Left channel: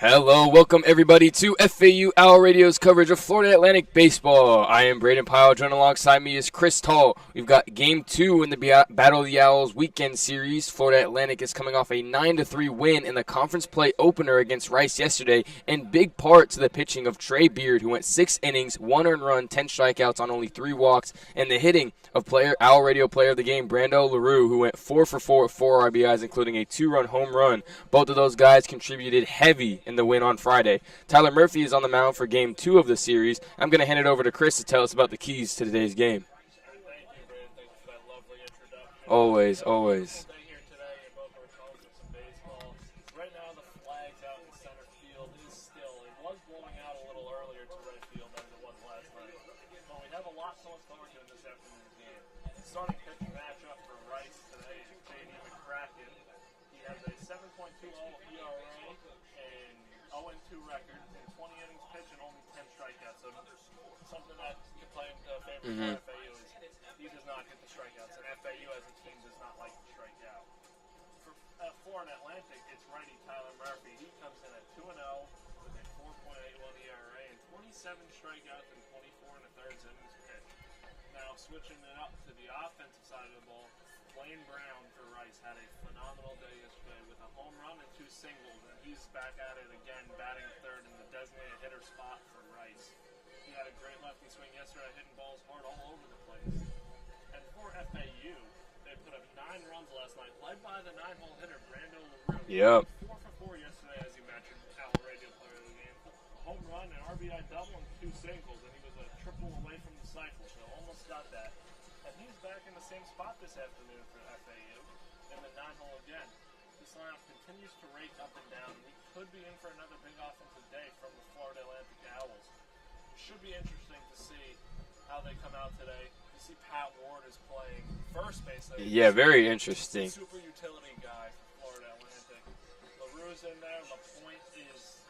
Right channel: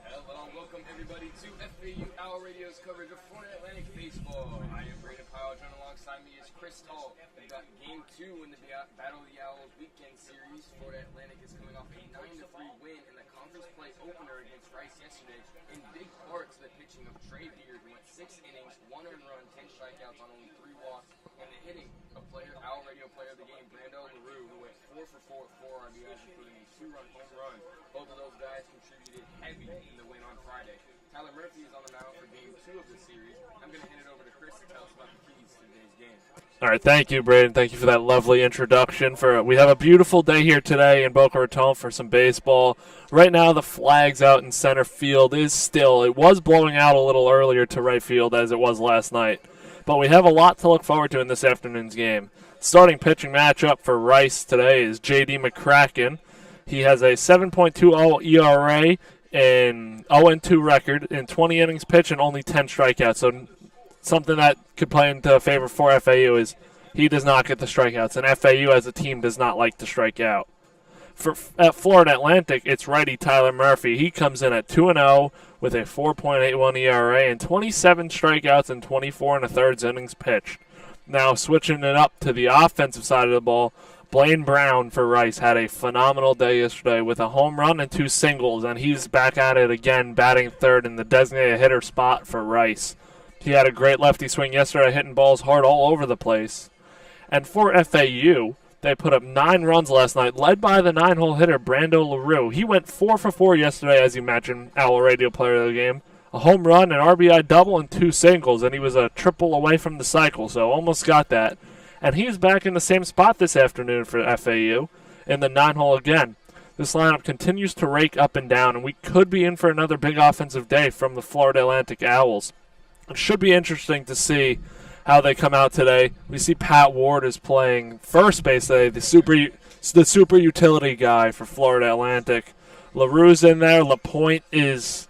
Hello, welcome everybody to FAU Owl Radio's coverage of Florida Atlantic baseball. I am Brayden Pyle, joined alongside me is Chris Talt. We've got Game 2 in the Battle of the Owls weekend series. Florida Atlantic is coming off a 9-3 win in the conference play opener against Rice yesterday, in big part to the pitching of Trey Beard, who went 6 innings, 1 earned run, 10 strikeouts on only 3 walks, and the hitting of Owl Radio Player of the Game, Brando LaRue, who went 4 for 4 with 4 RBIs, including a 2-run home run. Both of those guys contributed heavy in the win on Friday. Tyler Murphy is on the mound for Game 2 of the series. I'm going to hand it over to Chris to tell us about the keys to today's game. All right, thank you, Brayden. Thank you for that lovely introduction. Always, we have a beautiful day here today in Boca Raton for some baseball. Right now, the flags out in center field is still. It was blowing out a little earlier to right field as it was last night. But we have a lot to look forward to in this afternoon's game. Starting pitching matchup for Rice today is J.D. McCracken. He has a 7.20 ERA and 0-2 record in 20 innings pitched and only 10 strikeouts. So something that could play into favor for FAU is he does not get the strikeouts, and FAU as a team does not like to strike out. At Florida Atlantic, it's righty Tyler Murphy. He comes in at 2-0 with a 4.81 ERA and 27 strikeouts in 24 1/3 innings pitched. Now switching it up to the offensive side of the ball, Blaine Brown for Rice had a phenomenal day yesterday with a home run and 2 singles, and he's back at it again, batting third in the designated hitter spot for Rice. He had a great lefty swing yesterday, hitting balls hard all over the place. And for FAU, they put up 9 runs last night, led by the 9-hole hitter, Brando LaRue. He went 4 for 4 yesterday, as you mentioned, Owl Radio Player of the Game. A home run, an RBI double, and 2 singles, and he was a triple away from the cycle, so almost got that. And he's back in the same spot this afternoon for FAU in the 9-hole again. This lineup continues to rake up and down, and we could be in for another big offensive day from the Florida Atlantic Owls. It should be interesting to see how they come out today. We see Pat Ward is playing first base today, Very interesting. the super utility guy for Florida Atlantic. LaRue's in there. LaPointe is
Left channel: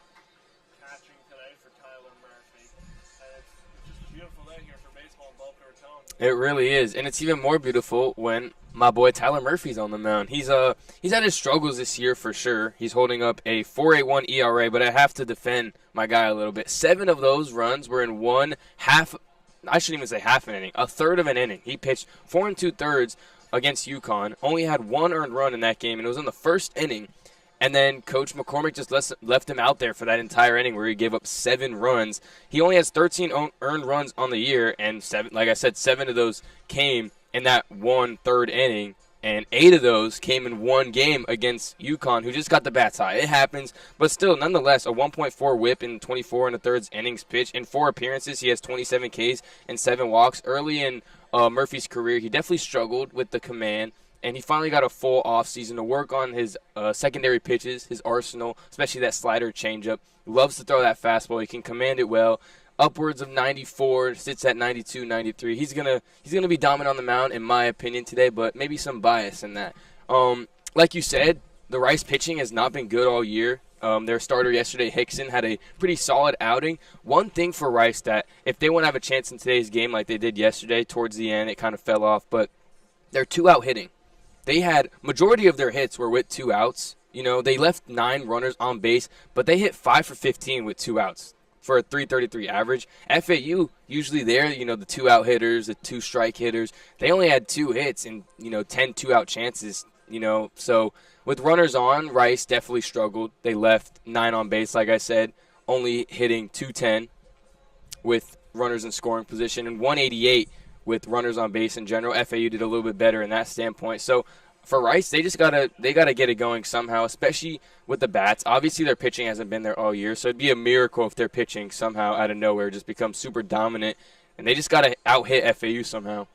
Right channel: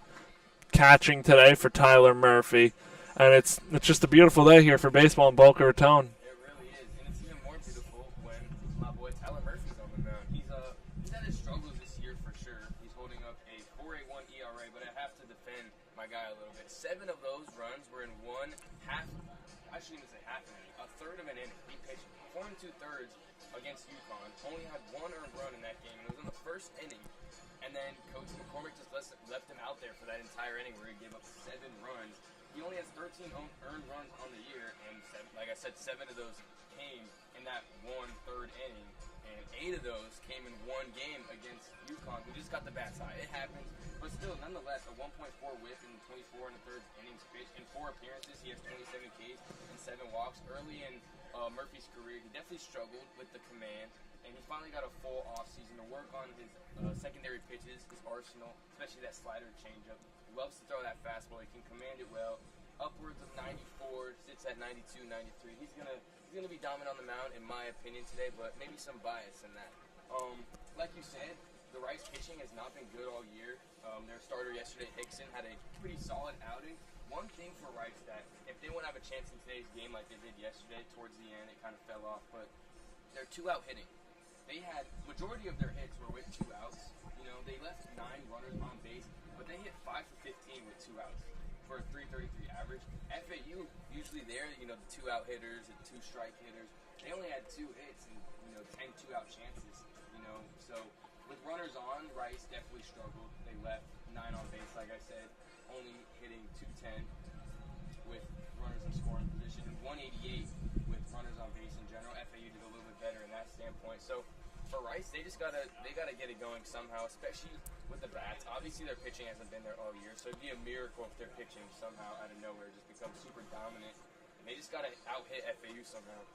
catching today for Tyler Murphy. And it's just a beautiful day here for baseball in Boca Raton. It really is, and it's even more beautiful when my boy Tyler Murphy's on the mound. He's had his struggles this year for sure. He's holding up a 4.81 ERA, but I have to defend my guy a little bit. 7 of those runs were in I shouldn't even say half an inning, a third of an inning. He pitched 4 2/3 against UConn, only had 1 earned run in that game, and it was in the first inning. And then Coach McCormick just left him out there for that entire inning where he gave up 7 runs. He only has 13 earned runs on the year, and 7 of those came in that 1/3 inning, and 8 of those came in one game against UConn, who just got the bats high. It happens, but still, nonetheless, a 1.4 whip in 24 1/3 innings pitched. In 4 appearances, he has 27 Ks and 7 walks. Early in Murphy's career, he definitely struggled with the command, and he finally got a full offseason to work on his secondary pitches, his arsenal, especially that slider changeup. Loves to throw that fastball. He can command it well. Upwards of 94, sits at 92, 93. He's gonna be dominant on the mound, in my opinion, today, but maybe some bias in that. Like you said, the Rice pitching has not been good all year. Their starter yesterday, Hickson, had a pretty solid outing. One thing for Rice that if they want to have a chance in today's game like they did yesterday, towards the end, it kind of fell off, but they're 2-out hitting. They had majority of their hits were with 2 outs. You know, they left 9 runners on base, but they hit 5 for 15 with 2 outs for a 333 average. FAU, usually they're, the 2-out hitters, the 2-strike hitters. They only had 2 hits and, 10 2-out chances, So with runners on, Rice definitely struggled. They left 9 on base, like I said, only hitting 210 with runners in scoring position and 188 with runners on base in general. FAU did a little bit better in that standpoint. So for Rice, they gotta get it going somehow, especially with the bats. Obviously, their pitching hasn't been there all year, so it'd be a miracle if their pitching somehow out of nowhere just becomes super dominant, and they just gotta out-hit FAU somehow.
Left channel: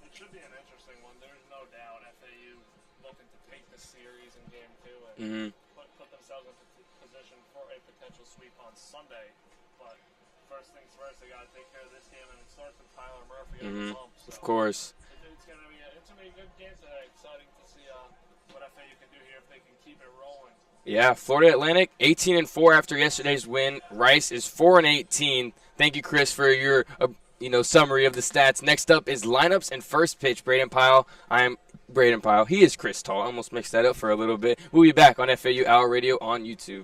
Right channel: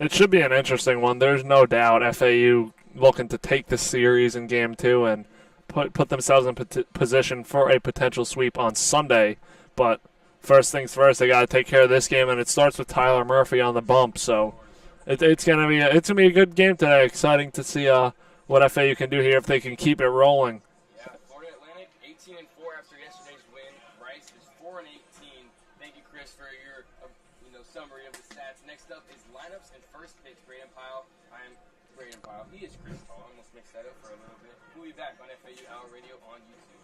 It should be an interesting one. There's no doubt FAU looking to take the series in Game 2 and put themselves in position for a potential sweep on Sunday, but first things first, they got to take care of this game, and it starts with Tyler Murphy on the bump. So of course, it's gonna be a good game today. Exciting to see what FAU can do here if they can keep it rolling. Yeah, Florida Atlantic 18-4 after yesterday's win. Rice is 4-18. Thank you, Chris, for your summary of the stats. Next up is lineups and first pitch. Brayden Pyle. I am Brayden Pyle. He is Chris Talt. I almost mixed that up for a little bit. We'll be back on FAU Owl Radio on YouTube.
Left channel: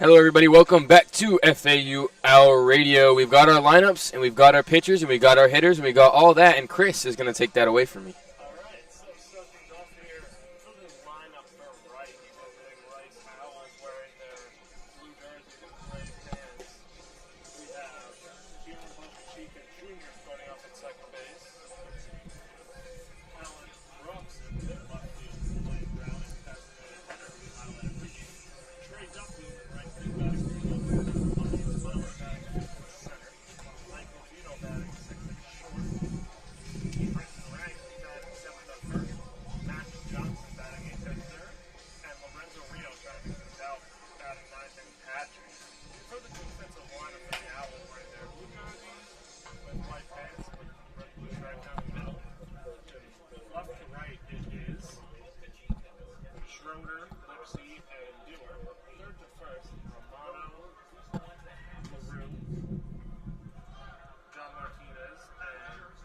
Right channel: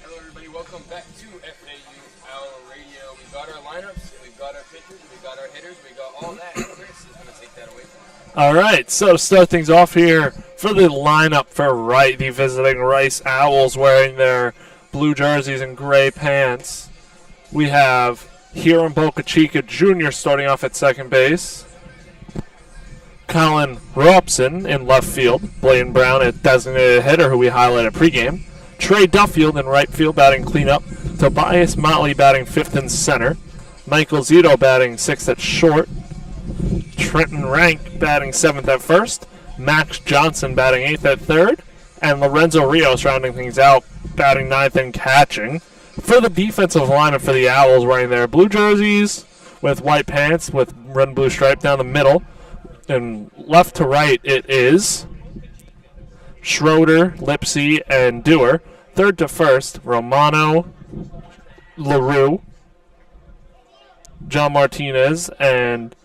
Hello, everybody. Welcome back to FAU Our Radio. We've got our lineups, and we've got our pitchers, and we got our hitters, and we got all that, and Chris is going to take that away from me. All right, so to start things off here for the lineup for the visiting Rice Owls wearing their blue jerseys and gray pants, we have Hiram Boca Chica Jr. starting off at second base. Colin Robson in left field. Blaine Brown, a designated hitter who we highlighted pregame. Trey Duffield in right field batting cleanup. Tobias Motley batting fifth and center. Michael Zito batting sixth at short. Trenton Rank batting seventh at first. Max Johnson batting eighth at third. And Lorenzo Rios rounding things out, batting ninth and catching. For the defensive lineup for the Owls, wearing their blue jerseys with white pants with red and blue stripe down the middle. And left to right it is Schroeder, Lipsy, and Dewar. Third to first, Romano, LaRue, John Martinez, and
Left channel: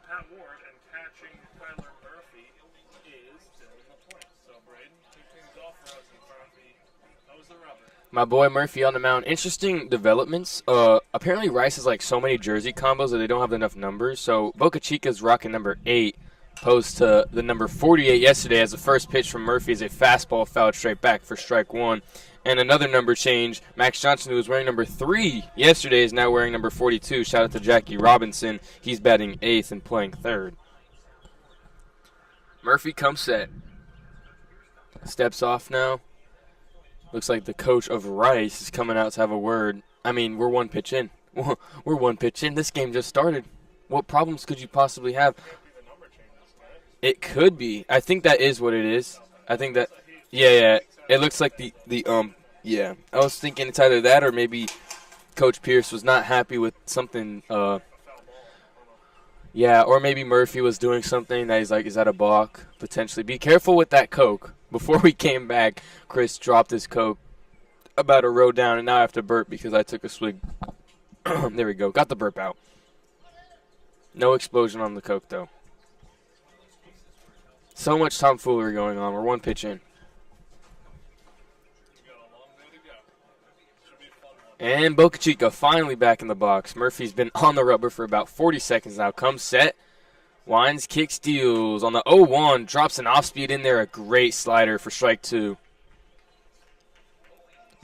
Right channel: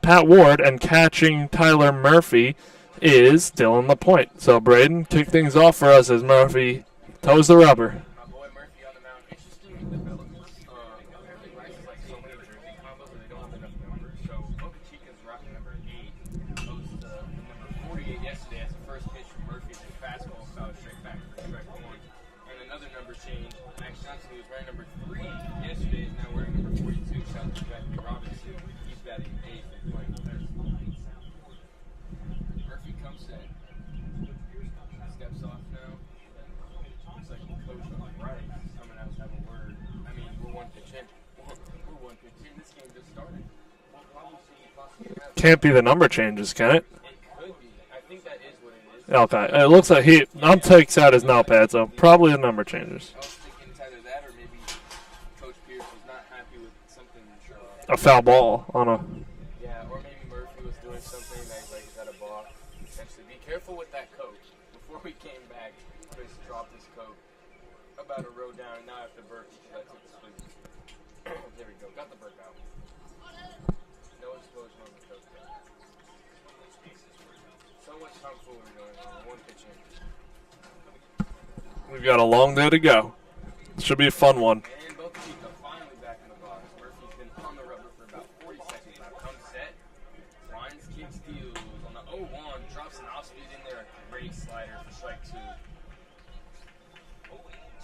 Pat Ward. And catching Tyler Murphy is Dylan LaPointe. So, Brayden, kick things off for us as Murphy toes the rubber. My boy Murphy on the mound. Interesting developments. Apparently Rice has like so many jersey combos that they don't have enough numbers. So Boca Chica's rocking number 8, opposed to the number 48 yesterday, as the first pitch from Murphy is a fastball fouled straight back for strike 1. And another number change. Max Johnson, who was wearing number 3 yesterday, is now wearing number 42. Shout out to Jackie Robinson. He's batting 8th and playing 3rd. Murphy comes set. Steps off now. Looks like the coach of Rice is coming out to have a word. I mean, we're one pitch in. We're one pitch in. This game just started. What problems could you possibly have? Can't be the number changes, can it? It could be. I think that is what it is. Okay. It looks like he takes out his notepad, so probably the number yeah. changes. I was thinking it's either that or maybe Coach Pierce was not happy with something. A foul ball on a... Yeah, or maybe Murphy was doing something that he's like, is that a balk? Potentially. Be careful with that Coke. Before we came back, Chris dropped his Coke about a row down, and now I have to burp because I took a swig. There we go. Got the burp out. No explosion on the Coke, though. So much tomfoolery going on. We're one pitch in. We've got a long day to go. Should be a fun one. And Boca Chica finally back in the box. Murphy's been on the rubber for about 40 seconds now. Comes set. Wines, kicks, steals. On the 0-1, drops an off-speed in there. A great slider for strike 2.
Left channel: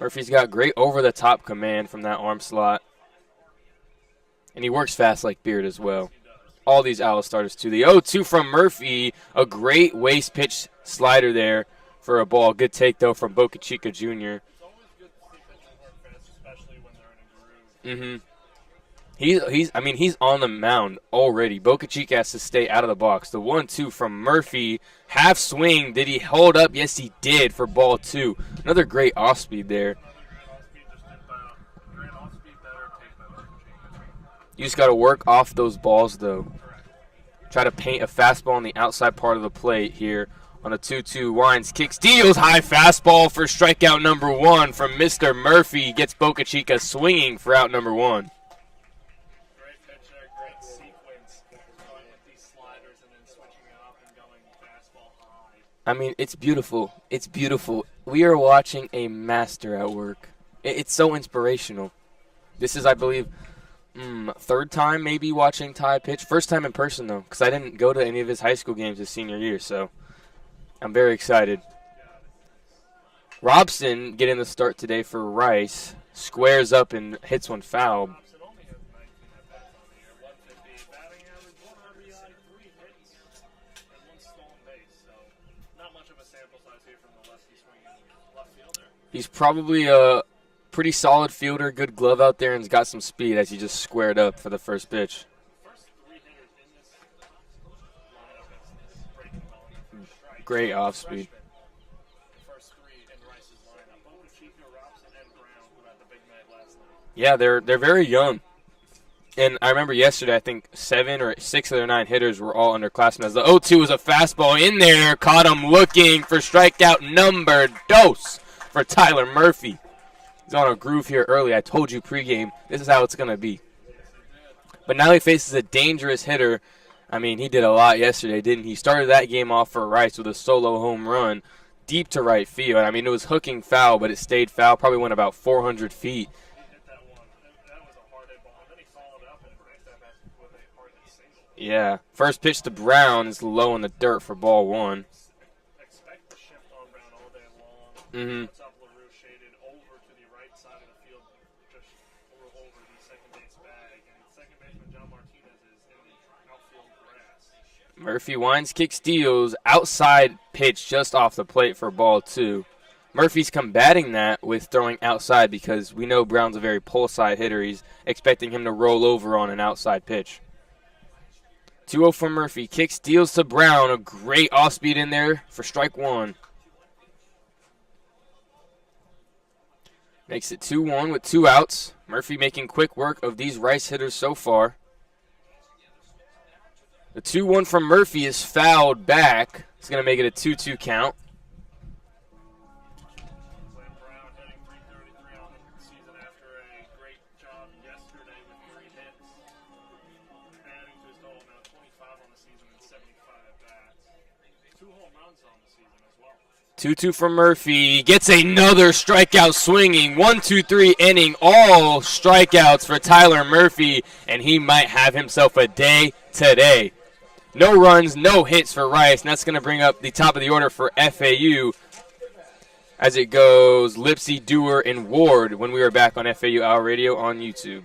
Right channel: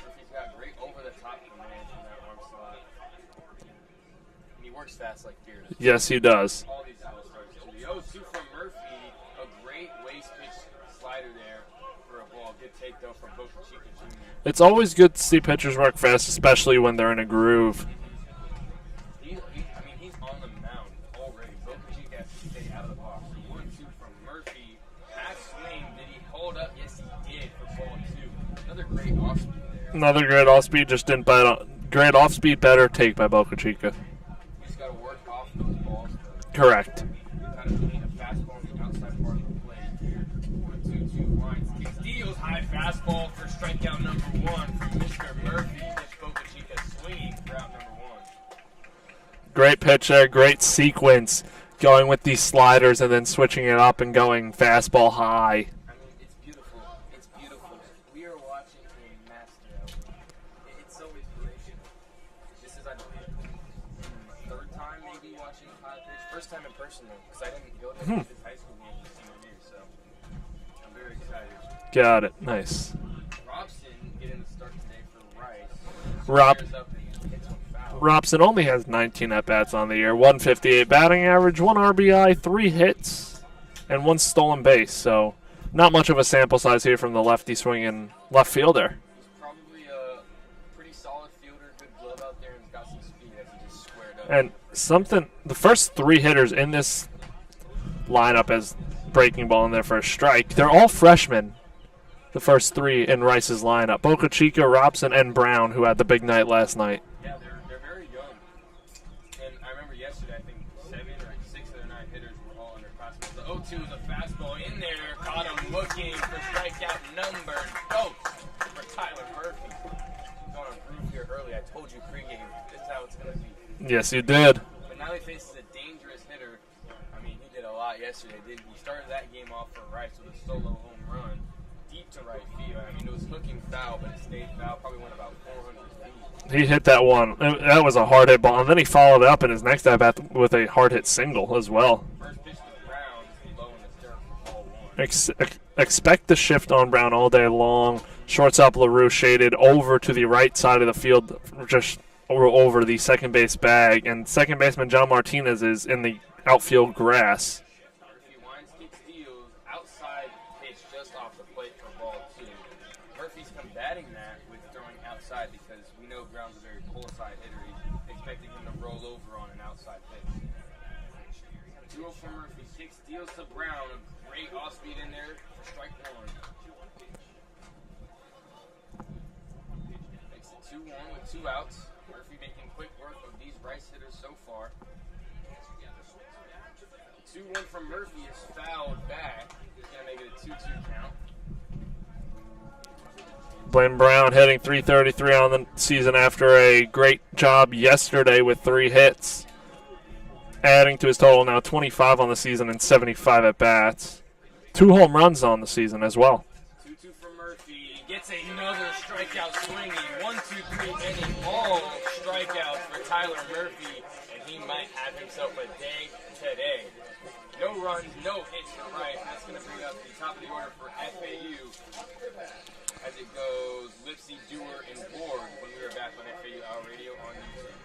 Murphy's got great over-the-top command from that arm slot. And he works fast like Beard as well. Yes, he does. All these Owl starters, too. The 0-2 from Murphy. A great waist pitch slider there for a ball. Good take, though, from Boca Chica Jr. It's always good to see pitchers work fast, especially when they're in a groove. Mm-hmm. He's on the mound already. Boca Chica has to stay out of the box. The 1-2 from Murphy. Half swing. Did he hold up? Yes, he did for ball 2. Another great off-speed there. Another great off-speed. Just didn't bite on. Great off-speed, better take by Boca Chica. You just got to work off those balls, though. Correct. Try to paint a fastball on the outside part of the plate here. On a 2-2, Wines kicks, steals, high fastball for strikeout number 1 from Mr. Murphy. Gets Boca Chica swinging for out number 1. Great pitch there, great sequence, going with these sliders and then switching it up and going fastball high. I mean, it's beautiful. It's beautiful. We are watching a master at work. It's so inspirational. This is, I believe, third time maybe watching Ty pitch. First time in person, though, because I didn't go to any of his high school games his senior year, so I'm very excited. Got it. Nice. Robson getting the start today for Rice. Squares up and hits one foul. Robson only has 19 at-bats on the year, 158 batting average, 1 RBI, 3 hits, and 1 stolen base. So not much of a sample size here from the lefty swinging left fielder. He's probably a pretty solid fielder, good glove out there, and has got some speed as he just squared up for the first pitch. The first 3 hitters in this lineup as breaking ball in their first strike, they're all freshmen. The first 3 in Rice's lineup. Boca Chica, Robson, and Brown, who had the big night last night. Yeah, they're very young. And I remember yesterday, I think 7 or 6 of their 9 hitters were all underclassmen. As the 0-2 was a fastball in there. Caught him looking for strikeout number 2 for Tyler Murphy. He's on a groove here early. I told you pregame, this is how it's going to be. Yes, you did. But now he faces a dangerous hitter. I mean, he did a lot yesterday, didn't he? Started that game off for Rice with a solo home run. deep to right field. I mean, it was hooking foul, but it stayed foul. Probably went about 400 feet. He hit that one. That was a hard hit ball. And then he followed up in his next at-bat with a hard hit single as well. First pitch to Brown is low in the dirt for ball one. Expect the shift on Brown all day long. Shortstop LaRue shaded over to the right side of the field, just over the second base bag. And second baseman John Martinez is in the outfield grass. Murphy winds, kick, steals, outside pitch just off the plate for ball two. Murphy's combating that with throwing outside because we know Brown's a very pull side hitter. He's expecting him to roll over on an outside pitch. 2-0 from Murphy. Kick, steals to Brown. A great off-speed in there for strike one. Makes it 2-1 with 2 outs. Murphy making quick work of these Rice hitters so far. The 2-1 from Murphy is fouled back. It's going to make it a 2-2 count. Blaine Brown hitting .333 on the season after a great job yesterday with 3 hits. Adding to his total now 25 on the season and 75 at-bats. 2 home runs on the season as well. 2-2 from Murphy. Gets another strikeout swinging. 1-2-3 inning. All strikeouts for Tyler Murphy, and he might have himself a day today. No runs, no hits for Rice, and that's going to bring up the top of the order for FAU as it goes Lipsy, Dewar, and Ward when we are back on FAU Hour Radio on YouTube.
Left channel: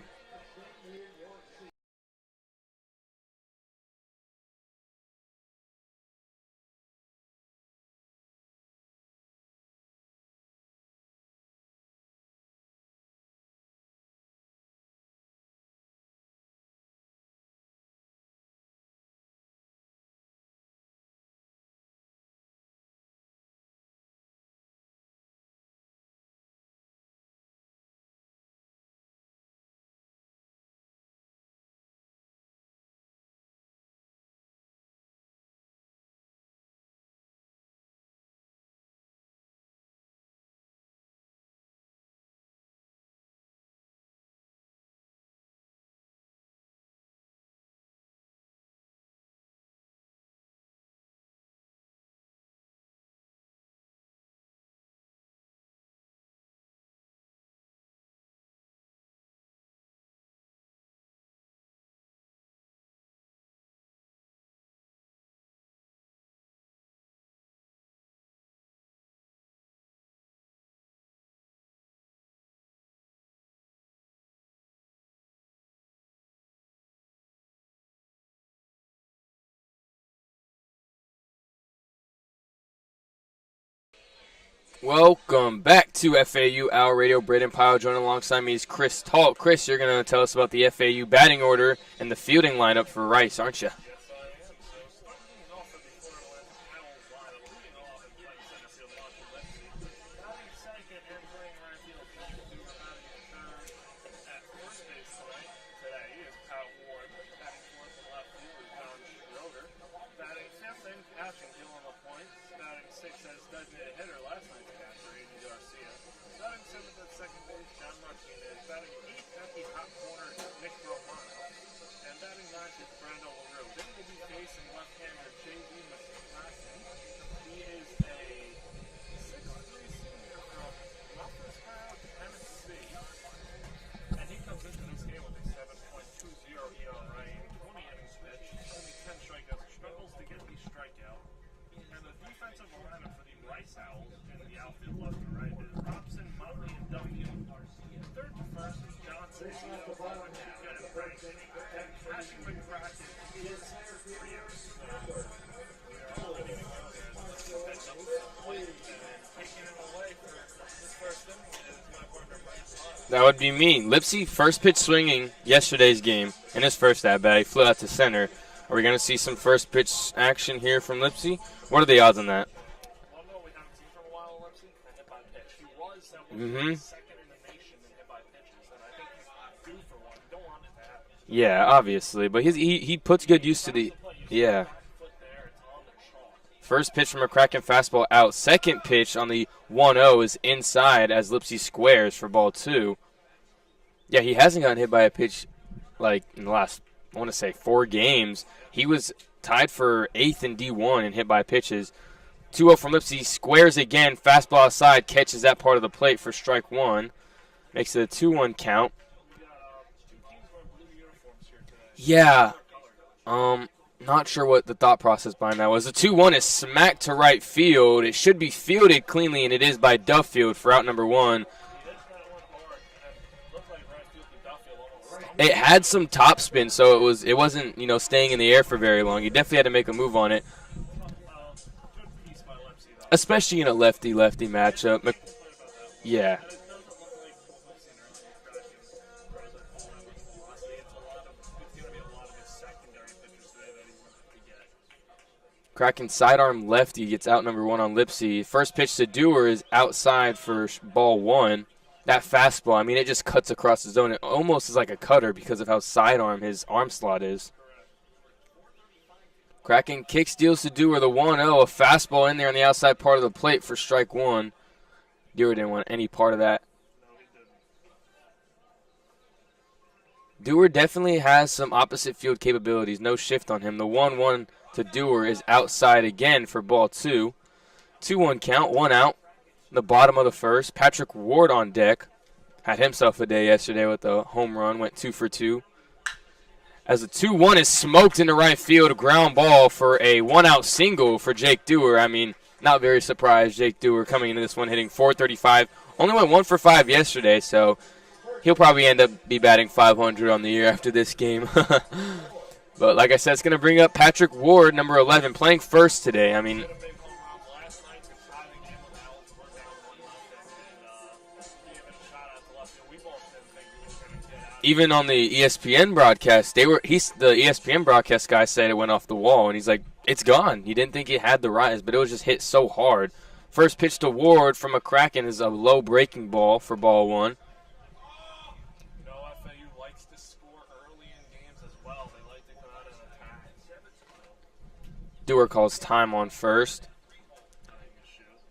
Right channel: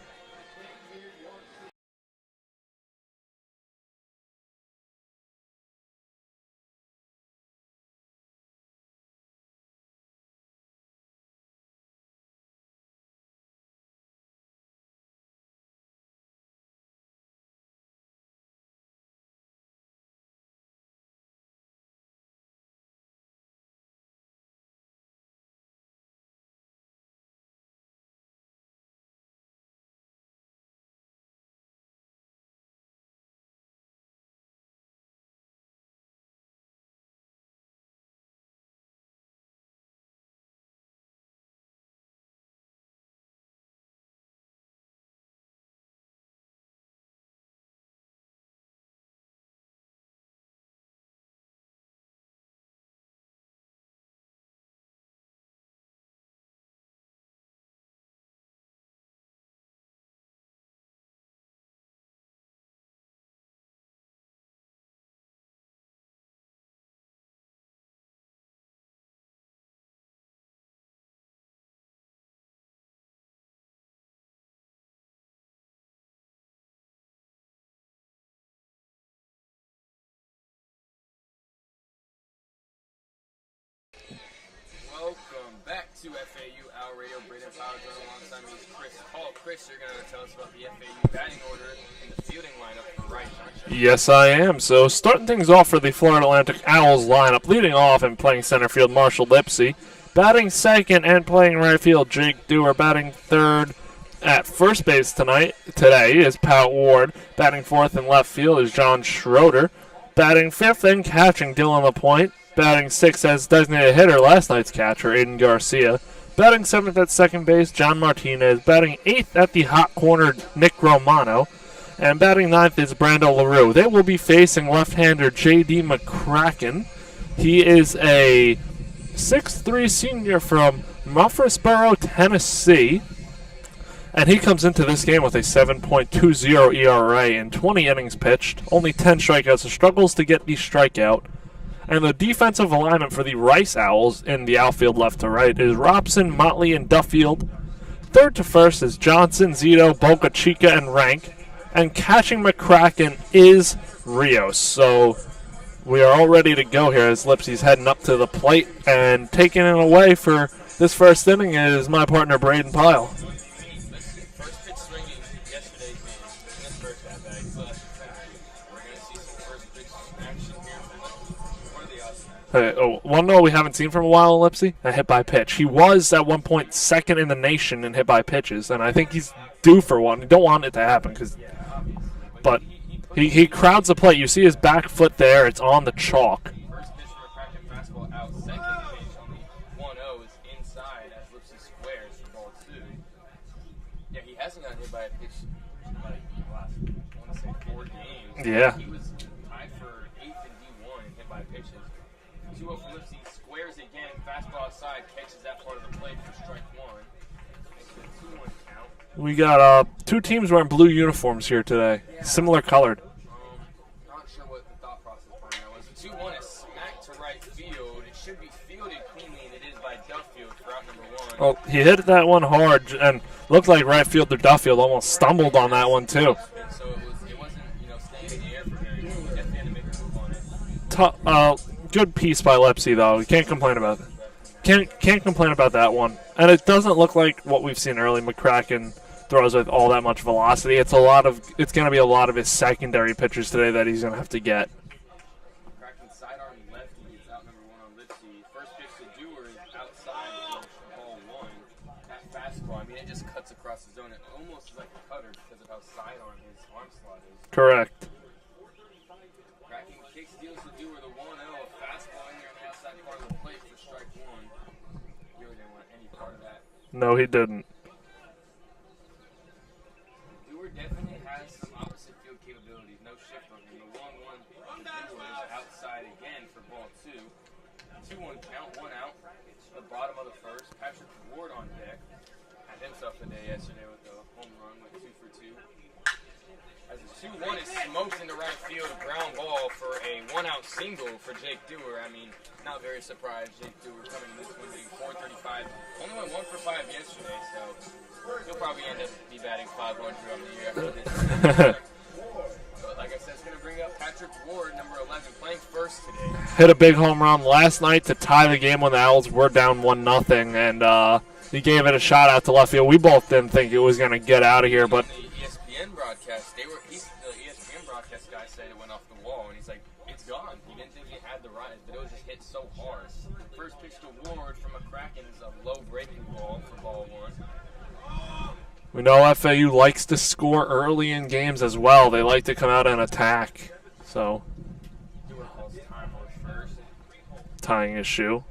Welcome back to FAU Hour Radio. Brayden, Pyle joined alongside me is Chris Talt. Chris, you're going to tell us about the FAU batting order and the fielding lineup for Rice, aren't you? Yes, I am. So starting things off for the Florida Atlantic Owls lineup, leading off and playing center field, Marshall Lipsy. Batting second and playing right field, Jake Dewar. Batting third at first base today is Pat Ward. Batting fourth in left field is John Schroeder. Batting fifth and catching, Dylan LaPointe. Batting sixth as designated hitter, last night's catcher, Aiden Garcia. Batting seventh at second base, John Martinez. Batting eighth at the hot corner, Nick Romano. And batting ninth is Brando LaRue. They will be facing left-hander J.D. McCracken. He is a 6'3" senior from Murfreesboro, Tennessee. And he comes into this game with a 7.20 ERA in 20 innings pitched. Only 10 strikeouts, so struggles to get the strikeout. And the defensive alignment for the Rice Owls in the outfield left to right is Robson, Motley, and Duffield. Third to first is Johnson, Zito, Boca Chica, and Rank. And catching McCracken is Rios. So we are all ready to go here as Lipsy's heading up to the plate. And taking it away for this first inning is my partner, Brayden Pyle. That would be me. Lipsy first pitch swinging yesterday's game in his first at-bat. He flew out to center. Are we going to see some first pitch action here from Lipsy? What are the odds on that? One no we haven't seen from a while in Lipsy, a hit by pitch. He was at one point second in the nation in hit by pitches, and I think he's due for one. You don't want it to happen. Yeah, obviously. But he puts he crowds the plate. You see his back foot there. It's on the chalk. First pitch from a McCracken fastball out. Second pitch on the 1-0 is inside as Lipsy squares for ball two. Yeah, he hasn't gotten hit by a pitch like in the last, I want to say, 4 games. Yeah. He was tied for 8th in D1 and hit by pitches. 2-0 from Lipsy, squares again, fastball outside, catches that part of the plate for strike one. Makes it a 2-1 count. We got two teams wearing blue uniforms here today. Yeah. Similar colored. Not sure what the thought process behind that was. The 2-1 is smacked to right field. It should be fielded cleanly, and it is by Duffield for out number one. Well, he hit that one hard, and looked like right fielder Duffield almost stumbled on that one, too. It had some top spin, so it wasn't staying in the air for very long. He definitely had to make a move on it. Good piece by Lipsy, though. Especially in a lefty-lefty matchup. Can't complain about that one. Yeah. And it doesn't look like what we've seen early. McCracken throws with all that much velocity. It's going to be a lot of his secondary pitchers today that he's going to have to get. Kraken sidearm lefty gets out number one on Lipsy. First pitch to Dewar is outside for ball one. That fastball, it just cuts across the zone. It almost is like a cutter because of how sidearm his arm slot is. Correct. Kraken kick steals to Dewar, the 1-0. A fastball in there on the outside part of the plate for strike one. Dewar didn't want any part of that. No, he didn't. Dewar definitely has some opposite field capabilities. No shift on him. The 1-1 to Dewar is outside again for ball two. 2-1 count, one out. The bottom of the first. Patrick Ward on deck. Had himself a day yesterday with a home run. Went 2 for 2. As the 2-1 is smoked into right field, a ground ball for a one-out single for Jake Dewar. Not very surprised. Jake Dewar coming into this one hitting .435. Only went 1 for 5 yesterday, so he'll probably end up be batting .500 on the year after this game. But like I said, it's going to bring up Patrick Ward, number 11, playing first today. Hit a big home run last night to tie the game when the Owls were down 1-0, and he gave it a shot out to left field. We both didn't think it was going to get out of here. Even on the ESPN broadcast, the ESPN broadcast guy said it went off the wall, and he's like, it's gone. He didn't think it had the rise, but it was just hit so hard. First pitch to Ward from a Kraken is a low breaking ball for ball one. We know FAU likes to score early in games as well. They like to come out and attack. So Dewar calls time on first. Tying his shoe.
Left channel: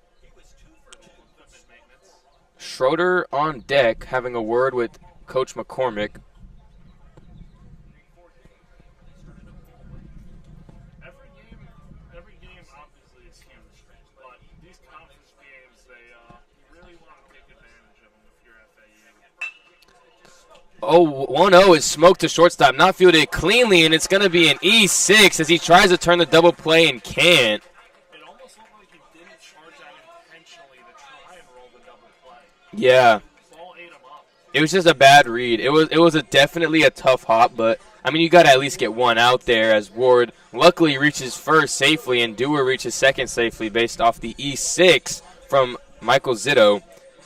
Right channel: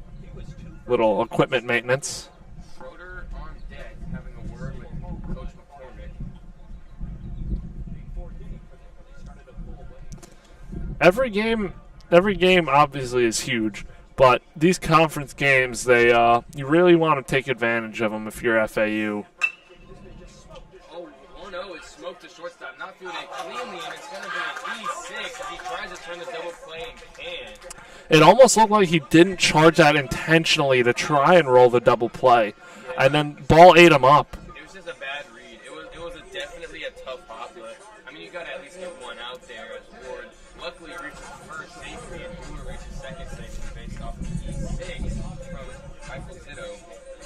Little equipment maintenance. Schroeder on deck having a word with Coach McCormick. Every game obviously is huge, but these conference games, you really want to take advantage of them if you're FAU. 1-0 is smoked to shortstop, not fielded cleanly, and it's going to be an E6 as he tries to turn the double play and can't. It almost looked like he didn't charge that intentionally to try and roll the double play. Yeah. And then ball ate him up. It was just a bad read. It was definitely a tough hop, but, you got to at least get one out there as Ward luckily reaches first safely and Dewar reaches second safely based off the E6 from Michael Zito.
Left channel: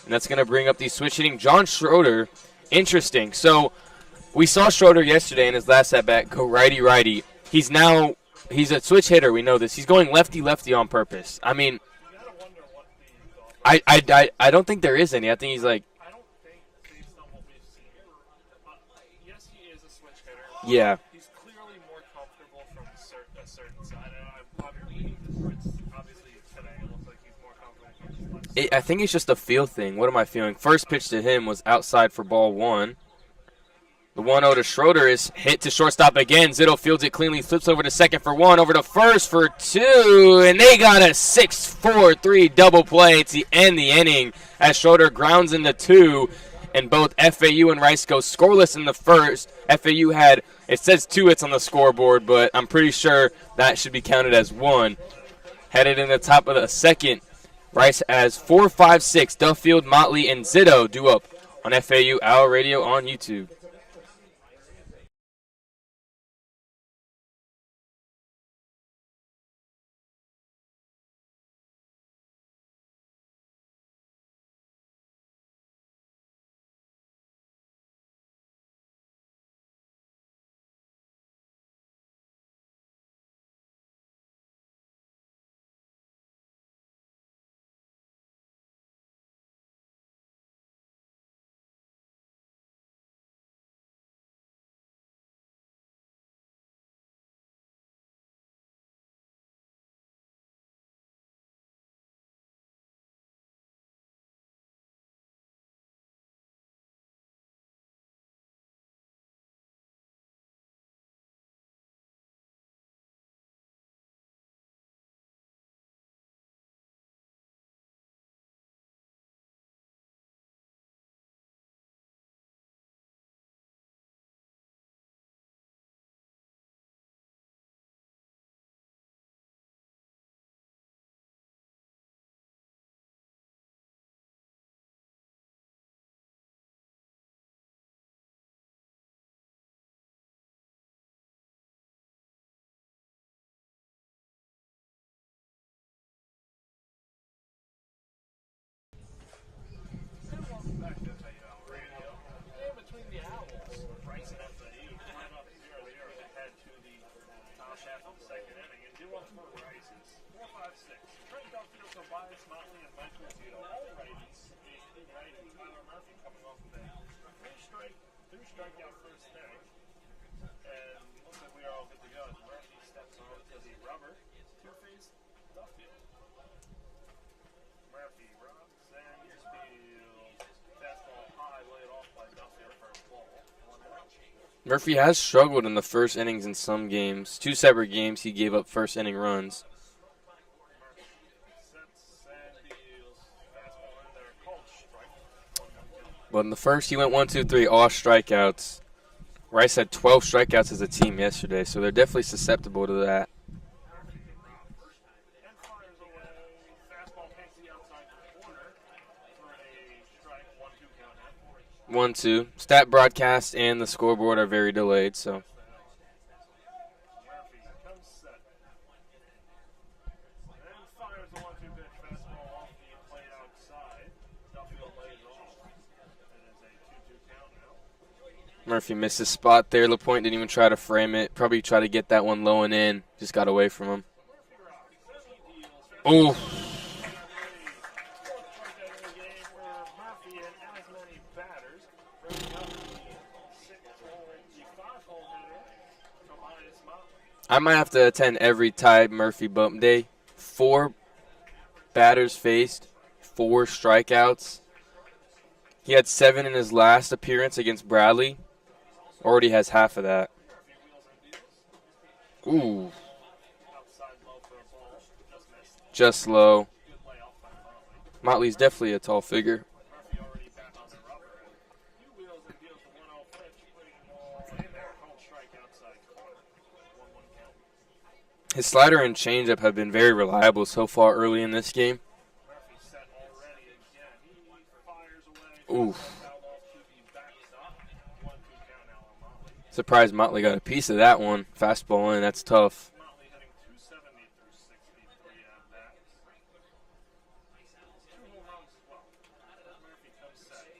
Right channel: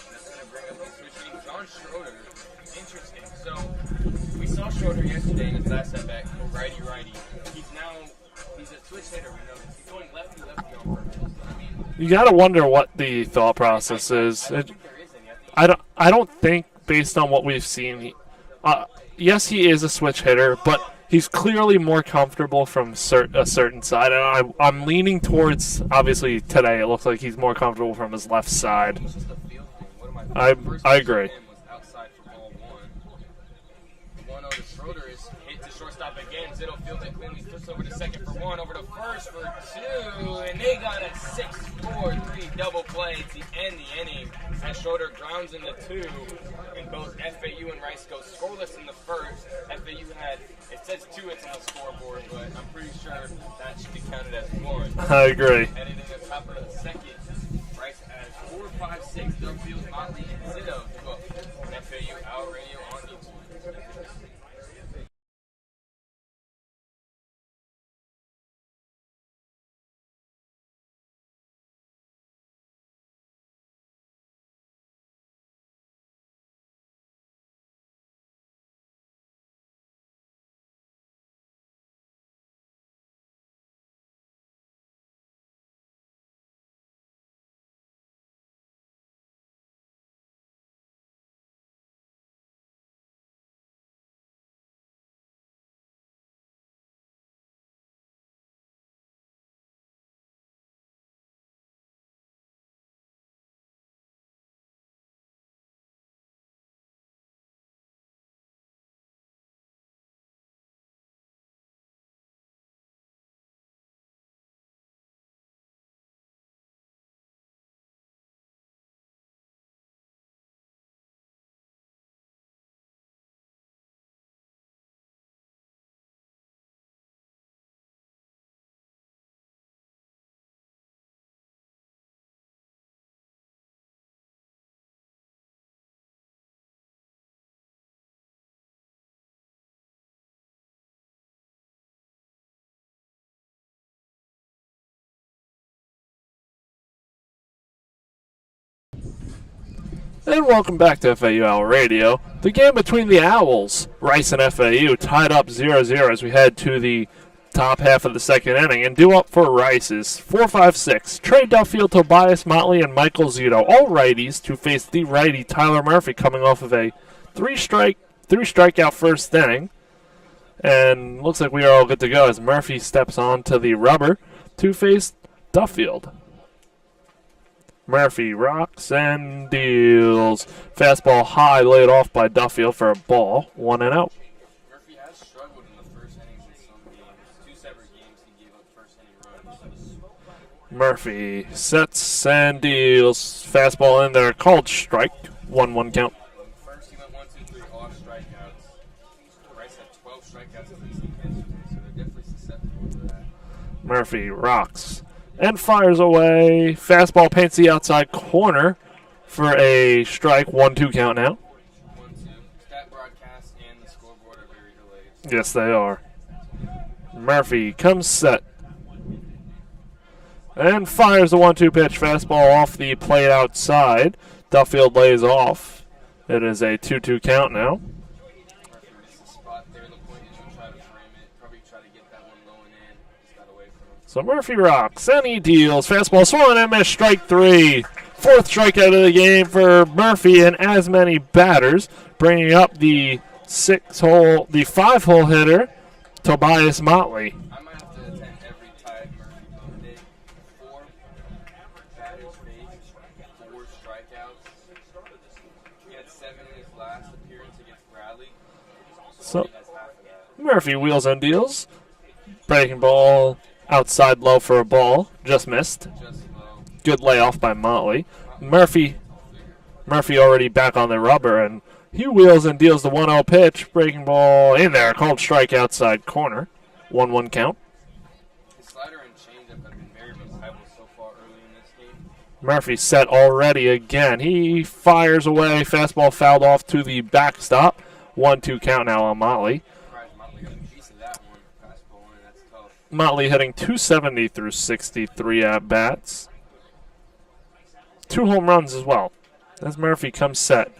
And that's going to bring up the switch hitting John Schroeder. Interesting. So we saw Schroeder yesterday in his last at-bat go righty-righty. He's a switch hitter. We know this. He's going lefty-lefty on purpose. You got to wonder what the thought process is. I don't think there is any. I think I don't think, based on what we've seen, yes, he is a switch hitter, but he's clearly more comfortable from a certain side. And I'm leaning towards, obviously, today it looks like he's more comfortable from his left side. I think it's just a feel thing. What am I feeling? First pitch to him was outside for ball one. The 1-0 to Schroeder is hit to shortstop again. Zito fields it cleanly, flips over to second for one, over to first for two, and they got a 6-4-3 double play to end the inning as Schroeder grounds into two, and both FAU and Rice go scoreless in the first. FAU it says 2 hits on the scoreboard, but I'm pretty sure that should be counted as 1. I agree. Headed in the top of the second, Rice has 4, 5, 6. Duffield, Motley, and Zito due up on FAU Owl Radio on YouTube. And welcome back to FAU Owl Radio. The game between the Owls, Rice and FAU, tied up 0-0 as we head to the top half of the second inning. And due up for Rice is 4-5-6. Trey Duffield, Tobias Motley, and Michael Zito, all righties, to face the righty Tyler Murphy, coming off of a three strikeout first inning. And looks like we are all good to go as Murphy steps onto the rubber to face Duffield. Murphy rocks and deals. Fastball high, laid off by Duffield for a ball. 1-out. Murphy has struggled in the first innings in some games. 2 separate games he gave up first inning runs. Murphy sets and deals. Fastball in there, called strike. 1-1 count. But in the first, he went 1-2-3, all strikeouts. Rice had 12 strikeouts as a team yesterday, so they're definitely susceptible to that. Murphy rocks and fires away. Fastball paints the outside corner for a strike. 1-2 count now. 1-2. Stat broadcast and the scoreboard are very delayed. So. Yes, they are. Murphy comes set and fires the 1-2 pitch. Fastball off the plate outside. Duffield lays off. It is a 2-2 count now. Murphy missed his spot there. LaPointe didn't even try to frame it. Probably try to get that one low and in. Just got away from him. So Murphy rocks and he deals. Fastball swung and miss, strike 3. 4th strikeout of the game for Murphy and as many batters, bringing up the 5-hole hitter, Tobias Motley. I might have to attend every Ty Murphy bump day. 4 batters faced, 4 strikeouts. He had 7 in his last appearance against Bradley. Already has half of that. Murphy wheels and deals. Breaking ball outside low for a ball. Just missed. Just low. Good layoff by Motley. Motley's definitely a tall figure. Murphy already back on the rubber, and he wheels and deals the 1-0 pitch. Breaking ball in there. Called strike outside corner. 1-1 count. His slider and changeup have been very reliable so far early in this game. Murphy set already again. He fires away. Fastball fouled off to the backstop. 1-2 count now on Motley. Surprised Motley got a piece of that one. Fastball in, that's tough. Motley hitting 270 through 63 at-bats. 2 home runs as well. As Murphy comes set.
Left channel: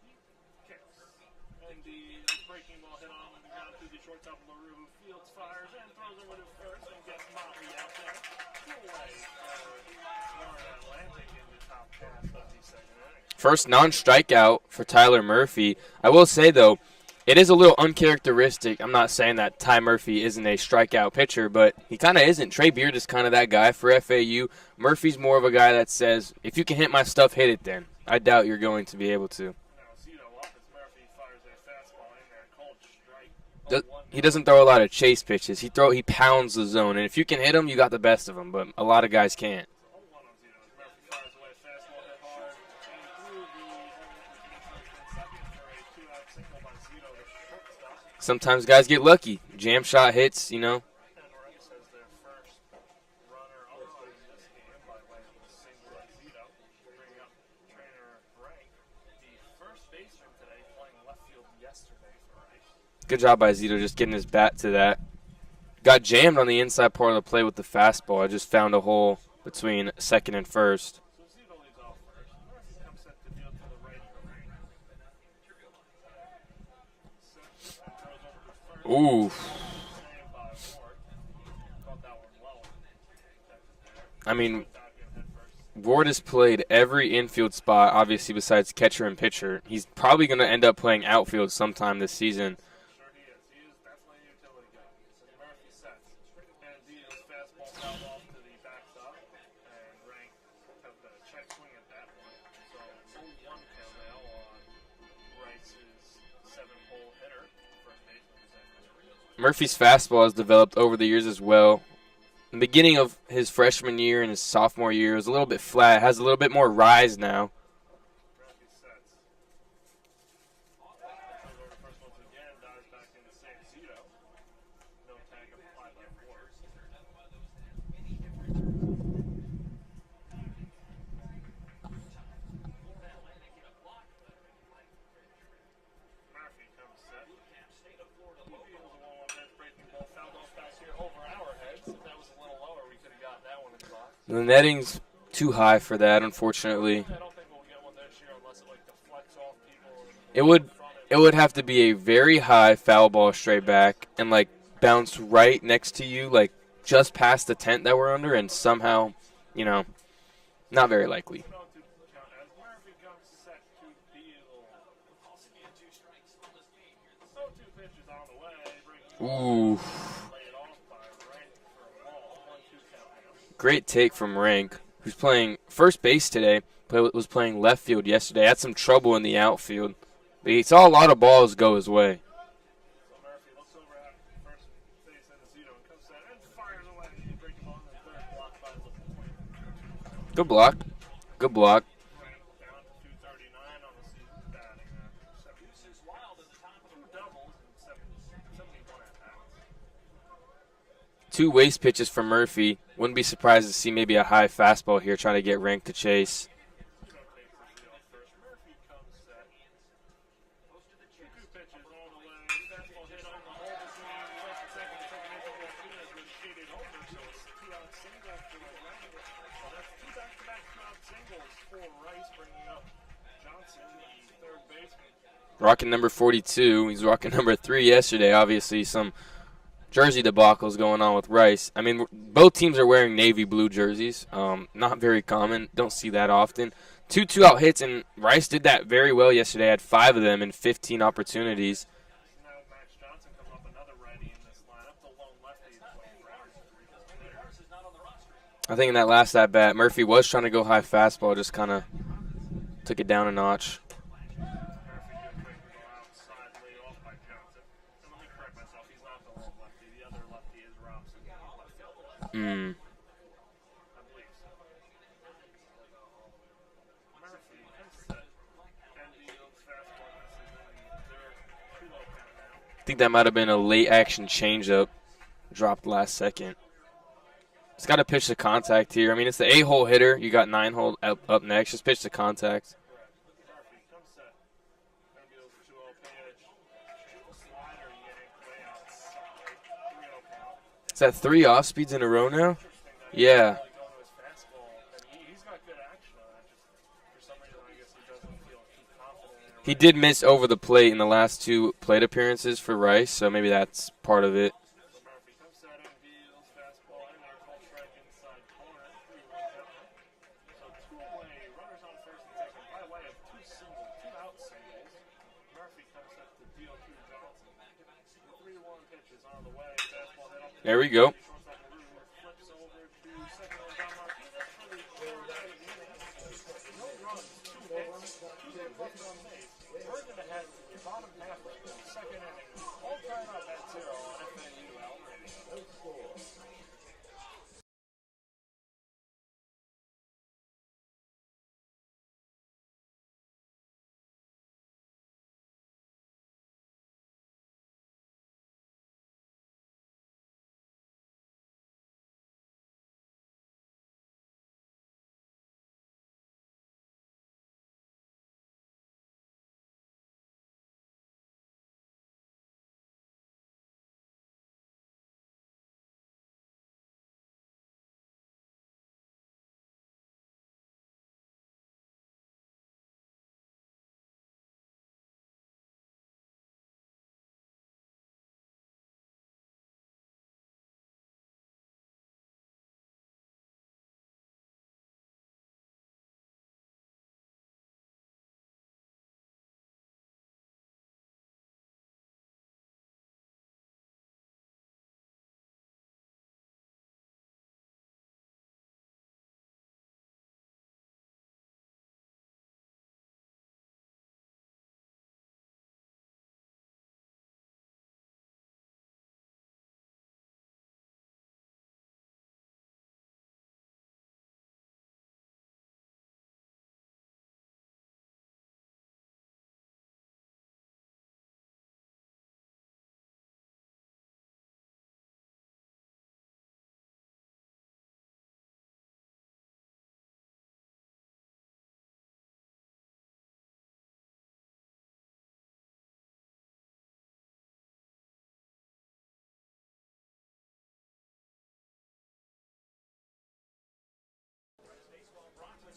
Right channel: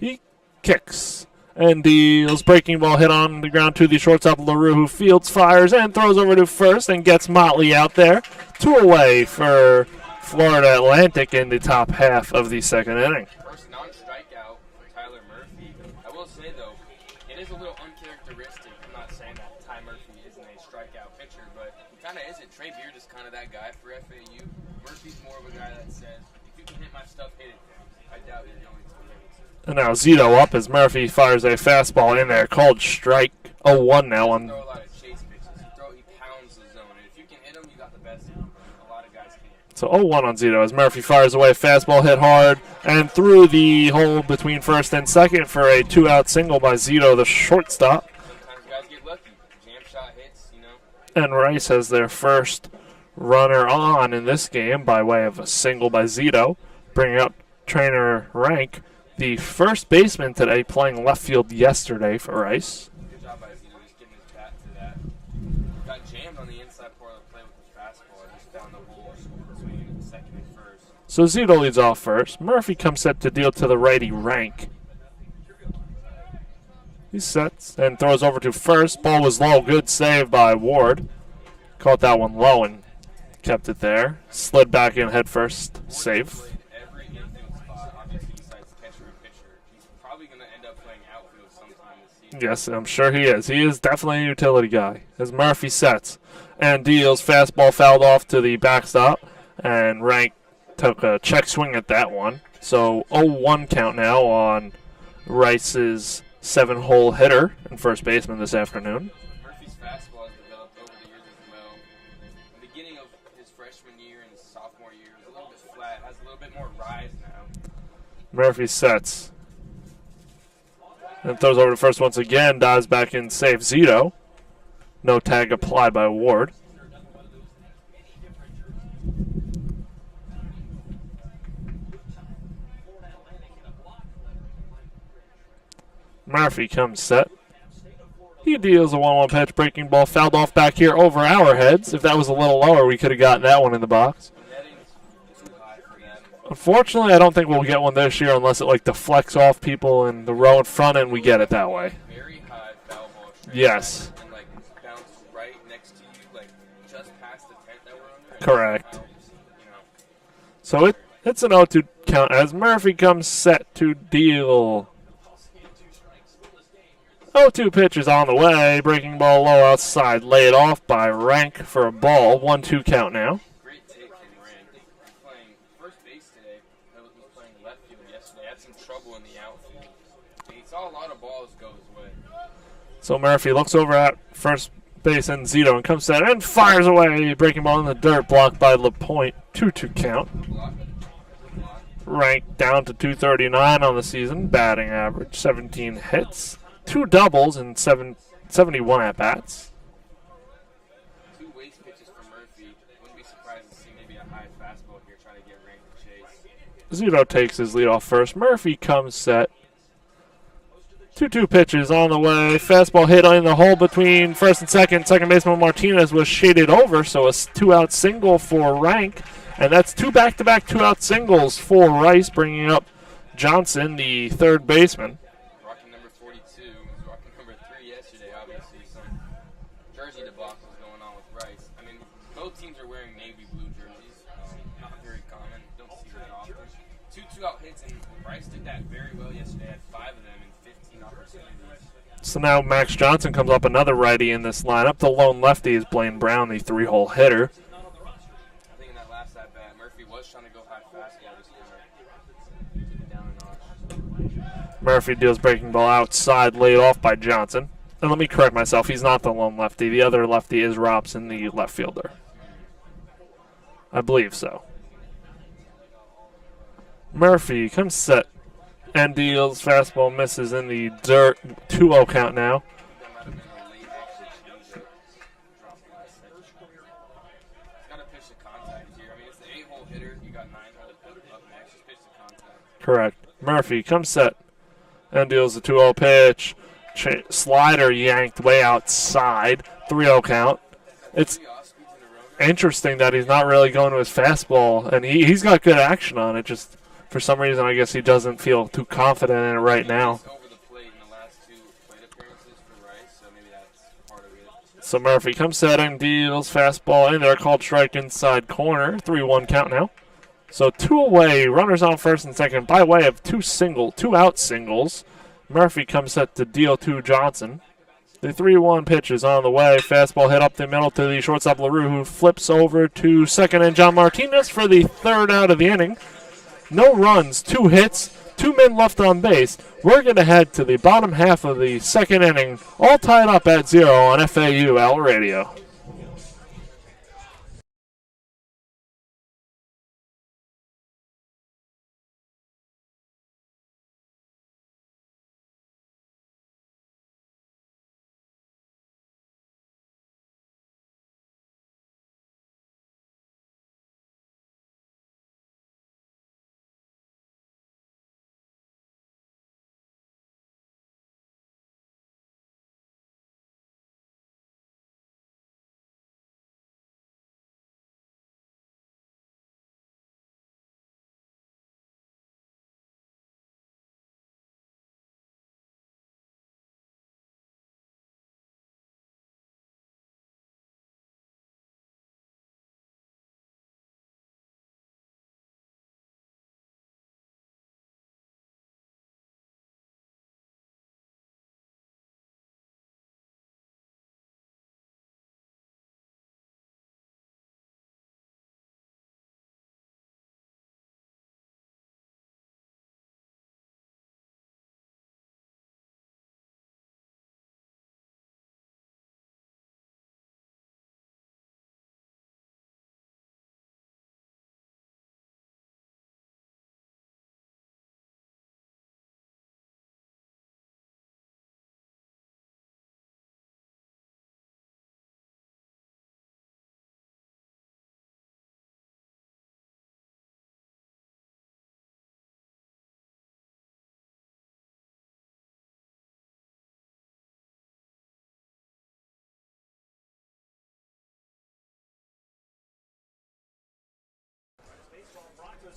He kicks and deals. Breaking ball hit on the ground to the shortstop, LaRue, who fields, fires, and throws over to first and gets Motley out there. 2 away for Florida Atlantic in the top half of the second inning. First non-strikeout for Tyler Murphy. I will say, though, it is a little uncharacteristic. I'm not saying that Ty Murphy isn't a strikeout pitcher, but he kind of isn't. Trey Beard is kind of that guy for FAU. Murphy's more of a guy that says, if you can hit my stuff, hit it then. I doubt you're going to be able to. And now Zito up as Murphy fires a fastball in there, called strike. 0-1 now. He doesn't throw a lot of chase pitches. He pounds the zone, and if you can hit him, you got the best of him, but a lot of guys can't. So 0-1 on Zito as Murphy fires away. Fastball hit hard and through the hole between first and second for a 2-out single by Zito, the shortstop. Sometimes guys get lucky. Jam shot hits, you know. And Rice has their first runner on in this game by way of a single by Zito, bringing up trainer Rank, the first baseman today, playing left field yesterday for Rice. Good job by Zito just getting his bat to that. Got jammed on the inside part of the play with the fastball. I just found a hole between second and first. So Zito leads off first. Murphy comes set to deal to the righty Rank. He sets and throws over to first. Ooh. Ball was low. Good save by Ward. Caught that one low and kept it there. I mean, slid back in head first. Ward Save. has played every infield spot, obviously, besides catcher and pitcher. He's probably going to end up playing outfield sometime this season. Yes, I'm sure he is. He is definitely a utility guy. As Murphy sets and deals, fastball fouled off to the backstop, and Rank took a check swing at that one. So 0-1 count now on Rice's 7-hole hitter and first baseman this afternoon. Murphy's fastball has developed over the years as well. The beginning of his freshman year and his sophomore year was a little bit flat. It has a little bit more rise now. Murphy sets and throws over to first once again. Dives back in, safe. Zito. No tag applied by Ward. Murphy comes set. He deals a 1-1 pitch, breaking ball, fouled off back here over our heads. If that was a little lower, we could have gotten that one in the box. So the netting's Too high for that, unfortunately. Unfortunately, I don't think we'll get one this year unless it like deflects off people in the row in front and we get it that way. It would have to be a very high foul ball straight back and like bounce right next to you, like just past the tent that we're under, and somehow, so not very likely. It's an 0-2 count as Murphy comes set to deal. 0-2 pitch is on the way. Breaking ball low outside. Laid off by Rank for a ball. 1-2 count now. Great take from Rank, who's playing first base today, but was playing left field yesterday. Had some trouble in the outfield. He saw a lot of balls go his way. So Murphy looks over at first base and Zito and comes set and fires away. Breaking ball in the dirt, blocked by LaPointe. 2-2 count. Good block. Good block. Rank down to 239 on the season. Batting average 17 hits. 2 doubles and 71 at-bats. 2 waste pitches from Murphy. Wouldn't be surprised to see maybe a high fastball here trying to get Rank to chase. Zito takes his lead off first. Murphy comes set. 2-2 pitches on the way. Fastball hit in the hole between first and second. Second baseman Martinez was shaded over, so a 2-out single for Rank. And that's 2 back-to-back 2-out singles for Rice, bringing up Johnson, the third baseman. Rocking number 42. He's rocking number 3 yesterday. Obviously, some jersey debacles going on with Rice. I mean, both teams are wearing navy blue jerseys. Not very common. Don't see that often. 2 2-out hits, and Rice did that very well yesterday. Had 5 of them in 15 opportunities. So now Max Johnson comes up, another righty in this lineup. The lone lefty is Blaine Brown, the 3-hole hitter. I think in that last at-bat, Murphy was trying to go high fastball, just kind of took it down a notch. Murphy deals breaking ball outside, laid off by Johnson. And let me correct myself, he's not the lone lefty. The other lefty is Robson, the left fielder. I believe so. Murphy comes set and deals. Fastball misses in the dirt. 2-0 count now. I think that might have been a late action changeup. Dropped last second. He's got to pitch to contact here. I mean, it's the 8-hole hitter. You got 9-hole up next. Just pitch to contact. Correct. Murphy comes set and deals the 2-0 pitch. Slider yanked way outside. 3-0 count. Is that 3 off-speeds in a row now? Interesting that he's not really going to his fastball. And he's got good action on it. Just for some reason, I guess he doesn't feel too confident in it right now. He did miss over the plate in the last 2 plate appearances for Rice, so maybe that's part of it. So Murphy comes set and deals. Fastball in there, called strike inside corner. 3-1 count now. So 2 away, runners on first and second by way of 2-out singles. Murphy comes set to deal to Johnson. The 3-1 pitch is on the way. Fastball hit up the middle to the shortstop LaRue, who flips over to second, and John Martinez for the 3rd out of the inning. No runs, 2 hits, 2 men left on base. We're going to head to the bottom half of the 2nd inning, all tied up at 0 on FAU Owl Radio.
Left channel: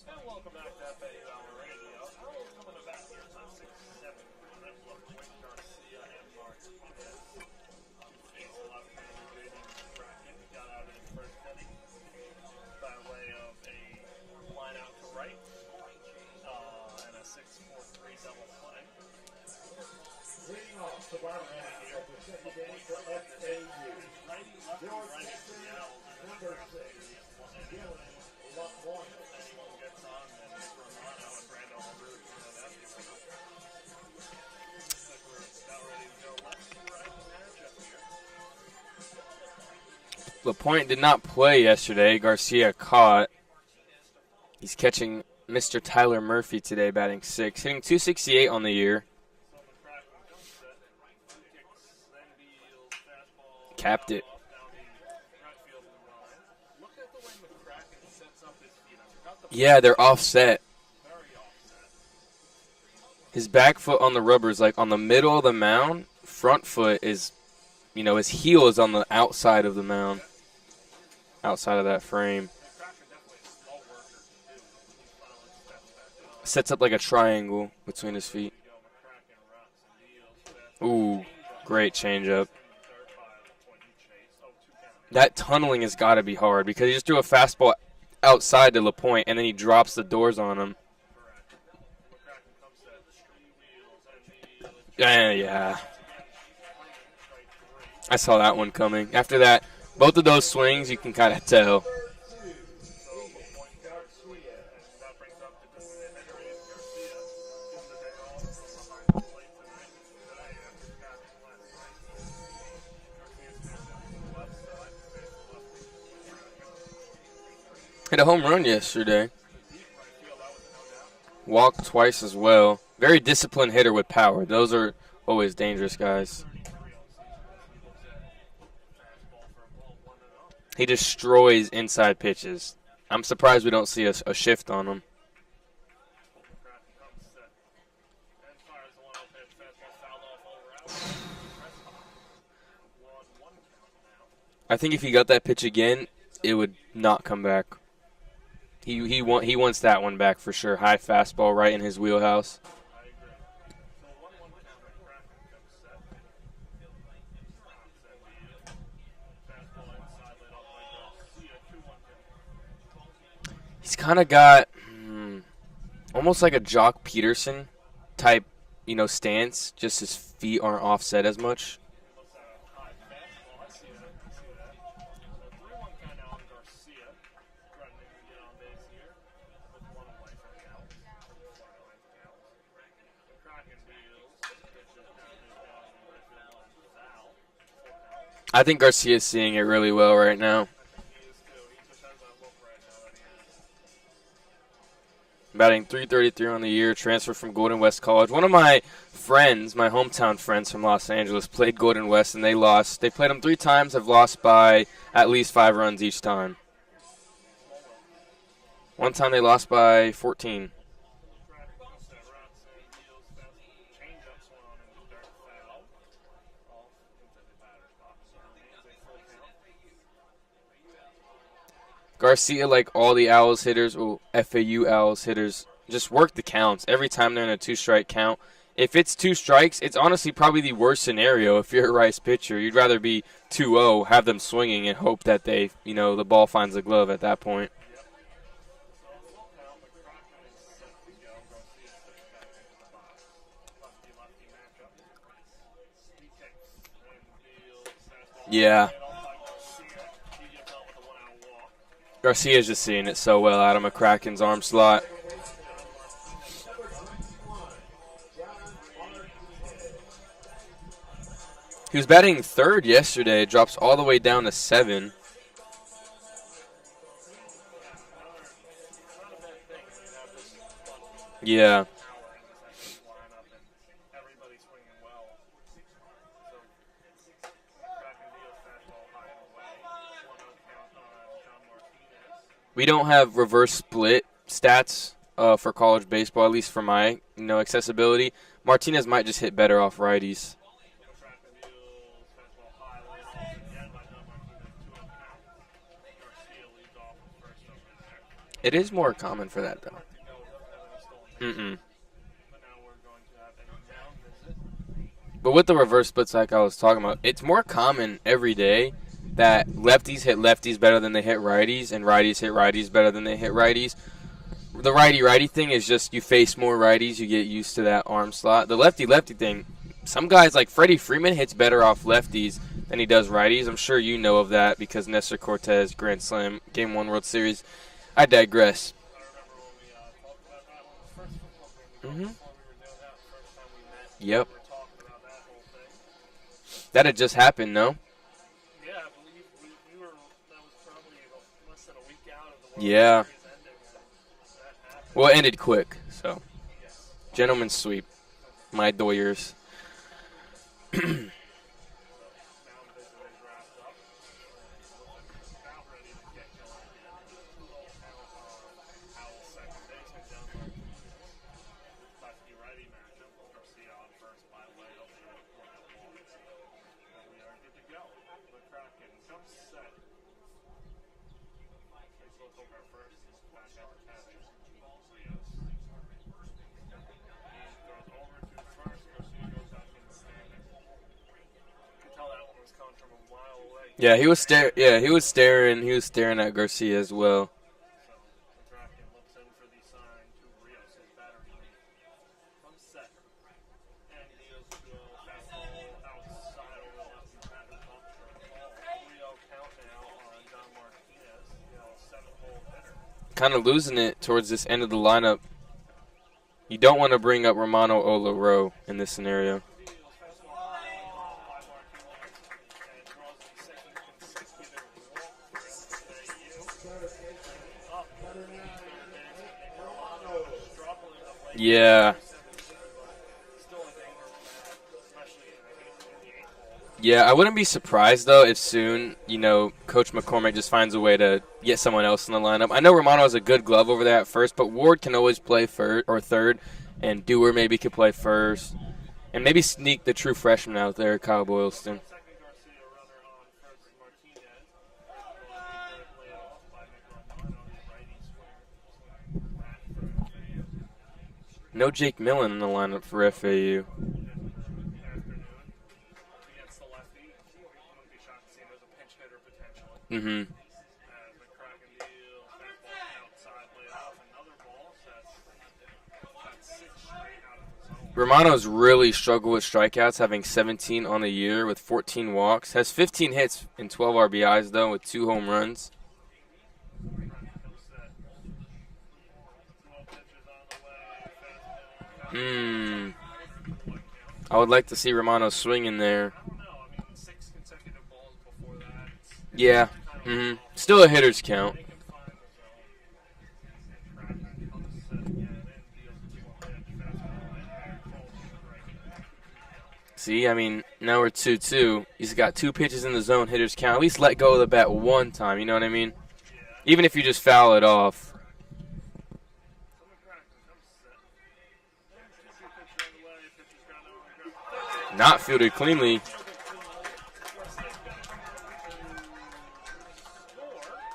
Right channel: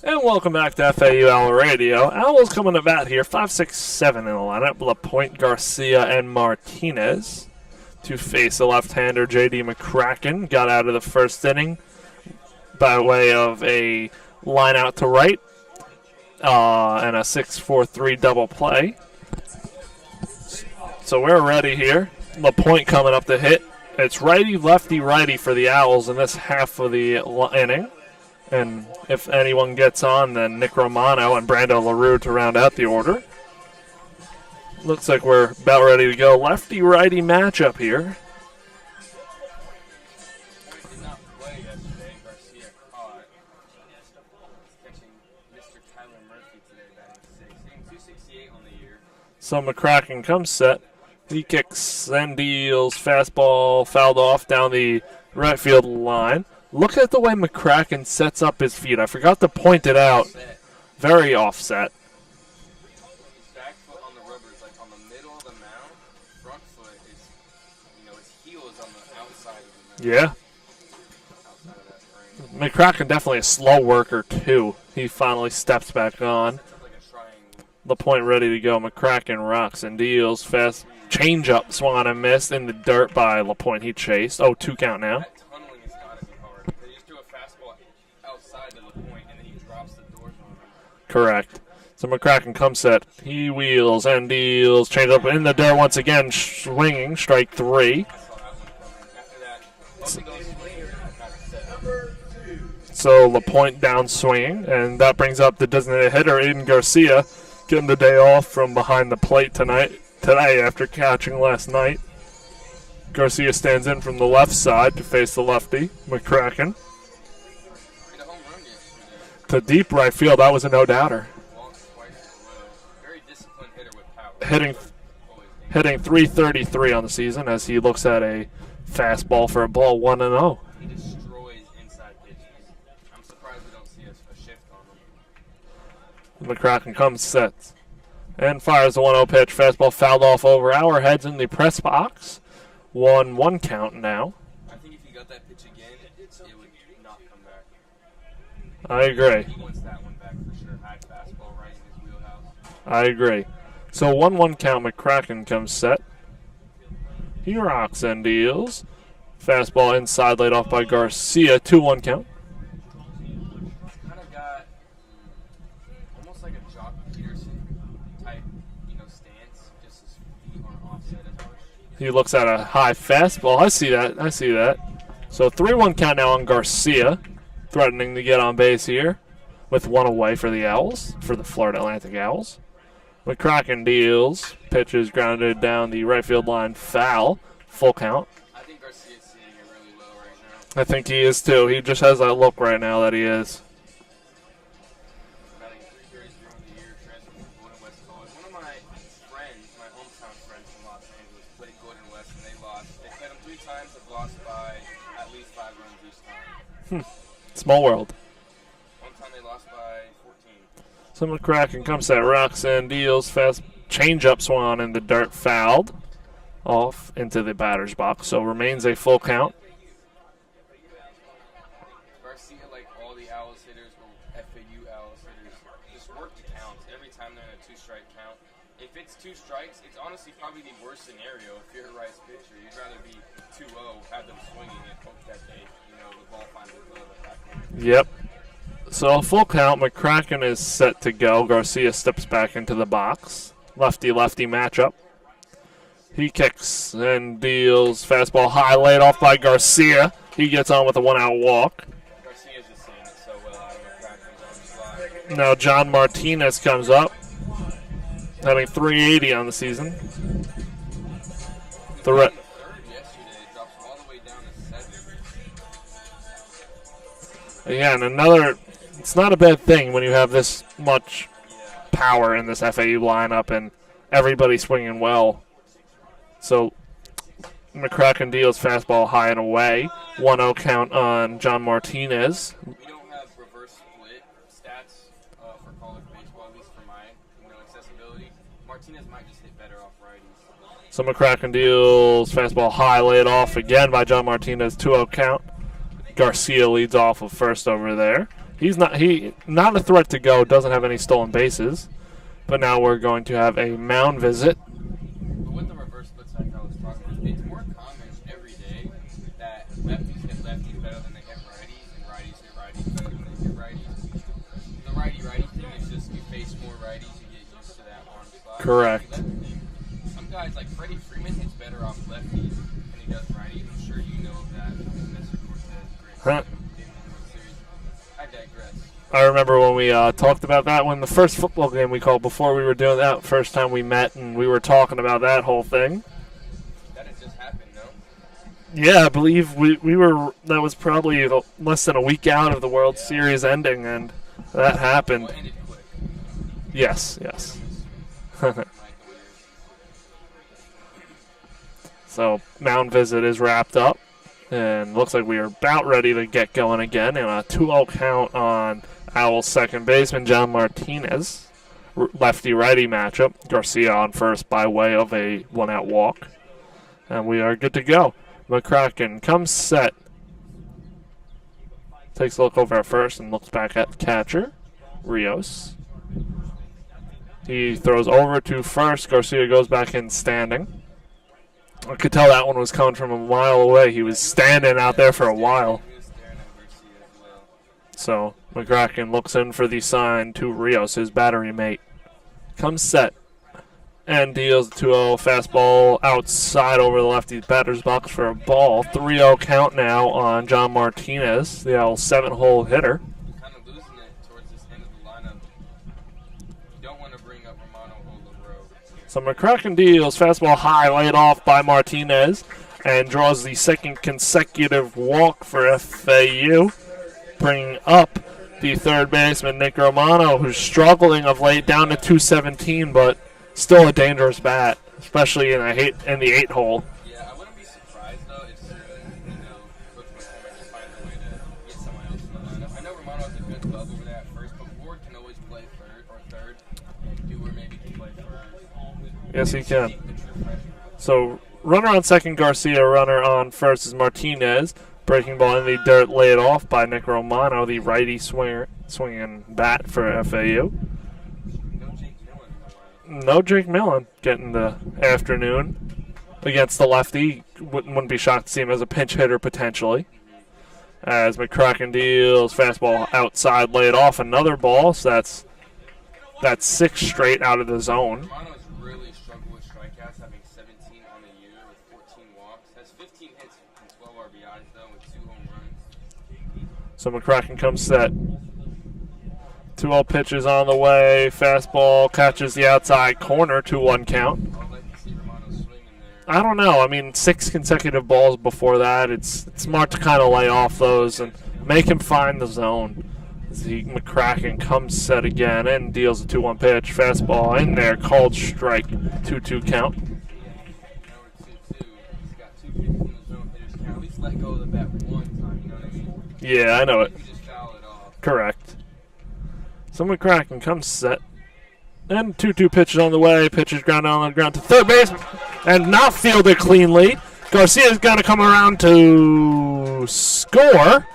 And welcome back to FAU Owl Radio. Owls coming to bat here, 5, 6, 7 in the lineup. LaPointe, Garcia, and Martinez to face the left-hander J.D. McCracken. Got out of the first inning by way of a line out to right and a 6-4-3 double play. So we're ready here. LaPointe coming up to hit. It's righty, lefty, righty for the Owls in this half of the inning. And if anyone gets on, then Nick Romano and Brando LaRue to round out the order. Looks like we're about ready to go. Lefty-righty matchup here. LaPointe did not play yesterday. Garcia caught. He's catching Mr. Tyler Murphy today, batting 6, hitting .268 on the year. So McCracken comes set. He kicks and deals. Fastball Tapped fouled it. off down the right field line. Look at the way McCracken sets up his feet. I forgot to point Yeah, it they're out. offset. Very offset. His back foot on the rubber is like on the middle of the mound. Front foot is, his heel is on the outside of the mound. Yeah. Outside of that frame. McCracken definitely a slow worker, too. He finally steps back on. Sets up like a triangle. LaPointe ready to go. McCracken rocks and deals. Fast change-up great swung and missed in the dirt by LaPointe. He chased. 2 count now. That tunneling has got to be hard because he just threw a fastball outside to LaPointe and then he drops the doors on him. Correct. So McCracken comes set. He wheels and deals. Change up in the dirt once again. Swinging. Strike 3. I saw that one coming. After that, both of those swings, you can kind of tell. So LaPointe down swinging, and that brings up the designated hitter, Aiden Garcia, getting the day off from behind the plate today after catching last night. Garcia stands in from the left side to face the lefty, McCracken. Hit a home run yesterday. To deep right field, that was a no-doubter. Walked twice as well. Very disciplined hitter with power. Those are always dangerous Hitting guys. .333 on the season as he looks at a fastball for a ball 1-0. He destroys inside pitches. I'm surprised we don't see a shift on him. McCracken comes, sets, and fires the 1-0 pitch. Fastball fouled off over our heads in the press box. 1-1 count now. I think if he got that pitch again, it would not come back. I agree. He wants that one back for sure. High fastball right in his wheelhouse. I agree. So 1-1 count, McCracken comes set. He rocks and deals. Fastball inside, laid off by Garcia. 2-1 count. He's kind of got almost like a Jock Peterson type, stance. Just his feet aren't offset as much. He looks at a high fastball. I see that. So 3-1 count now on Garcia. Threatening to get on base here with 1 away for the Owls, for the Florida Atlantic Owls. McCracken deals. Pitches grounded down the right field line. Foul. Full count. I think Garcia's seeing it really well right now. I think he is too. He just has that look right now that he is. Batting .333 on the year, transfer from Golden West College. One of my friends, my hometown friends from Los Angeles, played Golden West and they lost. They played them 3 times, have lost by at least 5 runs each time. Small world. One time they lost by 14. So McCracken comes at rocks and deals. Fast change-up swung on in the dirt, fouled off into the batter's box. So remains a full count. Garcia, like all the Owls hitters, FAU Owls hitters, just work the counts every time they're in a 2-strike count. If it's 2 strikes, it's honestly probably the worst scenario if you're a Rice pitcher. You'd rather be 2-0, have them swinging, and hope that the ball finds the glove at that point. Yep. So a full count. McCracken is set to go. Garcia steps back into the box. Lefty-lefty matchup. He kicks and deals. Fastball high, laid off by Garcia. He gets on with a 1-out walk. Garcia's just seeing it so well out of McCracken's arm slot. Now John Martinez comes up, having .380 on the season. He was batting 3rd yesterday. It drops all the way down to 7. Yeah, and it's not a bad thing when you have this much power in this FAU lineup and everybody swinging well. So McCracken deals fastball high and away. 1-0 count on John Martinez. We don't have reverse split stats for college baseball, at least for my accessibility. Martinez might just hit better off righties. So McCracken deals fastball high, laid off again by John Martinez. 2-0 count. Garcia leads off of first over there. He's not a threat to go. Doesn't have any stolen bases. But now we're going to have a mound visit. But with the reverse splits like I was talking about, it's more common every day that lefties hit lefties better than they hit righties, and righties hit righties better than they hit righties. The righty-righty thing is just you face more righties, you get used to that arm slot. Correct. The lefty-lefty thing, some guys like Freddie Freeman hits better off lefties than he does righties. I'm sure you know of that because Nestor Cortez, Grand Slam, Game 1 World Series. I digress. I remember when we talked about that when the first football game we called before we were doing that, first time we met, and we were talking about that whole thing. That had just happened, no? Yeah, I believe we were. That was probably less than a week out of the World Series ending, and that happened. Well, it ended quick, so. Yes. Gentleman's sweep. My Doyers. So, mound visit is wrapped up, and looks like we are about ready to get going again in a 2-0 count on Owl's second baseman, John Martinez. Lefty-righty matchup. Garcia on first by way of a one-out walk. And we are good to go. McCracken comes set. Takes a look over at first and looks back at the catcher, Rios. He throws over to first. Garcia goes back in standing. I could tell that one was coming from a mile away. He was standing out there for a while. He was staring at Garcia as well. So McCracken looks in for the sign to Rios, his battery mate. Comes set and deals the 2-0 fastball outside over the lefty batter's box for a ball. 3-0 count now on John Martinez, the Owl 7-hole hitter. Kind of losing it towards this end of the lineup. You don't want to bring up Romano Olaro in this scenario. McCracken deals fastball high, laid off by Martinez, and draws the second consecutive walk for FAU, bringing up the third baseman, Nick Romano, who's struggling of late, down to 217, but still a dangerous bat, especially in the 8-hole. Yeah, I wouldn't be surprised, though, if soon, Coach McCormick just finds a way to get someone else in the lineup. I know Romano has a good glove over there at first, but Ward can always play third, and Dewar maybe could play first. And maybe sneak the true freshman out there, Kyle Boyle. Runner on second, Garcia. Runner on first is Martinez. Breaking ball in the dirt, laid off by Nick Romano, the righty swinging bat for FAU. No Jake Millen in the lineup for No FAU. Jake Millen getting the afternoon against the lefty. Wouldn't be shocked to see him as a pinch hitter potentially. Mm-hmm. As McCracken deals fastball outside, laid off another ball. So that's 6 straight out of the zone. Romano's really struggled with strikeouts, having 17 on the year with 14 walks. Has 15 hits and 12 RBIs, though, with 2 home runs. So McCracken comes set. 2-0 pitches on the way. Fastball catches the outside corner, 2-1 count. I would like to see Romano swing in there. I don't know. I mean, 6 consecutive balls before that. It's smart to kind of lay off those. Still a hitter's count. Make him find the zone. McCracken comes set again and deals a 2-1 pitch. Fastball in there, called strike, 2-2 count. See, I mean, now we're 2-2. He's got 2 pitches in the zone, hitter's count. At least let go of the bat one time, you know what I mean? Yeah, I know. Even if you just foul it off. Correct. So McCracken comes set. And 2-2 pitches on the way. Pitches ground on the ground to third base. Not fielded and cleanly. not fielded cleanly. Garcia's going to come around to score.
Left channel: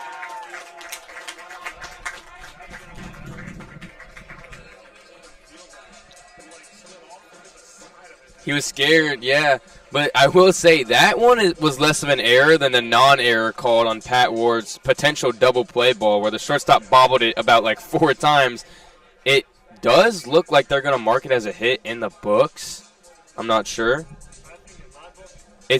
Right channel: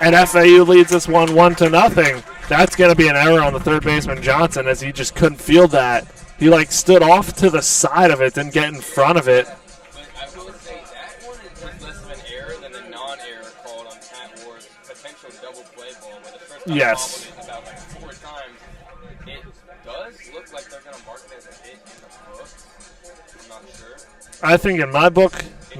And FAU leads this one 1-0. That's going to be an error on the third baseman, Johnson, as he just couldn't field that. He, stood off to the side of it, didn't get in front of it. But I will say that one was less of an error than the non-error called on Pat Ward's potential double play ball where the shortstop bobbled it about 4 times. It does look like they're going to mark it as a hit in the books. I'm not sure. I think in my book, they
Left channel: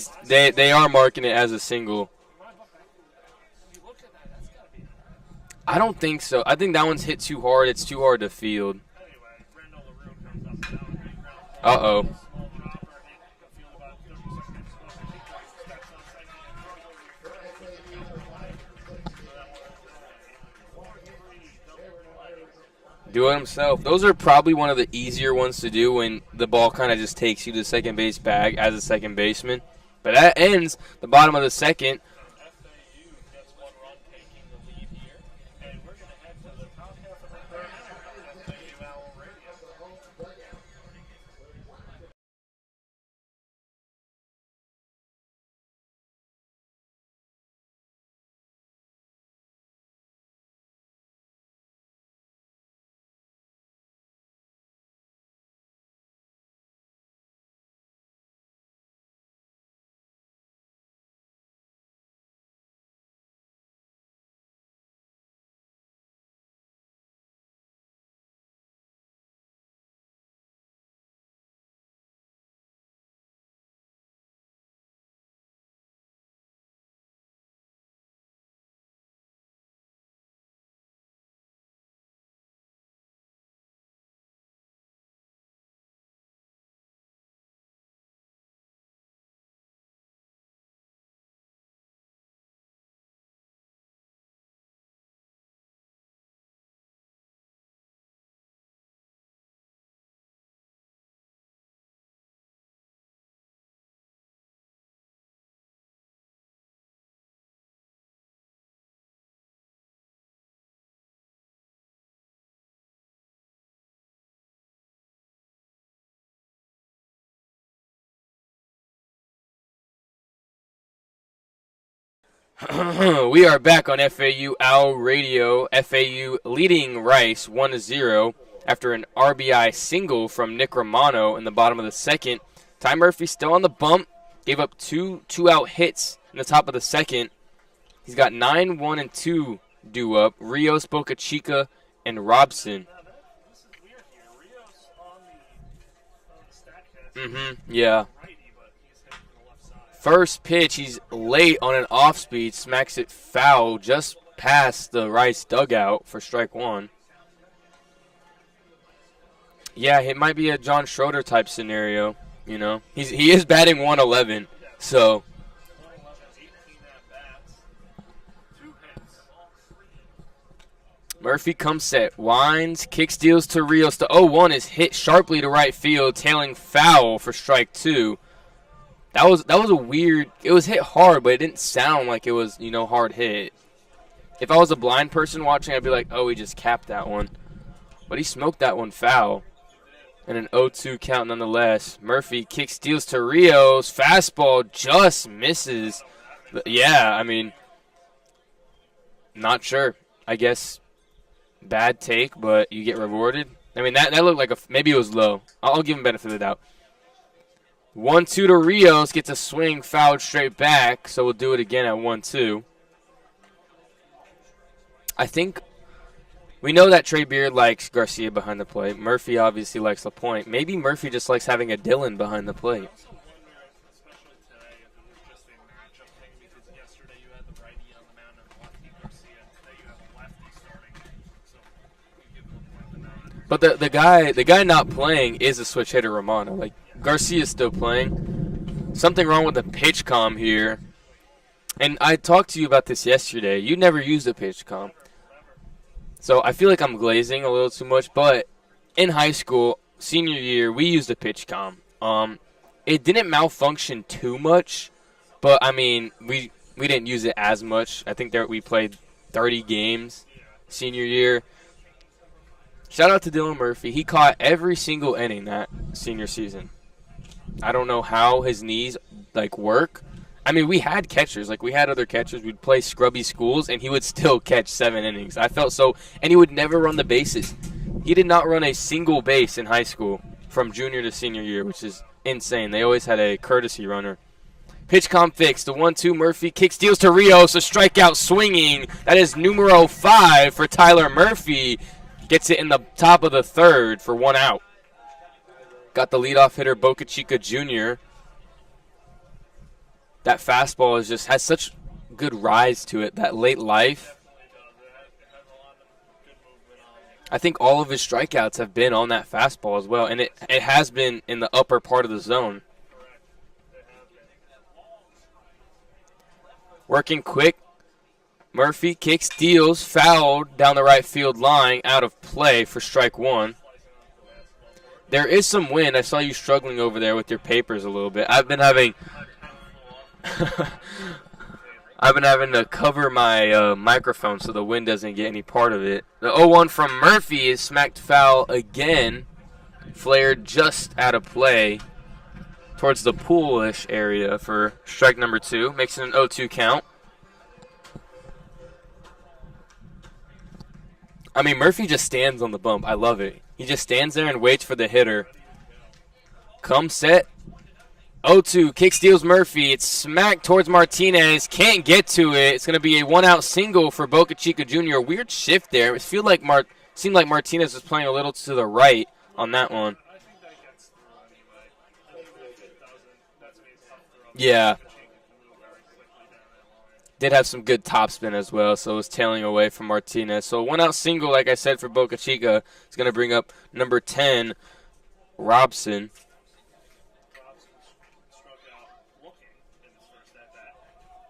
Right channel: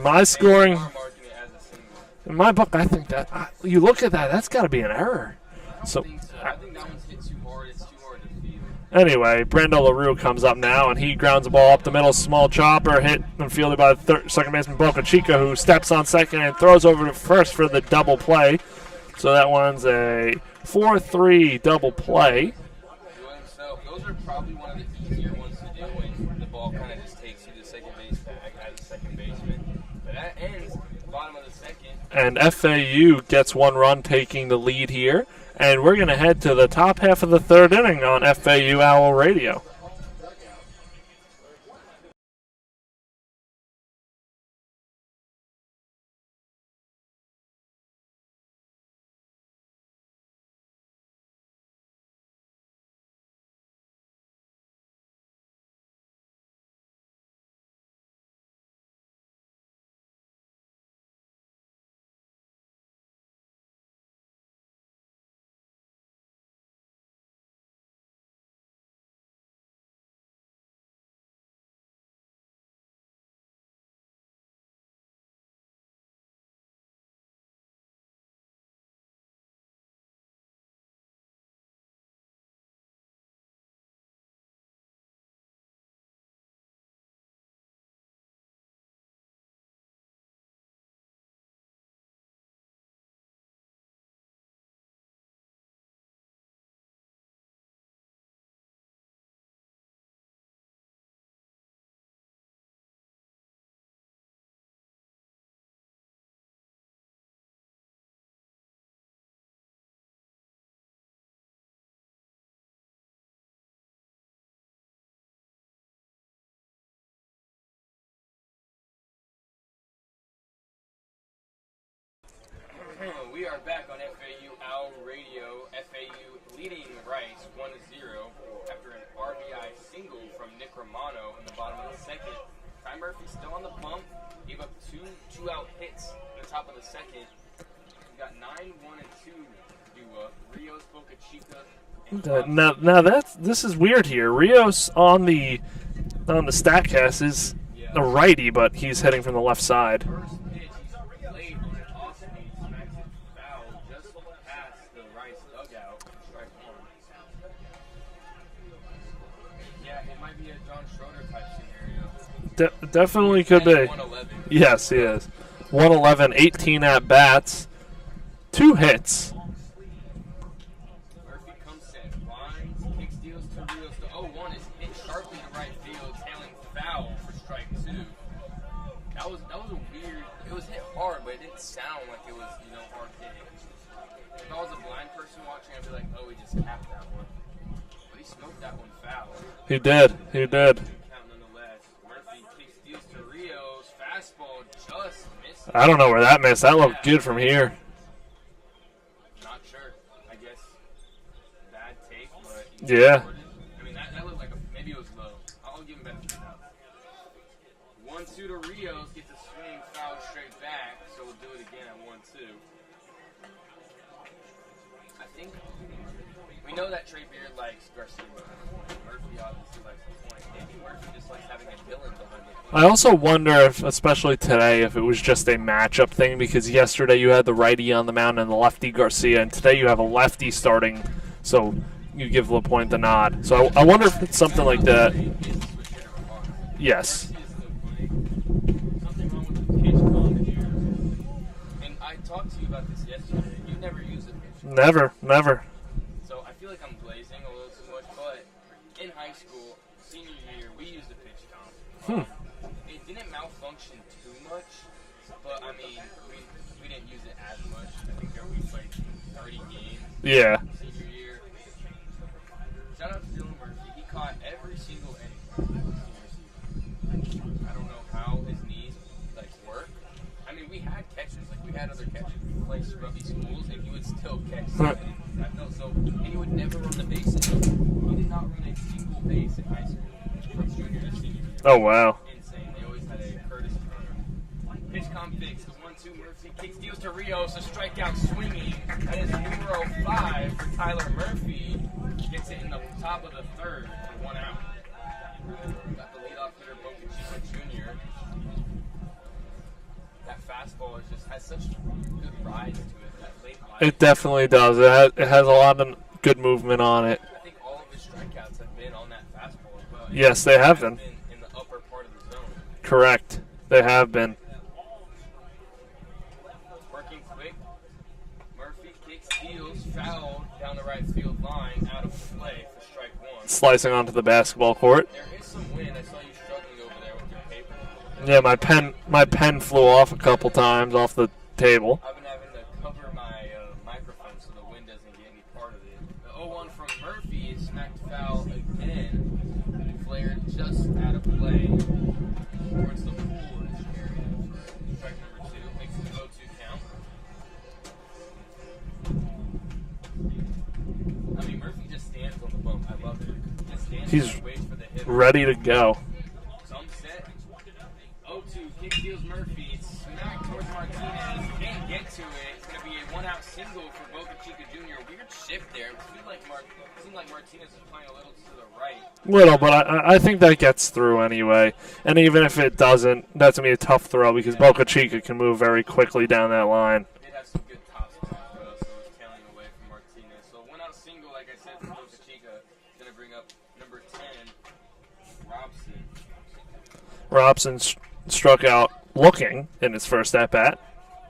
are marking it as a single. In my book, I think that you look at that, that's got to be an error. I don't think so. I think that one's hit too hard. It's too hard to field. Anyway, Brando LaRue comes up now, and he grounds the ball up the middle, small chopper, hit and fielded by second baseman Boca Chica, who steps on second and throws over to first for the double play. So that one's a 4-3 double play. Do it himself. Those are probably one of the easier ones to do when the ball kind of just takes you to the second base bag as a second baseman. But that ends the bottom of the second. And FAU gets 1 run, taking the lead here. And we're going to head to the top half of the third inning on FAU Owl Radio. We are back on FAU Owl Radio. FAU leading Rice 1-0 after an RBI single from Nick Romano in the bottom of the second. Ty Murphy still on the bump. Gave up two-out hits in the top of the second. He's got 9, 1, and 2 due up. Rios, Boca Chica, and Robson. Now this is weird here. Rios on the StatCast is a righty, but he's heading from the left side. First pitch, he's late on an off-speed, smacks it foul just past the Rice dugout for strike one. Yeah, it might be a John Schroeder type scenario. You know, he is batting 111. Yes, so 111, 18 at bats, 2 hits. Murphy comes set, winds, kick steals to Rios. The 0-1 is hit sharply to right field, tailing foul for strike 2. That was a weird. It was hit hard, but it didn't sound like it was hard hit. If I was a blind person watching, I'd be like, oh, he just capped that one. But he smoked that one foul. He did. And an 0-2 count nonetheless. Murphy kick steals to Rios. Fastball just misses. I don't know where that missed. That looked good from here. Not sure. I guess bad take, but you get rewarded. I mean, that looked like maybe it was low. I'll give him benefit of the doubt. 1-2 to Rios. Gets a swing, fouled straight back. So we'll do it again at 1-2. I think we know that Trey Beard likes Garcia behind the plate. Murphy obviously likes LaPointe. Maybe Murphy just likes having a Dillon behind the plate. I also wonder if, especially today, if it was just a matchup thing, because yesterday you had the righty on the mound and the lefty Garcia, and today you have a lefty starting, so you give LaPointe the nod. So the I wonder if the guy like not that. playing is a switch hitter, Romano. Like, yes. Garcia's still playing. Something wrong with the pitch comm here. And I talked to you about this yesterday. You never used a pitch comm. Never. So I feel like I'm glazing a little too much, but in high school, senior year, we used a pitch comm. It didn't malfunction too much, but I mean, we didn't use it as much. I think we played 30 games. Senior year. Shout out to Dylan Murphy. He caught every single inning that senior season. I don't know how his knees work. I mean, we had catchers. We had other catchers. We'd play scrubby schools, and he would still catch 7 innings. I felt so. And he would never run the bases. He did not run a single base in high school from junior to senior year. Oh, wow. Insane. They always had a courtesy runner. Pitch comm fixed. The 1-2 Murphy. Kick steals to Rios. A strikeout swinging. That is numero 5 for Tyler Murphy. Gets it in the top of the third for 1 out. Got the leadoff hitter, Boca Chica Jr., that fastball has such good rise to it, that late life. It definitely does. It has a lot of good movement on it. I think all of his strikeouts have been on that fastball as well. And yes, it has been in the upper part of the zone. Correct. They have been. Working quick. Murphy kicks, steals, fouled down the right field line, out of play for strike 1. Slicing onto the basketball court. There is some wind. I saw you struggling over there with your papers a little bit. Yeah, my pen flew off a couple times off the table. I've been having to cover my microphone so the wind doesn't get any part of it. The 0-1 from Murphy is smacked foul again. Flared just out of play towards the pool-ish area for strike number 2. Makes it an 0-2 count. I mean, Murphy just stands on the bump. I love it. He just stands there and waits for the hitter. Ready to go. Come set. 0-2. Kick steals Murphy. It's smacked towards Martinez. Can't get to it. It's going to be a 1-out single for Boca Chica Jr. A weird shift there. It seemed like Martinez was playing a little to the right. But I think that gets through anyway. And even if it doesn't, that's going to be a tough throw because Boca Chica can move very quickly down that line. Did have some good topspin as well, so it was tailing away from Martinez. So 1-out single, like I said, for Boca Chica is going to bring up number 10, Robson. Robson struck out looking in his first at-bat.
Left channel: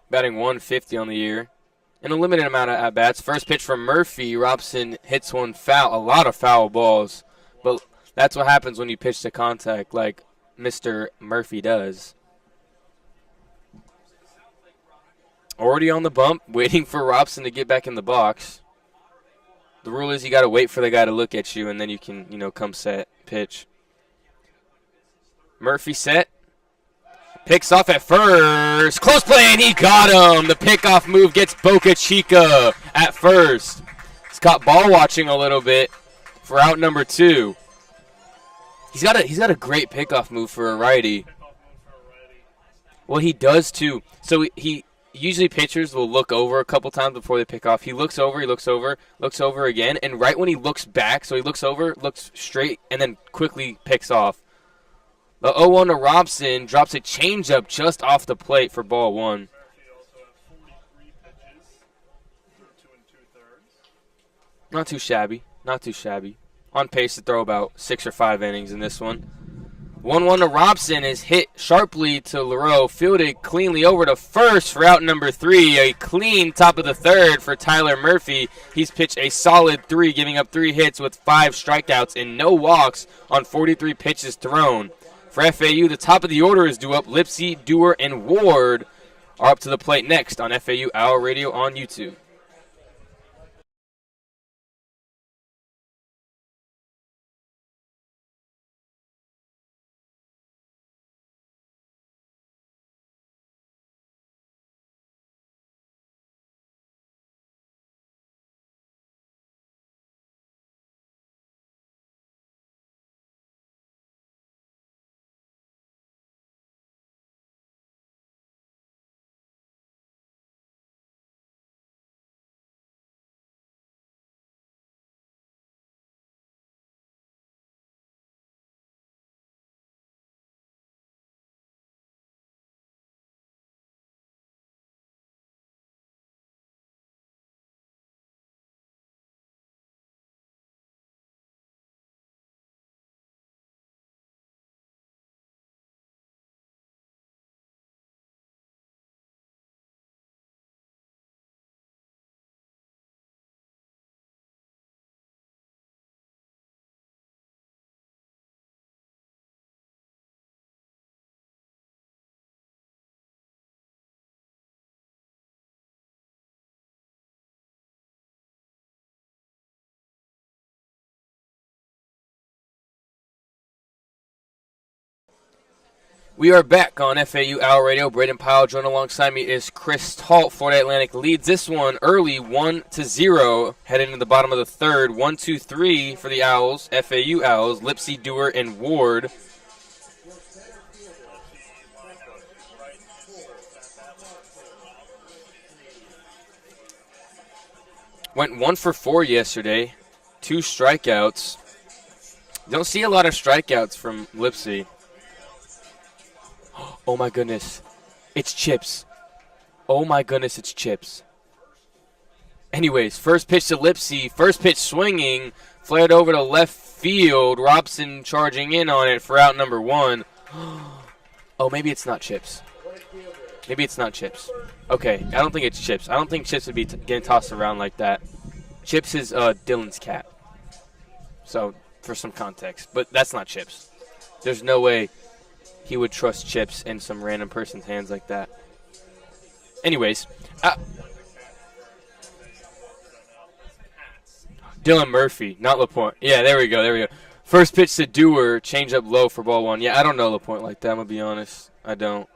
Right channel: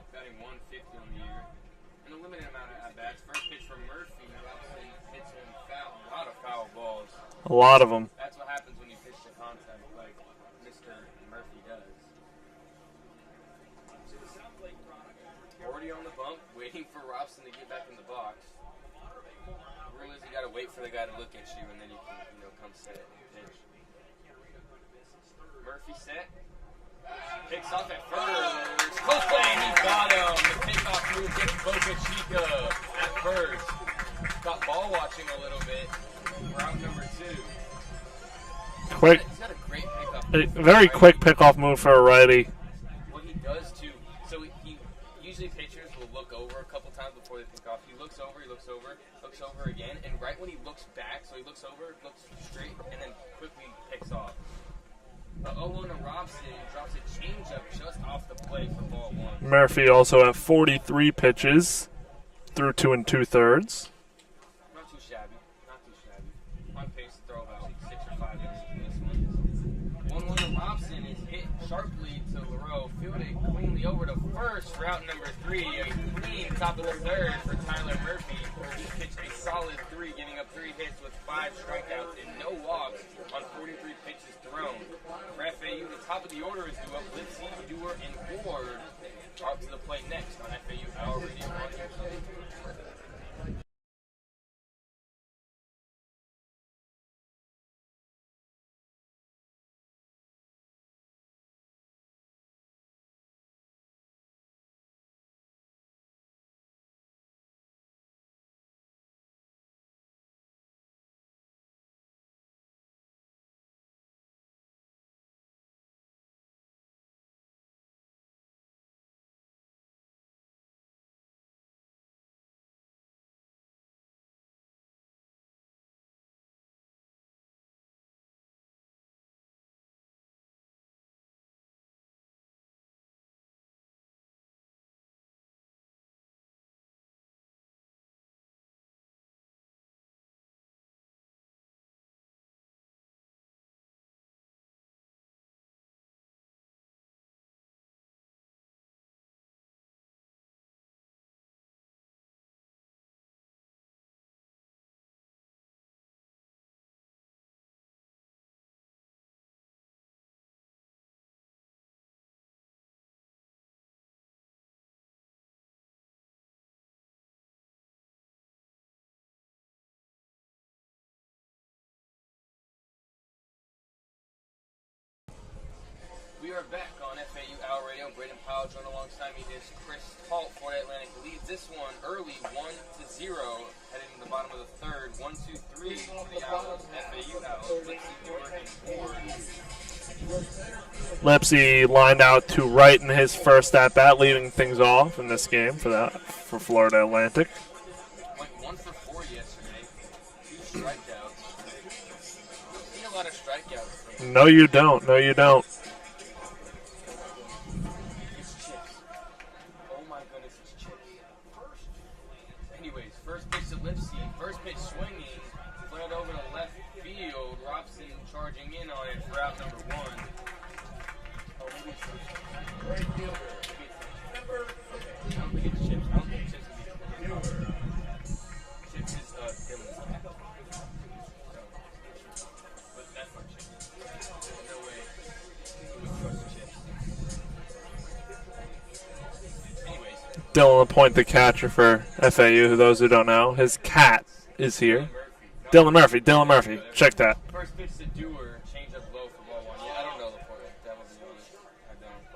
Batting 150 on the year. In a limited amount of at-bats. First pitch from Murphy. Robson hits one foul. A lot of foul balls. A lot of them. That's what happens when you pitch to contact like Mr. Murphy does. Already on the bump, waiting for Robson to get back in the box. The rule is you got to wait for the guy to look at you, and then you can, come set, pitch. Murphy set. Picks off at first. Close play, and he got him. The pickoff move gets Boca Chica at first. He's got ball watching a little bit for out number 2. He's got a great pickoff move for a righty. Very quick pickoff move for a righty. Well, he does too. So he usually pitchers will look over a couple times before they pick off. He looks over, looks over again, and right when he looks back, so he looks over, looks straight, and then quickly picks off. The 0-1 to Robson drops a changeup just off the plate for ball 1. Murphy also at 43 pitches through 2 2/3. Not too shabby. Not too shabby. On pace to throw about 6 or 5 innings in this one. 1-1 to Robson is hit sharply to Leroux, fielded cleanly over to first for out number 3. A clean top of the 3rd for Tyler Murphy. He's pitched a solid 3, giving up 3 hits with 5 strikeouts and no walks on 43 pitches thrown. For FAU, the top of the order is due up. Lipsy, Dewar, and Ward are up to the plate next on FAU Owl Radio on YouTube. We are back on FAU Owl Radio. Brayden Pyle joined alongside me is Chris Talt. Florida Atlantic leads this one early 1-0. Heading to the bottom of the 3rd. 1-2-3 for the Owls. FAU Owls. Lipsy, Dewar, and Ward. Lipsy lined out to right in his first at-bat, leading things off in this game for Florida Atlantic. Went 1 for 4 yesterday. 2 strikeouts. Don't see a lot of strikeouts from No, Lipsy. you don't. No, you don't. Oh, my goodness. It's Chips. Oh, my goodness, it's Chips. Anyways, first pitch to Lipsy. First pitch swinging. Flared over to left field. Robson charging in on it for out number 1. Oh, maybe it's not Chips. Maybe it's not Chips. Okay, I don't think it's Chips. I don't think Chips would be getting tossed around like that. Chips is Dylan's cat. So, for some context. But that's not Chips. There's no way he would trust Chips in some random person's hands like that. Anyways. Dylan LaPointe, the catcher for FAU, those who don't know. His cat is here. Dylan Murphy. Not Dylan LaPointe. Murphy. Yeah, Dylan there Murphy. we go. Check that. First pitch to Dewar, change up low for ball 1. Yeah, I don't know LaPointe like that, I'm going to be honest. I don't.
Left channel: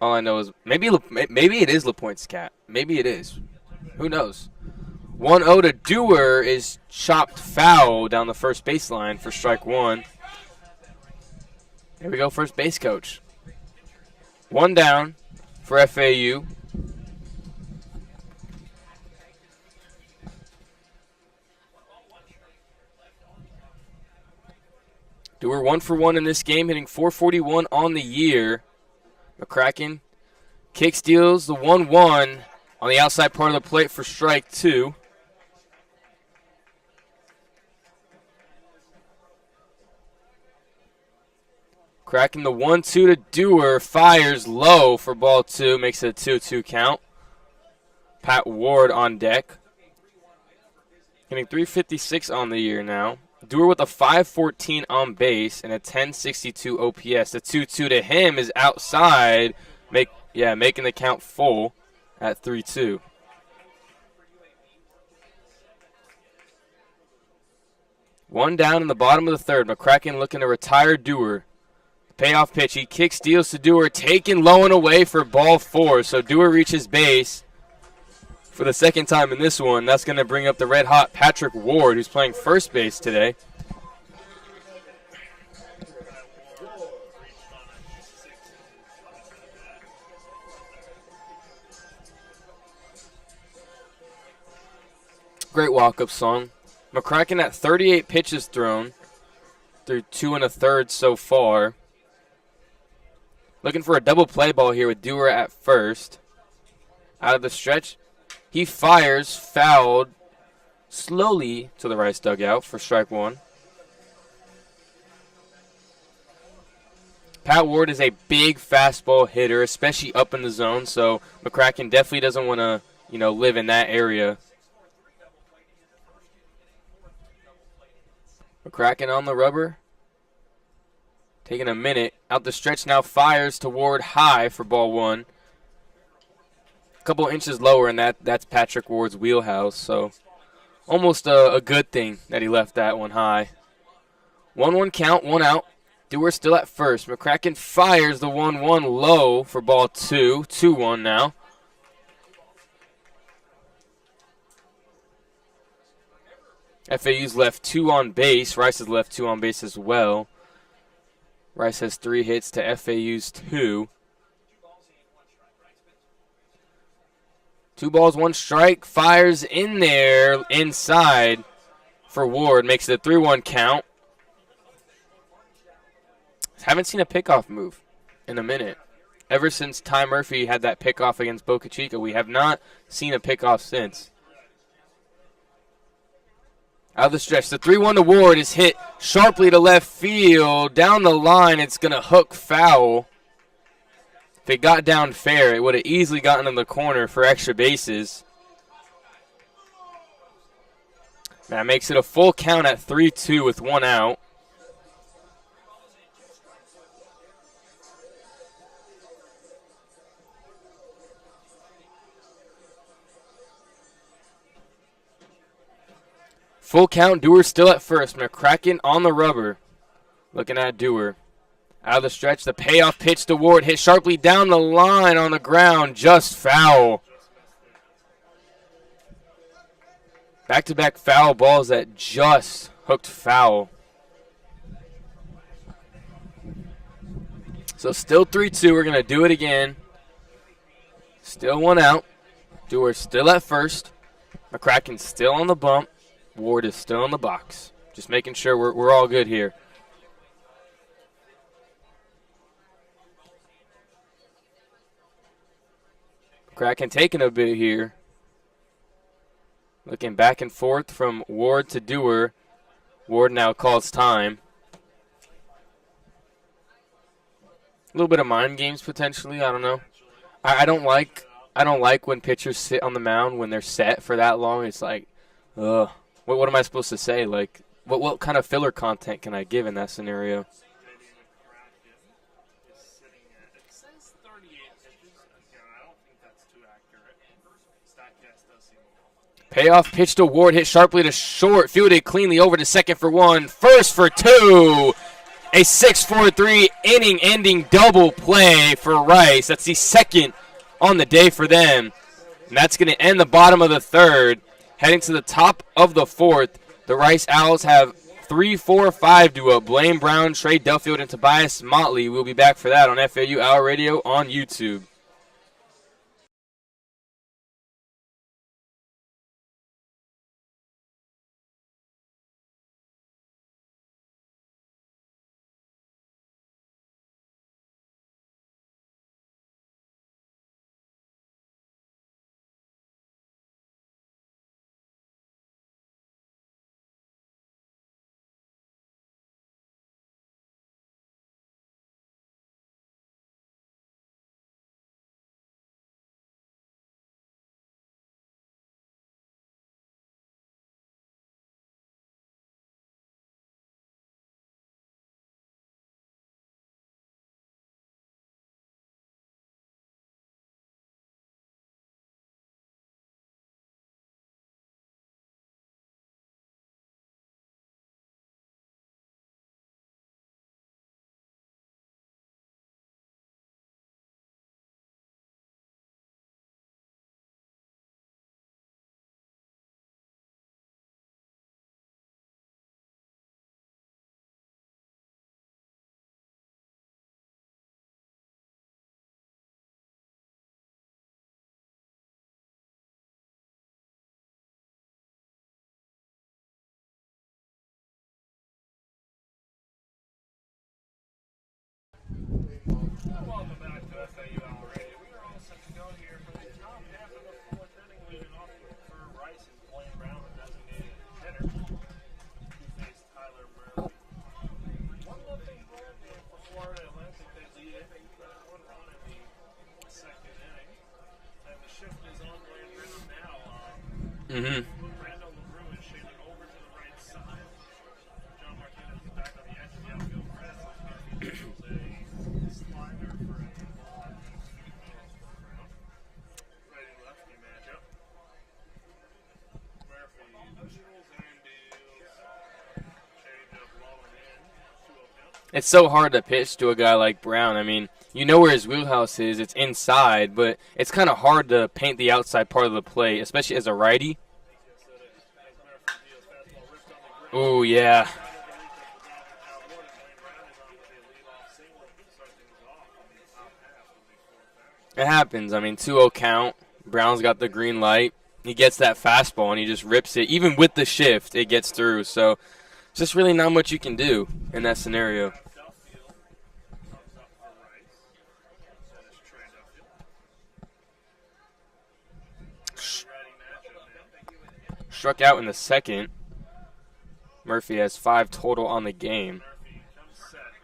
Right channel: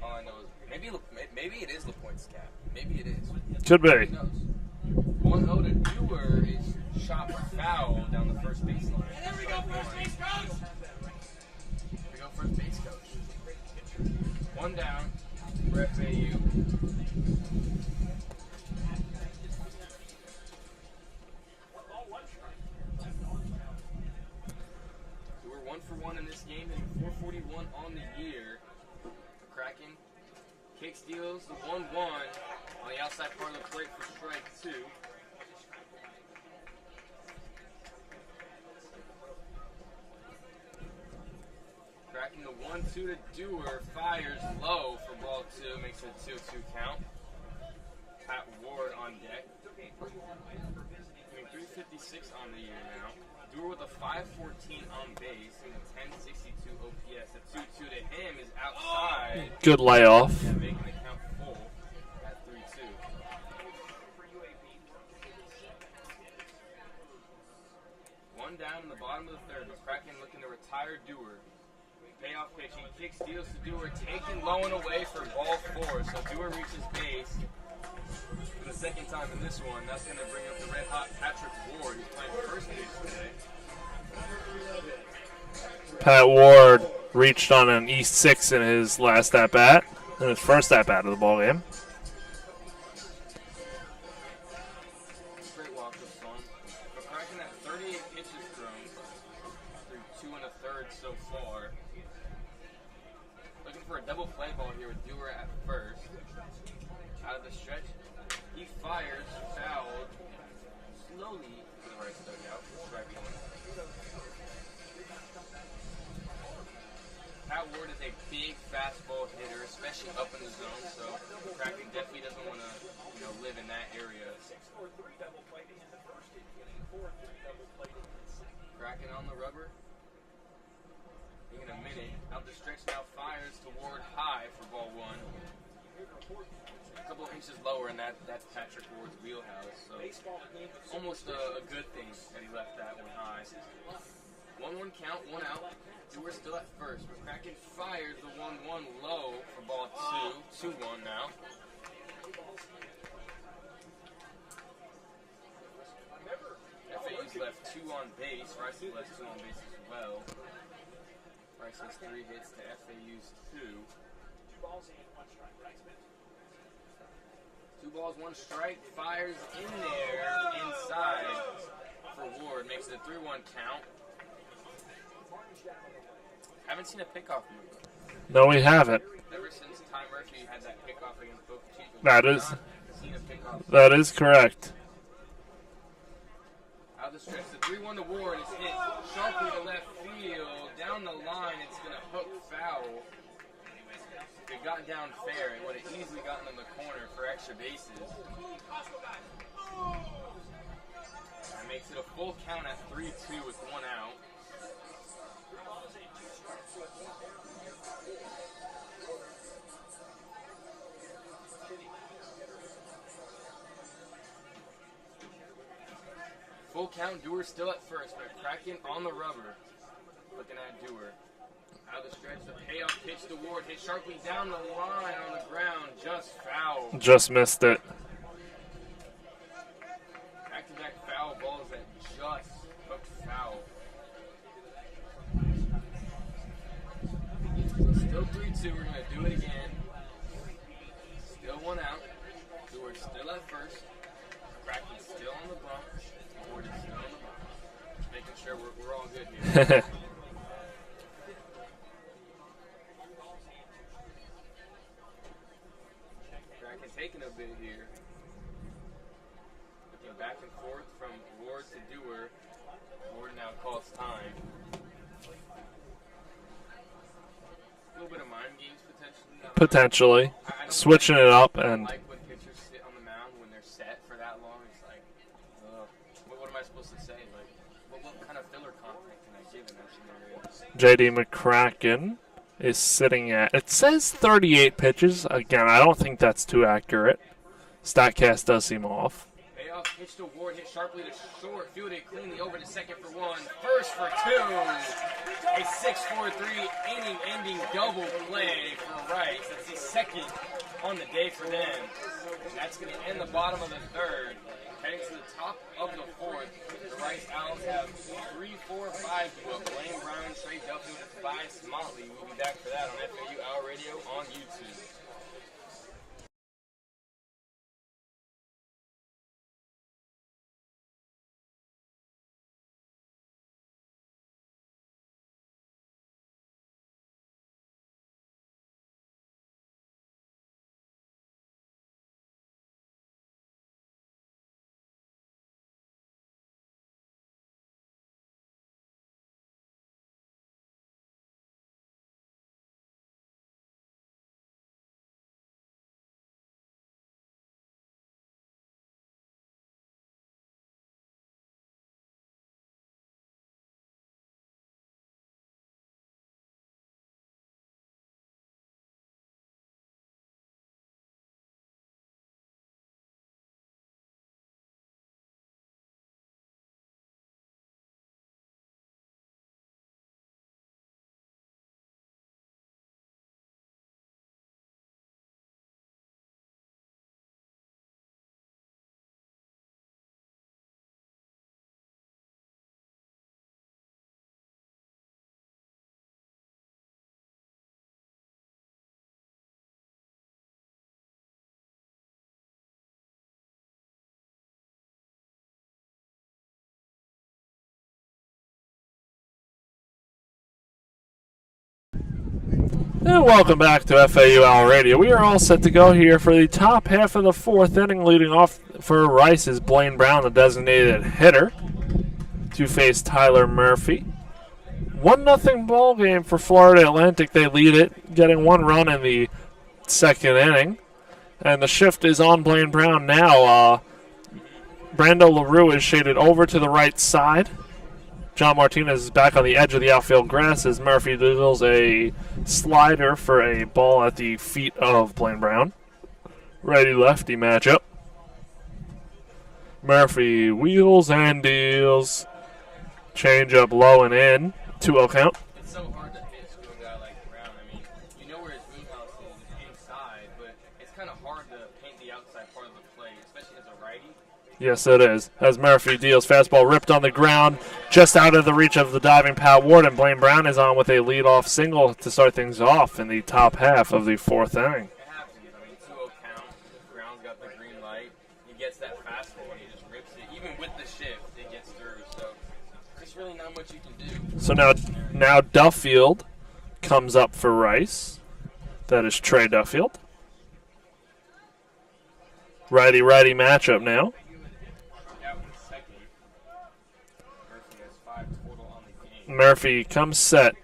All I know is maybe it is LaPointe's cat. Maybe it is. Could be. Who knows? 1-0 to Dewar is chopped foul down the first baseline for strike 1. Here we go, first base coach. 1 down for FAU. Dewar 1 for 1 in this game, hitting .441 on the year. McCracken kick steals the 1-1 on the outside part of the plate for strike 2. Cracking the 1-2 to Dewar, fires low for ball 2, makes it a 2-2 count. Pat Ward on deck. Hitting .356 on the year now. Dewar with a .514 on base and a .1062 OPS. The 2-2 to him is outside. Good layoff. Yeah, making the count full at 3-2. One down in the bottom of the 3rd. McCracken looking to retire Dewar. Payoff pitch. He kicks, steals to Dewar, taken low and away for ball 4. So Dewar reaches base for the second time in this one. That's going to bring up the red-hot Patrick Ward, who's playing first base today. Pat Ward reached on an East 6 in his last at-bat, in his first at-bat of the ballgame. Great walk-up song. McCracken at 38 pitches thrown through 2 1/3 so far. Looking for a double play ball here with Dewar at first. Out of the stretch, he fires, fouled, slowly to the right dugout for strike 1. Pat Ward is a big fastball hitter, especially up in the zone, so McCracken definitely doesn't want to, live in that area. McCracken on the rubber. Taking a minute. Out the stretch now, fires to Ward high for ball 1. A couple inches lower, and that's Patrick Ward's wheelhouse, so almost a good thing that he left that one high. 1-1 count, 1 out. Dewar still at first. McCracken fires the 1-1 low for ball 2. 2-1 now. FAU's left 2 on base. Rice has left 2 on base as well. Rice has 3 hits to FAU's 2. 2 balls, 1 strike. Fires in there inside for Ward. Makes it a 3-1 count. Haven't seen a pickoff move. No, we haven't. Ever since Ty Murphy had that pickoff against Boca Chica, we have not seen a pickoff since. That is correct. Out of the stretch, the 3-1 to Ward is hit sharply to left field. Down the line, it's going to hook foul. If it got down fair, it would have easily gotten in the corner for extra bases. That makes it a full count at 3-2 with 1 out. Full count, Dewar still at first. McCracken on the rubber. Looking at Dewar. Out of the stretch, the payoff pitch to Ward. Hit sharply down the line on the ground. Just foul. Just missed it. Back-to-back foul balls that just hooked foul. So still 3-2. We're going to do it again. Still 1 out. Dewar still at first. McCracken still on the bump. Ward is still in the box. Just making sure we're all good here. Kraken taking a bit here. Looking back and forth from Ward to Dewar. Ward now calls time. A little bit of mind games potentially. I don't know. Potentially. I don't switching like, it up. I don't like when pitchers sit on the mound when they're set for that long. It's like, ugh. What am I supposed to say? Like, what kind of filler content can I give in that scenario? J.D. McCracken is sitting at, it says 38 pitches. Again, I don't think that's too accurate. StatCast does seem off. Payoff pitch to Ward, hit sharply to short, fielded cleanly over to second for 1, first for 2. A 6-4-3 inning-ending double play for Rice. That's the second on the day for them. And that's going to end the bottom of the 3rd. Heading to the top of the 4th, the Rice Owls have 3-4-5 duo. Blaine Brown, Trey Duffield, and Tobias Motley. We'll be back for that on FAU Owl Radio on YouTube. And welcome back to FAU Radio. We are all set to go here for the top half of the fourth inning. Leading off for Rice is Blaine Brown, the designated hitter, to face Tyler Murphy. 1-0 ball game for Florida Atlantic. They lead it, getting 1 run in the second inning. And the shift is on Blaine Brown now. Brando LaRue is shaded over to the right side. John Martinez is back on the edge of the outfield grass as Murphy deals a slider for a ball at the feet of Blaine Brown. Righty-lefty matchup. Murphy wheels and deals. Change up low and in. 2-0 count. It's so hard to pitch to a guy like Brown. I mean, you know where his wheelhouse is. It's inside, but it's kind of hard to paint the outside part of the plate, especially as a righty. Yes, it is. As Murphy deals, fastball ripped on the ground. Ooh, yeah. Just out of the reach of the diving Pyle Ward, and Blaine Brown is on with a leadoff single to start things off in the top half of the fourth inning. It happens. I mean, 2-0 count. Brown's got the green light. He gets that fastball, and he just rips it. Even with the shift, it gets through. So it's just really not much you can do in that scenario. Now Duffield comes up for Rice. That is Trey Duffield. Righty-righty matchup now. Struck out in the second. Murphy has 5 total on the game. Murphy comes set.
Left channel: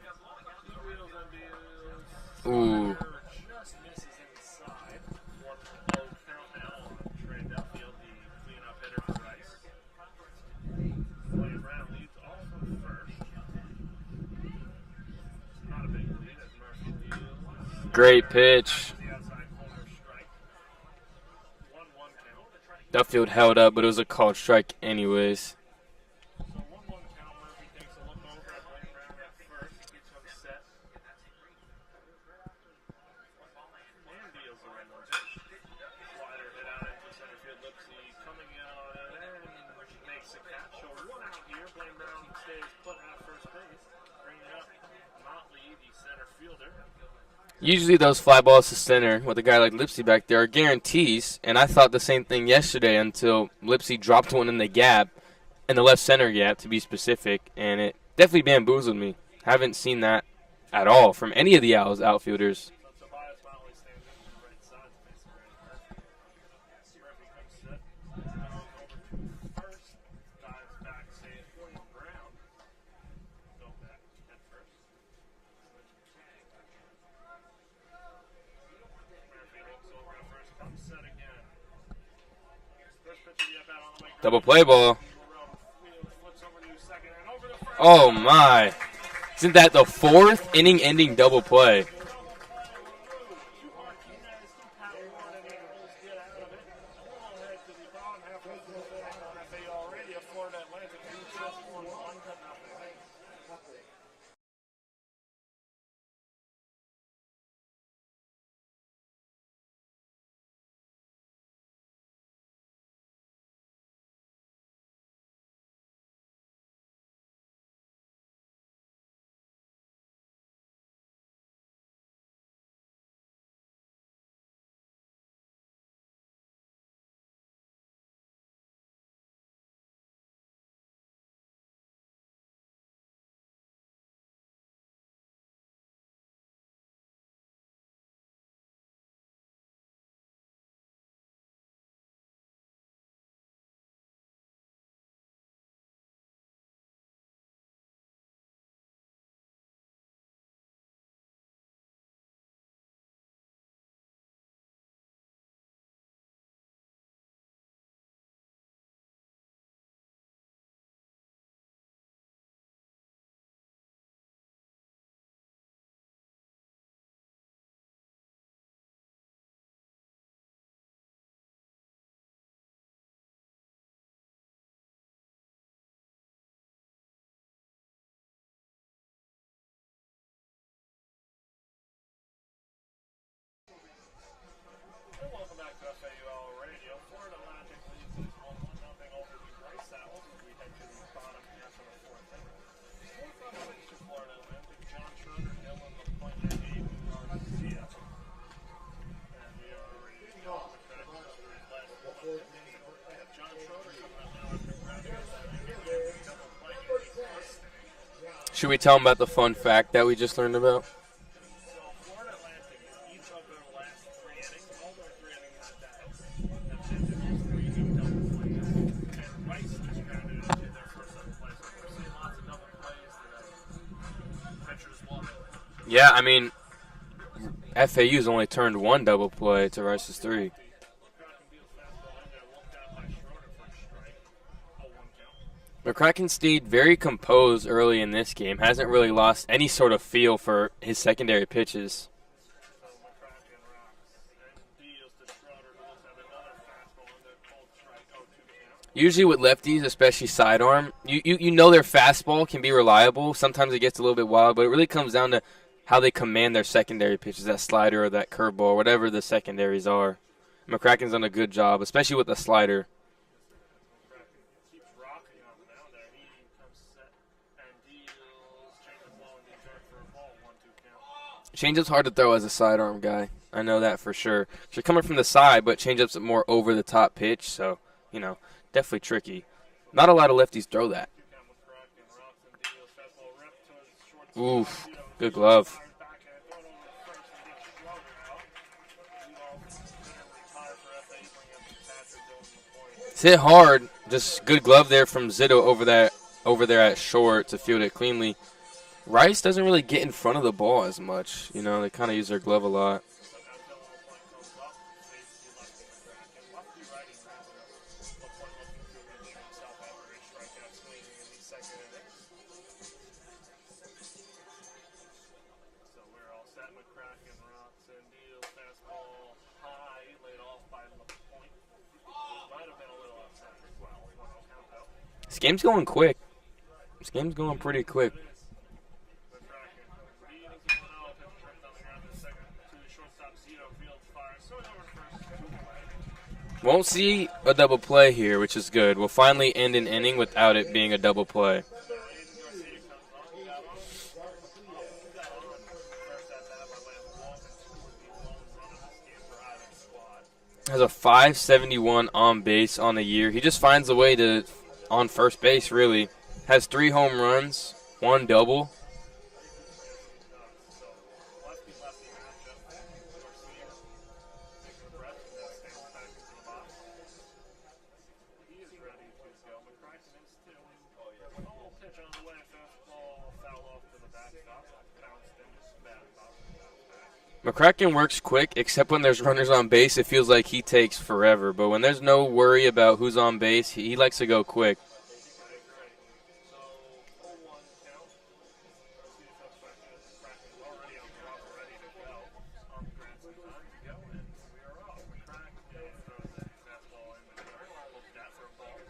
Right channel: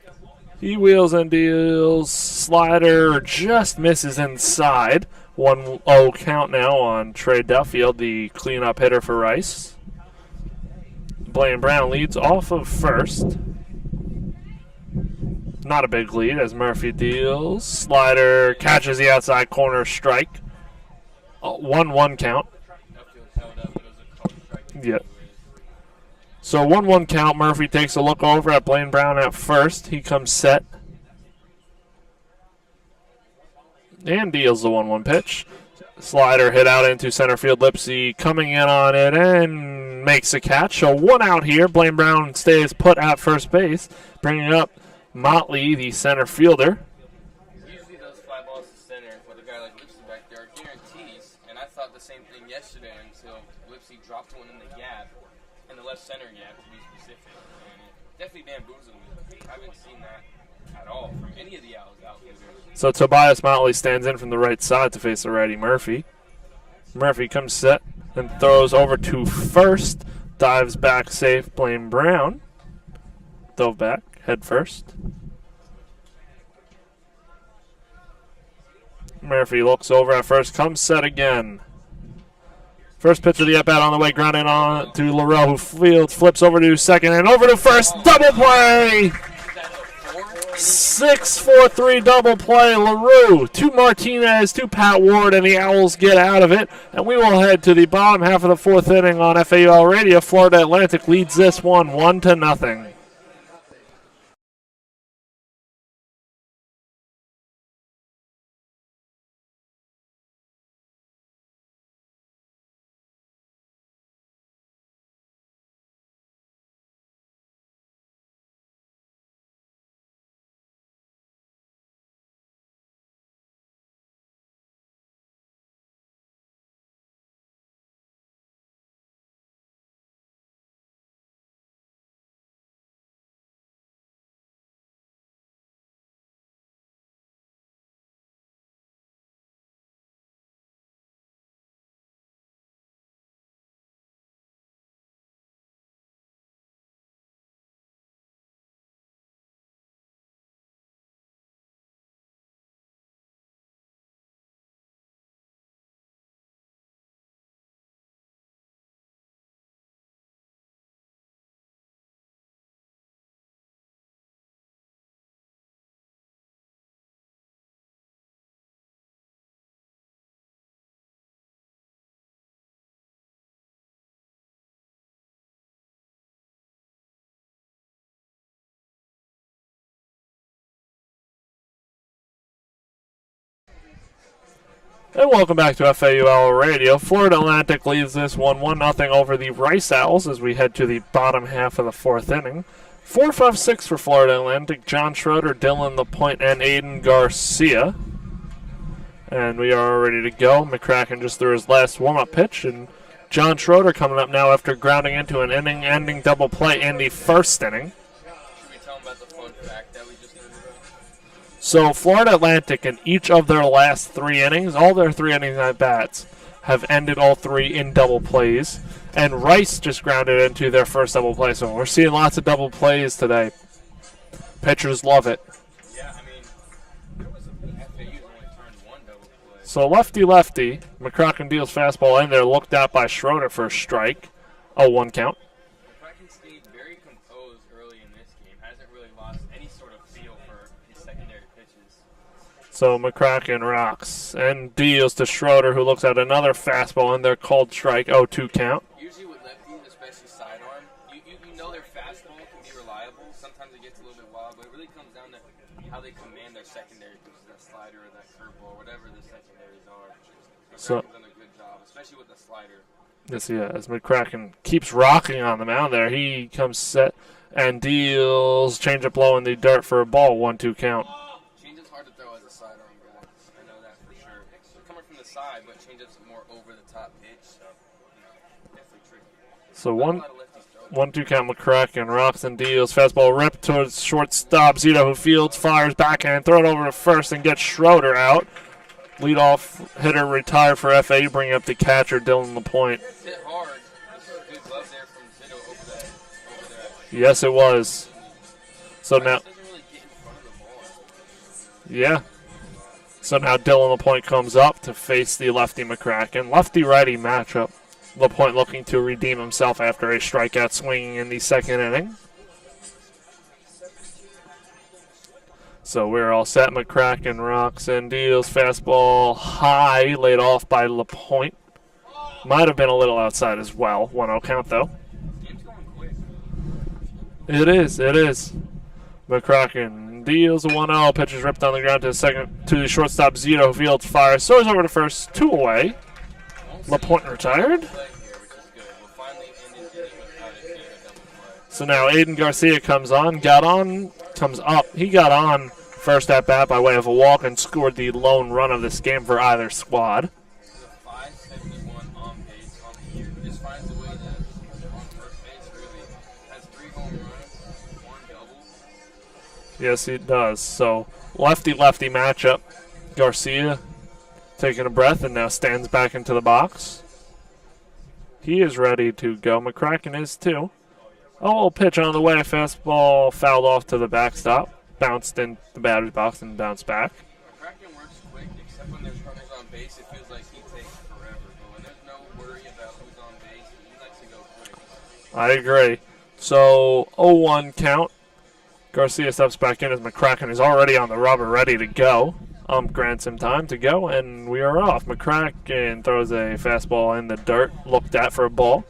He wheels and deals. Slider just misses inside. 1-0 count now on Trey Duffield, the cleanup hitter for Rice. Blaine Brown leads off of first. Not a big lead as Murphy deals. Slider catches the outside corner strike. 1-1 count. Duffield held up, but it was a called strike anyways. So 1-1 count. Murphy takes a look over at Blaine Brown at first. He comes set. And deals the 1-1 pitch. Slider hit out into center field. Lipsy coming in on it and makes a catch. So 1 out here. Blaine Brown stays put at first base, bringing up Motley, the center fielder. Usually those fly balls to center with a guy like Lipsy back there are guarantees, and I thought the same thing yesterday until Lipsy dropped one in the gap, in the left center gap to be specific, and it definitely bamboozled me. Haven't seen that at all from any of the Owls outfielders. So Tobias Motley stands in from the right side to face the righty Murphy. Murphy comes set and throws over to first, dives back safe. Blaine Brown dove back, head first. Murphy looks over at first, comes set again. First pitch of the at-bat on the way, grounding on to LaRue, who flips over to second and over to first. Double play! Isn't that the 4th inning-ending double play? 6-4-3 double play. LaRue to Martinez to Pat Ward, and the Owls get out of it. And we will head to the bottom half of the fourth inning on FAU Radio. Florida Atlantic leads this one 1-0. And welcome back to FAU Owl Radio. Florida Atlantic leads this one 1-0 over the Rice Owls as we head to the bottom half of the fourth inning. 4-5-6 for Florida Atlantic. John Schroeder, Dylan LaPointe, and Aiden Garcia. And we are ready to go. McCracken just threw his last warm-up pitch, and John Schroeder coming up now after grounding into an inning-ending double play in the first inning. Should we tell him about the fun fact that we just learned about? So Florida Atlantic in each of their last 3 innings, all their 3 innings at bats, have ended all 3 in double plays. And Rice just grounded into their first double play. So we're seeing lots of double plays today. Pitchers love it. Yeah, I mean, FAU's only turned 1 double play. So lefty-lefty, McCracken deals fastball in there, looked at by Schroeder for a strike. 0-1 count. McCracken stayed very composed early in this game. Hasn't really lost any sort of feel for his secondary pitches. So McCracken rocks and deals to Schroeder, who looks at another fastball in there, called strike. 0-2 count. Usually with lefties, especially sidearm, you know their fastball can be reliable. Sometimes it gets a little bit wild, but it really comes down to how they command their secondary pitches, that slider or that curveball, whatever the secondaries are. McCracken's done a good job, especially with the slider. Yes, he has. McCracken keeps rocking on the mound there. He comes set and deals changeup low in the dirt for a ball. 1-2 count. Changeup's hard to throw as a sidearm guy. I know that for sure. You're coming from the side, but changeup's a more over-the-top pitch, so, definitely tricky. So not a lot of lefties throw that. 1-2 count. McCracken rocks and deals. Fastball ripped towards shortstop. Zito, who fields, fires backhand, throw it over to first and gets Schroeder out. Leadoff hitter retired for FAU, bringing up the catcher, Dylan LaPointe. It's hit hard. Just good glove there from Zito over there at short. Yes, it was. It cleanly. So Rice doesn't really get in front of the ball as much. They kind of use their glove a lot. So now Dylan LaPointe comes up to face the lefty McCracken. Lefty-righty matchup. LaPointe looking to redeem himself after a strikeout swinging in the second inning. So we're all set. McCracken rocks and deals. Fastball high, laid off by LaPointe. Might have been a little outside as well. 1-0 count, though. This game's going quick. It is. McCracken deals a 1-0. Pitch is ripped on the ground to the shortstop Zito, who fields fire. Soars over to first. 2 away. Won't see a double play here, which is good. We'll finally end an inning without it being a double play. So now Aiden Garcia comes up. He got on first at bat by way of a walk and scored the lone run of this game for either squad. Has a 571 on base on the year. He just finds a way to on first base, really. Has 3 home runs, 1 double. Yes, he does. So lefty-lefty matchup. Garcia taking a breath and now stands back into the box. He is ready to go. McCracken is too. Pitch on the way. Fastball fouled off to the backstop. Bounced in the batter's box and bounced back. McCracken works quick, except when there's runners on base. It feels like he takes forever. But when there's no worry about who's on base, he likes to go quick. I agree. So 0-1 count. Garcia steps back in as McCracken is already on the rubber, ready to go. Grants him time to go, and we are off. McCracken throws a fastball in the dirt, looked at for a ball.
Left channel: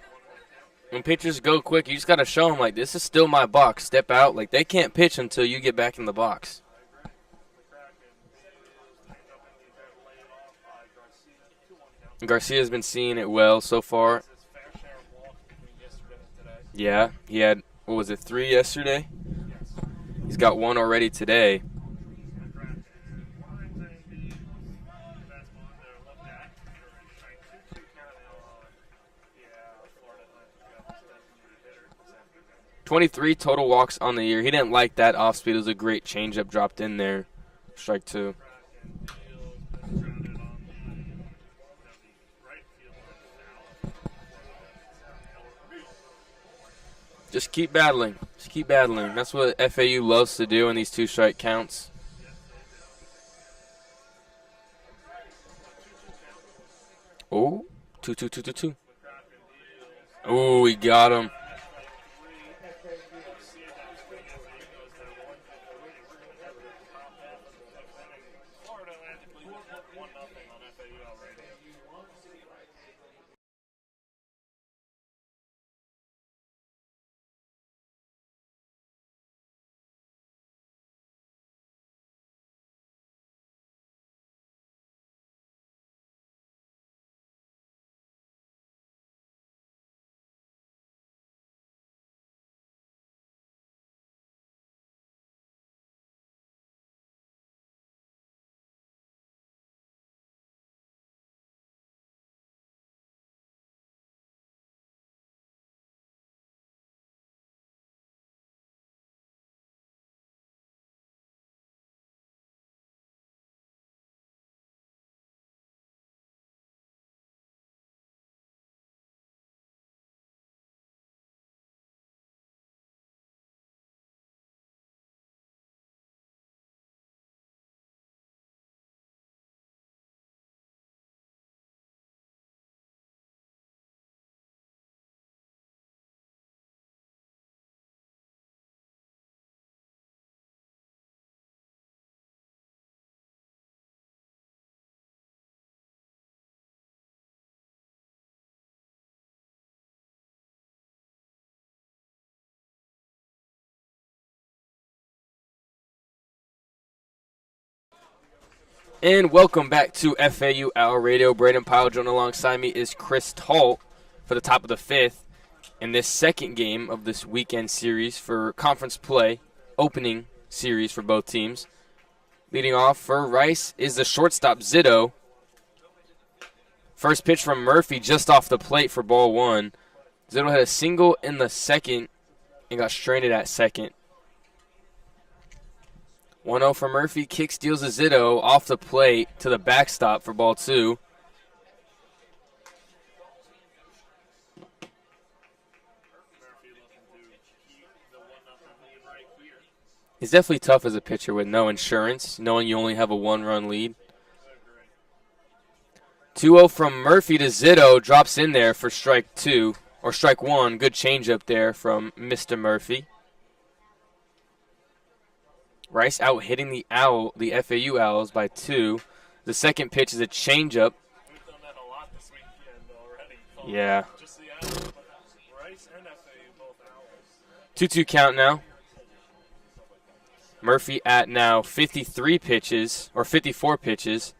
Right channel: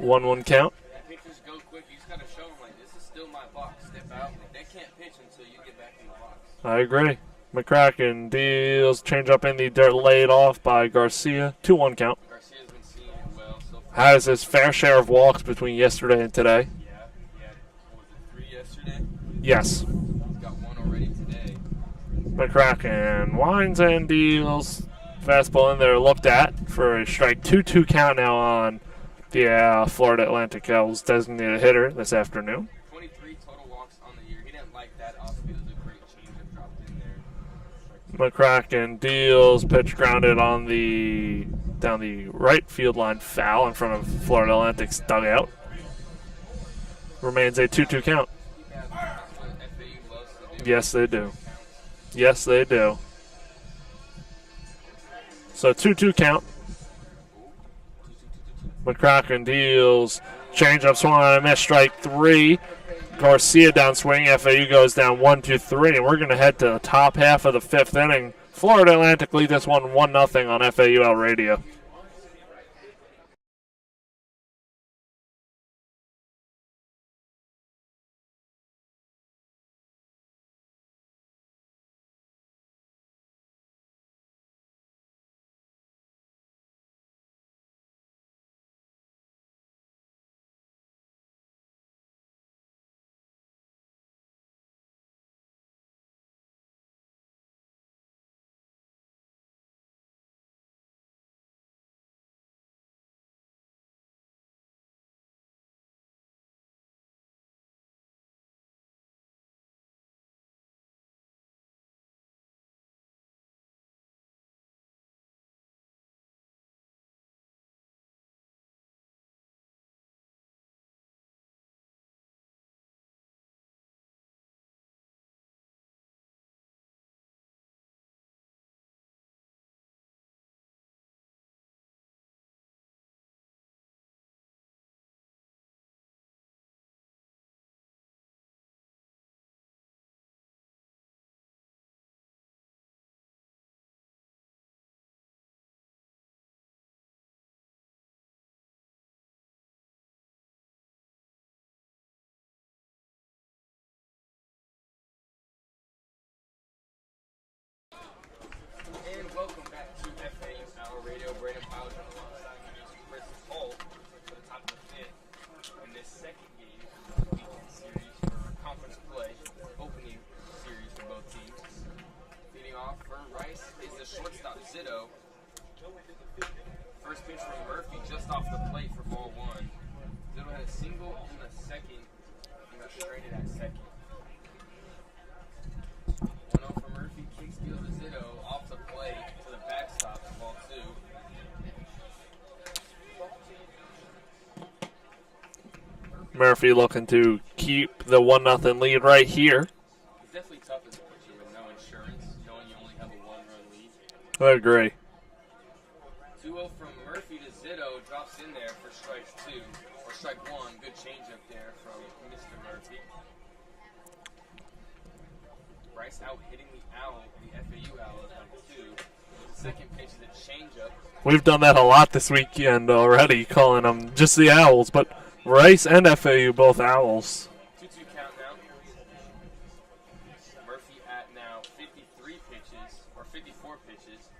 1-1 count. When pitchers go quick, you just got to show them, this is still my box. Step out. They can't pitch until you get back in the box. I agree. McCracken deals changeup in the dirt, laid off by Garcia. 2-1 count. Garcia's been seeing it well so far. Has his fair share of walks between yesterday and today. Yeah, he had, 3 yesterday? Yes. He's got 1 already today. McCracken winds and deals. Fastball in there, looked at for a strike. 2-2 count now on the Florida Atlantic Elves designated hitter this afternoon. 23 total walks on the year. He didn't like that off speed. It was a great changeup dropped in there. Strike 2. McCracken deals. Pitch grounded down the right field line, foul in front of Florida Atlantic's dugout. Remains a 2-2 count. Just keep battling. That's what FAU loves to do in these 2-strike counts. Yes, they do. So 2-2 count. Oh, 2-2. McCracken deals. Change-up swung on a miss, strike 3. Garcia downswing. FAU goes down 1-3, and we're going to head to the top half of the 5th inning. Florida Atlantic lead this one 1-0 on FAU Radio. And welcome back to FAU Hour Radio. Brayden, Pyle, joined alongside me is Chris Talt for the top of the fifth in this second game of this weekend series for conference play, opening series for both teams. Leading off for Rice is the shortstop, Zito. First pitch from Murphy just off the plate for ball one. Zito had a single in the second and got stranded at second. 1-0 for Murphy. Kick steals a Zito off the plate to the backstop for ball two. Murphy looking to keep the 1-0 lead right here. It's definitely tough as a pitcher with no insurance, knowing you only have a one-run lead. I agree. 2-0 from Murphy to Zito. Drops in there for strike two, or strike one. Good changeup there from Mr. Murphy. Rice out hitting the FAU Owls by 2. The second pitch is a changeup. We've done that a lot this weekend already, calling them just the Owls, but Rice and FAU both Owls. 2-2 count now. Murphy at now 53 pitches, or 54 pitches.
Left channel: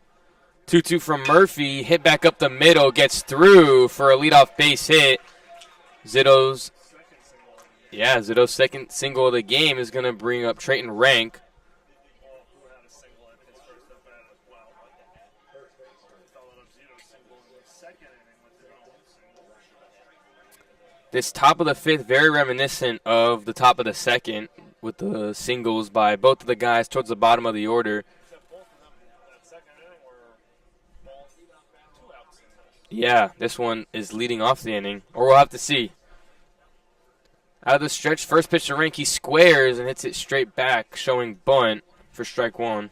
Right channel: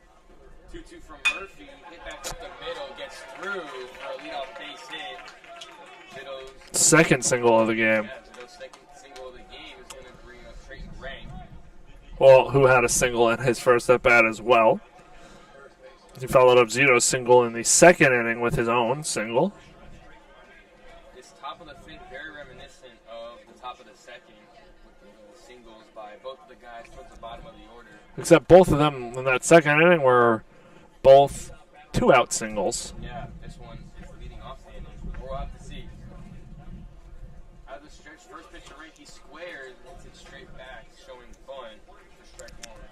2-2 from Murphy. Hit back up the middle, gets through for a leadoff base hit. Zito's second single of the game. Yeah, Zito's second single of the game is going to bring up Trayton Rank. Well, who had a single in his first at-bat as well. He followed up Zito's single in the second inning with his own single. This top of the fifth, very reminiscent of the top of the second with the singles by both of the guys towards the bottom of the order. Except both of them in that second inning were both two-out singles. Yeah, this one is leading off the inning, or we'll have to see. Out of the stretch, first pitch to Rank, he squares and hits it straight back, showing bunt for strike one.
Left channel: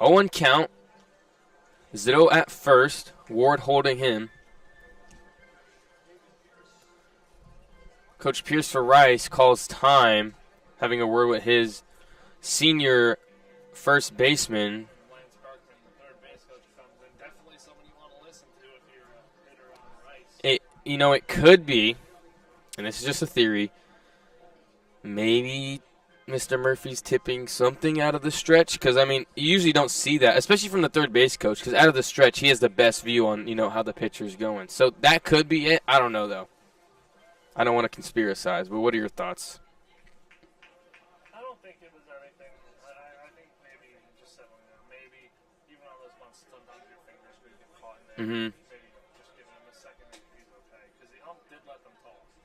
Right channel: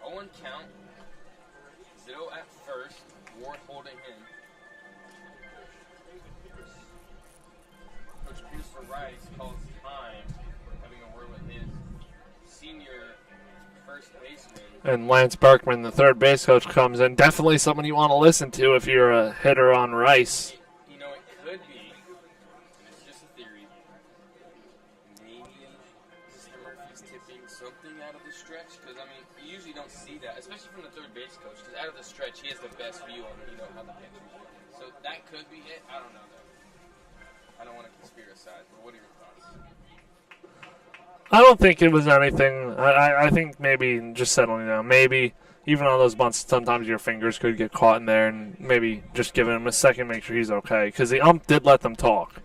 0-1 count. Zito at first, Ward holding him. Coach Pierce for Rice calls time, having a word with his senior first baseman. And Lance Berkman, the third base coach, comes in. Definitely someone you want to listen to if you're a hitter on Rice. It could be, and this is just a theory, maybe Mr. Murphy's tipping something out of the stretch. Because, you usually don't see that, especially from the third base coach, because out of the stretch, he has the best view on, how the pitcher's going. So that could be it. I don't know, though. I don't want to conspiracize, but what are your thoughts? I don't think it was anything. I think maybe just settling down. Maybe even on those bunts, sometimes your fingers could get caught in there, and maybe just giving him a second, make sure he's okay. Because the ump did let them talk.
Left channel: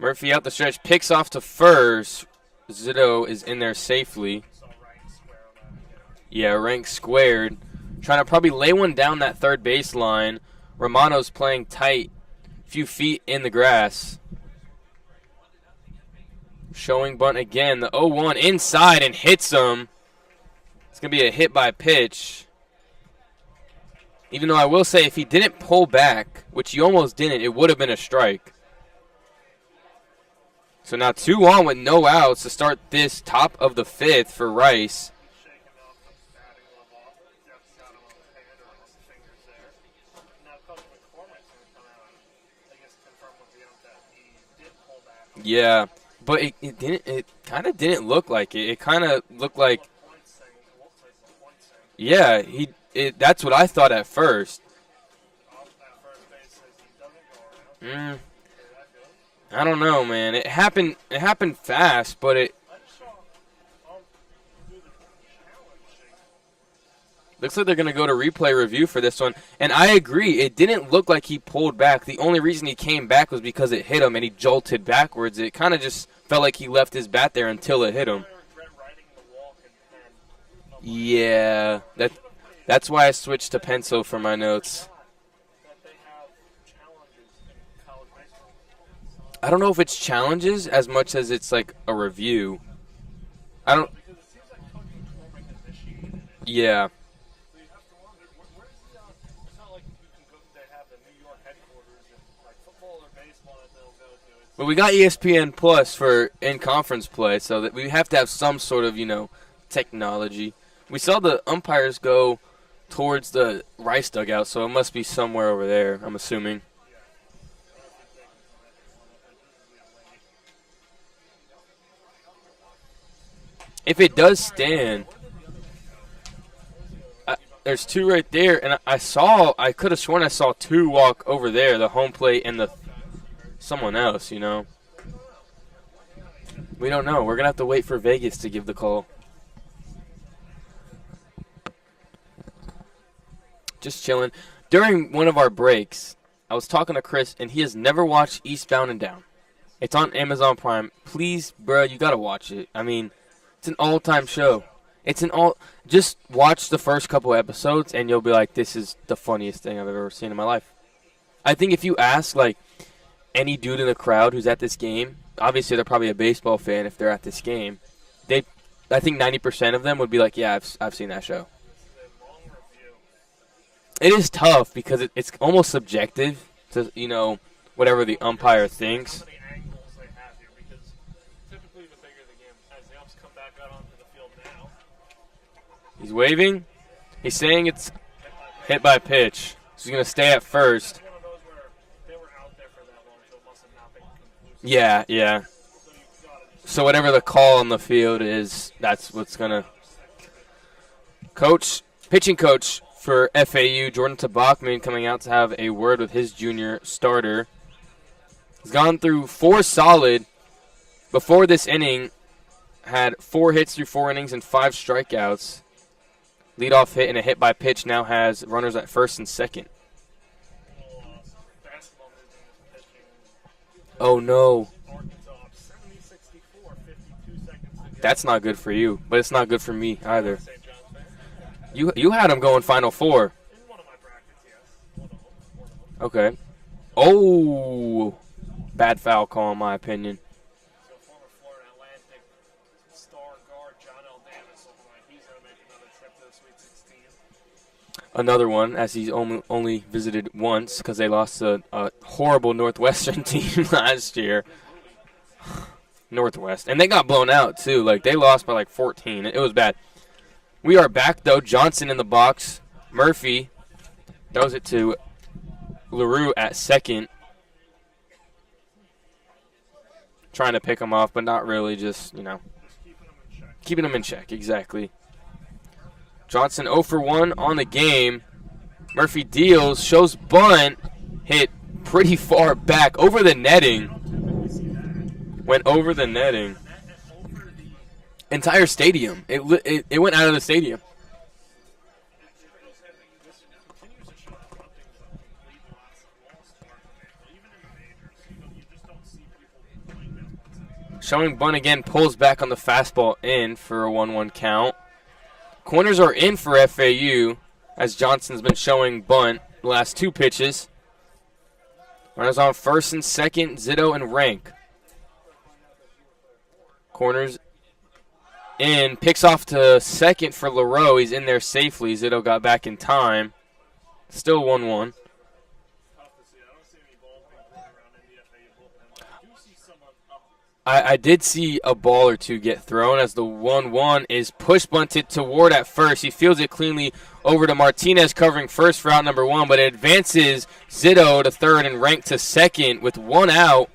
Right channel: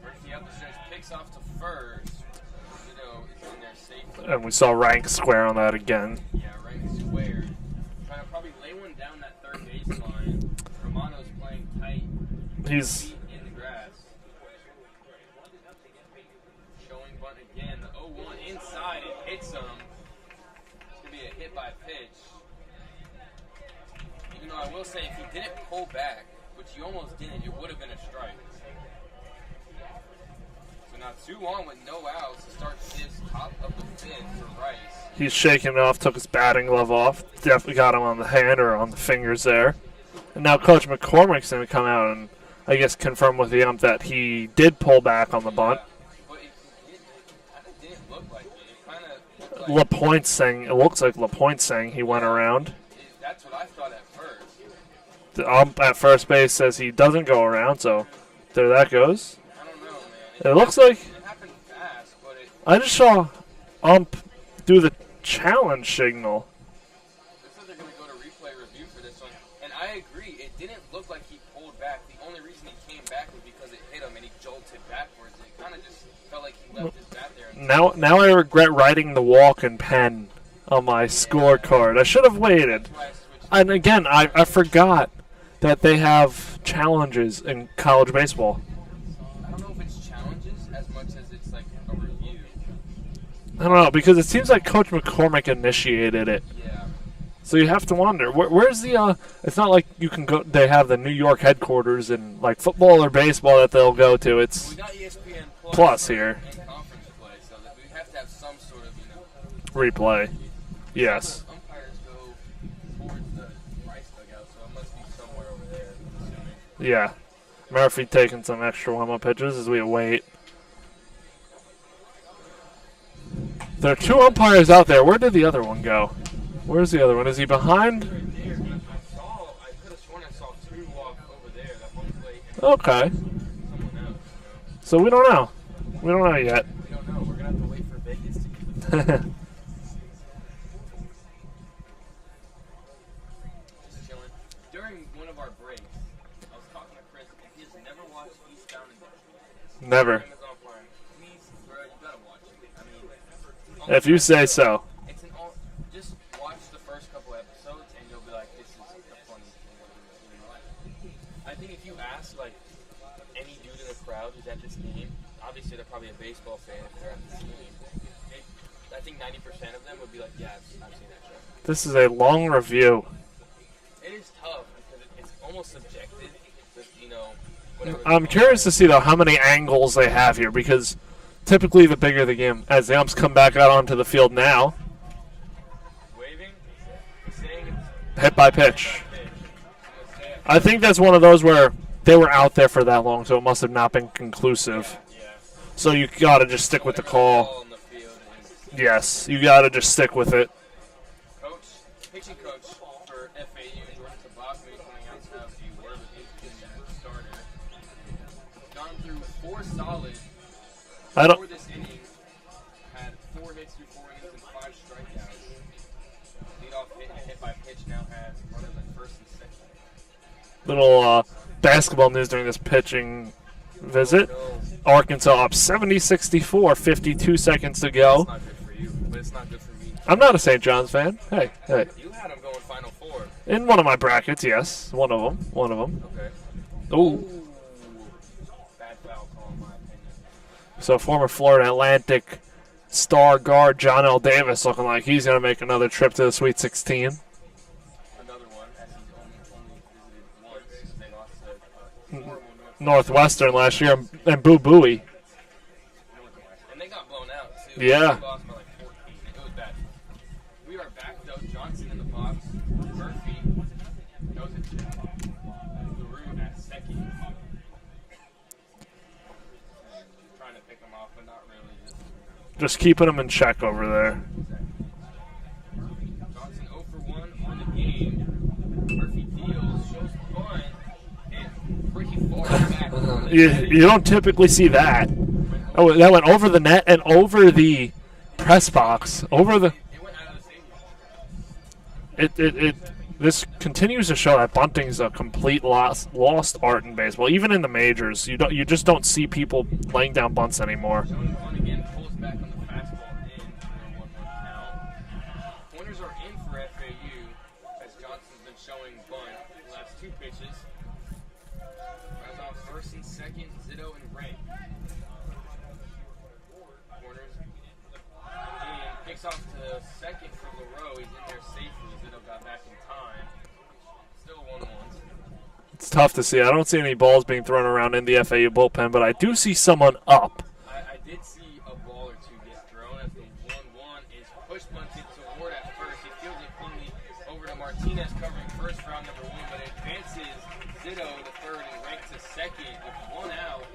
Murphy out the stretch, picks off to first. Zito is in there safely. And we saw Rank square on that again. Yeah, Rank squared. Trying to probably lay one down that third baseline. Romano's playing tight. 2 feet in the grass. Showing bunt again. The 0-1 inside and hits him. It's going to be a hit by pitch. Even though I will say if he didn't pull back, which he almost didn't, it would have been a strike. So now 2 on with no outs to start this top of the fifth for Rice. He's shaking it off, took his batting glove off. Definitely got him on the hand or on the fingers there. And now Coach McCormick's going to come out and I guess confirm with the ump that he did pull back on the bunt. But it kind of didn't look like it. It kind of looked like LaPointe saying it looks like LaPointe saying he went around. That's what I thought at first. The ump at first base says he doesn't go around, so there that goes. I don't know, man. It happened fast, but I just saw ump do the challenge signal. Looks like they're going to go to replay review for this one. And I agree. It didn't look like he pulled back. The only reason he came back was because it hit him and he jolted backwards. It kind of just felt like he left his bat there until it hit him. Now I regret writing the walk and pen on my scorecard. I should have waited. That's why I switched to pencil. And again, I forgot that they have challenges in college baseball. I don't know if it's challenges as much as it's like a review. I don't know, because it seems like Coach McCormick initiated it. Yeah. So you have to wonder, where's the, it's not like you can go, they have the New York headquarters in like football or baseball that they'll go to. But we got ESPN Plus for here. in-conference play, so that we have to have some sort of, technology. We saw the umpires go towards the Rice dugout, so it must be somewhere over there, I'm assuming. Yeah. Murphy taking some extra warm-up pitches as we await. There are If it two does umpires stand, out there. Where did the other one go? Where's the other one? Is he behind? There's two right there, and I could have sworn I saw two walk over there, the home plate and the Okay. someone else, So we don't know. We don't know yet. We don't know. We're going to have to wait for Vegas to give the call. Just chilling. During one of our breaks, I was talking to Chris, and he has never watched Eastbound and Down. It's Never. on Amazon Prime. Please, bro, you got to watch it. I mean, it's an all-time If you say show. so. It's an all. Just watch the first couple episodes, and you'll be like, "This is the funniest thing I've ever seen in my life." I think if you ask like any dude in the crowd who's at this game, obviously they're probably a baseball fan if they're at this game. I think 90% of them would be like, "Yeah, I've seen that show." This is a long review. It is tough because it's almost subjective to whatever the I'm umpire curious to see though thinks. how many angles they have here because typically the bigger the game, as the umps come back out onto the field now, He's waving. He's saying it's hit by pitch. hit by pitch. So he's gonna stay at first. I think that's one of those where they were out there for that long, so it must have not been conclusive. yeah. So you gotta just stick So with whatever the the call. call on the field is. that's Yes, what's you gonna- gotta just stick with it. Pitching coach for FAU, Jordan Tabachman, coming out to have a word with his junior starter. He's gone through 4 solid before this inning. Had 4 hits through 4 innings and 5 strikeouts. Leadoff hit and a hit by pitch. Now has runners at first and second. Little basketball news during this pitching visit. Oh no, Arkansas up 70-64, 52 seconds to go. that's not good for you, but it's not good for me. I'm not a St. John's fan. Hey. You had him going Final Four. In one of my brackets, yes. One of them. Okay. Ooh. Oh, bad foul call in my opinion. So former Florida Atlantic star guard John L. Davis looking like he's going to make another trip to the Sweet 16. Another one, as he's only visited once because they lost a horrible Northwestern team last year. year. And Boo Booey. Northwest. And they got blown out, too. Yeah. Like, they lost by, 14. It was bad. We are back, though. Johnson in the box. Murphy throws it to LaRue at second. Trying to pick him off, but not really. Just keeping him in check over keeping him in there. check. Exactly. Johnson 0 for 1 on the game. Murphy deals, shows bunt, hit pretty far back over the netting. You don't typically see that. Went over That went over the net and over the entire press box. stadium. It went out of the stadium. This continues to show that bunting's a complete lost art in baseball. Even in the majors, you just don't see people laying down bunts anymore. Showing bunt again, pulls back on the fastball in for a 1-1 count. Corners are in for FAU as Johnson's been showing bunt the last 2 pitches. Runners on first and second, Zito and Rank. Corners in, picks off to second for LaRoe. He's in there safely. Zito got back in time. Still 1-1. It's tough to see. I don't see any balls being thrown around in the FAU bullpen, but I do see someone up. I did see a ball or two get thrown as the 1-1 is push bunted to Ward at first. He fields it cleanly over to Martinez covering first for out number 1, but it advances Zito to third and Rank to second with 1 out.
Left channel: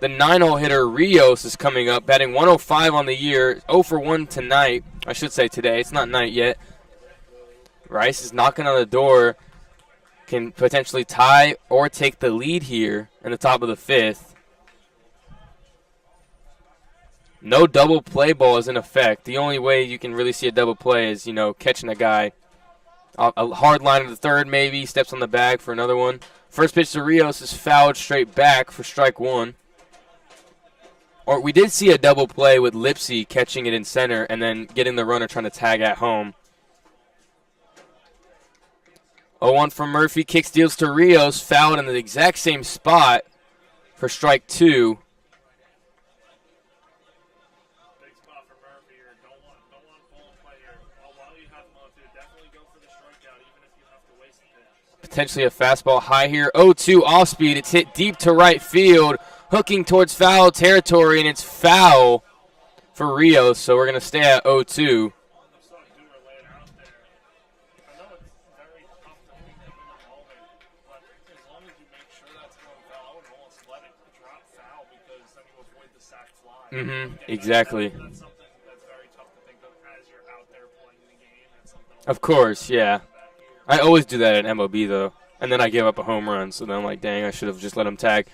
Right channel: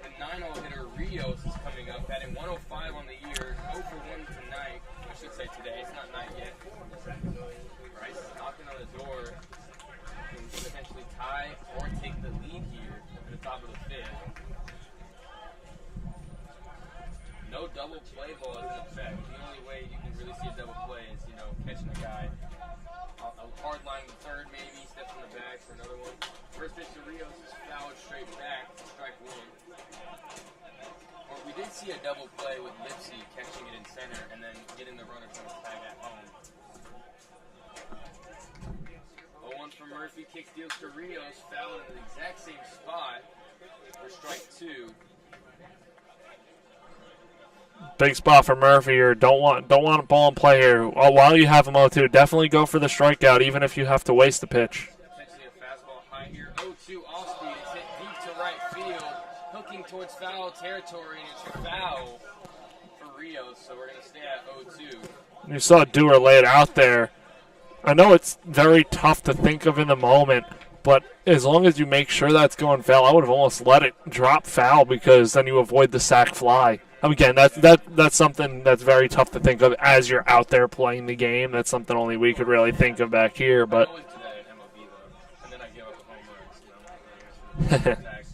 The 9-hole hitter Rios is coming up, batting 105 on the year, 0 for 1 tonight. I should say today. It's not night yet. Rice is knocking on the door. Can potentially tie or take the lead here in the top of the 5th. No double play ball is in effect. The only way you can really see a double play is, catching a guy. A hard line to the third maybe, steps on the bag for another one. First pitch to Rios is fouled straight back for strike 1. Or we did see a double play with Lipsy catching it in center and then getting the runner trying to tag at home. 0-1 from Murphy, kicks deals to Rios, fouled in the exact same spot for strike 2. Big spot for Murphy here. Don't want a ball in play here. While you have him 0-2, definitely go for the strikeout, even if you have to waste the pitch. Potentially a fastball high here. 0-2 off speed. It's hit deep to right field, hooking towards foul territory, and it's foul for Rios. So we're going to stay at 0-2. You saw Dewar lay it out there. I know it's very tough to think of in the moment, But as long as you make sure that's going foul, I would have almost let it drop foul because then you avoid the sack fly. Again, exactly. that's something that's very tough to think of as you're out there playing the game. That's something only Of we can course, really yeah. think of back here. I But always do that at MLB, though. And then I give up a home run. So then I'm like, dang, I should have just let him tag.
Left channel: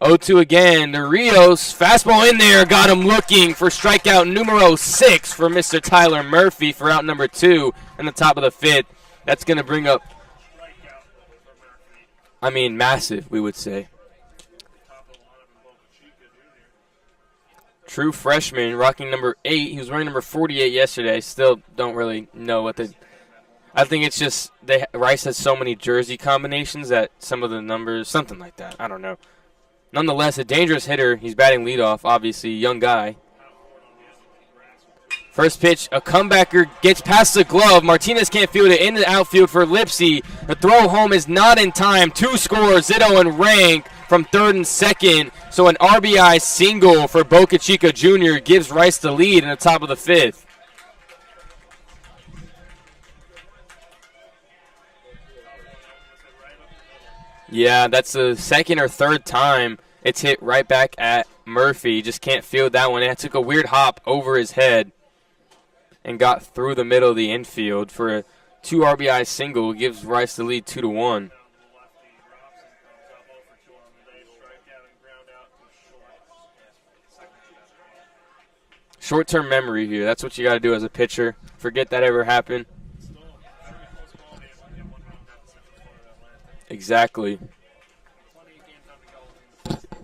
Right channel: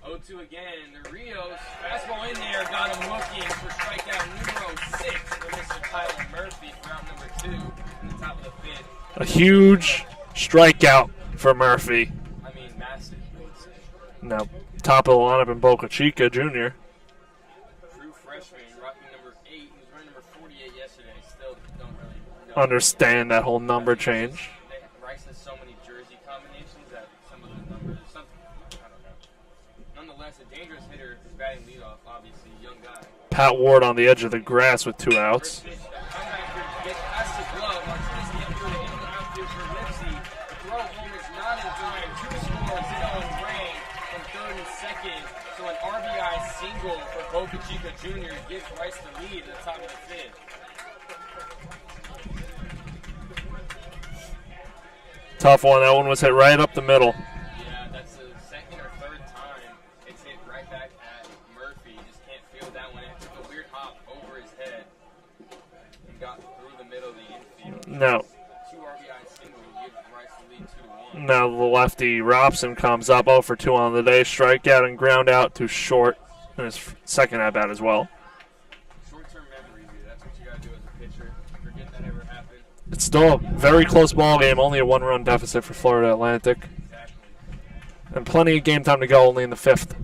0-2 again. The Rios, fastball in there, got him looking for strikeout numero 6 for Mr. Tyler Murphy for out number 2 in the top of the 5th. a huge strikeout for Murphy. I mean, massive, we would say. Now, top of the lineup in Boca Chica Jr. True freshman, rocking number 8. He was wearing number 48 yesterday. Still don't really know. Understand that whole number I think change. it's just Rice has so many jersey combinations that some of the numbers, something like that. I don't know. Nonetheless, a dangerous hitter. He's batting leadoff, obviously, young guy. Pat Ward on the edge of the grass with 2 outs. First pitch, a comebacker gets past the glove. Martinez can't field it in the outfield for Lipsy. The throw home is not in time. 2 scores, Zito and Rank from third and second. So an RBI single for Boca Chica Jr. gives Rice the lead in the top of the 5th. Tough one. That one was hit right up the middle. Yeah, that's the second or third time it's hit right back at Murphy. Just can't field that one. It took a weird hop over his head and got through the middle of the infield for a 2 RBI single. Gives Rice the lead 2-1. Now the lefty Robson comes up 0 for 2 on the day. Strikeout and ground out to short in his second at bat as well. Short-term memory here. That's what you got to do as a pitcher. Forget that ever happened. It's still a very close ball game. Only a 1-run deficit for Florida Atlantic. Exactly. And plenty of game time to go, only in the 5th.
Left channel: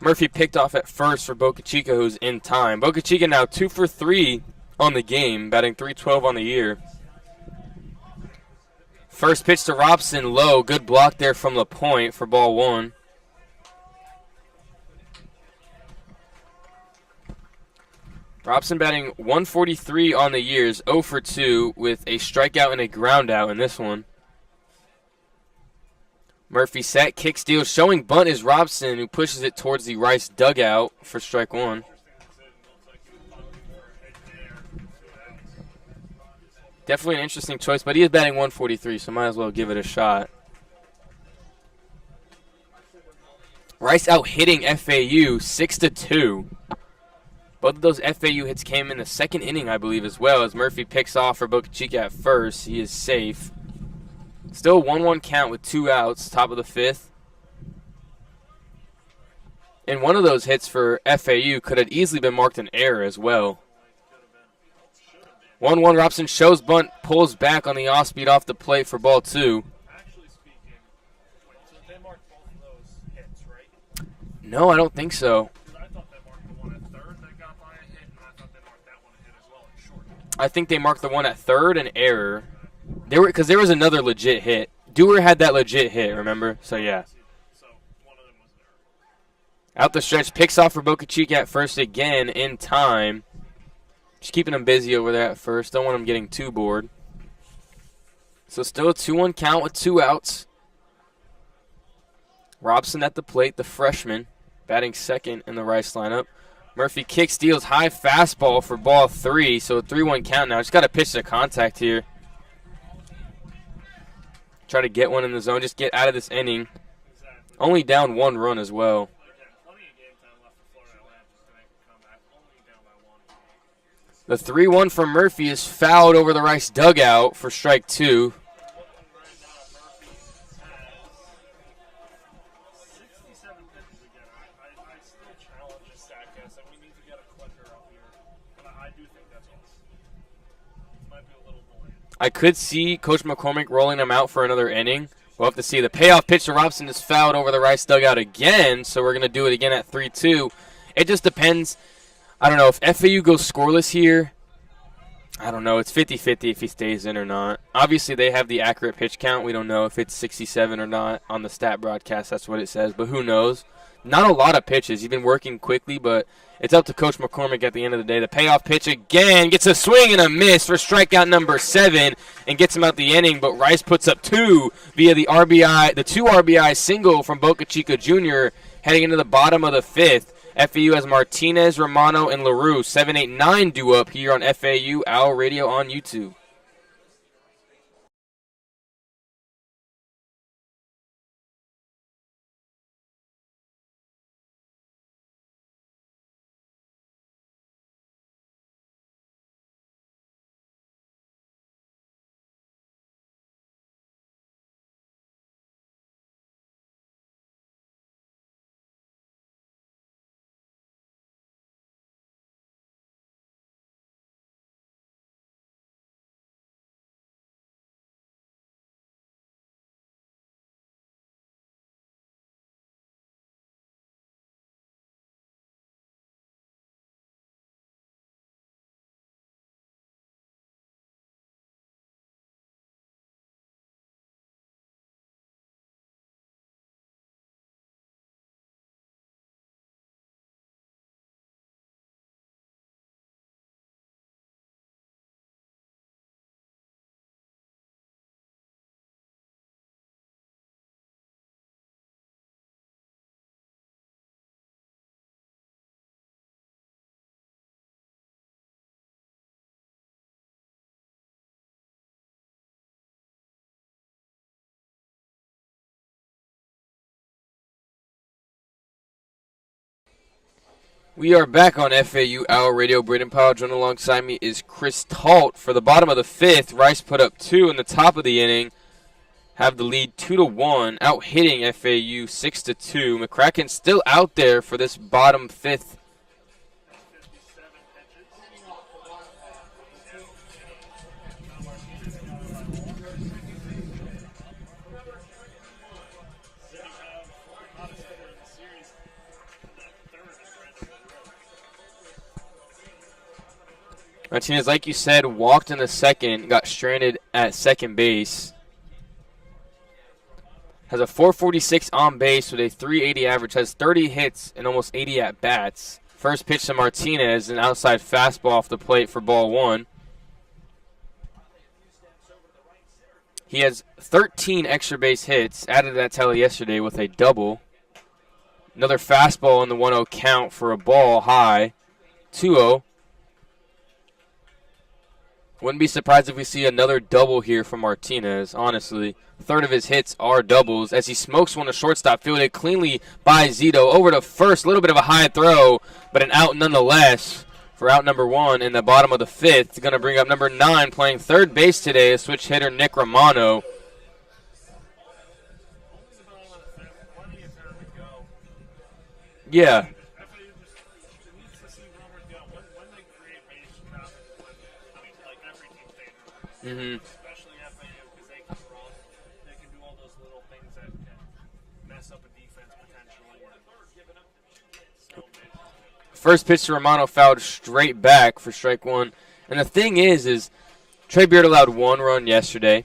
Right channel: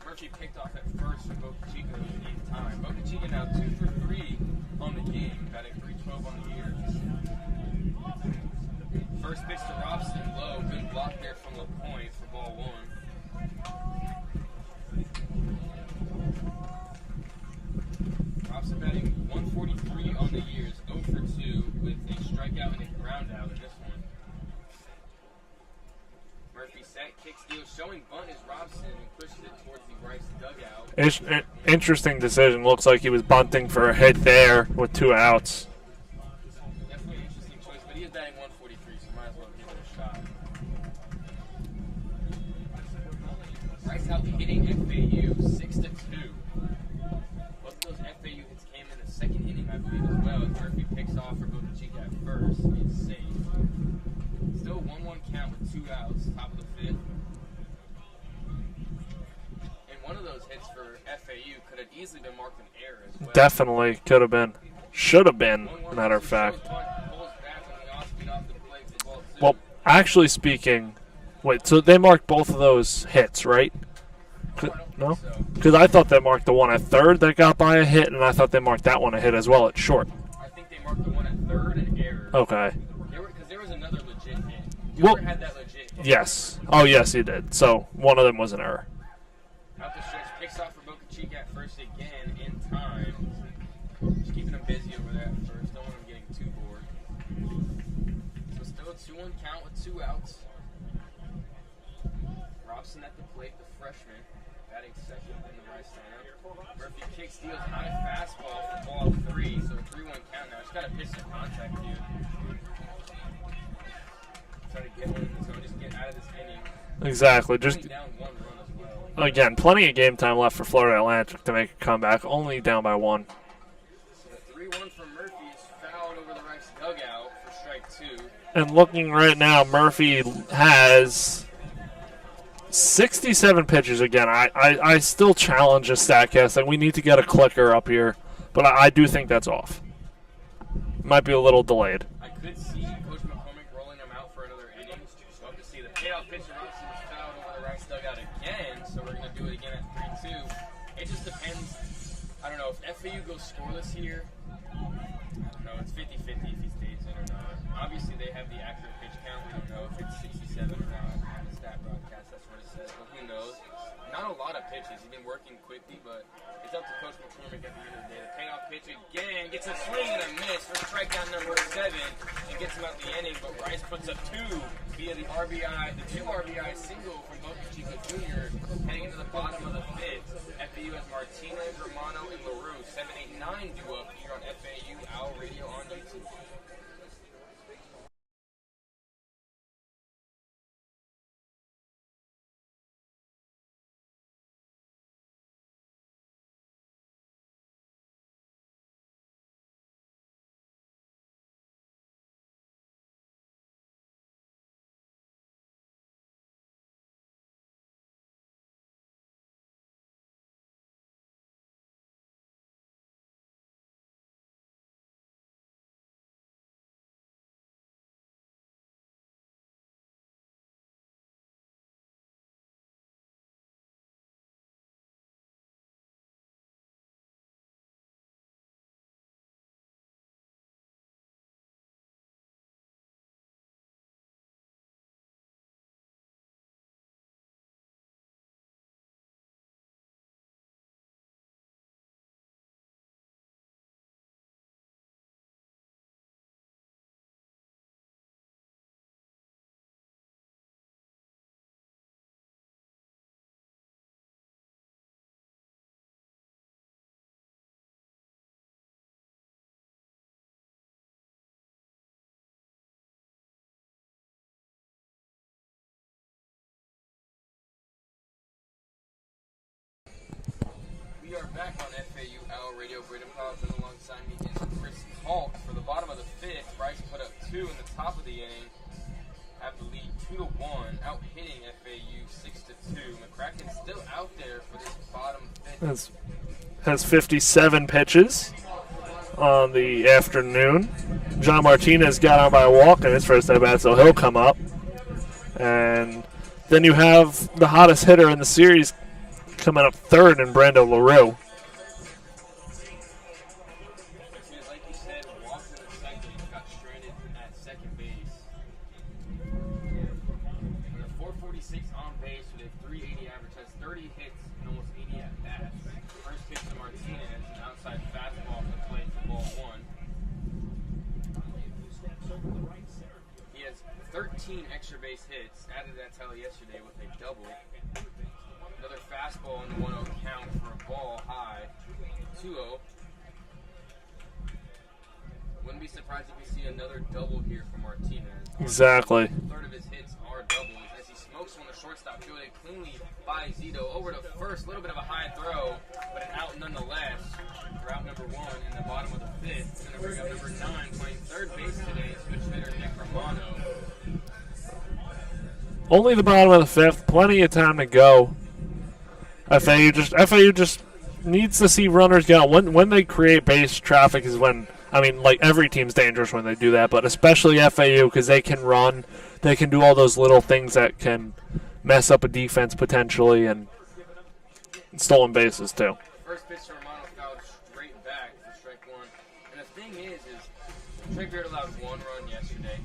Murphy picked off at first for Boca Chica, who's in time. Boca Chica now 2 for 3 on the game, batting .312 on the year. First pitch to Robson, low. Good block there from LaPointe for ball 1. Robson batting .143 on the years, 0 for 2 with a strikeout and a ground out in this one. Murphy set, kick steal, showing bunt is Robson, who pushes it towards the Rice dugout for strike 1. Interesting decision. Looks like he was bunting for a hit there with 2 outs. Definitely an interesting choice, but he is batting .143, so might as well give it a shot. Rice out hitting FAU 6-2. Both of those FAU hits came in the second inning, I believe, as well, as Murphy picks off for Boca Chica at first. He is safe. Still 1-1 count with 2 outs, top of the 5th. And one of those hits for FAU could have easily been marked an error as well. Definitely could have been. Should have been. 1-1 Robson shows bunt, pulls back on the off-speed off the plate for ball 2. Well, actually speaking, wait, so they marked both of those hits, right? No, I don't think so. Because I thought they marked the one at third that got by a hit, and I thought they marked that one a hit as well at short. I think they marked the one at third an error. Okay. Because there was another legit hit. Dewar had that legit hit, yes. Remember? So, yes, he did. So one of them was an error. Out the stretch, picks off for Boca Chica at first again in time. Just keeping them busy over there at first. Don't want them getting too bored. So still a 2-1 count with 2 outs. Robson at the plate, the freshman, batting second in the Rice lineup. Murphy kick steals high fastball for ball 3, so a 3-1 count now. Just got to pitch to contact here. Try to get one in the zone. Just get out of this inning. Exactly. Only down 1 run as well. Again, plenty of game time left for Florida Atlantic to make a comeback. Only down by 1. The 3-1 from Murphy is fouled over the Rice dugout for strike 2. And looking right now, Murphy has 67 pitches again. I still challenge a StatCast. Like, we need to get a clicker up here, but I do think that's off. Might be a little delayed. I could see Coach McCormick rolling him out for another inning. We'll have to see. The payoff pitch to Robson is fouled over the Rice dugout again, so we're going to do it again at 3-2. It just depends. I don't know. If FAU goes scoreless here, I don't know. It's 50-50 if he stays in or not. Obviously, they have the accurate pitch count. We don't know if it's 67 or not on the stat broadcast. That's what it says, but who knows? Not a lot of pitches. He's been working quickly, but it's up to Coach McCormick at the end of the day. The payoff pitch again gets a swing and a miss for strikeout number 7 and gets him out the inning, but Rice puts up 2 via the 2 RBI single from Boca Chica Jr. heading into the bottom of the 5th. FAU has Martinez, Romano, and LaRue. 7, 8, 9 due up here on FAU Owl Radio on YouTube. We are back on FAU Hour Radio. Brayden Pyle, joined alongside me is Chris Talt. For the bottom of the fifth, Rice put up 2 in the top of the inning. Have the lead 2-1, out hitting FAU 6-2. McCracken still out there for this bottom fifth. Has 57 pitches on the afternoon. John Martinez got on by a walk in his first at bat, so he'll come up. And then you have the hottest hitter in the series coming up third in Brando LaRue. Martinez, like you said, walked in the second, got stranded at second base. Has a 446 on base with a 380 average, has 30 hits and almost 80 at-bats. First pitch to Martinez, an outside fastball off the plate for ball 1. He has 13 extra base hits, added to that tally yesterday with a double. Another fastball in the 1-0 count for a ball high, 2-0. Wouldn't be surprised if we see another double here from Martinez, honestly. Exactly. Third of his hits are doubles as he smokes one to shortstop, fielded cleanly by Zito. Over to first, a little bit of a high throw, but an out nonetheless for out number 1 in the bottom of the fifth. Going to bring up number 9, playing third base today, a switch hitter, Nick Romano. Only the bottom of the fifth, plenty of time to go. Yeah. FAU just needs to see runners get out. When they create base traffic is when, I mean, like every team's dangerous when they do that, but especially FAU because they can run. They can do all those little things that can mess up a defense potentially, and stolen bases too. First pitch to Romano fouled straight back for strike 1. And the thing is Trey Beard allowed 1 run yesterday.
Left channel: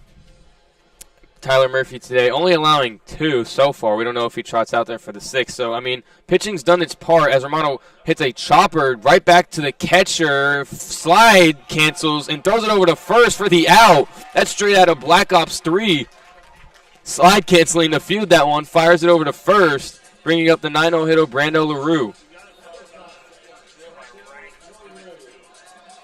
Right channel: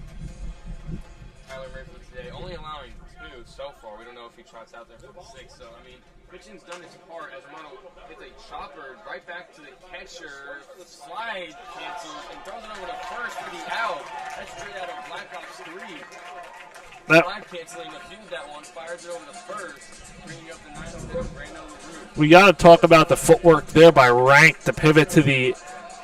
Tyler Murphy today only allowing 2 so far. We don't know if he trots out there for the 6th. So, I mean, pitching's done its part as Romano hits a chopper right back to the catcher. Slide cancels and throws it over to first for the out. That's straight out of Black Ops 3. Slide canceling to field that one. Fires it over to first, bringing up the 9-0 hitter, Brando LaRue. We got to talk about the footwork there by Rank to pivot to the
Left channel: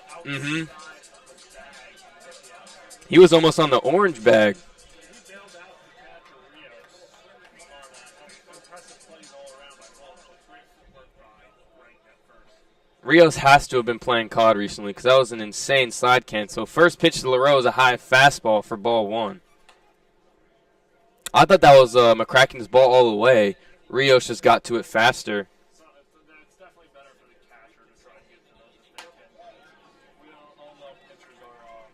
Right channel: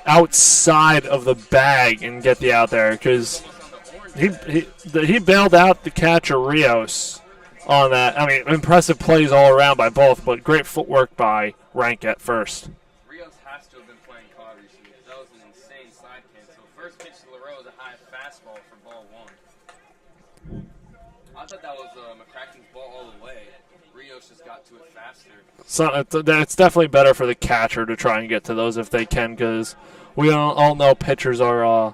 outside of the bag and get the out there. He was almost on the orange bag. He bailed out the catcher Rios on that. I mean, impressive plays all around by both, but great footwork by Rank at first. Rios has to have been playing COD recently because that was an insane slide cancel. First pitch to LaRue is a high fastball for ball 1. I thought that was McCracken's ball all the way. Rios just got to it faster. So it's definitely better for the catcher to try and get to those if they can, because we all know pitchers are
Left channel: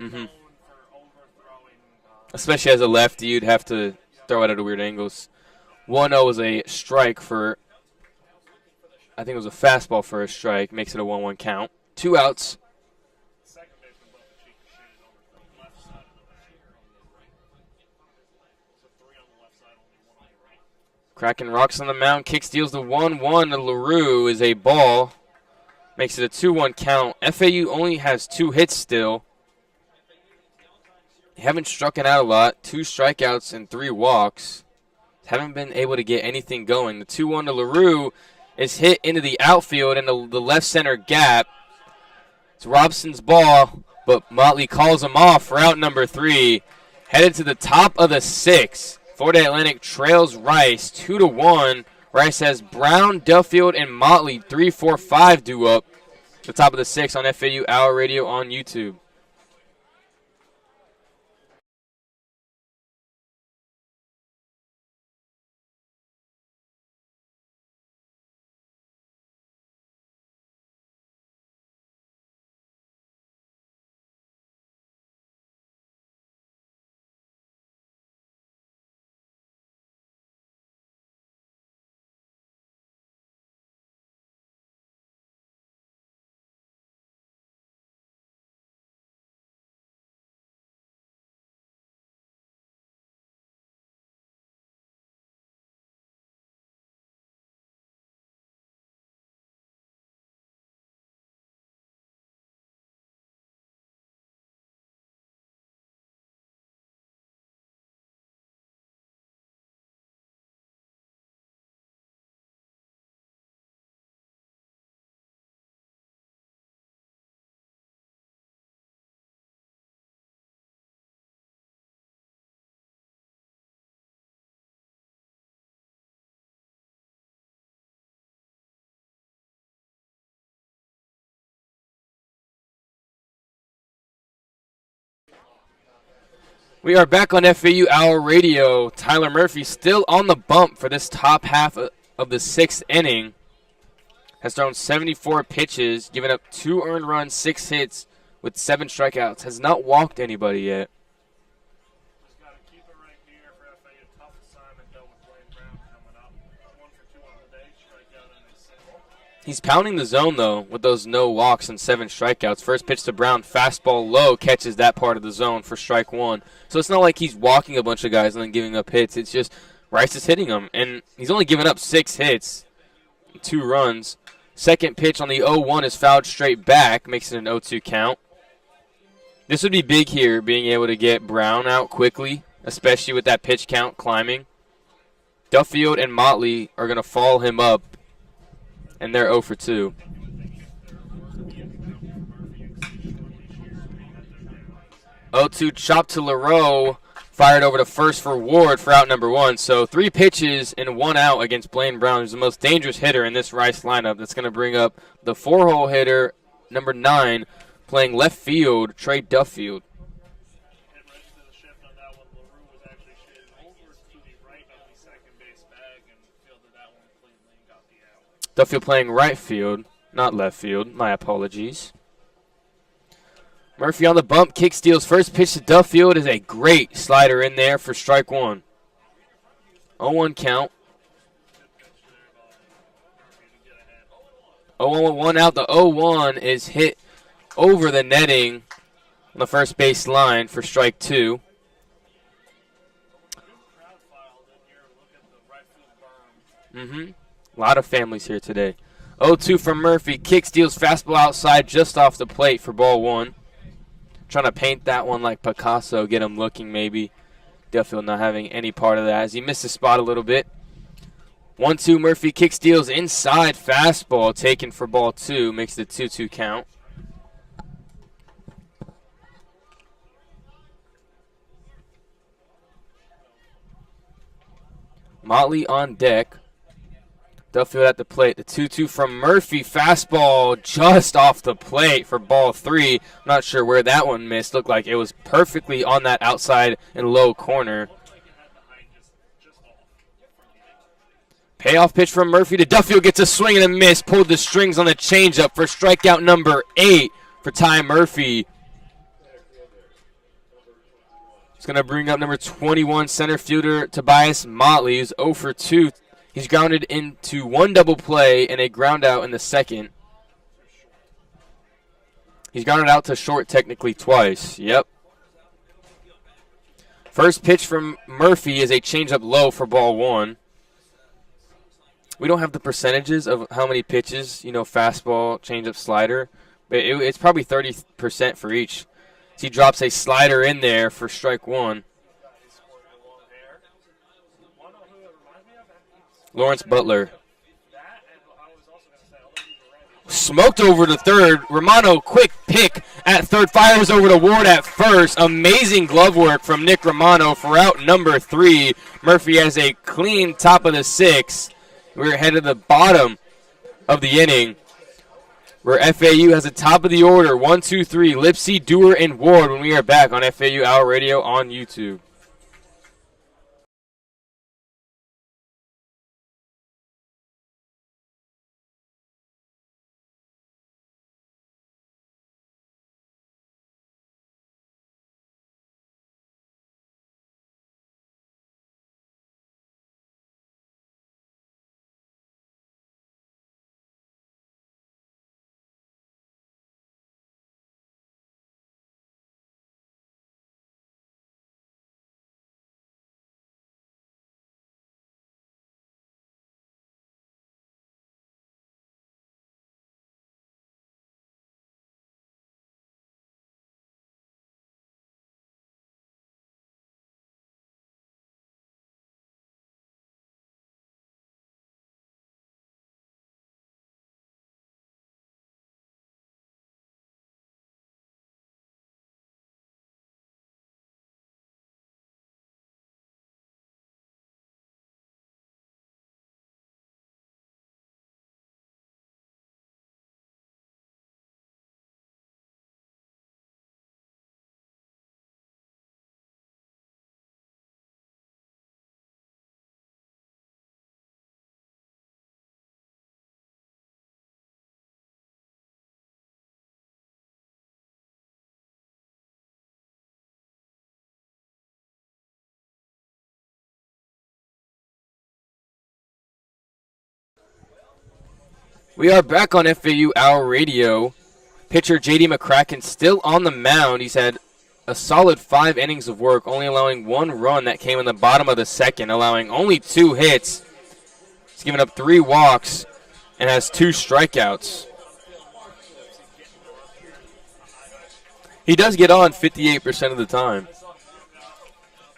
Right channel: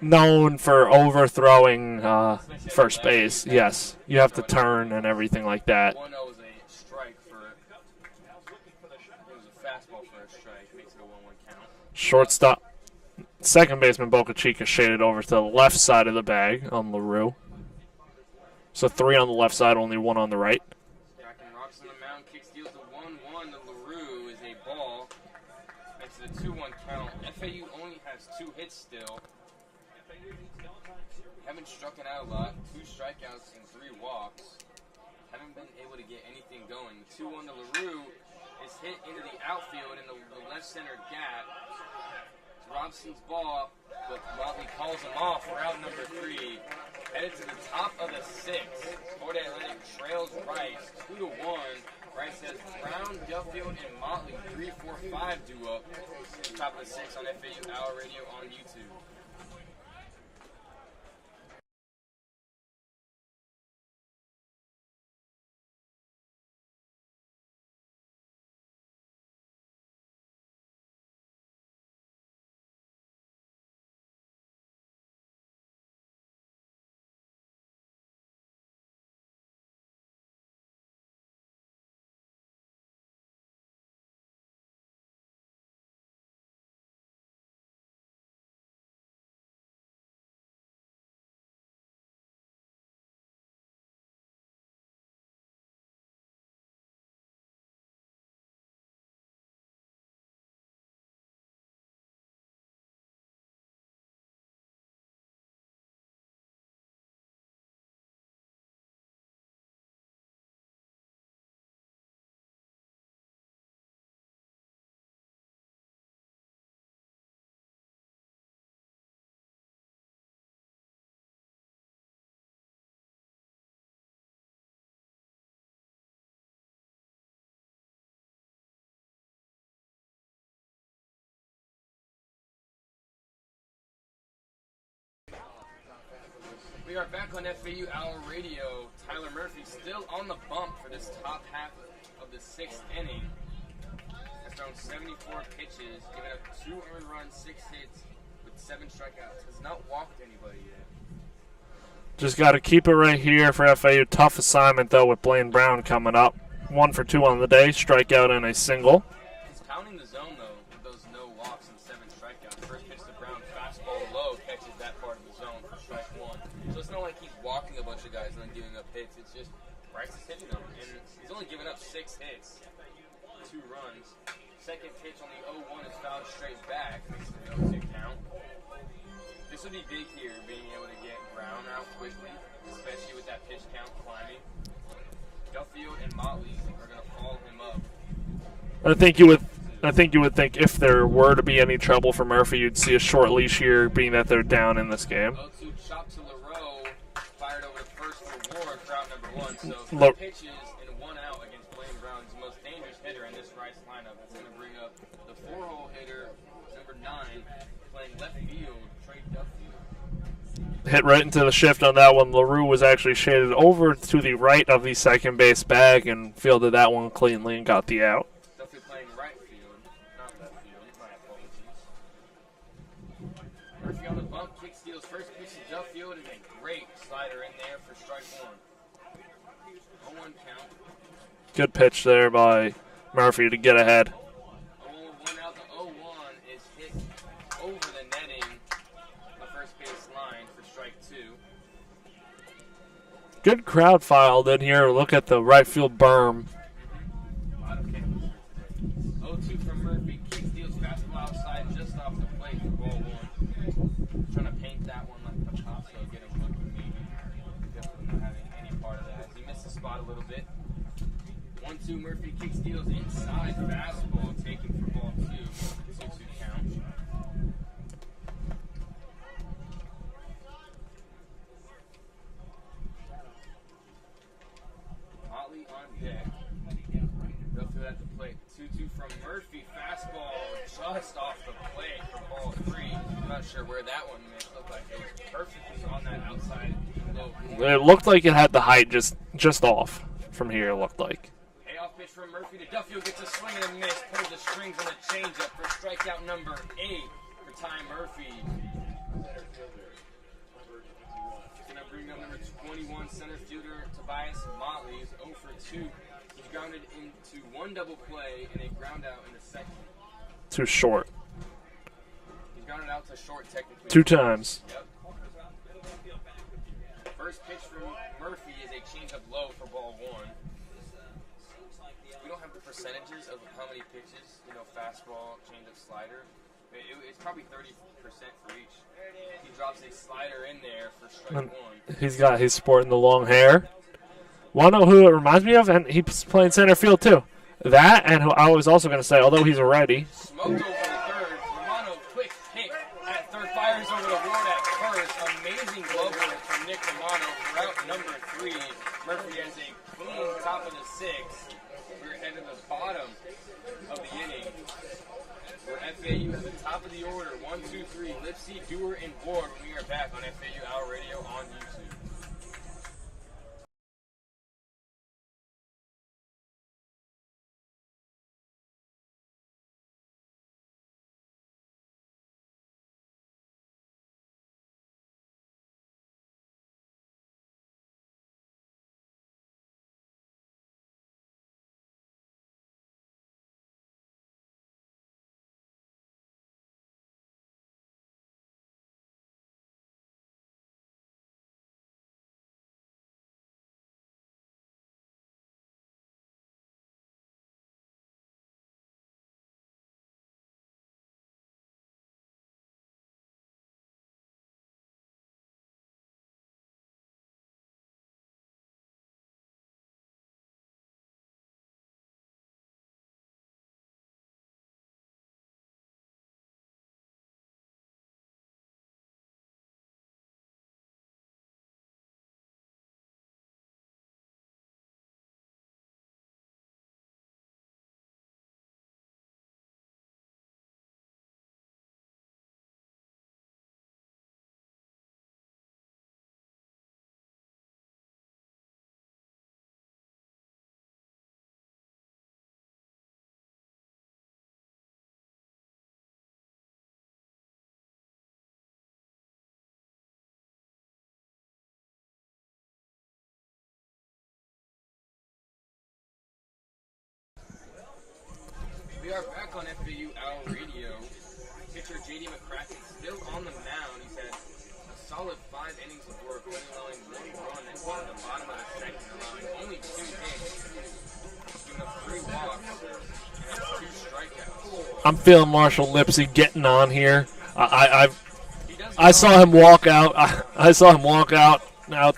known for overthrowing. Especially as a lefty, you'd have to throw it at turn angles. and everything like that. 1-0 was a strike for, I think it was a fastball for a strike. Makes it a 1-1 count. Shortstop. Second baseman Boca Chica shaded over to the left side of the bag on LaRue. So 3 on the left side, only 1 on the right. Kraken rocks on the mound, kick steals the 1-1 to LaRue is a ball. Makes it a 2-1 count. FAU only has 2 hits still. They haven't struck it out a lot. 2 strikeouts and 3 walks. Haven't been able to get anything going. The 2-1 to LaRue is hit into the outfield in the left center gap. It's Robson's ball, but Motley calls him off for out number 3. Headed to the top of the 6th. Florida Atlantic trails Rice 2-1. Rice has Brown, Duffield, and Motley 3-4-5 due up. The top of the 6th on FAU Hour Radio on YouTube. We are back on FAU Hour Radio. Tyler Murphy still on the bump for this top half of the 6th inning. Has thrown 74 pitches, given up 2 earned runs, 6 hits with 7 strikeouts. Has not walked anybody yet. Just got to keep it right here for FAU. Tough assignment, though, with Blaine Brown coming up. 1 for 2 on the day, strikeout and a single. He's pounding the zone, though, with those no walks and 7 strikeouts. First pitch to Brown, fastball low, catches that part of the zone for strike 1. So it's not like he's walking a bunch of guys and then giving up hits. It's just Rice is hitting them. And he's only given up 6 hits, 2 runs. Second pitch on the 0-1 is fouled straight back, makes it an 0-2 count. This would be big here, being able to get Brown out quickly, especially with that pitch count climbing. Duffield and Motley are going to follow him up. I think you would think if there were to be any trouble for Murphy, you'd see a short leash here, being that they're down in this game. 0-2 chop to LaRoe, fired over to first for Ward for out number 1. So 3 pitches and 1 out against Blaine Brown, who's the most dangerous hitter in this Rice lineup. That's going to bring up the 4-hole hitter, number 9, playing left field, Trey Duffield. Hit right into the shift on that one. LaRue was actually shaded over to the right of the second base bag and fielded that one cleanly and got the out. Duffield playing right field, not left field. My apologies. Murphy on the bump, kick steals. First pitch to Duffield is a great slider in there for strike 1. 0-1 count. Good pitch there by Murphy to get ahead. 0-1 with 1 out. The 0-1 is hit over the netting on the first base line for strike 2. Good crowd filed in here. Look at the right field berm. A lot of families here today. 0-2 from Murphy. Kick steals, fastball outside just off the plate for ball 1. Trying to paint that one like Picasso, get him looking maybe. Duffield not having any part of that as he missed the spot a little bit. 1-2 Murphy, kick steals inside, fastball taken for ball 2. Makes the 2-2 count. Motley on deck. Duffield at the plate. The 2-2 from Murphy. Fastball just off the plate for ball 3. I'm not sure where that one missed. Looked like it was perfectly on that outside and low corner. It looked like it had the height just off from here, it looked like. Payoff pitch from Murphy to Duffield. Gets a swing and a miss. Pulled the strings on the changeup for strikeout number 8 for Ty Murphy. It's going to bring up number 21 center fielder Tobias Motley, who's 0 for 2. He's grounded into 1 double play and a ground out in the second. Too short. He's grounded out to short technically Two twice. times. Yep. First pitch from Murphy is a changeup low for ball 1. We don't have the percentages of how many pitches, fastball, changeup, slider. But it's probably 30% for each. So he drops a slider in there for strike 1. He's sporting the long hair. Want to know who it reminds me of? And he's playing Lawrence center Butler. field, too. That, and who I was also going to say, although he's a righty. Smoked over to third. Romano, quick pick at third. Fires over to Ward at first. Amazing glove work from Nick Romano for out number 3. Murphy has a clean top of the 6th. We're ahead of the bottom of the inning, where FAU has the top of the order. 1, 2, 3. Lipsy, Dewar, and Ward when we are back on FAU Hour Radio on YouTube. We are back on FAU Hour Radio. Pitcher J.D. McCracken still on the mound. He's had a solid 5 innings of work, only allowing 1 run that came in the bottom of the second, allowing only 2 hits. He's given up 3 walks and has 2 strikeouts. I'm feeling Marshall Lipsy getting on here. He does get on 58% of the time. I saw him walk out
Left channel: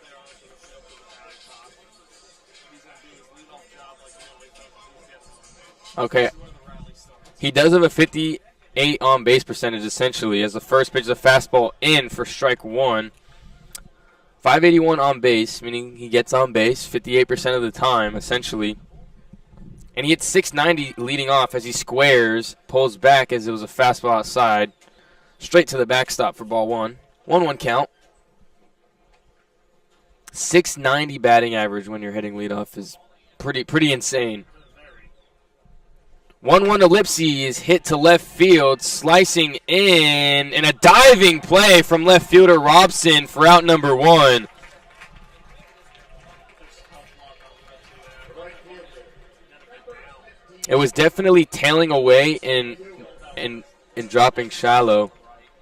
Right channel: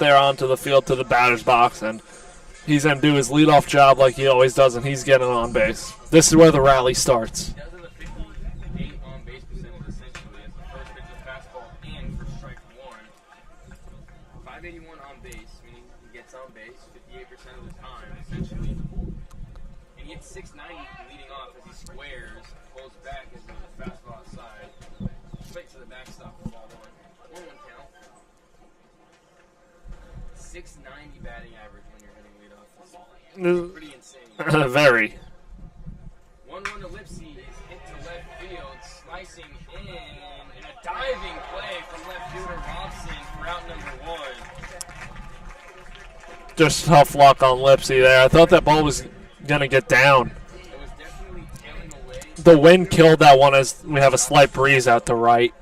there onto the field to the batter's box, and he's going to do his leadoff job like he always does, and he's getting on base. Okay. This is where the rally starts. He does have a 58 on-base percentage, essentially, as the first pitch is a fastball in for strike 1. 581 on base, meaning he gets on base 58% of the time, essentially. And he hits 690 leading off as he squares, pulls back as it was a fastball outside. Straight to the backstop for ball 1. 1-1 count. 690 batting average when you're hitting leadoff is pretty insane. Very. 1-1 to Lipsy is hit to left field, slicing in, and a diving play from left fielder Robson for out number 1. Just tough luck on Lipsy there. I thought that ball was going to get down. It was definitely tailing away. The wind killed that one as we have a slight breeze out to right.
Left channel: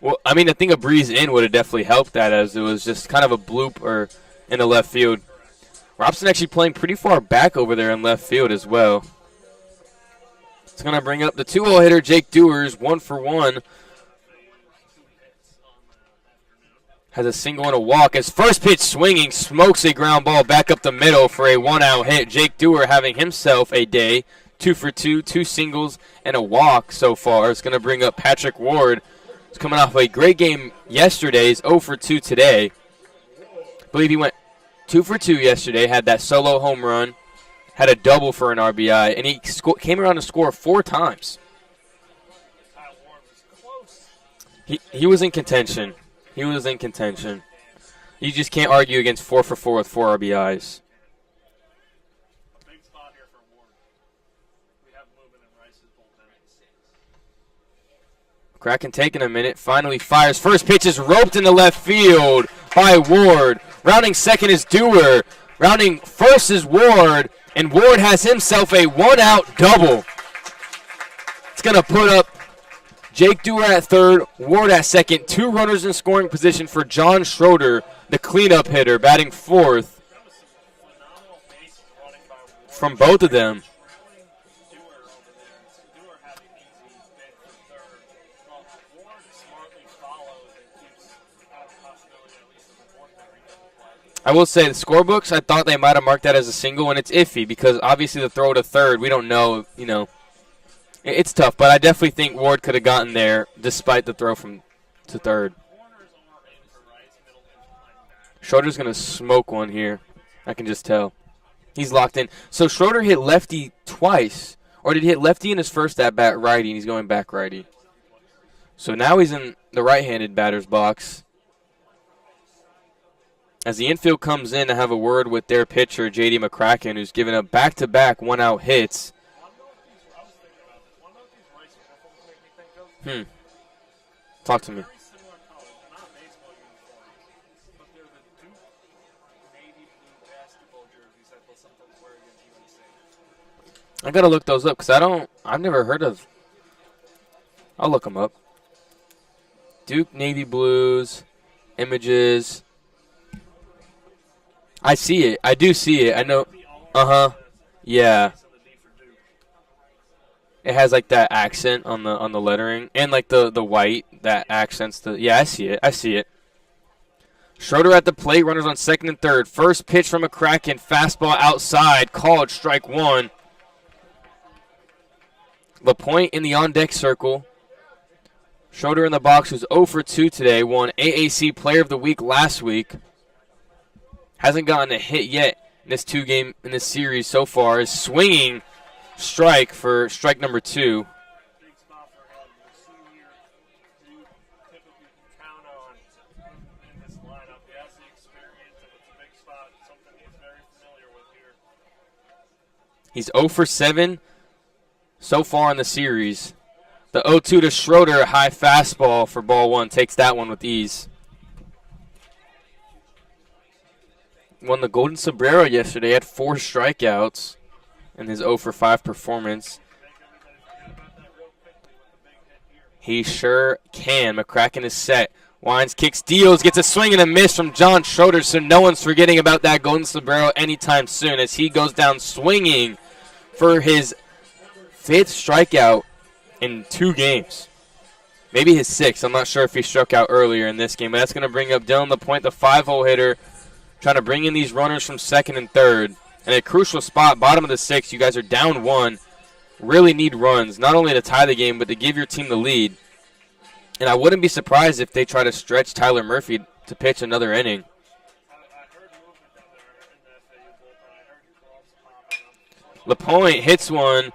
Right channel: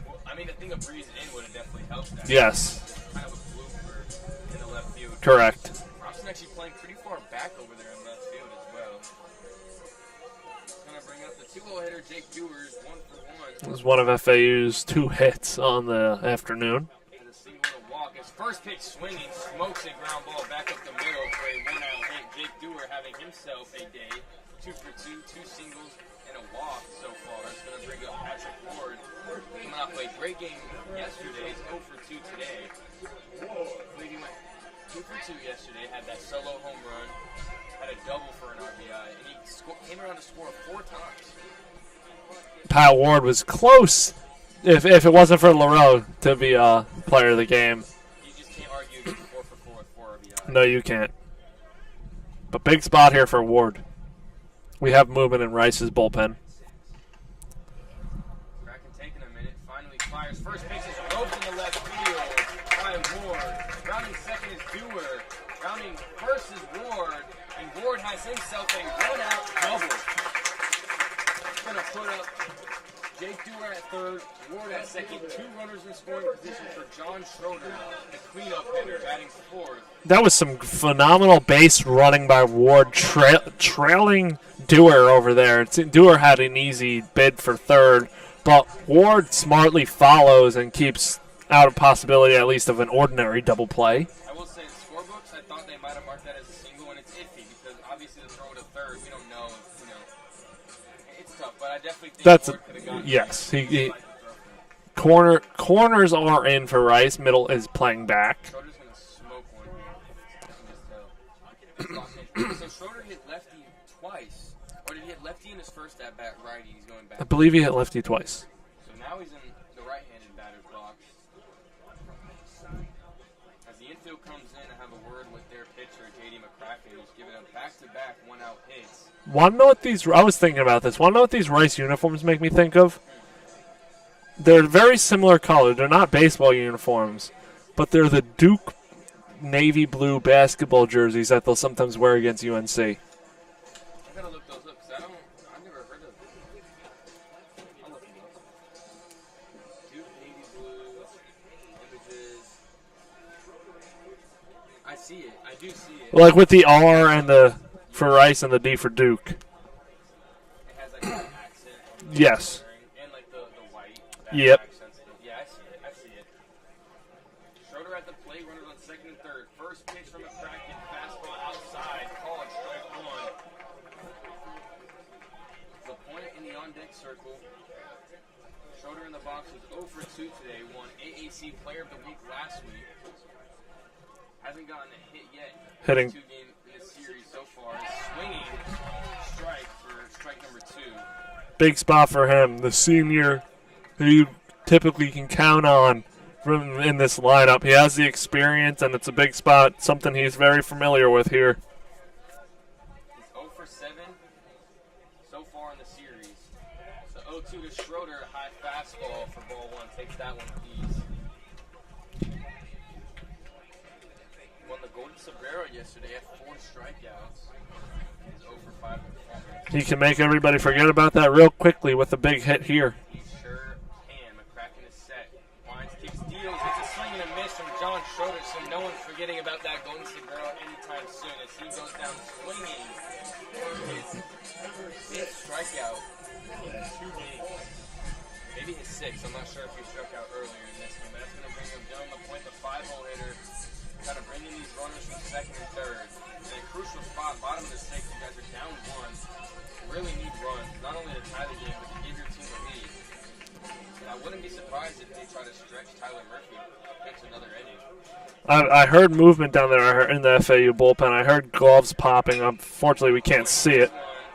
Well, I mean, I think a breeze in would have definitely helped that, as it was just kind of a bloop or in the left field. Correct. Robson actually playing pretty far back over there in left field as well. It's going to bring up the 2-0 hitter, Jake Dewars, 1 for 1. This is one of FAU's 2 hits on the afternoon. Has a single and a walk. His first pitch swinging, smokes a ground ball back up the middle for a 1-out hit. Jake Dewar having himself a day, 2 for 2, 2 singles and a walk so far. It's going to bring up Patrick Ward. He's coming off a great game yesterday. He's 0 for 2 today. I believe he went 2 for 2 yesterday, had that solo home run, had a double for an RBI, and he came around to score 4 times. Pyle Ward was close. If it wasn't for Lareau to be player of the game. You just can't argue against 4 for 4 with 4 RBIs. No, you can't. But big spot here for Ward. We have movement in Rice's bullpen. Kraken taking a minute, finally fires. First pitch is roped into left field by Ward. Rounding second is Dewar. Rounding first is Ward, and Ward has himself a 1-out double. It's going to put up Jake Dewar at third, Ward at second. 2 runners in scoring position for John Schroeder, the cleanup hitter, batting 4th. That was some phenomenal base running by Ward. From both of them. Trailing Dewar over there. Dewar had an easy bid for third, but Ward smartly follows and keeps out of possibility at least of an ordinary double play. I will say the scorebooks, I thought they might have marked that as a single, and it's iffy because obviously the throw to third, we don't know, It's tough, but I definitely think Ward could have gotten there despite the throw from third. Corners are in for Rice. Middle is playing back. Schroeder's going to smoke one here. I can just tell. He's locked in. So Schroeder hit lefty twice, or did he hit lefty in his first at-bat righty, and he's going back I believe righty? he hit lefty twice. So now he's in the right-handed batter's box. As the infield comes in to have a word with their pitcher, J.D. McCracken, who's given up back-to-back 1-out hits. Want to know what these? I was thinking about this. Want to know what these Rice uniforms make me think of? They're very similar color. They're not baseball uniforms, but they're the Duke navy blue basketball jerseys that they'll sometimes wear against UNC. I gotta look those up because I've never heard of. I'll look them up. Duke navy blues, images. I see it. I do see it. Like with the R and the for Rice and the D for Duke. It has like that accent on the lettering and like the white that accents the. Yeah, I see it. I see it. Schroeder at the plate. Runners on second and third. First pitch from McCracken. Fastball outside. Called strike 1. LaPointe in the on-deck circle. Schroeder in the box, who's 0 for 2 today. Won AAC Player of the Week last week. Hasn't gotten a hit yet. His 2 game in this series so far is swinging strike for strike number 2. Big spot for him, the senior who you typically can count on in this lineup. He has the experience, and it's a big spot, something he's very familiar with here. He's 0 for 7 so far in the series. The 0-2 to Schroeder, a high fastball for ball 1, takes that one with ease. Won the Golden Sombrero yesterday, had 4 strikeouts. in his 0 for 5 performance. He can make everybody forget about that real quickly with a big hit here. He sure can. McCracken is set. Wines, kicks, deals, gets a swing and a miss from John Schroeder, so no one's forgetting about that golden sombrero anytime soon as he goes down swinging for his 5th strikeout in 2 games. Maybe his 6th. I'm not sure if he struck out earlier in this game, but that's going to bring up Dylan LaPointe, the 5-hole hitter, trying to bring in these runners from 2nd and 3rd. And a crucial spot, bottom of the 6th, you guys are down 1. Really need runs, not only to tie the game, but to give your team the lead. And I wouldn't be surprised if they try to stretch Tyler Murphy to pitch another inning. I heard movement down there in the FAU bullpen. I heard gloves popping. Unfortunately, we can't see hits it. One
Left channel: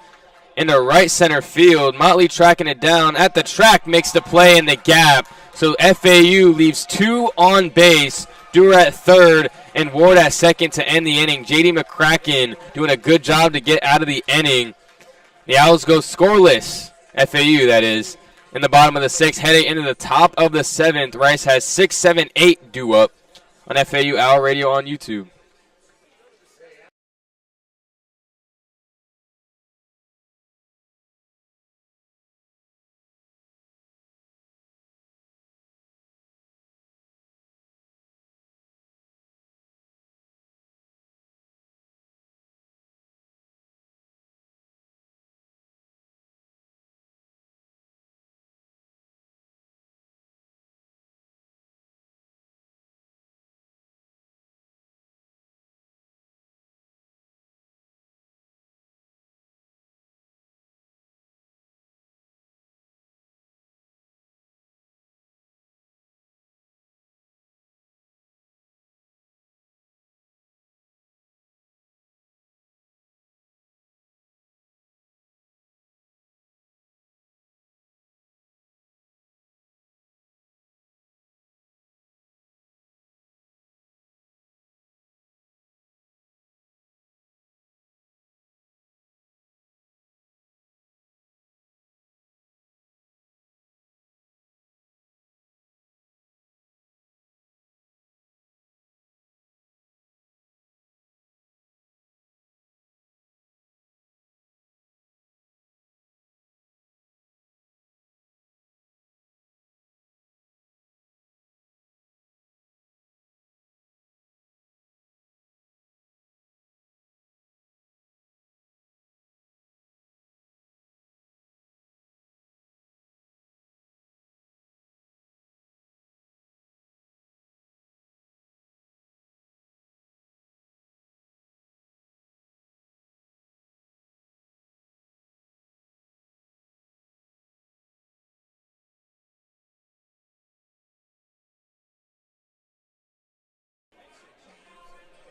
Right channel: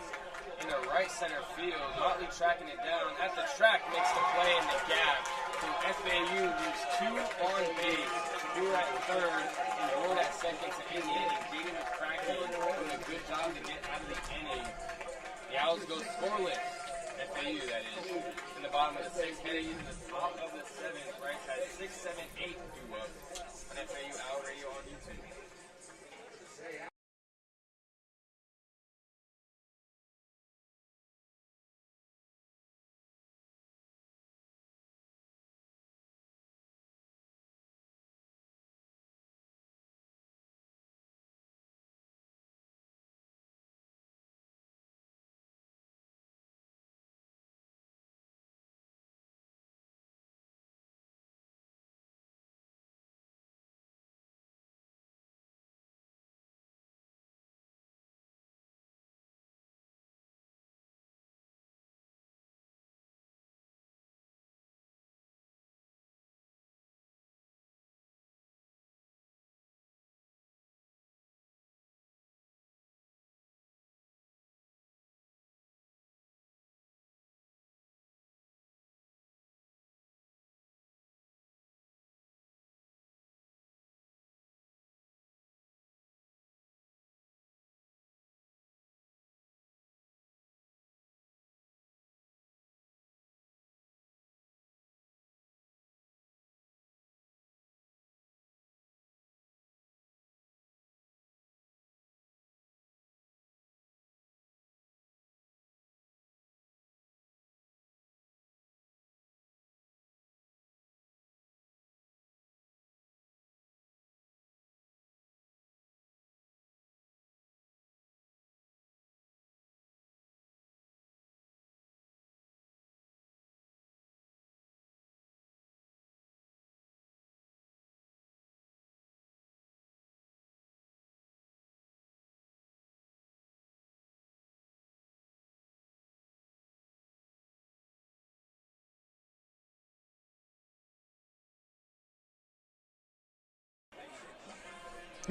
into right center field. Motley tracking it down at the track, makes the play in the gap. So FAU leaves 2 on base. Dewar at 3rd and Ward at 2nd to end the inning. J.D. McCracken doing a good job to get out of the inning. The Owls go scoreless, FAU that is, in the bottom of the 6th. Heading into the top of the 7th, Rice has 6, 7, 8 due up on FAU Owl Radio on YouTube.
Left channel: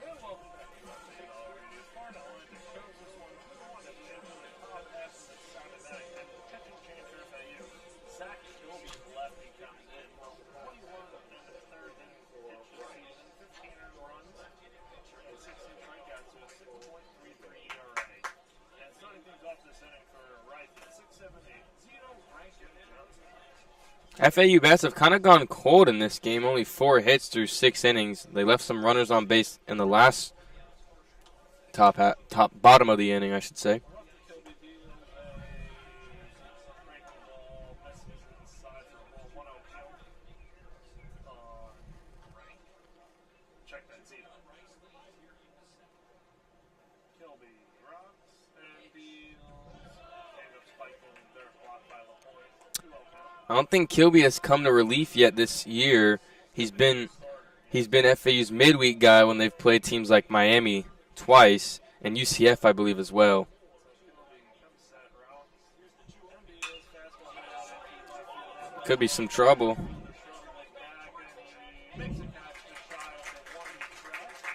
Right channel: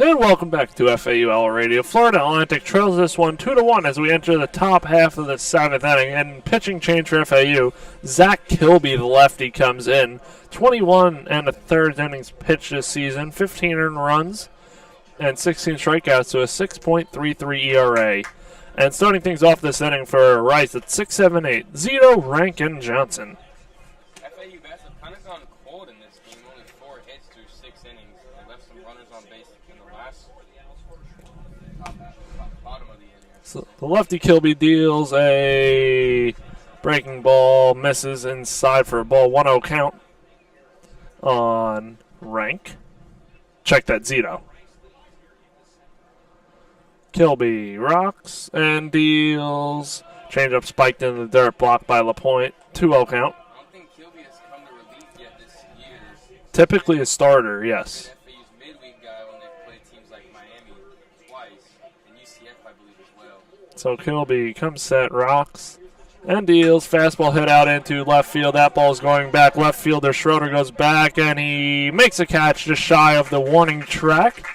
And welcome back to FAU Owl Radio. Florida Atlantic trails this one 2-1 as we enter the top half of the 7th inning. And pitching change for FAU, Zach Kilby, the lefty, comes in. 21 and a third innings pitched this season, 15 earned runs, and 16 strikeouts to a 6.33 ERA. And starting things off this inning for Rice at 6-7-8, Zito Rankin Johnson. FAU bats have kind of gone cold in this game. Only 4 hits through 6 innings. They left some runners on base in the last bottom of the inning, I should say. The lefty Kilby deals a breaking ball, misses inside for a ball, 1-0 count on Rank. Check that, Zito. Kilby rocks and deals. Changeup spiked into the dirt, blocked by LaPointe. 2-0 count. I don't think Kilby has come to relief yet this year. Typically a starter, yes. He's been FAU's midweek guy when they've played teams like Miami twice and UCF, I believe, as well. So Kilby comes set, rocks, and deals. Fastball hit out into left field. That ball's going back. Trouble. Left fielder Schroeder goes back, and he makes a catch just shy of the warning track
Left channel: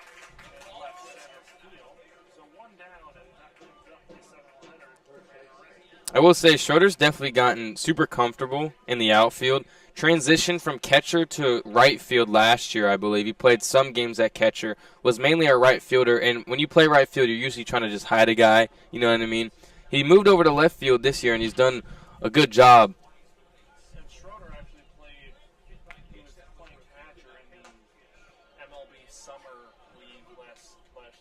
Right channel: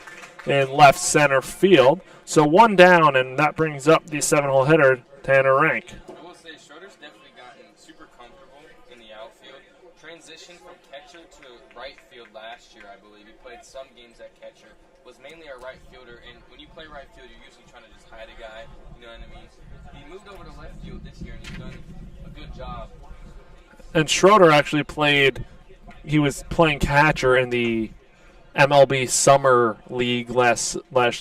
in left center field. So 1 down, and that brings up the 7-hole hitter, Tanner Rank. I will say Schroeder's definitely gotten super comfortable in the outfield. Transitioned from catcher to right field last year, I believe. He played some games at catcher, was mainly a right fielder, and when you play right field, you're usually trying to just hide a guy, you know what I mean? He moved over to left field this year, and he's done a good job. And Schroeder actually he was playing catcher in the MLB Summer League this past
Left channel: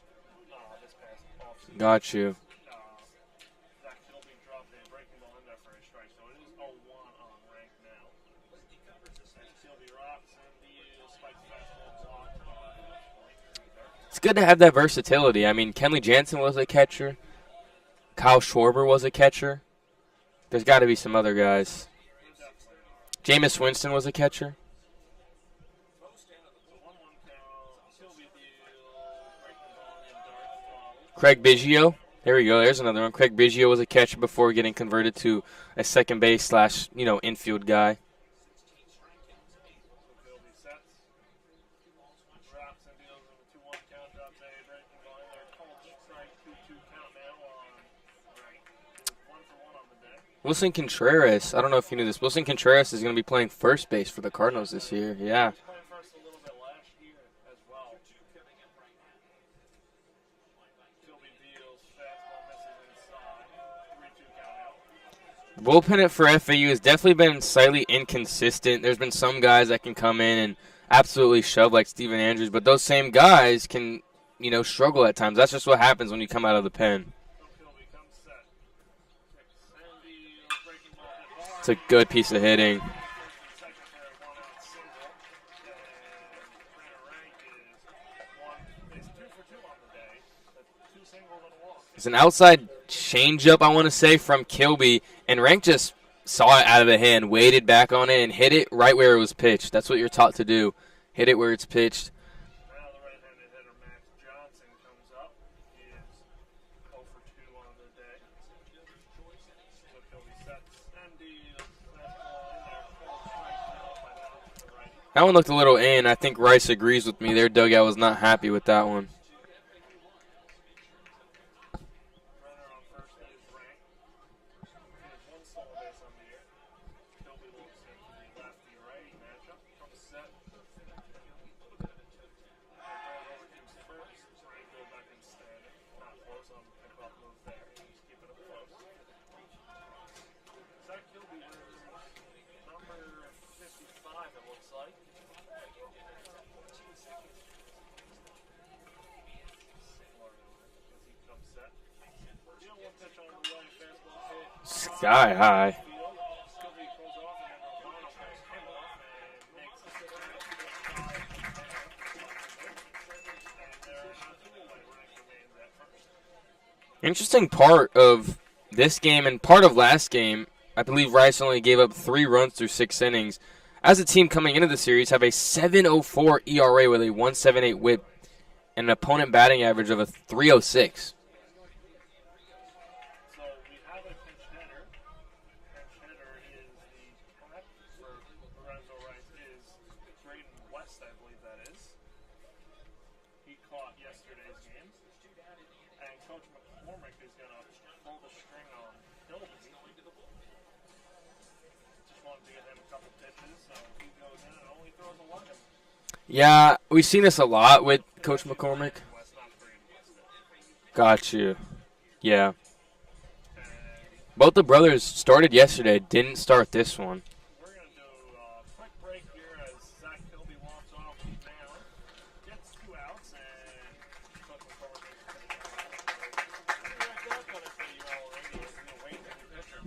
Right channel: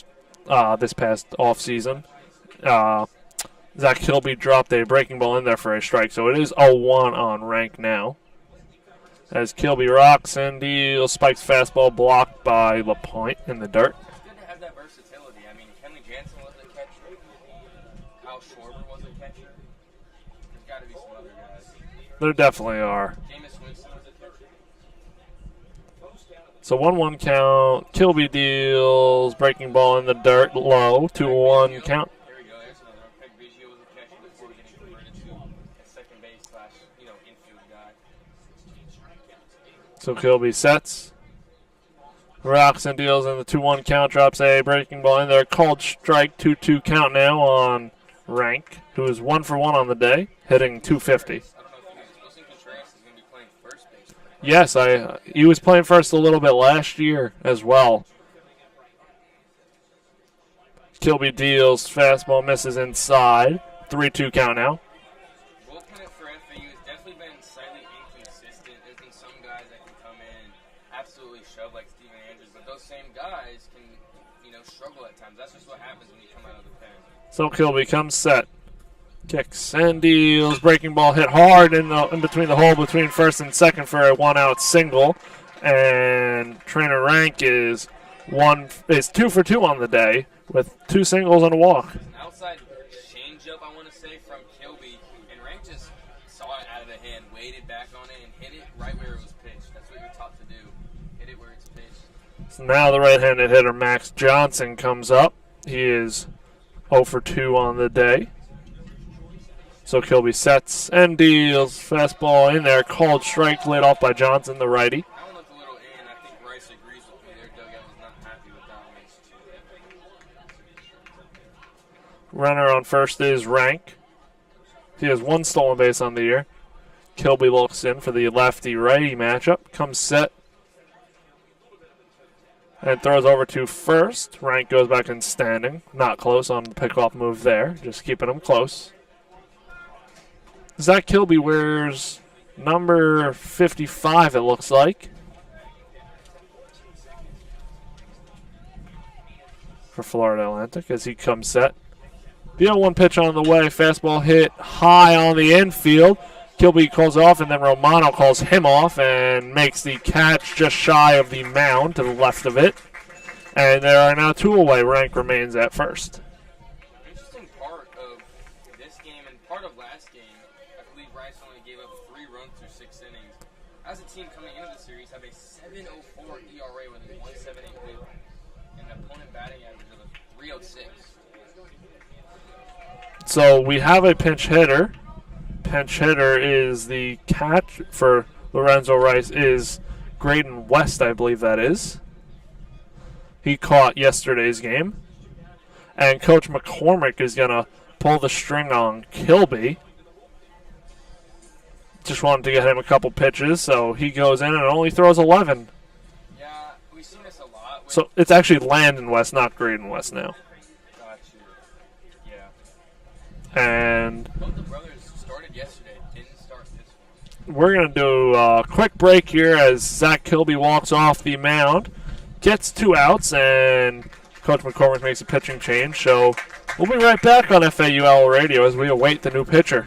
offseason. Got you. Zach Kilby dropped a breaking ball in there for a strike, so it is 0-1 on rank now. As Kilby rocks and deals, spikes fastball blocked by LaPointe in the dirt. It's good to have that versatility. I mean, Kenley Jansen was a catcher. Kyle Schwarber was a catcher. There's got to be some other guys. There definitely are. Jameis Winston was a catcher. So 1-1 count. Kilby deals. Breaking ball in the dirt. Low. 2-1 Craig Biggio. count. There we go. There's another one. Craig Biggio was a catcher before getting converted to a second base slash, infield guy. So Kilby sets. Rocks and deals in the 2-1 count. Drops a breaking ball in there. Called strike. 2-2 count now on rank, who is 1 for 1 on the day. Wilson hitting Contreras. 250. I don't know if you knew this. Wilson Contreras is going to be playing first base for the Cardinals. Yes, he was playing first a little bit last year as well. Kilby deals. Fastball misses inside. 3-2 count now. Bullpen for FAU has definitely been slightly inconsistent. There's been some guys that can come in and absolutely shove like Steven Andrews, but those same guys can, struggle at times. That's just what happens when you come out of the pen. So Kilby comes set. Kicks and deals. Breaking ball hit hard in between the hole between first and second for a 1-out single. And Trainer Rank is 2 for 2 on the day with 2 singles and a walk. It's an outside changeup, I want to say, from Kilby, and Rank just saw it out of the hand, waited back on it, and hit it right where it was pitched. That's what you're taught to do. Hit it where it's pitched. So now the right-handed hitter Max Johnson comes up. He is 0 for 2 on the day. So Kilby sets and deals. Fastball in there. Called strike, laid off by Johnson, the righty. That one looked a little in. I think Rice agrees with me. Their dugout was not happy with that one. Runner on first is Rank. He has 1 stolen base on the year. Kilby looks in for the lefty-righty matchup. Comes set. And throws over to first. Rank goes back in standing. Not close on the pickoff move there. Just keeping him close. Zach Kilby wears number 55, it looks like. For Florida Atlantic as he comes set. The 0-1 pitch on the way. Fastball hit high on the infield. Kilby calls off, and then Romano calls him off and makes the catch just shy of the mound to the left of it. And there are now 2 away. Rank remains at first. Interesting part of this game and part of last game, I believe Rice only gave up 3 runs through 6 innings. As a team coming into the series, have a 7.04 ERA with a 1.78 WHIP and an opponent batting average of a 3.06. So we have a pinch hitter. Pinch hitter is the catch for Lorenzo Rice is Brayden West, I believe that is. He caught yesterday's game. And Coach McCormick is going to pull the string on Kilby. Just wanted to get him a couple pitches, so he goes in and only throws 11. Yeah, we've seen this a lot. So it's actually Landon West, not Brayden West now. Got you. Yeah. And both the brothers started yesterday, didn't start this one. We're going to do a quick break here as Zach Kilby walks off the mound, gets 2 outs, and Coach McCormick makes a pitching change. So we'll be right back on FAUL Radio as we await the new pitcher.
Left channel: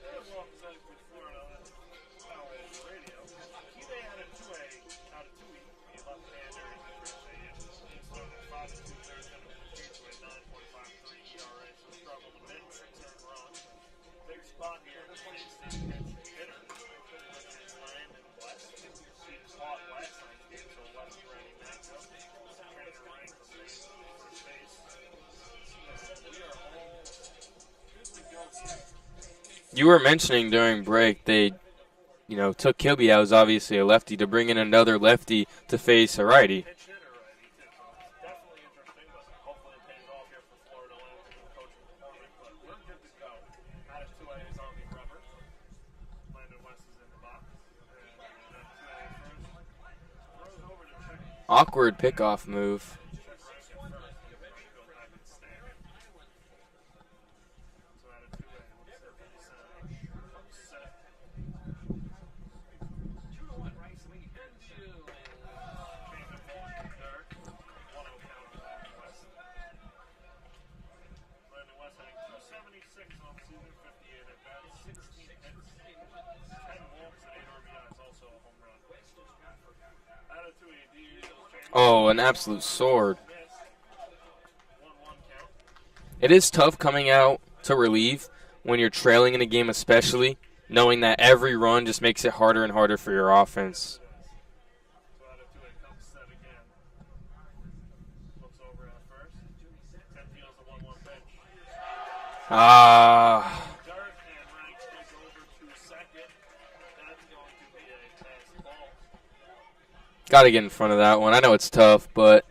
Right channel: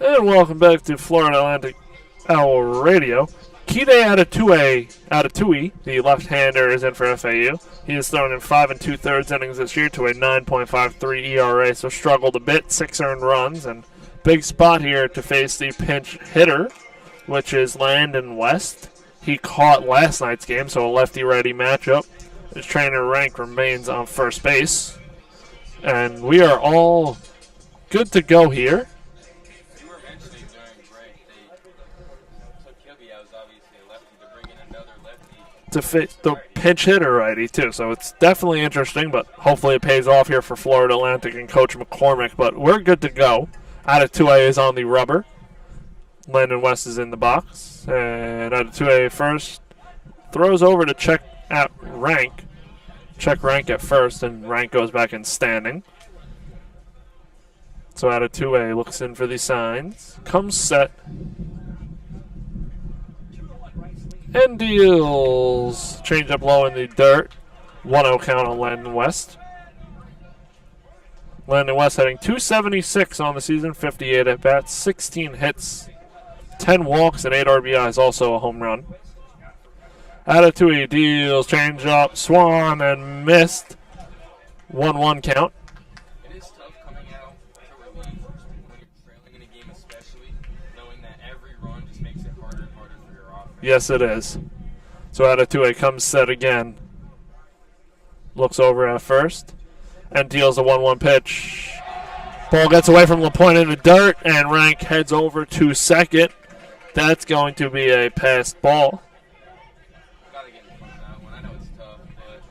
And welcome back to Florida Atlantic Owl Radio. Kide Atatui, the left-hander, is in for FAU. He has thrown in 5 2/3 innings this year to a 9.53 ERA, so struggled a bit, 6 earned runs, and big spot here to face the pinch hitter, which is Landon West. He caught last night's game, so a lefty-righty matchup. His trainer Rank remains on first base, and we are all good to go here. You were mentioning during break they, took Kilby out, who's obviously a lefty, to bring in another lefty to face a righty. Pinch hitter righty, too. So it's definitely interesting, but hopefully it pays off here for Florida Atlantic and Coach McCormick. But we're good to go. Atatue is on the rubber. Landon West is in the box. And Atatue first throws over to check Awkward Rank. pickoff move. Check Rank at first, and Rank goes back in standing. So Atatue looks in for the signs. Comes set. And deals. Change up low in the dirt. 1-0 count on Landon West. Landon West hitting .276 on the season, 58 at bats, 16 hits, 10 walks, and 8 RBIs, also a home run. Atatue deals, change up, Swan, and missed. 1-1 count. It is tough coming out to relieve when you're trailing in a game, especially knowing that every run just makes it harder and harder for your offense. Yes, it is. So Atatue comes set again. Looks over at first and deals a 1-1 pitch. Ball gets away from the point in the dirt, and Rank heads over to second. That's going to be a passed ball. Got to get in front of that one. I know it's tough, but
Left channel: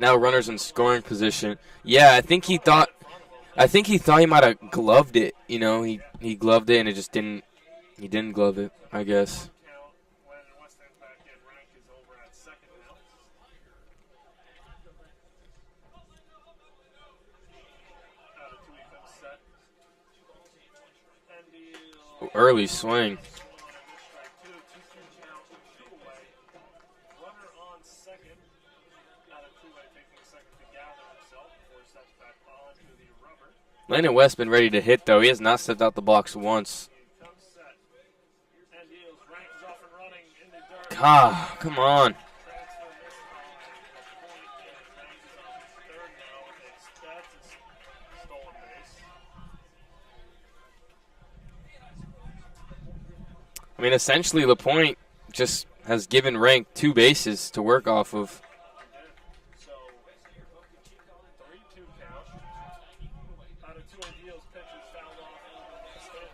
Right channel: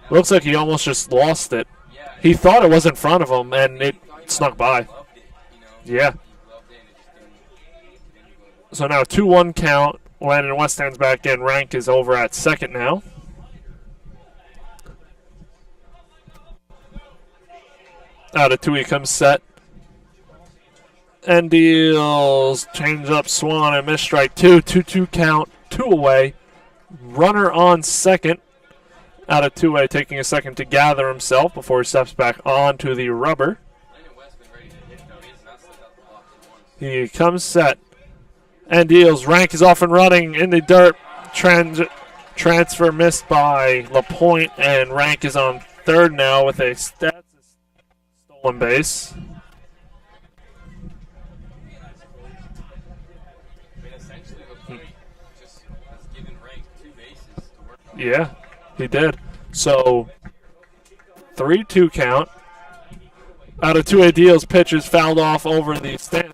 now looks like he almost just lost it. Yeah, I think he thought it was in front of him. I think he thought he might have gloved it. Yeah, he gloved it, and it just didn't. He didn't glove it. So now 2-1 count. Landon West stands back in. Rank is over at second now. Atatue comes set. And deals. Change up Swan and miss strike 2. 2-2 count. 2 away. Runner on second. Atatue taking a second to gather himself before he steps back onto the rubber. Landon West been ready to hit, though. He has not stepped out the box once. He comes set. And deals. Rank is off and running in the dirt. Transfer missed by LaPointe, and Rank is on third now with a stolen base. I mean, essentially, LaPointe just has given Rank 2 bases to work off of. Yeah, he did. So, 3-2 count. Atatue deals, pitches fouled off over the stand.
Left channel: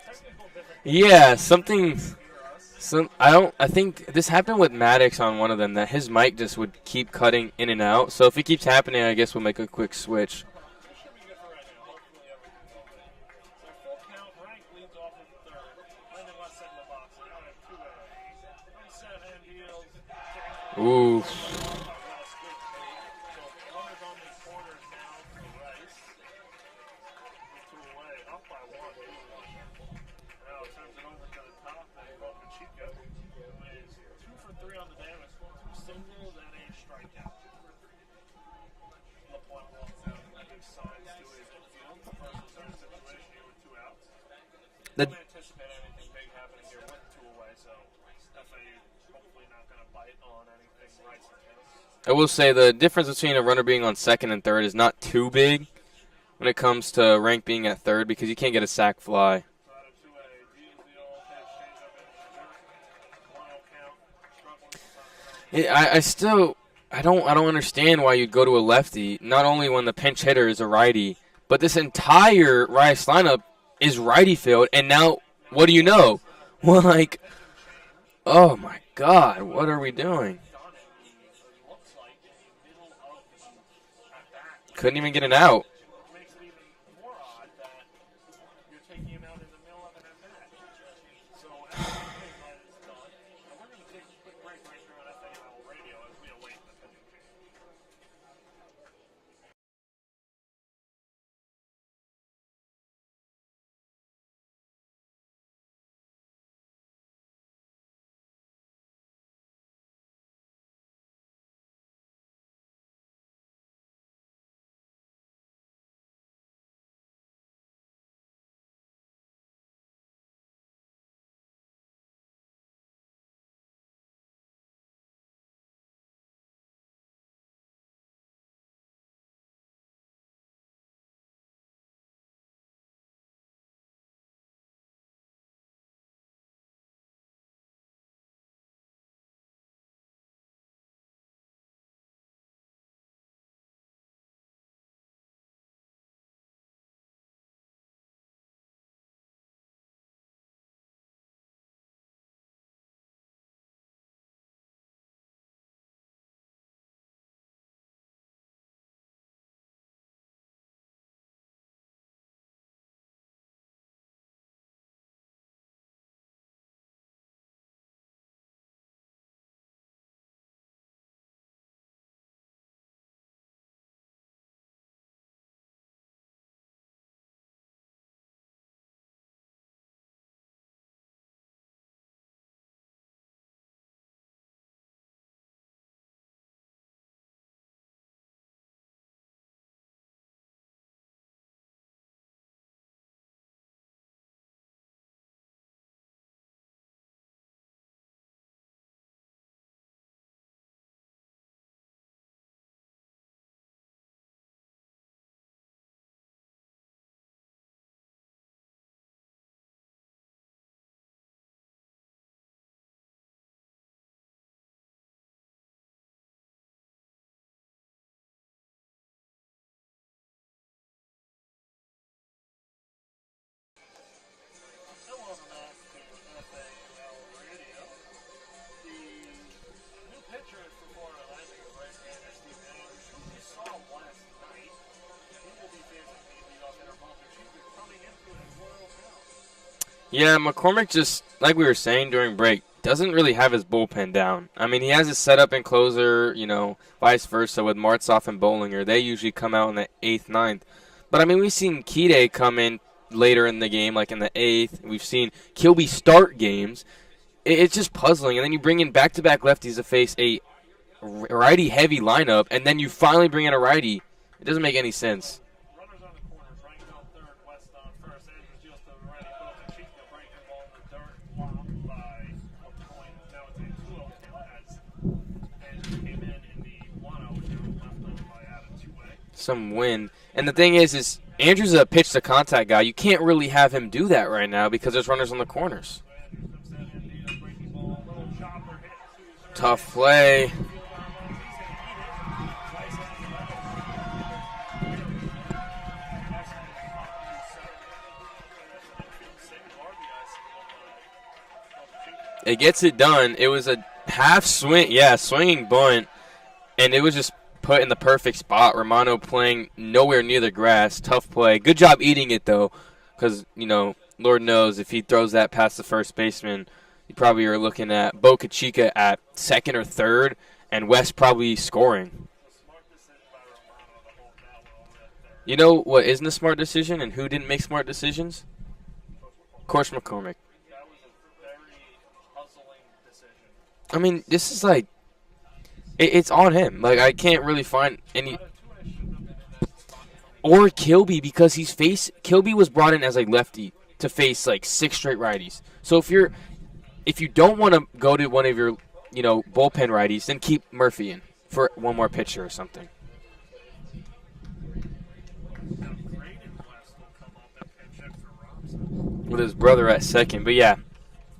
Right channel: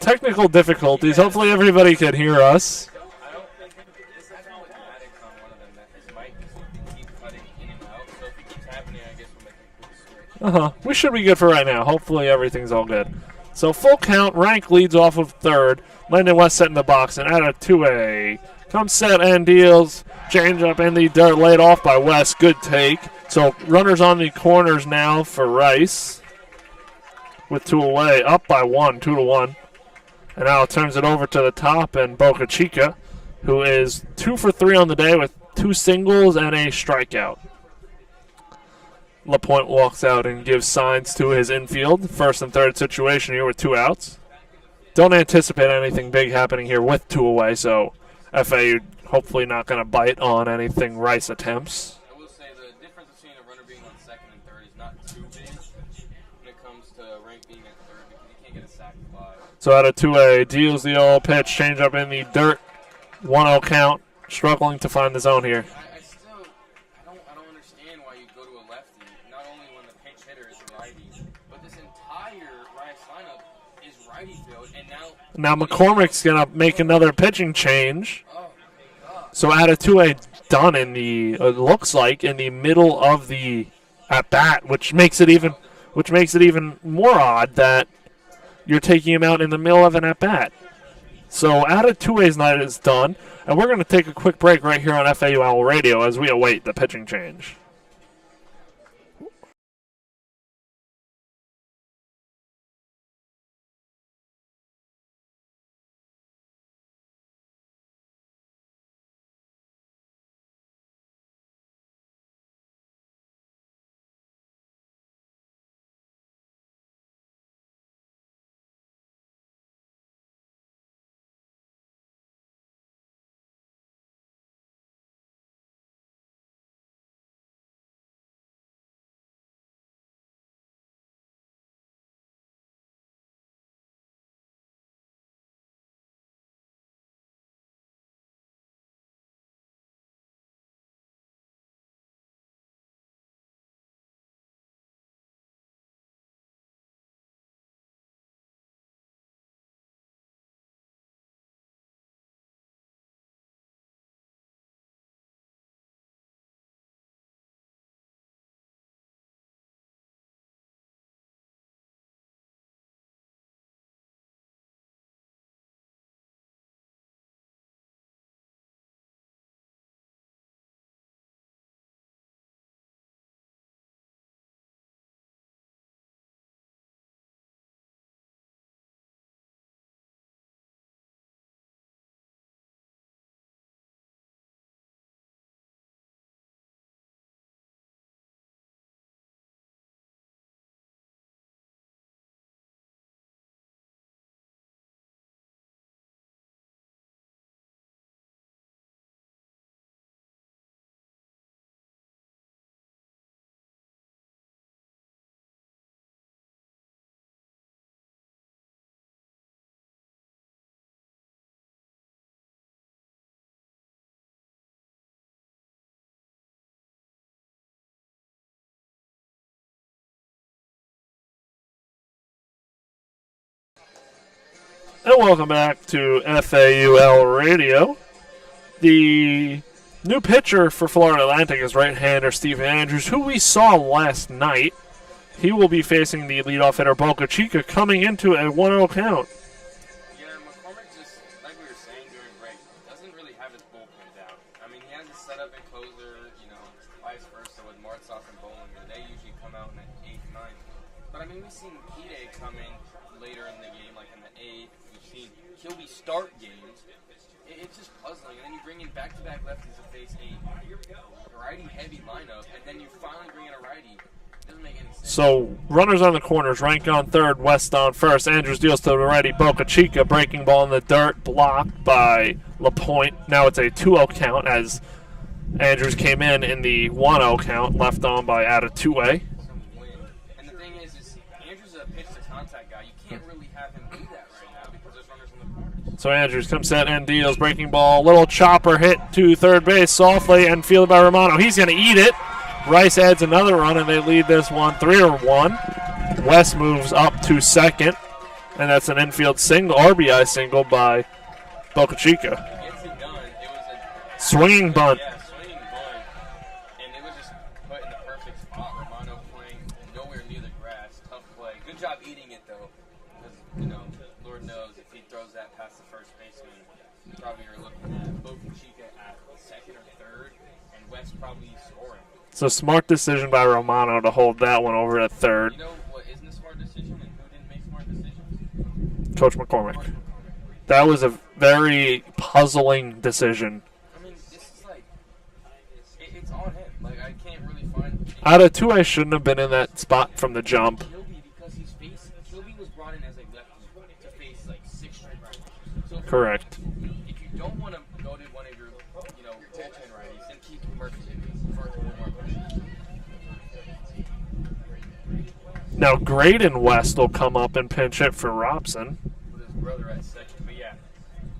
Technical difficulties. Yeah, hopefully everybody could hear us. I think this happened with Maddox on one of them, that his mic just would keep cutting in and out. So if it keeps happening, I guess we'll make a quick switch. We should be good for right now. Hopefully everything's all good. So full count. Rank leads off of third. Landon West set in the box, and Atatue comes set and deals. Change up in the dirt, laid off by West. Good take. So runners on the corners now for Rice. With 2 away, up by 1, 2-1. And now turns it over to the top, and Boca Chica, who is 2 for 3 on the day with 2 singles and a strikeout. LaPointe walks out and gives signs to his infield. First and third situation here with 2 outs. Don't anticipate anything big happening here with 2 away, so FAU hopefully not going to bite on anything Rice attempts. I will say the difference between a runner being on second and third is not too big when it comes to Rank being at third, because you can't get a sac fly. So Atatue deals the old pitch, change up in the dirt, 1-0 count, struggling to find the zone here. I don't understand why you'd go to a lefty, not only when the pinch hitter is a righty, but this entire Rice lineup is righty field, and now what do you know? McCormick's going to make another pitching change. Oh, my God. So Atatue done in the, it looks like, in the middle of the at-bat, which makes it even more odd that you're taking him out in the middle of an at-bat. So Atatue's night is done, and we're going to take a quick break right here on FAU Owl Radio as we await the pitching change. And welcome back to FAUL Radio. The new pitcher for Florida Atlantic is right-hander Stephen Andrews, who we saw last night. He will be facing the leadoff hitter Boca Chica coming into a 1-0 count. Yeah, McCormick just, like we were saying during break, doesn't really have his bullpen down. I mean, he has his setup and closer, vice versa with Martzoff and Bollinger. They usually come out in the 8th, 9th. But, I mean, we've seen Kide come in later in the game, like in the 8th. We've seen Kilby start games. It's just puzzling. And then you bring in back-to-back lefties to face a righty-heavy lineup, and then you finally bring in a righty. It doesn't make any sense. So, runners on the corners, Rank on third, West on first. Andrews deals to the righty, Boca Chica, breaking ball in the dirt, blocked by LaPointe. Now it's a 2-0 count as Andrews came in the 1-0 count, left on by out of two-way. Some wind. And the thing is Andrews is a pitch-to-contact guy. You can't really have him do that right now because there's runners on the corners. So Andrews comes set and deals, breaking ball, little chopper hit to third base, play. softly, and fielded by Romano. He's going to eat it. Rice adds another run, and they lead this one 3-1. West moves up to second, and that's an infield single, RBI single by Boca Chica. It gets it done. It was a half Swinging swing, bunt. Swinging bunt, and it was just put in the perfect spot. Romano playing nowhere near the grass. Tough play. Good job eating it, though, because, Lord knows if he throws that past the first baseman, you probably are looking at Boca Chica at second or third, and West probably scoring. So smart decision by Romano to hold that one over at third. You know what isn't a smart decision and who didn't make smart decisions? Coach McCormick. Coach McCormick. That was a very puzzling decision. I mean, this is like, it's on him. Like, I can't really find any. Out of two, I shouldn't have been in that spot from the Or jump. Kilby, because Kilby was brought in as a lefty to face like 6 straight righties. So if you don't want to go to one of your, bullpen righties, then keep Murphy in for one more pitcher or something. Now, Brayden West will come up and pinch hit for Robson. With his brother at second. But, yeah,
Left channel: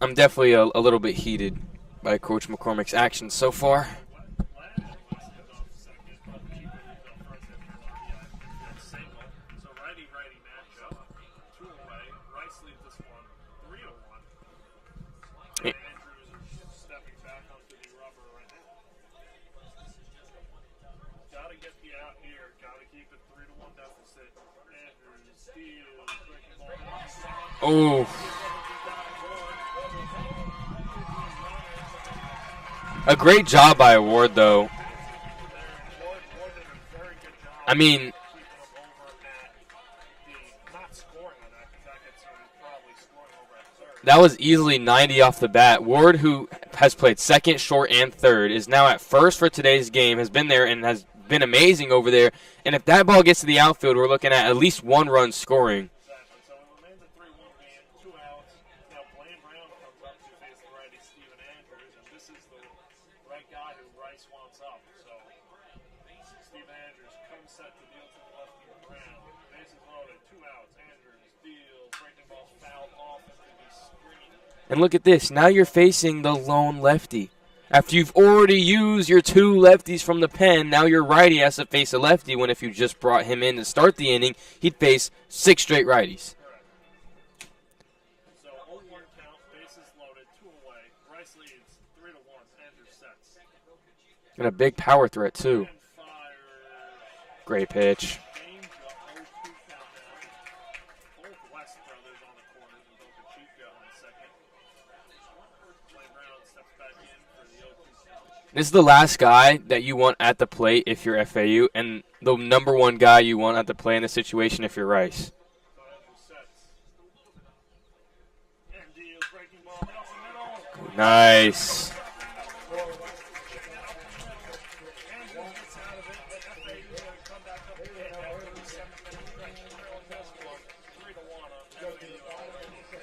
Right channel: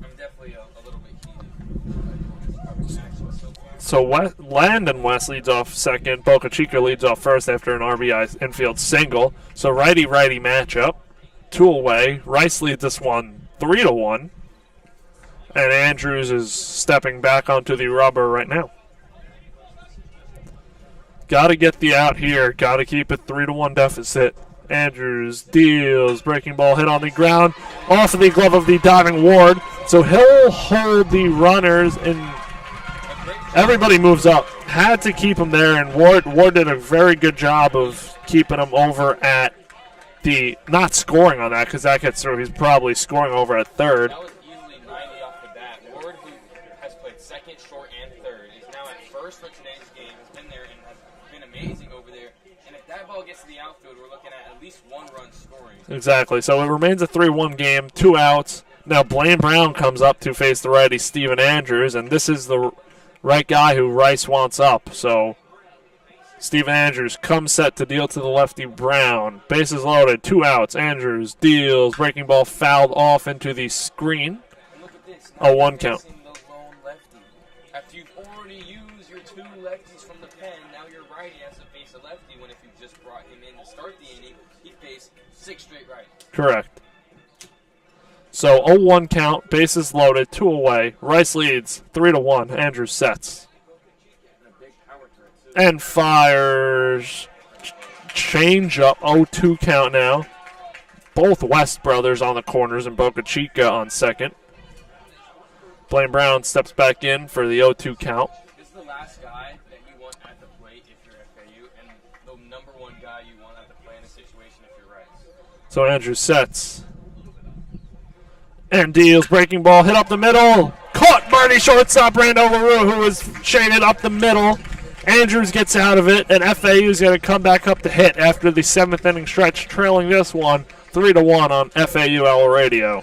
I'm definitely a little bit heated by Coach McCormick's actions so far. So Landon West leads off second. Boca Chica leads off first after an RBI infield single. So righty-righty matchup. 2 away. Rice leads this one 3-1. And Andrews is stepping back onto the rubber right now. Got to get the out here. Got to keep it 3-1 deficit. Andrews deals. Breaking ball hit on the ground. Ooh. Off of the glove of the diving Ward. So he'll hold the runners. And a great job everybody by moves Ward, up. though. Had to keep him there. And Ward did a very good job of keeping him over at the not scoring on that because that gets through. He's probably scoring over at third. That was easily 90 off the bat. Ward, who has played second, short, and third, is now at first for today's game, has been there and has been amazing over there. And if that ball gets to the outfield, we're looking at least 1 run scoring. Exactly. So it remains a 3-1 game, 2 outs. Now Blaine Brown comes up to face the righty Stephen Andrews, and this is the right guy who Rice wants up. So Stephen Andrews comes set to deal to the lefty Brown. Bases loaded, 2 outs. Andrews deals. Breaking ball fouled off into the screen. And look at this. Now you're facing the lone lefty. After you've already used your 2 lefties from the pen, now your righty has to face a lefty when if you just brought him in to start the inning, he'd face 6 straight righties. Correct. So 0-1 count, bases loaded, 2 away. Rice leads 3-1. Andrews sets. And a big power threat, too. And fires. Great pitch. Change up, 0-2 count now. Both West brothers on the corners and Boca Chica on second. Blaine Brown steps back in for the 0-2 count. This is the last guy that you want at the plate if you're FAU, and the number 1 guy you want at the plate in this situation if you're Rice. So Andrews sets. And deals. Breaking ball hit up the middle. Caught Nice. Bernie shortstop Randall LaRue, who was shaded up the middle. Andrews gets out of it, and FAU is going to come back up to hit after the 7th inning stretch, trailing this one 3-1 on FAUL Radio.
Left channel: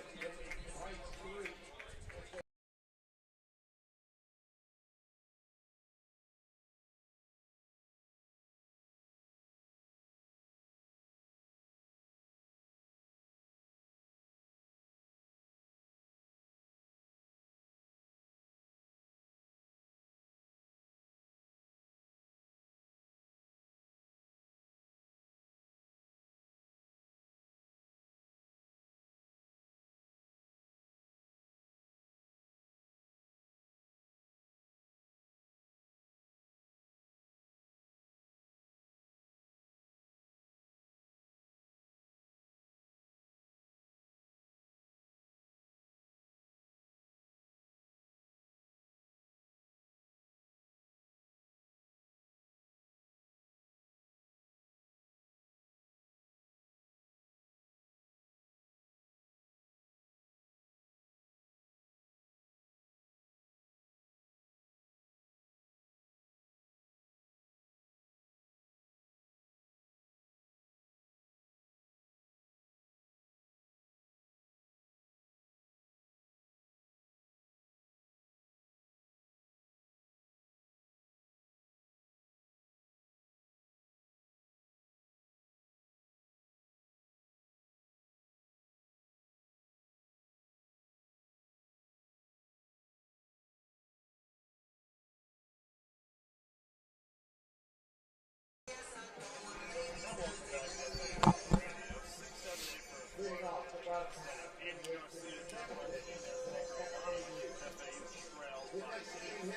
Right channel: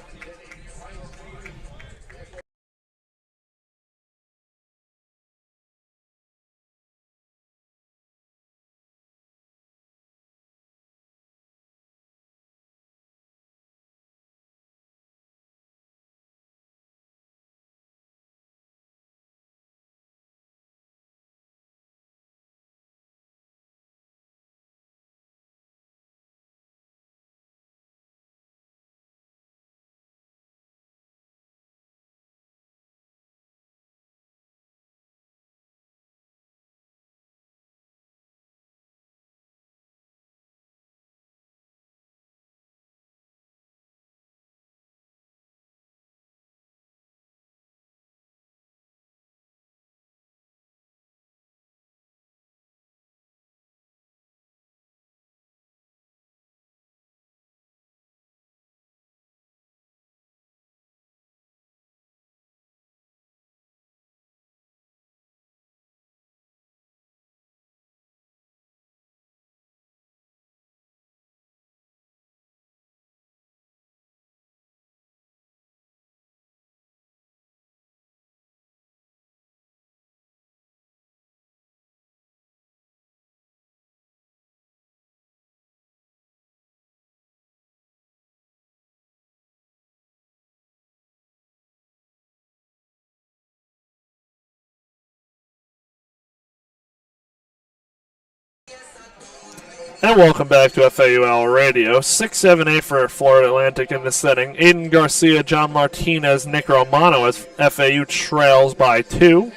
And welcome back to FAU Radio. 6-7-8 for Florida Atlantic in this setting. Aiden Garcia, John Martinez, Nick Romano as FAU trails by 2.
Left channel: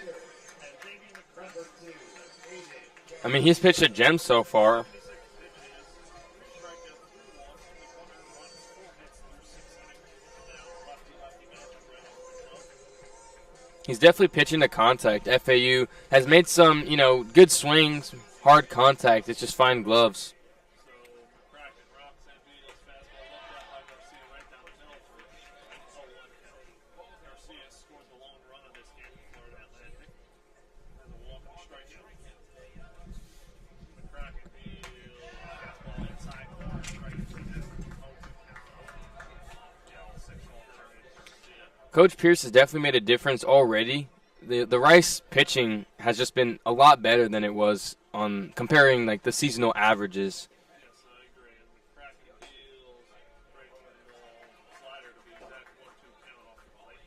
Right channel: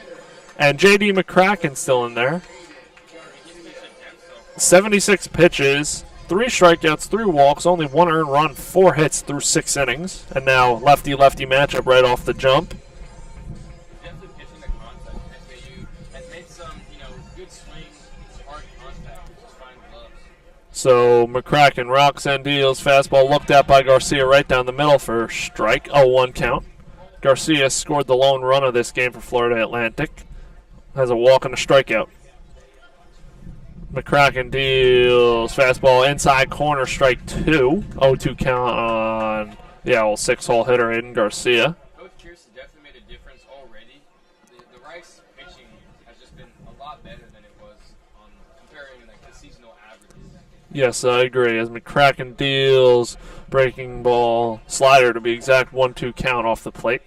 And J.D. McCracken still in there. I mean, he's pitched a gem so far. 76 pitches, 3 strikeouts, 3 walks, only 1 earned run, 4 hits through 6 innings. And now lefty-lefty matchup right off the jump. He's definitely pitching to contact. FAU has made some, good swings, hard contact. It's just fine gloves. So McCracken rocks and deals. Fastball looked at by Garcia right down the middle for strike. 0-1 count. Garcia scored the lone run of this game for Florida Atlantic. Has a walk and a strikeout. McCracken deals. Fastball inside corner, strike 2. 0-2 count on 6-hole hitter Aiden Garcia. Coach Pierce has definitely made a difference already. The Rice pitching has just been a lot better than it was on comparing the seasonal averages. Yes, I agree. As McCracken deals, breaking ball, slider to be exact, 1-2 count off the plate.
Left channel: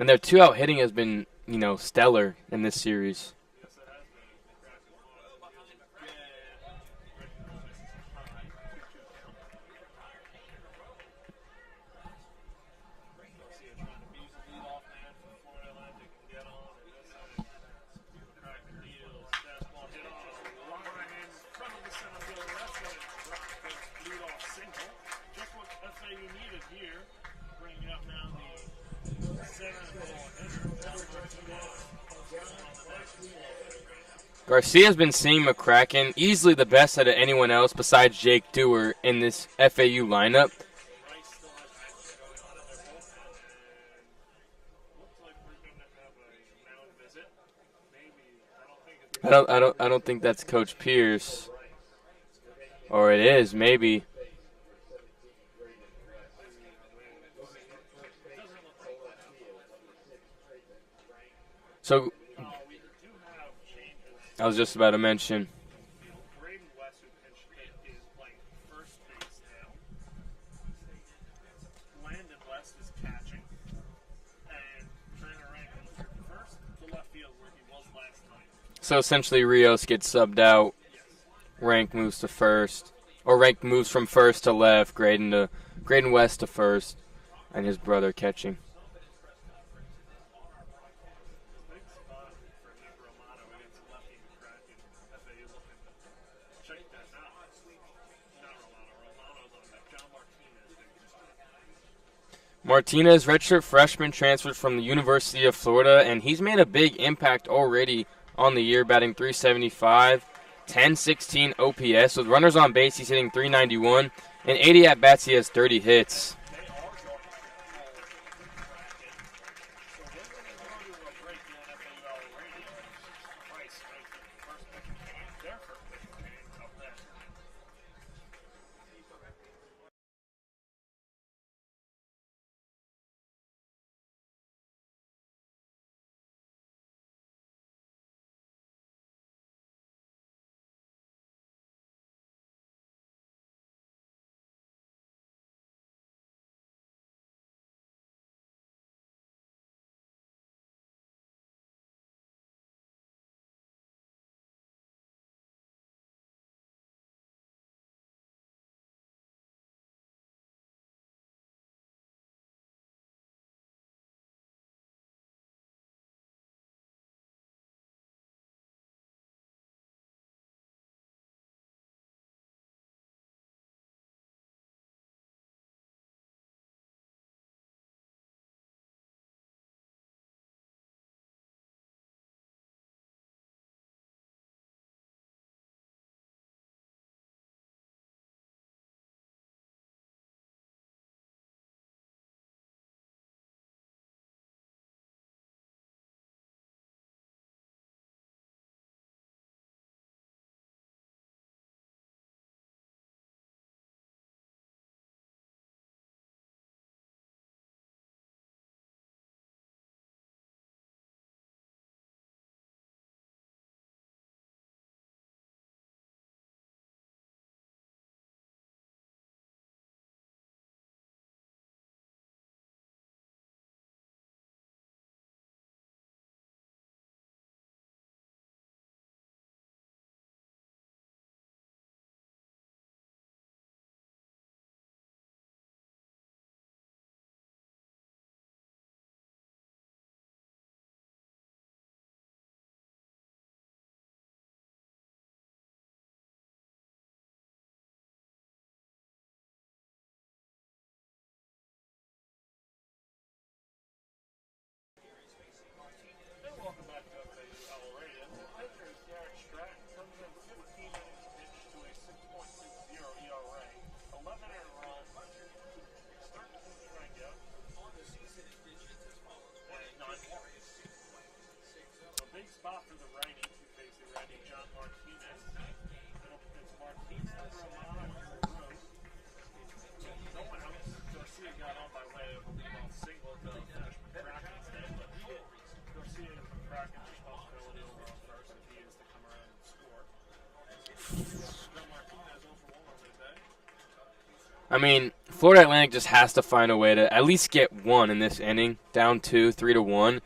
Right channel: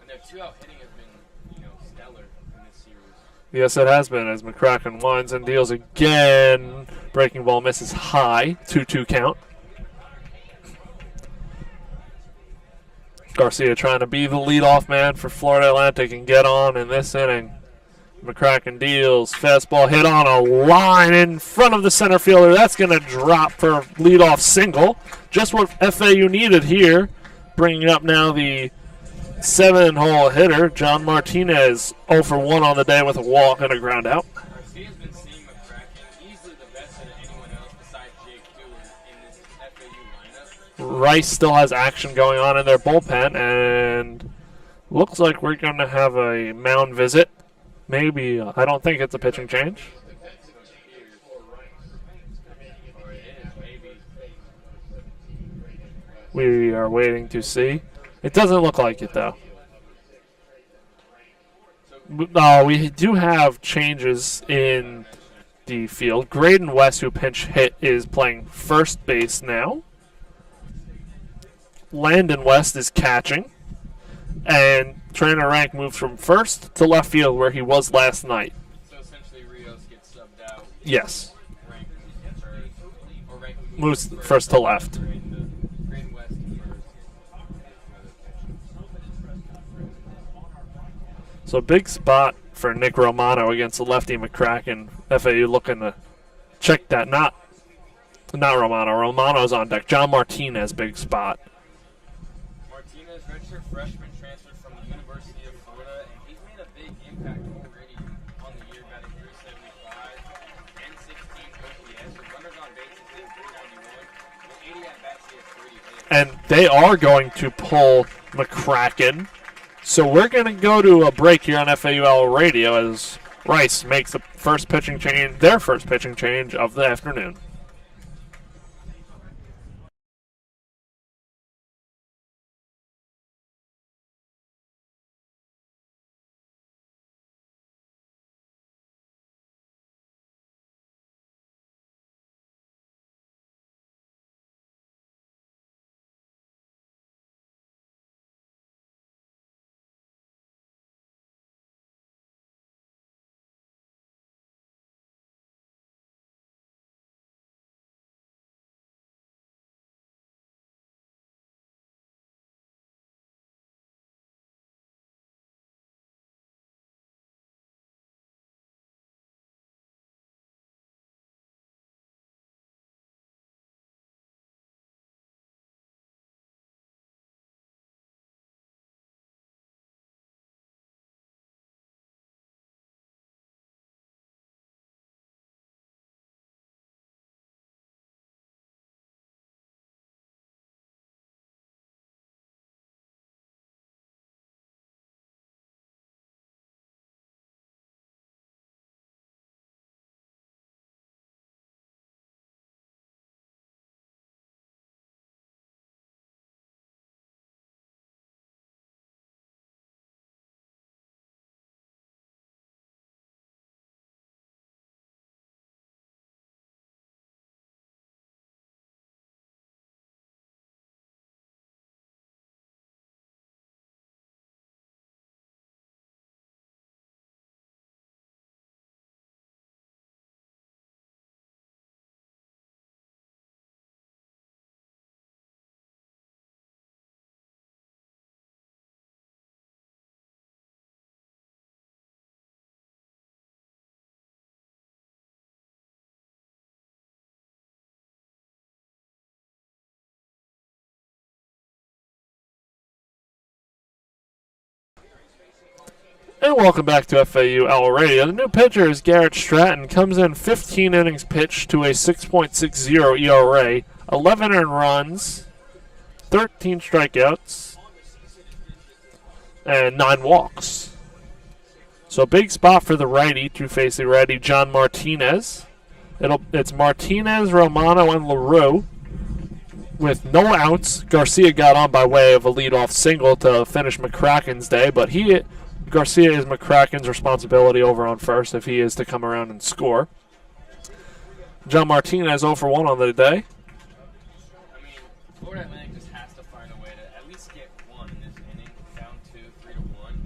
And their 2-out hitting has been, stellar in this series. Yes, it has been, as McCracken winds and deals again. Breaking ball misses high, 2-2 count. Garcia trying to be the leadoff man for Florida Atlantic and get on in this inning. McCracken deals. Fastball hit on a line in front of the center fielder. That's going to drop for a leadoff single. Just what FAU needed here. Bringing up now the 7-hole hitter, John Martinez, 0 for 1 on the day with a walk and a ground out. Garcia's been seeing McCracken easily the best out of anyone else besides Jake Dewar in this FAU lineup. Rice still has action going on in their bullpen, and looks like we're going to have a mound visit. Maybe. I don't think it's a pitching change. I don't think that's Coach Pierce. Or it is, maybe. We are waiting to see. It doesn't look like it, though. So we do have changes I was just about to mention the field. Brayden West, who pinch hit, is playing first base now. Landon West is catching. And Trainer Rank moves from first to left field where he was last night. So essentially Rios gets subbed out. Yes. Rank moves to first. Or Rank moves from first to left. Brayden West to first. And his brother catching. So big spot for Nick Romano against the lefty McCracken. FAU looking to check that. Not Romano. Romano's on deck. John Martinez, big spot. Martinez, redshirt freshman, transferred from the University of Florida, and he's made a big impact already on the year, batting .375, 10-16 OPS. With runners on base, he's hitting .391, and 80 at-bats, he has 30 hits. And they are going to pull McCracken. So we're going to go to a break here on FAU Radio as Rice makes their first pitching change of the afternoon. And welcome back to FAU Owl Radio. The new pitcher is Garrett Stratton. Comes in 15 innings pitched to a 6.60 ERA, 11 earned runs, 13 strikeouts, and 9 walks. So big spot for the righty to face the righty John Martinez. It's Martinez, Romano, and LaRue. With no outs, Garcia got on by way of a leadoff single to finish McCracken's day, but Garcia is McCracken's responsibility over on first if he is to come around and score. John Martinez 0 for 1 on the day. I mean, Florida Atlantic just has to find a way to at least get one in this inning, down 2, 3-1.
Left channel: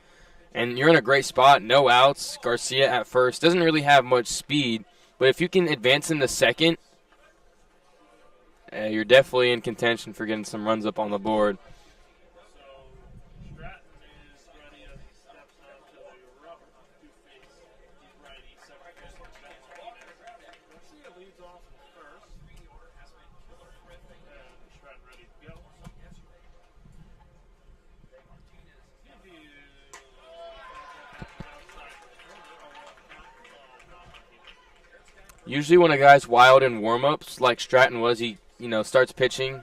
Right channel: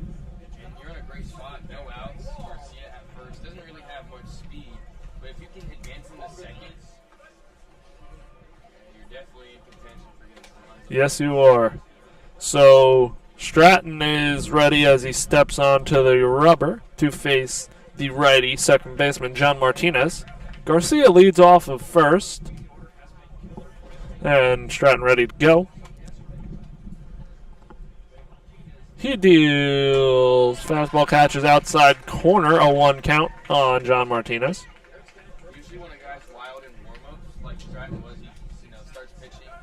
And you're in a great spot, no outs. Garcia at first doesn't really have much speed, but if you can advance in the second, you're definitely in contention for getting some runs up on the board. Yes, you are. So Stratton is ready as he steps onto the rubber to face the righty second baseman John Martinez. Garcia leads off of first, and Stratton ready to go. He deals fastball, catches outside corner, a 1 count on John Martinez. Usually when a guy's wild in warm-ups, like Stratton was, he starts pitching,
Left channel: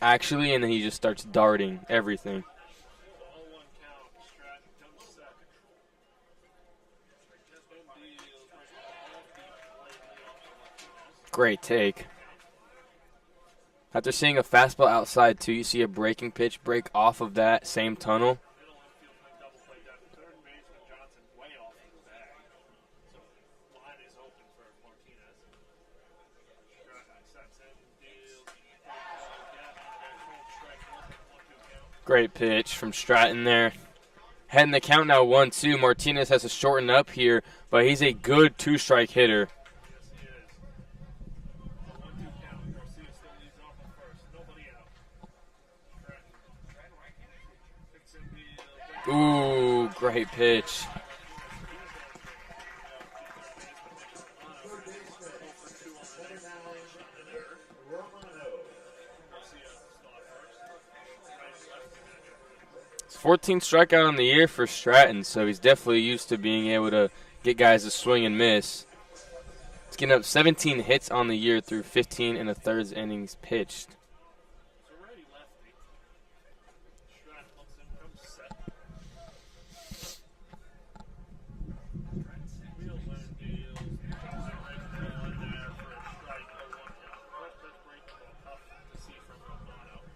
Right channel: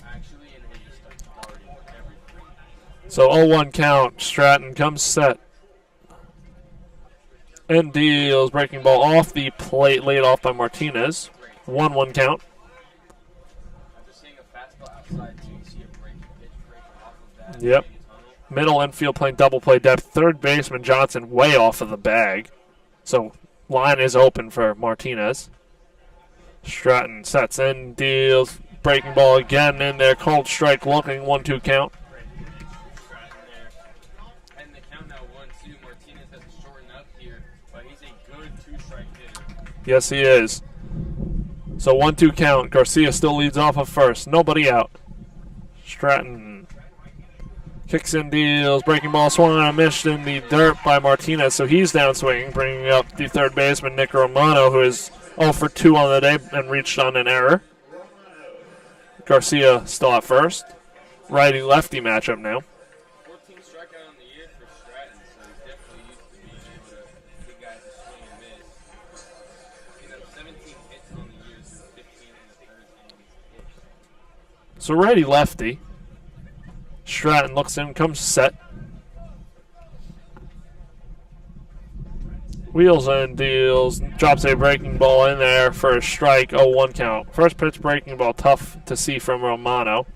actually, and then he just starts darting everything. So 0-1 count. Stratton comes set. And deals breaking ball off the plate, laid off by Martinez. Great take. 1-1 count. After seeing a fastball outside, too, you see a breaking pitch break off of that same tunnel. Middle infield playing double play depth. Third baseman Johnson way off of the bag. So line is open for Martinez. Stratton sets in, deals, breaking ball again in there, cold strike looking, 1-2 count. Great pitch from Stratton there. Heading the count now 1-2. Martinez has to shorten up here, but he's a good 2-strike hitter. Yes, he is. So 1-2 count. Garcia still leads off of first. Nobody out. Stratton kicks in, deals, breaking ball swung and missed in the dirt by Martinez, so he's down swinging, bringing up the third baseman Nick Romano, who is 0 for 2 on the day and reached on an error. Garcia still at first. Righty-lefty matchup now. 14th strikeout on the year for Stratton, so he's definitely used to being able to get guys to swing and miss. He's getting up 17 hits on the year through 15 1/3 innings pitched. So righty-lefty. Stratton looks in, comes set. Wheels and deals, drops a breaking ball in there for a strike, 0-1 count. First pitch breaking ball, tough to see from Romano.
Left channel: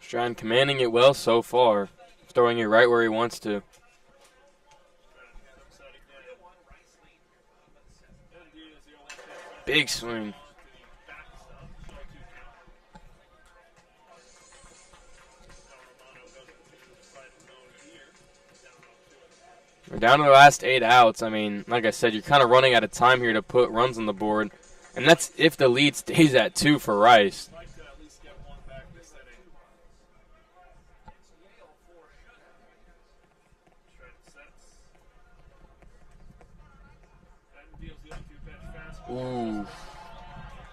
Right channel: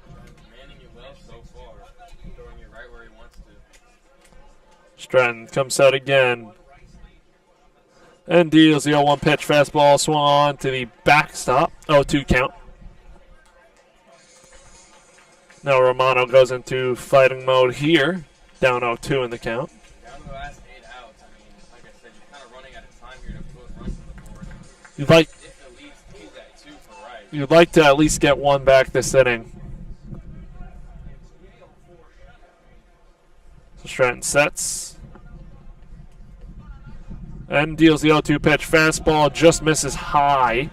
Stratton commanding it well so far, throwing it right where he wants to. Stratton comes set again. And deals the 0-1 pitch, fastball swung on to the backstop, 0-2 count. Now Romano goes into fighting mode here, down 0-2 in the count. We're down to the last 8 outs. I mean, like I said, you're kind of running out of time here to put runs on the board. And that's if the lead stays at 2 for Rice. You'd like to at least get one back this inning. So Stratton sets. And deals the 0-2 pitch. Fastball just misses high.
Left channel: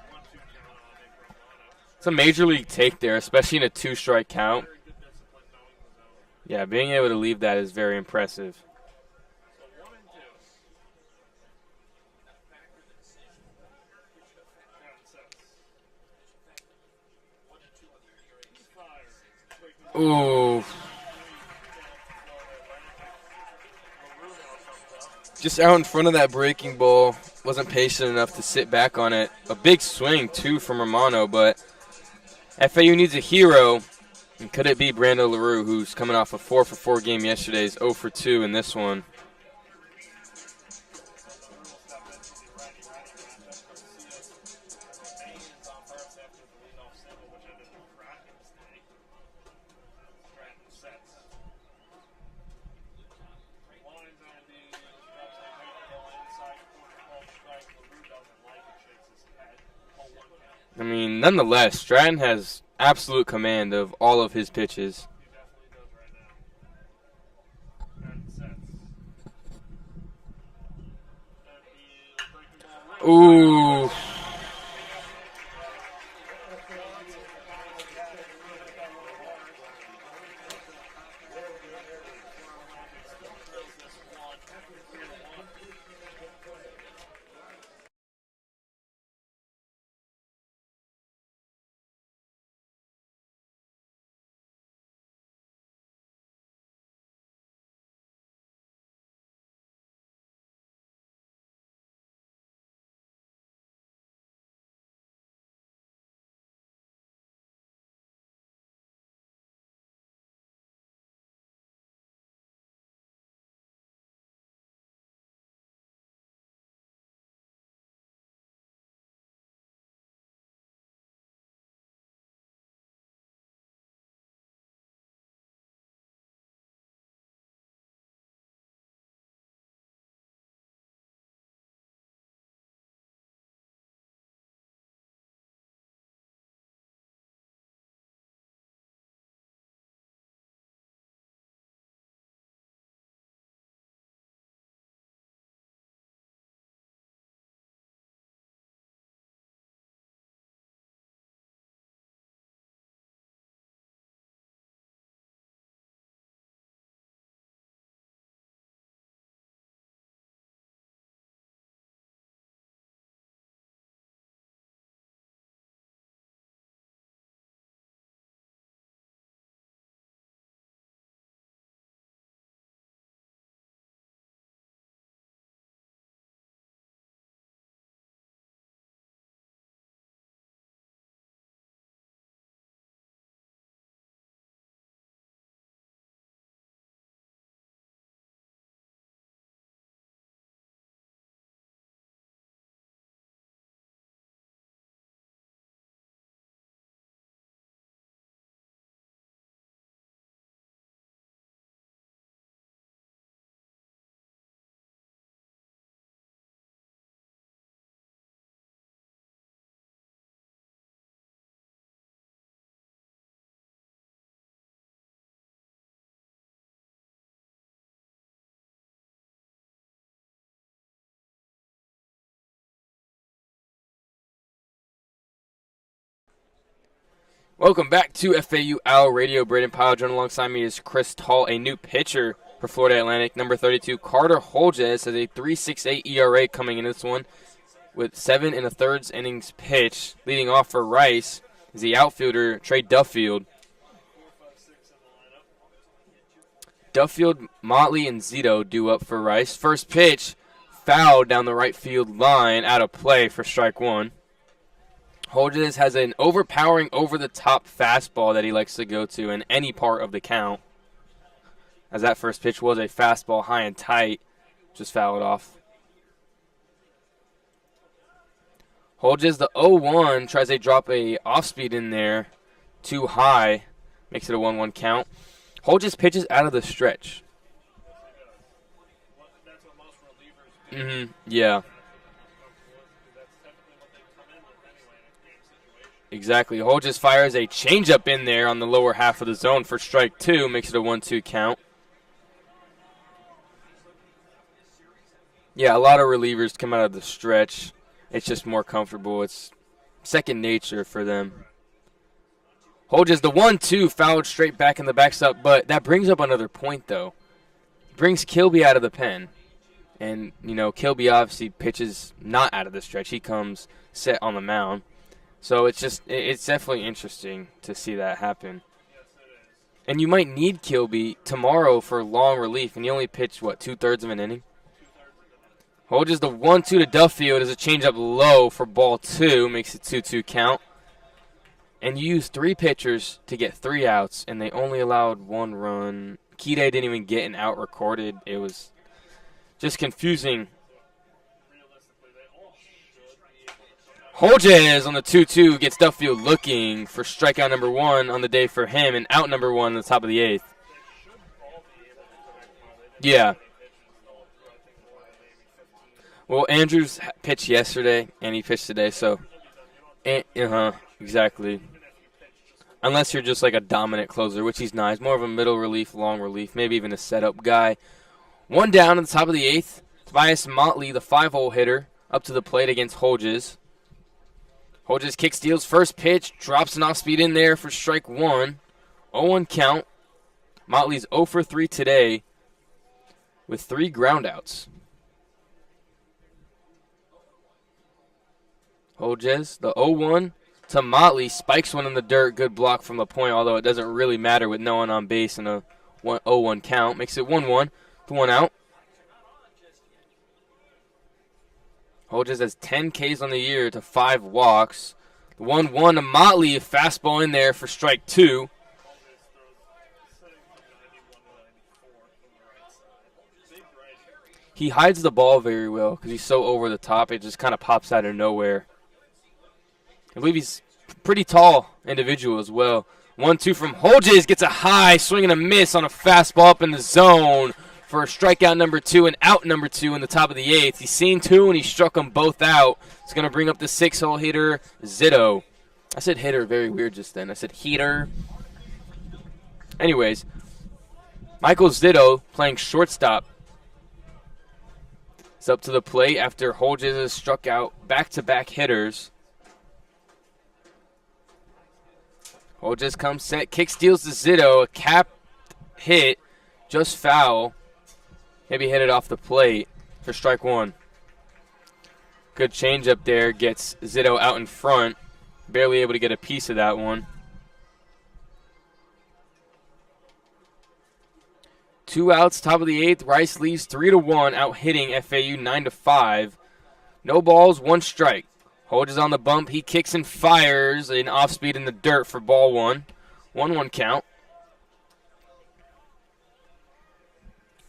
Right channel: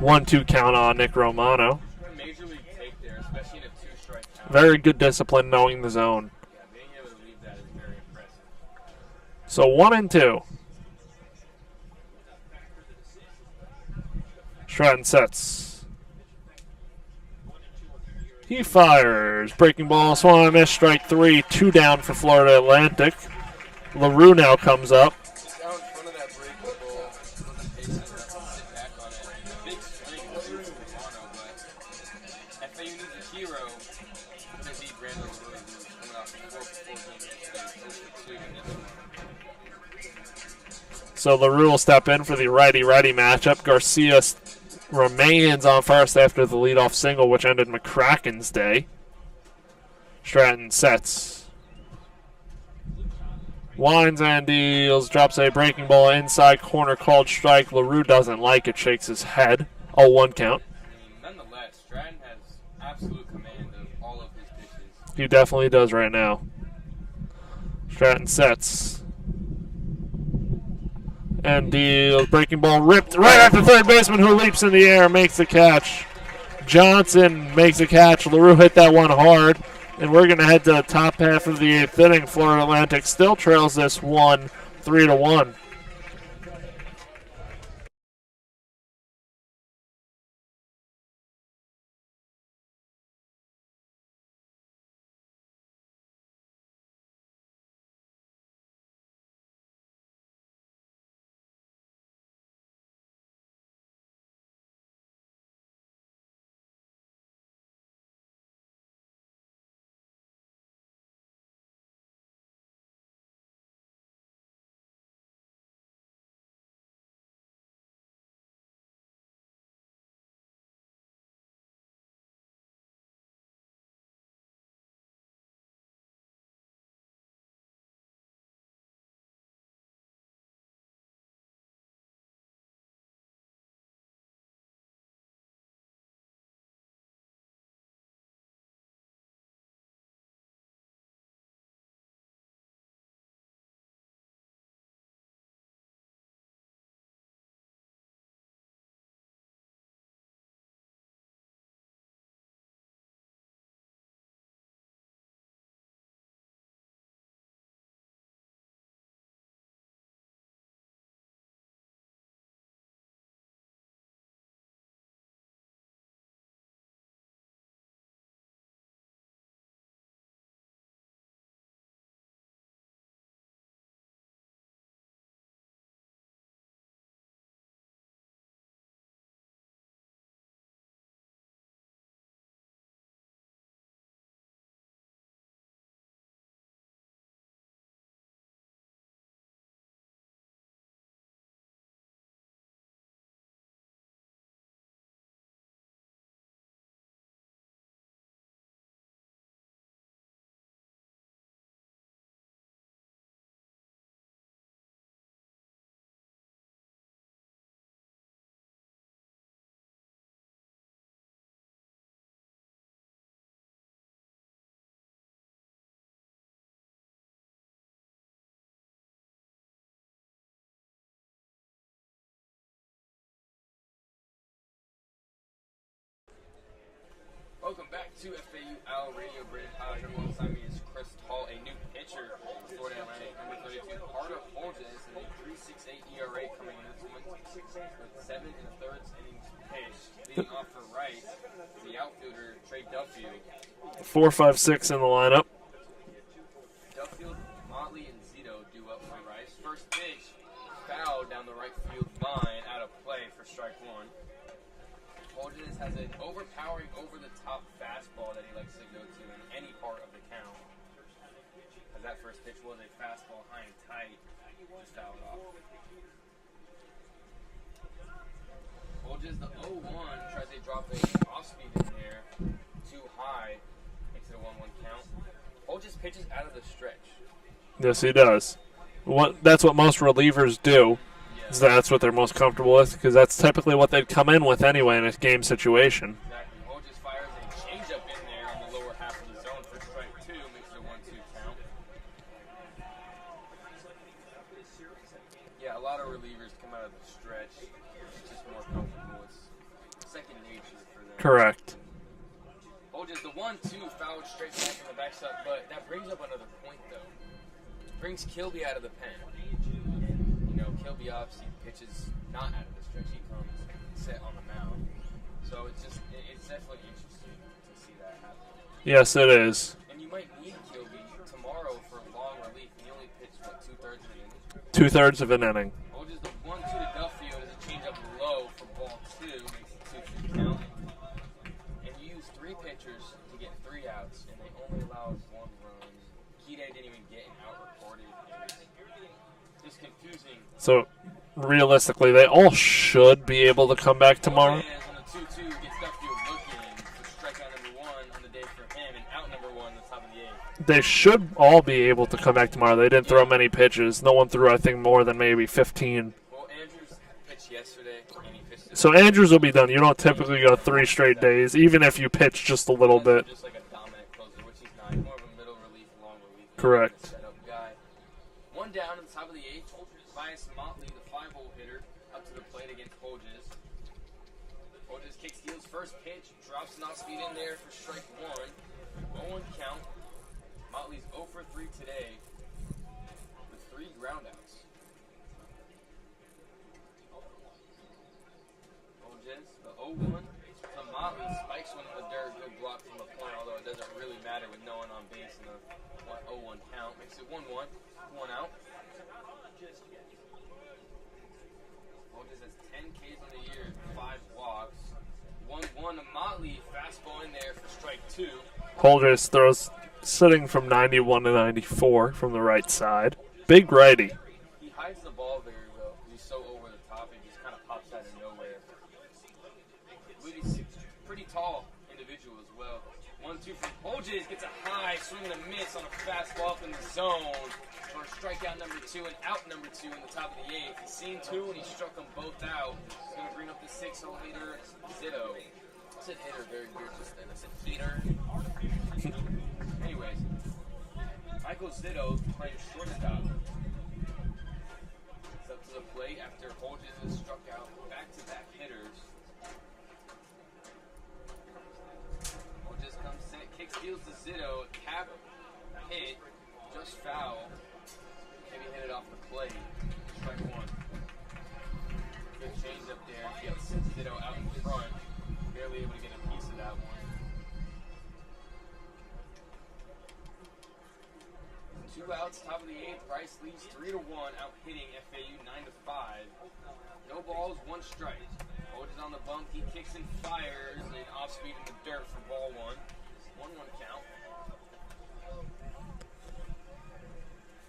1-2 count on Nick Romano. It's a major league take there, especially in a 2-strike count. Very good discipline knowing the zone. Yeah, being able to leave that is very impressive. So 1-2. Stratton sets. He fires. Breaking ball, swung and miss, strike 3. 2 down for Florida Atlantic. LaRue now comes up. Just out in front of that breaking ball. Wasn't patient enough to sit back on it. A big swing, too, from Romano, but FAU needs a hero. And could it be Brando LaRue, who's coming off a 4-for-4 game yesterday, is 0 for 2 in this one. So LaRue will step in for the righty-righty matchup. Garcia remains on first after the leadoff single, which ended McCracken's day. Stratton sets. Winds and deals, drops a breaking ball inside corner, called strike. LaRue doesn't like it, shakes his head. 0-1 count. I mean, nonetheless, Stratton has absolute command of all of his pitches. He definitely does right now. Stratton sets. And deals, breaking ball ripped right at the third baseman, who leaps in the air, makes the catch. Johnson makes a catch. LaRue hit that one hard. And we're going to head to the top half of the 8th inning. Florida Atlantic still trails this one 3-1. Welcome back to FAU Owl Radio. Brayden, Pyle, joined alongside me is Chris Talt, a new pitcher for Florida Atlantic. Number 32, Carter Holges, has a 3.68 ERA coming in this one with 7 1/3 innings pitched. Leading off for Rice is the outfielder, Trey Duffield. 4-5-6 in the lineup. Duffield, Motley, and Zito due up for Rice. First pitch, fouled down the right field line, out of play for strike one. Holges has an overpowering, over-the-top fastball that he likes to go to in any part of the count. As that first pitch was a fastball high and tight, just fouled off. Holges, the 0-1, tries to drop a off-speed in there, too high, makes it a 1-1 count. Holges pitches out of the stretch. Yes, he does. That's what most relievers do. Yeah. That's what they're most comfortable with, because that's typically what they'd come in with anyway in a game situation. Exactly. Holges fires a changeup in there on the lower half of the zone for strike two, makes it a 1-2 count. Yeah, a lot of relievers come out of the stretch. It's just more comfortable. It's second nature for them. Correct. Holges, the 1-2, fouled straight back in the backstop, but that brings up another point, though. Brings Kilby out of the pen. And, you know, Kilby obviously pitches not out of the stretch. He comes set on the mound. So it's definitely interesting to see that happen. Yes, it is. And you might need Kilby tomorrow for long relief, and you only pitch, 2/3 of an inning? 2/3 of an inning. Holges, the 1-2 to Duffield is a changeup low for ball two, makes it 2-2 count. And you used 3 pitchers to get 3 outs, and they only allowed 1 run. Kide didn't even get an out recorded. It was just confusing. So, realistically, they all should be able to come back tomorrow. Holges on the 2-2 gets Duffield looking for strikeout number 1 on the day for him, and out number 1 on the top of the 8th. They should all be able to come back tomorrow. They didn't throw many pitches. No one threw, I think, more than maybe 15. Well, Andrews pitched yesterday, and he pitched today. So Andrews will be done. You don't typically go 3 straight days, even if you pitch just a little Unless bit. you're just like a dominant closer, which he's not. He's more of a middle relief, long relief, maybe even a setup guy. 1 down on the top of the 8th. Tobias Motley, the 5-hole hitter, up to the plate against Holges. Holges kick steals first pitch, drops an off-speed in there for strike 1. 0-1 count. Motley's 0 for 3 today with 3 groundouts. Hodges, the 0-1 to Motley, spikes one in the dirt. Good block from the point, although it doesn't really matter with no one on base and a 0-1 count. Makes it 1-1 to 1 out. Hodges has 10 Ks on the year to 5 walks. 1-1 to Motley, a fastball in there for strike 2. Holders throws sitting from 91 to 94 from the right side. Big righty. He hides the ball very well because he's so over the top. It just kind of pops out of nowhere. I believe he's a pretty tall individual as well. 1-2 from Hodges, gets a high swing and a miss on a fastball up in the zone for a strikeout number 2 and out number 2 in the top of the 8th. He's seen 2 and he struck them both out. He's going to bring up the 6-hole hitter, Zito. I said hitter very weird just then. I said heater. Anyways, Michael Zito playing shortstop. It's up to the plate after Hodges has struck out back-to-back hitters. Hodges comes set, kick steals to Zito, a cap hit, just foul. Maybe hit it off the plate for strike 1. Good changeup there, gets Zito out in front. Barely able to get a piece of that one. 2 outs, top of the 8th. Rice leads 3-1, out hitting FAU 9-5. No balls, 1 strike. Hodges on the bump. He kicks and fires an off speed in the dirt for ball 1. 1-1 count.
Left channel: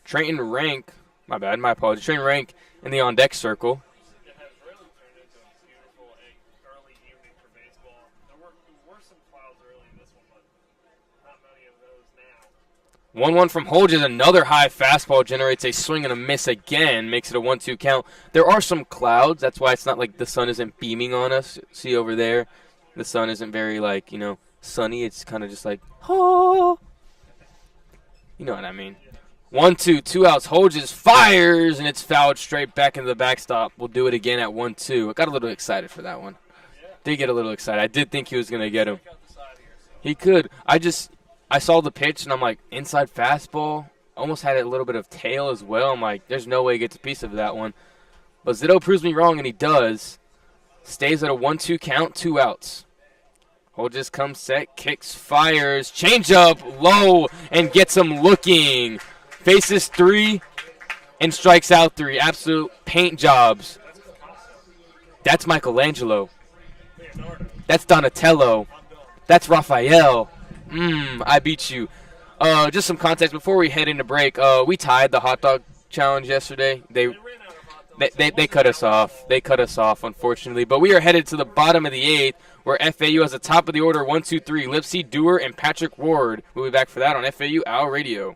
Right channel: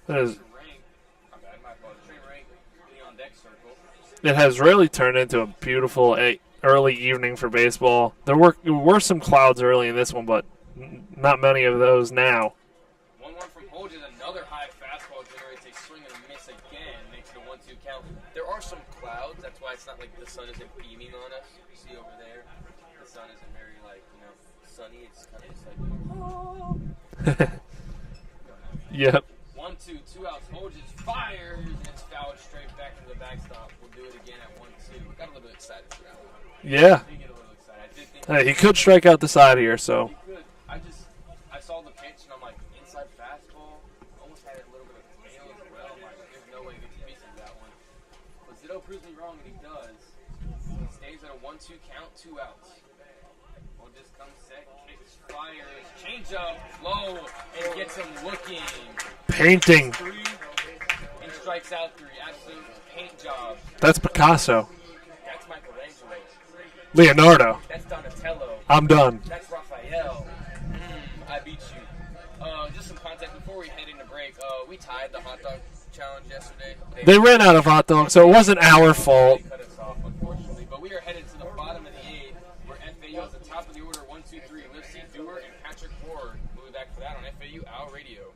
Trayton Rank, my bad, my apologies. Trayton Rank in the on deck circle. It has really turned into a beautiful early evening for baseball. There were some clouds early in this one, but not many of those now. 1-1 from Hodges, another high fastball generates a swing and a miss again, makes it a 1-2 count. There are some clouds, that's why it's not like the sun isn't beaming on us. See over there, the sun isn't very sunny. It's kind of just like, oh. You know what I mean. Yep. 1-2, 2 outs. Hodges fires, and it's fouled straight back into the backstop. We'll do it again at 1-2. I got a little excited for that one. Yeah. Did get a little excited. I did think he could strike out the side here, so. He could. I saw the pitch, and I'm like, inside fastball. Almost had a little bit of tail as well. I'm like, there's no way he gets a piece of that one. But Zito proves me wrong, and he does. Stays at a 1-2 count, 2 outs. Hodges comes set, kicks, fires, changeup, low, and gets him looking. Bases 3 and strikes out 3. Absolute paint jobs. That's Picasso. That's Michelangelo. Leonardo. That's Donatello. I'm done. That's Raphael. I beat you. Just some context before we head into break. We tied the hot dog challenge yesterday. They ran out of hot dogs, so it wasn't our fault. They cut us off, unfortunately. But we are headed to the bottom of the 8th, where FAU has the top of the order, 1, 2, 3. Lipsy, Dewar, and Patrick Ward. We'll be back for that on FAU Owl Radio.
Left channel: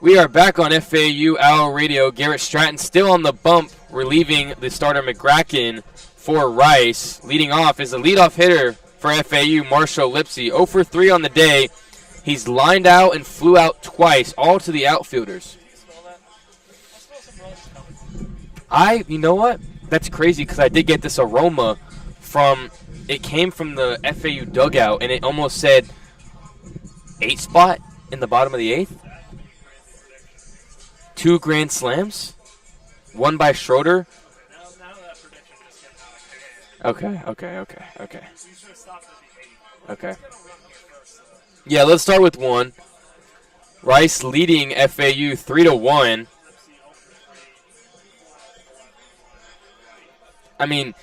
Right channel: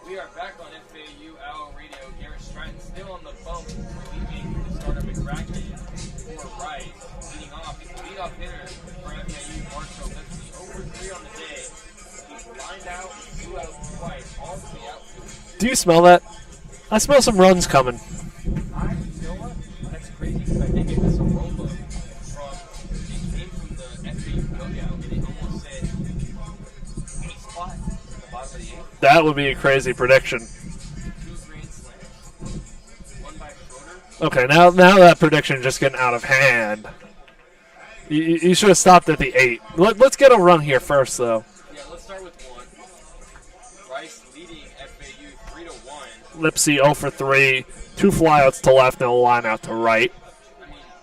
We are back on FAU Owl Radio. Garrett Stratton still on the bump, relieving the starter McCracken for Rice. Leading off is the leadoff hitter for FAU, Marshall Lipsy. 0 for 3 on the day. He's lined out and flew out twice, all to the outfielders. Do you smell that? I smell some runs coming. You know what? That's crazy because I did get this aroma from it came from the FAU dugout, and it almost said 8 spot in the bottom of the 8th. That would be a crazy prediction. 2 grand slams, one by Schroeder. Okay, now that prediction is just getting out of hand. Okay. You should have stopped at the 8. Let's get a run here first, though. Yeah, let's start with 1. Rice leading FAU 3-1. Lipsy 0 for 3, 2 flyouts to left and a line out to right. I mean,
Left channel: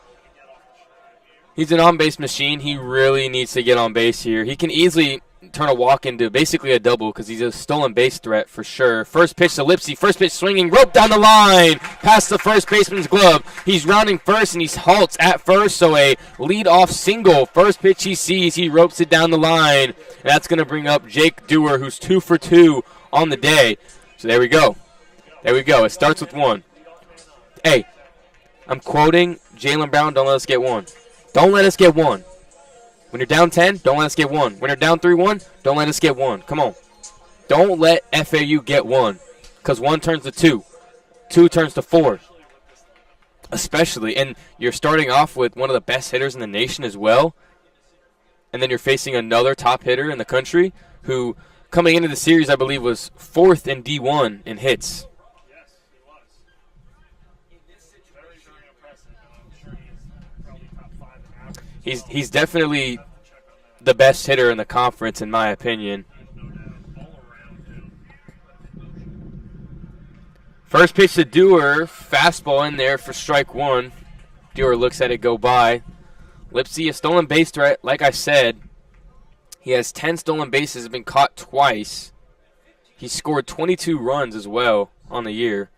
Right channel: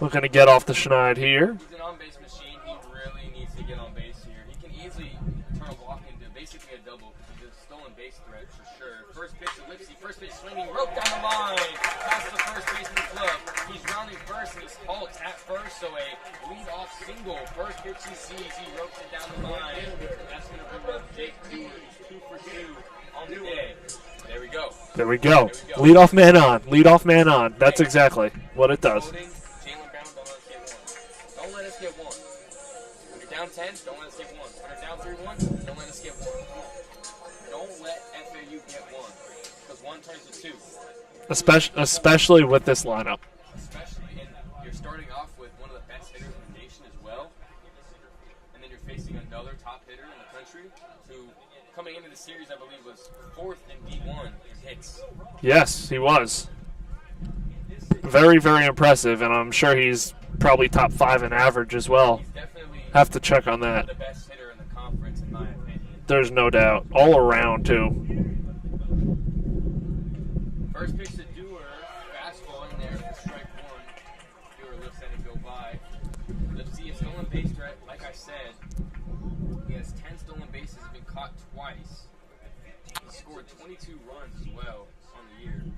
looking to get off the schneid here. He's an on-base machine. He really needs to get on base here. He can easily turn a walk into basically a double because he's a stolen base threat for sure. First pitch to Lipsy. First pitch swinging. Rope down the line. Past the first baseman's glove. He's rounding first, and he halts at first, so a lead-off single. First pitch he sees, he ropes it down the line. And that's going to bring up Jake Dewar, who's 2 for 2 on the day. So there we go. Lead off man on. Lead off man on. That's exactly what it does. I'm quoting Jaylen Brown, don't let us get 1. Don't let us get 1. When you're down 10, don't let us get 1. When you're down 3-1, don't let us get 1. Come on. Don't let FAU get 1, because 1 turns to 2. 2 turns to 4. Especially with this lineup. Especially. And you're starting off with one of the best hitters in the nation as well. And then you're facing another top hitter in the country who, coming into the series, I believe, was 4th in D1 in hits. Yes, he was. Very, very impressive, and I'm sure he's probably top 5 in average as well. He's definitely have to check on that. The best hitter in the conference, in my opinion. There's no doubt. All around, too. First pitch to Dewar. Fastball in there for strike 1. Dewar looks at it go by. Lipsy, a stolen base threat, like I said. He has 10 stolen bases, been caught twice. He scored 22 runs as well on the year.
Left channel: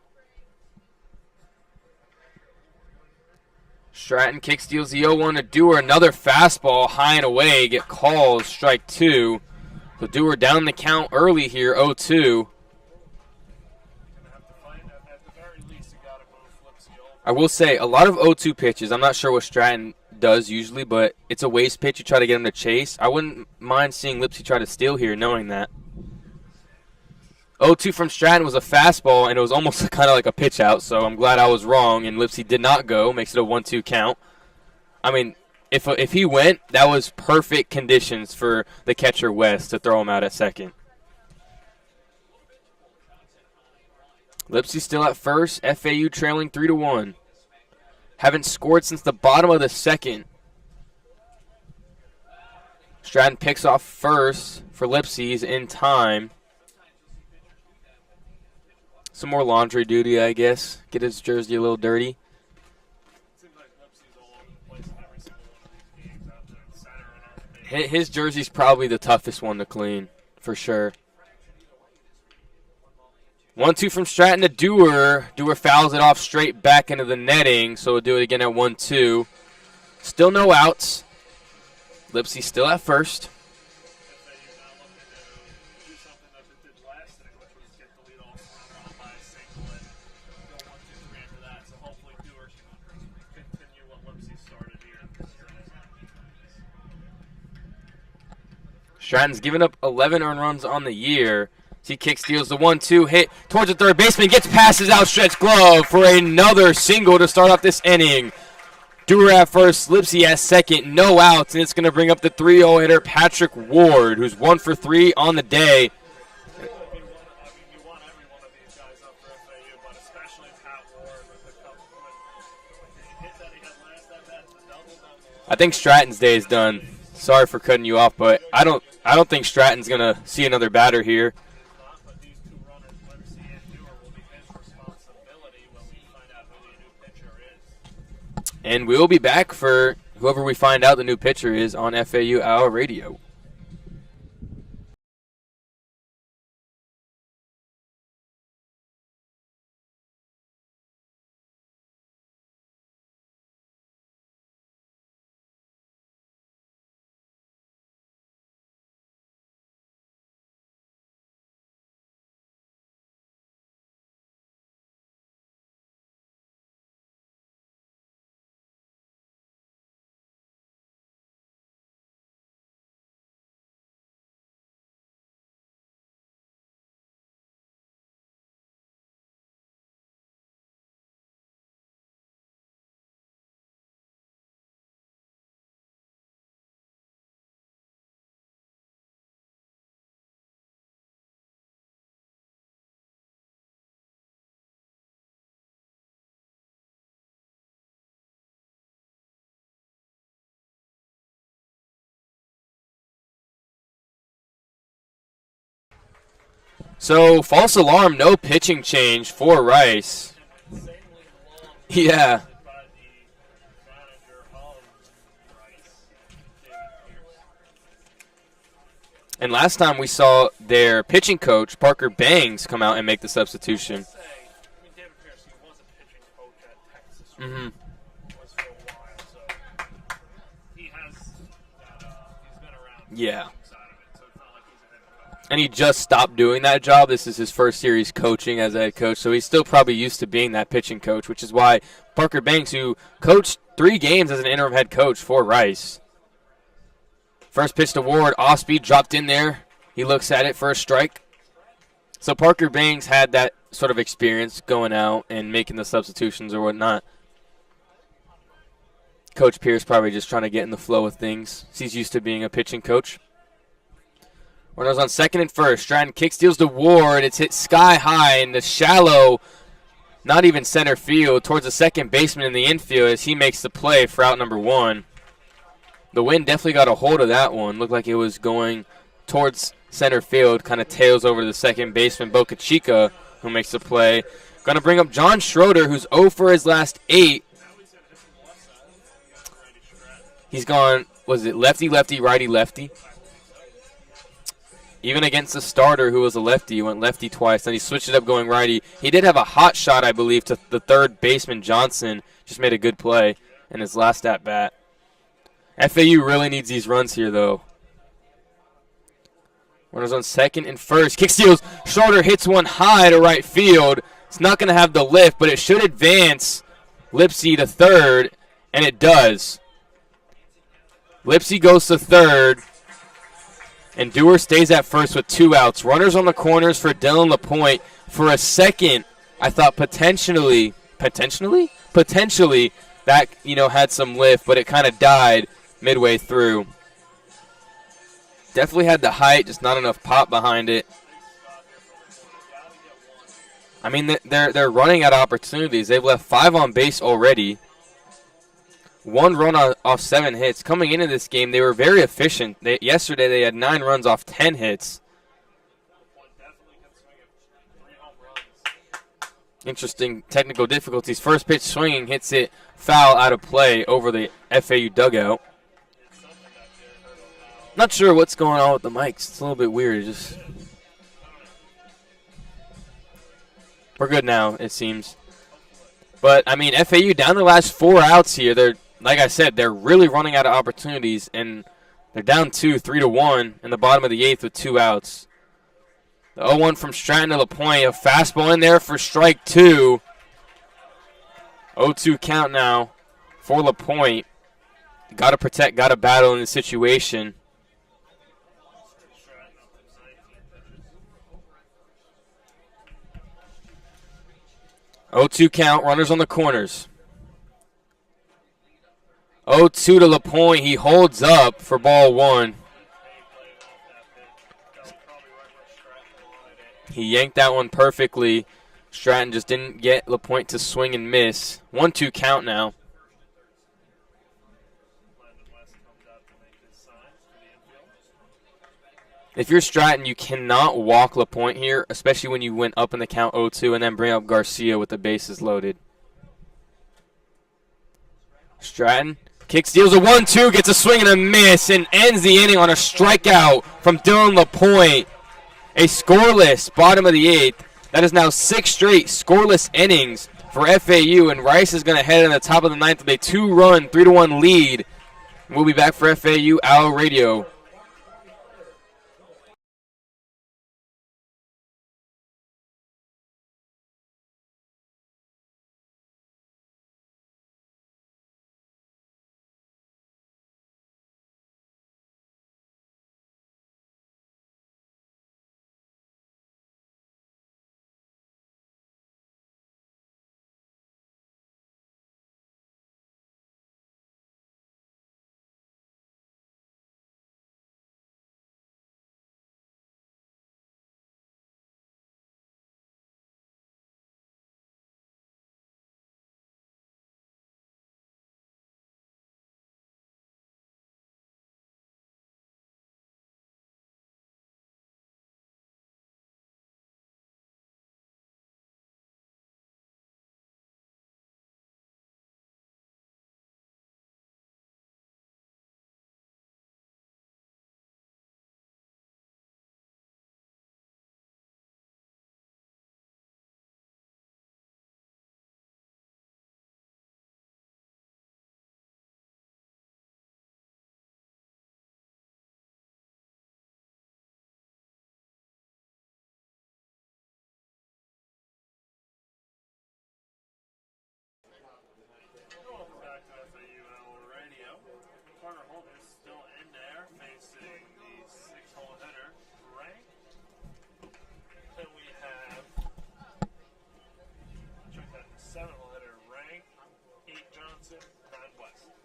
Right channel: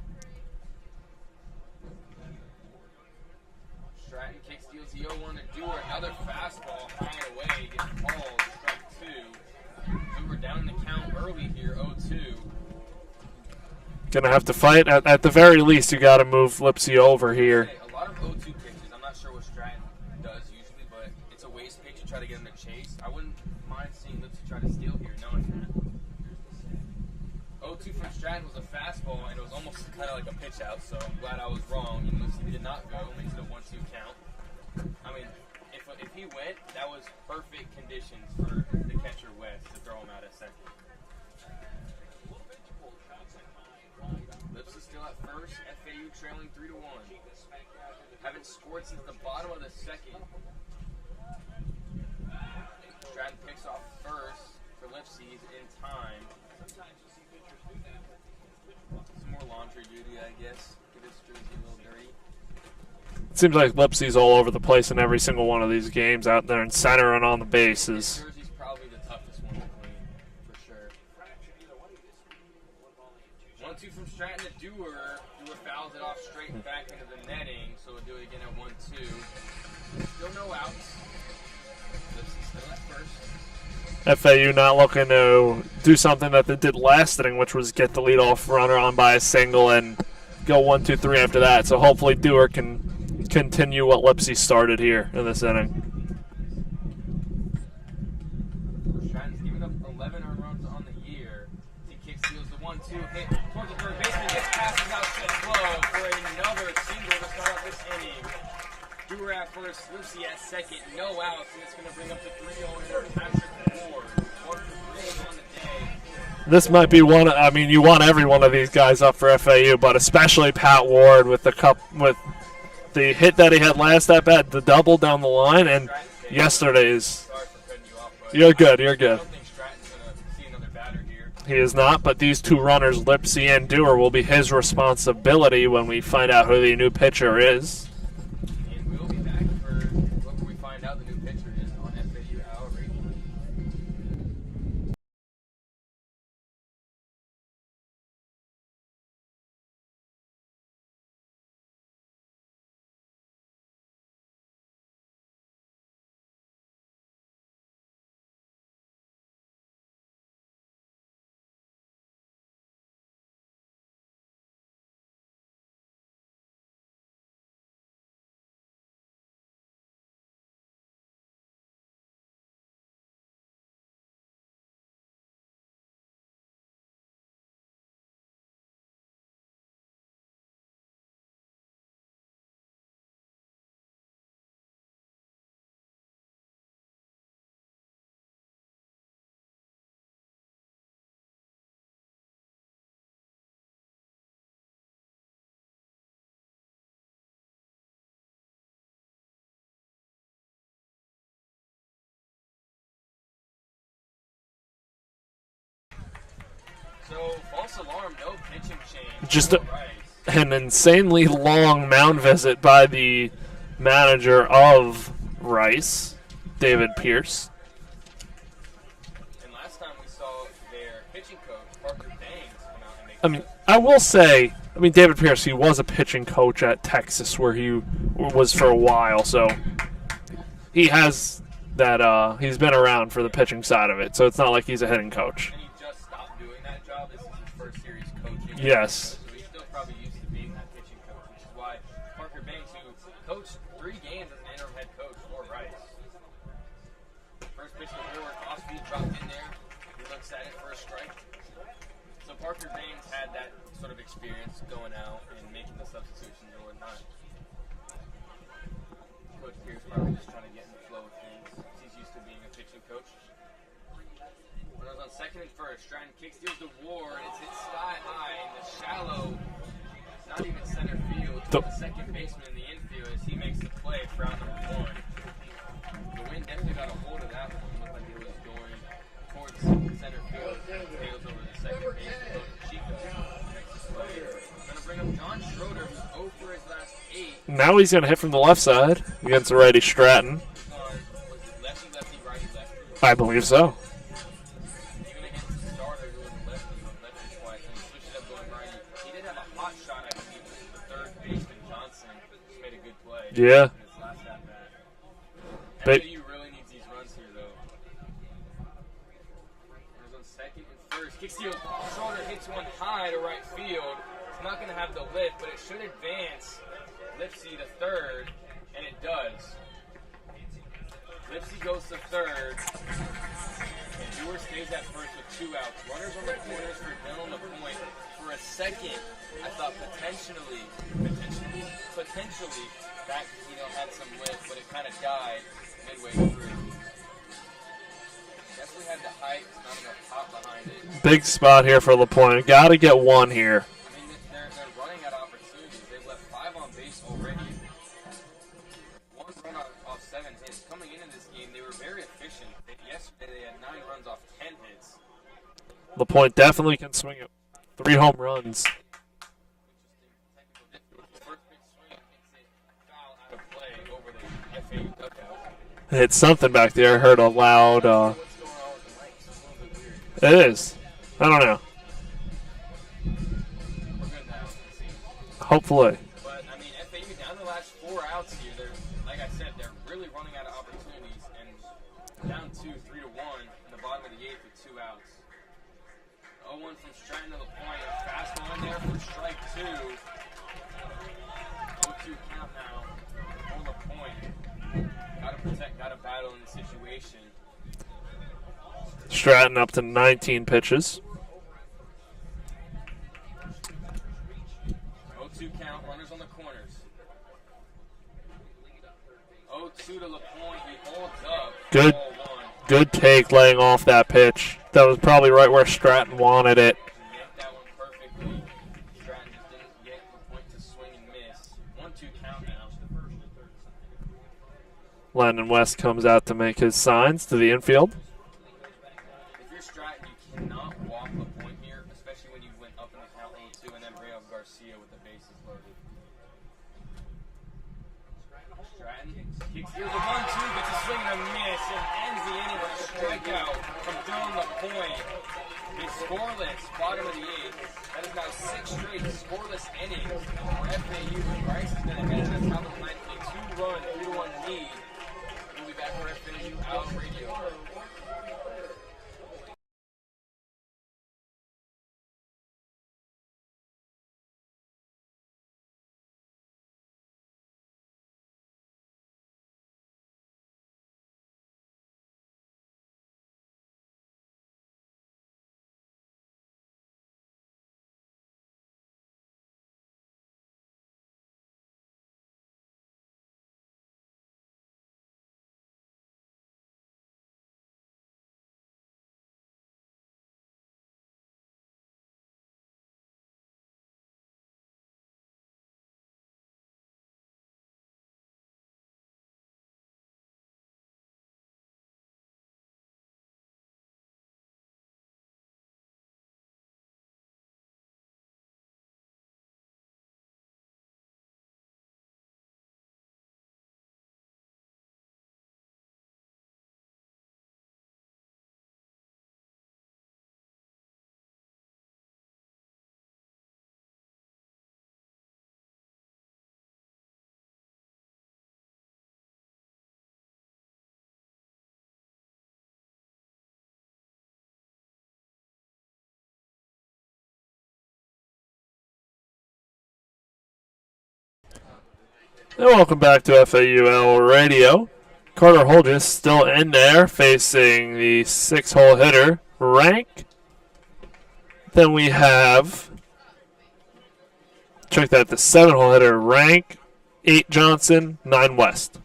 Stratton kick steals the 0-1 to Dewar. Another fastball high and away. Get called. Strike 2. So Dewar down the count early here, 0-2. Going to have to fight. At the very least, you got to move Lipsy over here. I will say, a lot of 0-2 pitches. I'm not sure what Stratton does usually, but it's a waste pitch. You try to get him to chase. I wouldn't mind seeing Lipsy try to steal here, knowing that. 0-2 from Stratton was a fastball, and it was almost kind of like a pitch out, so I'm glad I was wrong, and Lipsy did not go. Makes it a 1-2 count. I mean, if he went, that was perfect conditions for the catcher West to throw him out at second. Lipsy still at first. FAU trailing 3-1. Haven't scored since the bottom of the second. Stratton picks off first for Lipsy. He's in time. Some more laundry duty, I guess. Get his jersey a little dirty. It seems like Lipsy's all over the place in every single one of these games out there in center and on the bases. His jersey's probably the toughest one to clean, for sure. 1-2 from Stratton to Dewar. Dewar fouls it off straight back into the netting, so we'll do it again at 1-2. Still no outs. Lipsy still at first. FAU not looking to do something that they did last inning, which was get the leadoff runner on by a single and go 1-2-3 after that. So hopefully Dewar can continue what Lipsy started here in this inning. Stratton's given up 11 earned runs on the year. He kick steals the 1-2 hit towards the third baseman, gets past his outstretched glove for another single to start off this inning. Dewar at first, Lipsy at second, no outs, and it's going to bring up the 3-0 hitter Patrick Ward, who's 1 for 3 on the day. This might be one. I mean, you want every one of these guys up for FAU, but especially Pat Ward with the hit that he had last at bat, the double down the line. I think Stratton's day is done. Sorry for cutting you off, but you're good. I don't think Stratton's going to see another batter here. He is not, but these two runners, Lipsy and Dewar, will be his responsibility when we find out who the new pitcher is. And we will be back for whoever we find out the new pitcher is on FAU Hour Radio. So, false alarm, no pitching change for Rice. An insanely long mound visit by the manager of Rice, David Pierce. And last time we saw their pitching coach, Parker Bangs, come out and make the substitution. I will say, David Pierce, he was a pitching coach at Texas where he was for a while, so he has that, he's been around for the pitching side of it, so it's not like he's a hitting coach. And he just stopped doing that job. This is his first series coaching as a head coach, so he's still probably used to being that pitching coach, which is why Parker Banks, who coached 3 games as an interim head coach for Rice. First pitch to Ward, off speed, dropped in there. He looks at it for a strike. So Parker Banks had that sort of experience going out and making the substitutions or whatnot. Coach Pierce probably just trying to get in the flow of things. He's used to being a pitching coach. Runners on second and first. Stratton kick steals to Ward. It's hit sky high in the shallow, not even center field, towards the second baseman in the infield as he makes the play for out number 1. The wind definitely got a hold of that one. Looked like it was going towards center field, kind of tails over to the second baseman, Boca Chica, who makes the play. Going to bring up John Schroeder, who's 0 for his last 8. Now he's going to hit from the left side against the righty Stratton. He's gone, was it lefty-lefty, righty-lefty? I believe so. Even against the starter, who was a lefty, he went lefty twice. Then he switched it up going righty. He did have a hot shot, I believe, to the third baseman, Johnson. Just made a good play in his last at-bat. FAU really needs these runs here, though. Runners on second and first. Kick steals. Schroeder hits one high to right field. It's not going to have the lift, but it should advance Lipsy to third, and it does. Lipsy goes to third, and Dewar stays at first with 2 outs. Runners on the corners for Dylan LaPointe. For a second, I thought potentially, that, had some lift, but it kind of died midway through. Definitely had the height, just not enough pop behind it. Big spot here for LaPointe. Got to get 1 here. I mean, they're running out of opportunities. They've left 5 on base already. 1 run off 7 hits. Coming into this game, they were very efficient. Yesterday, they had 9 runs off 10 hits. LaPointe definitely can swing it. 3 home runs. Interesting technical difficulties. First pitch swinging, hits it foul out of play over the FAU dugout. Hit something back there. Heard a loud. Not sure what's going on with the mics. It's a little bit weird. It is. I don't know. We're good now, it seems. Hopefully. But, I mean, FAU down the last 4 outs here. They're, like I said, they're really running out of opportunities, and they're down 3-1 in the bottom of the 8th with 2 outs. The 0-1 from Stratton to LaPointe. A fastball in there for strike 2. 0-2 count now for LaPointe. Got to protect, got to battle in the situation. Stratton up to 19 pitches. 0-2 count, runners on the corners. 0-2 to LaPointe. He holds up for ball 1. Good take laying off that pitch. That was probably right where Stratton wanted it. He yanked that one perfectly. Stratton just didn't get LaPointe to swing and miss. 1-2 count now. Landon West comes out to make his signs to the infield. If you're Stratton, you cannot walk LaPointe here, especially when you went up in the count 0-2 and then bring up Garcia with the bases loaded. Stratton kick steals a 1-2, gets a swing and a miss, and ends the inning on a strikeout from Dylan LaPointe. A scoreless bottom of the 8th. That is now 6 straight scoreless innings for FAU, and Rice is going to head in the top of the 9th with a 2-run, 3-1 lead. We'll be back for FAU Owl Radio. And welcome back to FAUL Radio. Carter Holgis still in there facing the 6-hole hitter, Rank. Then we have, check that, the 7-hole hitter, Rank, 8 Johnson, 9 West.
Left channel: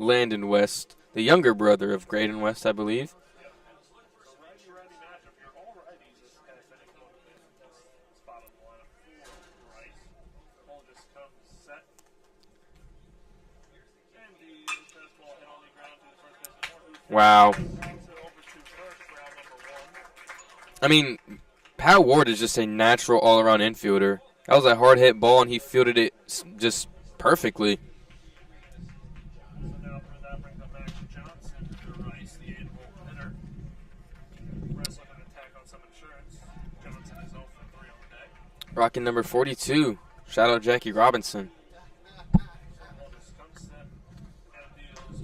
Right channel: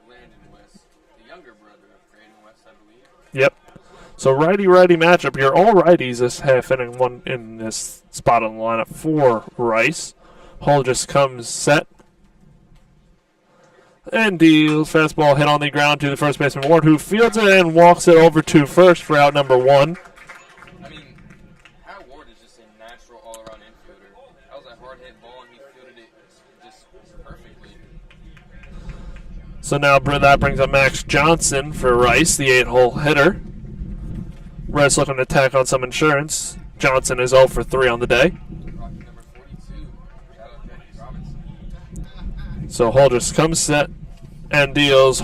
Landon West, the younger brother of Brayden West, I believe. Yep. So righty-righty matchup here. All righties this half inning, one in this spot on the lineup for Rice. Holgis comes set. And deals fastball hit on the ground to the first baseman Ward, who fields it and walks it over to first for out number 1. I mean, Pyle Ward is just a natural all-around infielder. That was a hard-hit ball, and he fielded it just perfectly. So now that brings up Max Johnson for Rice, the 8-hole hitter. Rice looking to tack on some insurance. Johnson is 0 for 3 on the day. Rocking number 42. Shout out Jackie Robinson. So Holgis comes set and deals.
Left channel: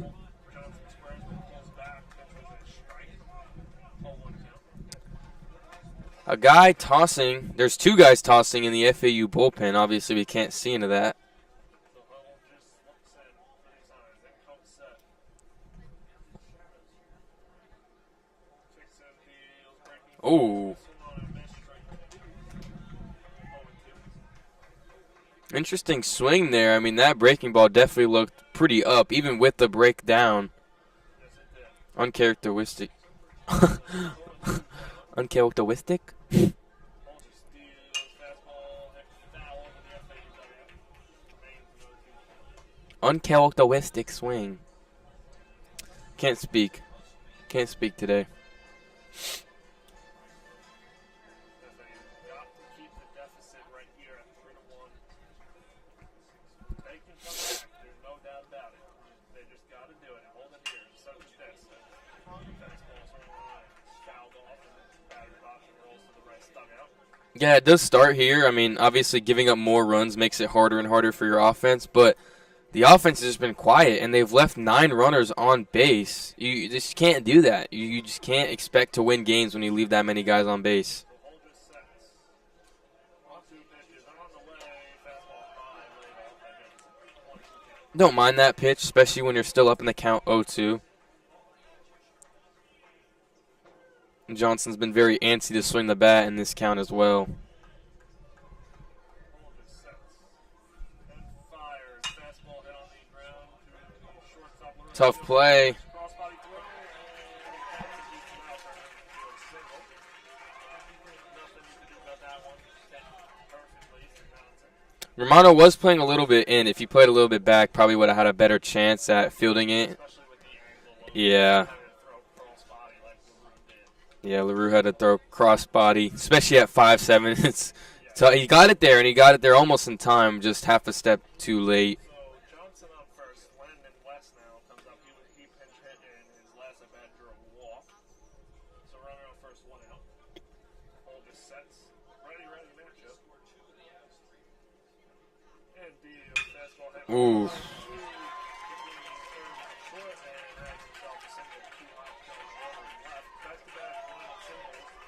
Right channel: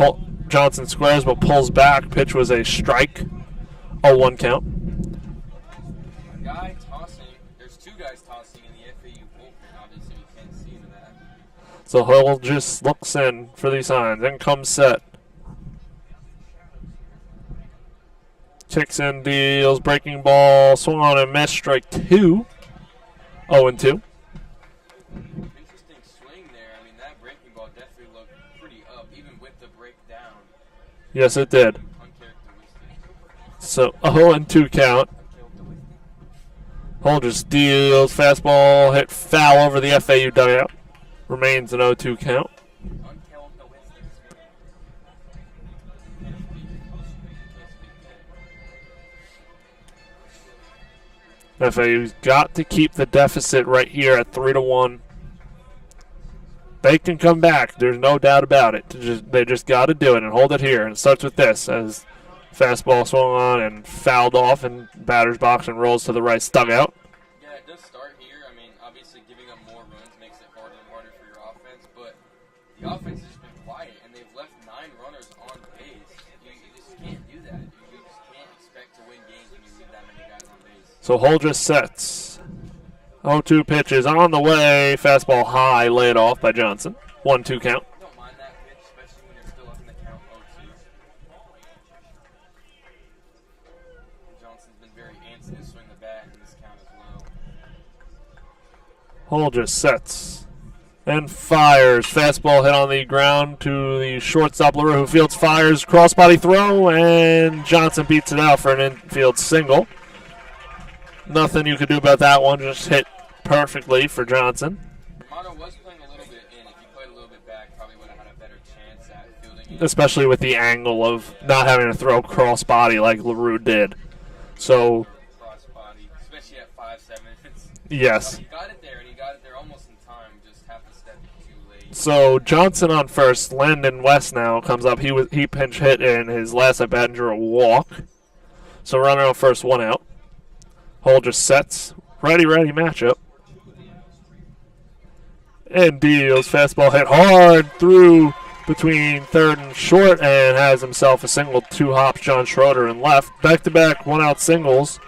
Johnson squares but pulls back. Pitch was a strike. 0-1 count. A guy tossing. There's 2 guys tossing in the FAU bullpen. Obviously, we can't see into that. So Holgis looks in for these signs. Then comes set. Kicks in, deals, breaking ball, swung on and missed, strike 2. 0-2. Interesting swing there. I mean, that breaking ball definitely looked pretty up, even with the breakdown. Yes, it did. Uncharacteristic. So 0-2 count. Uncharacteristic? Holgis deals, fastball hit foul over the FAU dugout. Remains an 0-2 count. Uncharacteristic swing. Can't speak. Can't speak today. FAU's got to keep the deficit right here at 3-1. They can come back. There's no doubt about it. They just got to do it and hold it here. And it starts with this as fastball swung on and fouled off in batter's box and rolls to the right dugout. Yeah, it does start here. I mean, obviously giving up more runs makes it harder and harder for your offense, but the offense has just been quiet, and they've left 9 runners on base. You just can't do that. You just can't expect to win games when you leave that many guys on base. So Holgis sets. 0-2 pitches on the way. Fastball high, laid off by Johnson. 1-2 count. Don't mind that pitch, especially when you're still up in the count 0-2. And Johnson's been very antsy to swing the bat in this count as well. Holgis sets. And fires. Fastball hit on the ground to the shortstop, LaRue, who fields, fires, crossbody throw, and Johnson beats it out for an infield single. Nothing you could do about that one. Just hit perfectly for Johnson. Romano was playing a little bit in. If he played a little bit back, probably would have had a better chance at fielding it. Especially with the angle of not having to throw crossbody like LaRue did. Yeah, LaRue had to throw crossbody, especially at 5'7". Yes. So he got it there, and he got it there almost in time, just half a step too late. So Johnson on first. Landon West now comes up. He pinch hit in his last at bat and drew a walk. So runner on first, 1 out. Holgis sets. Righty matchup. And deals. Fastball hit hard through between third and short and has himself a single. 2 hops, John Schroeder in left. Back-to-back 1-out singles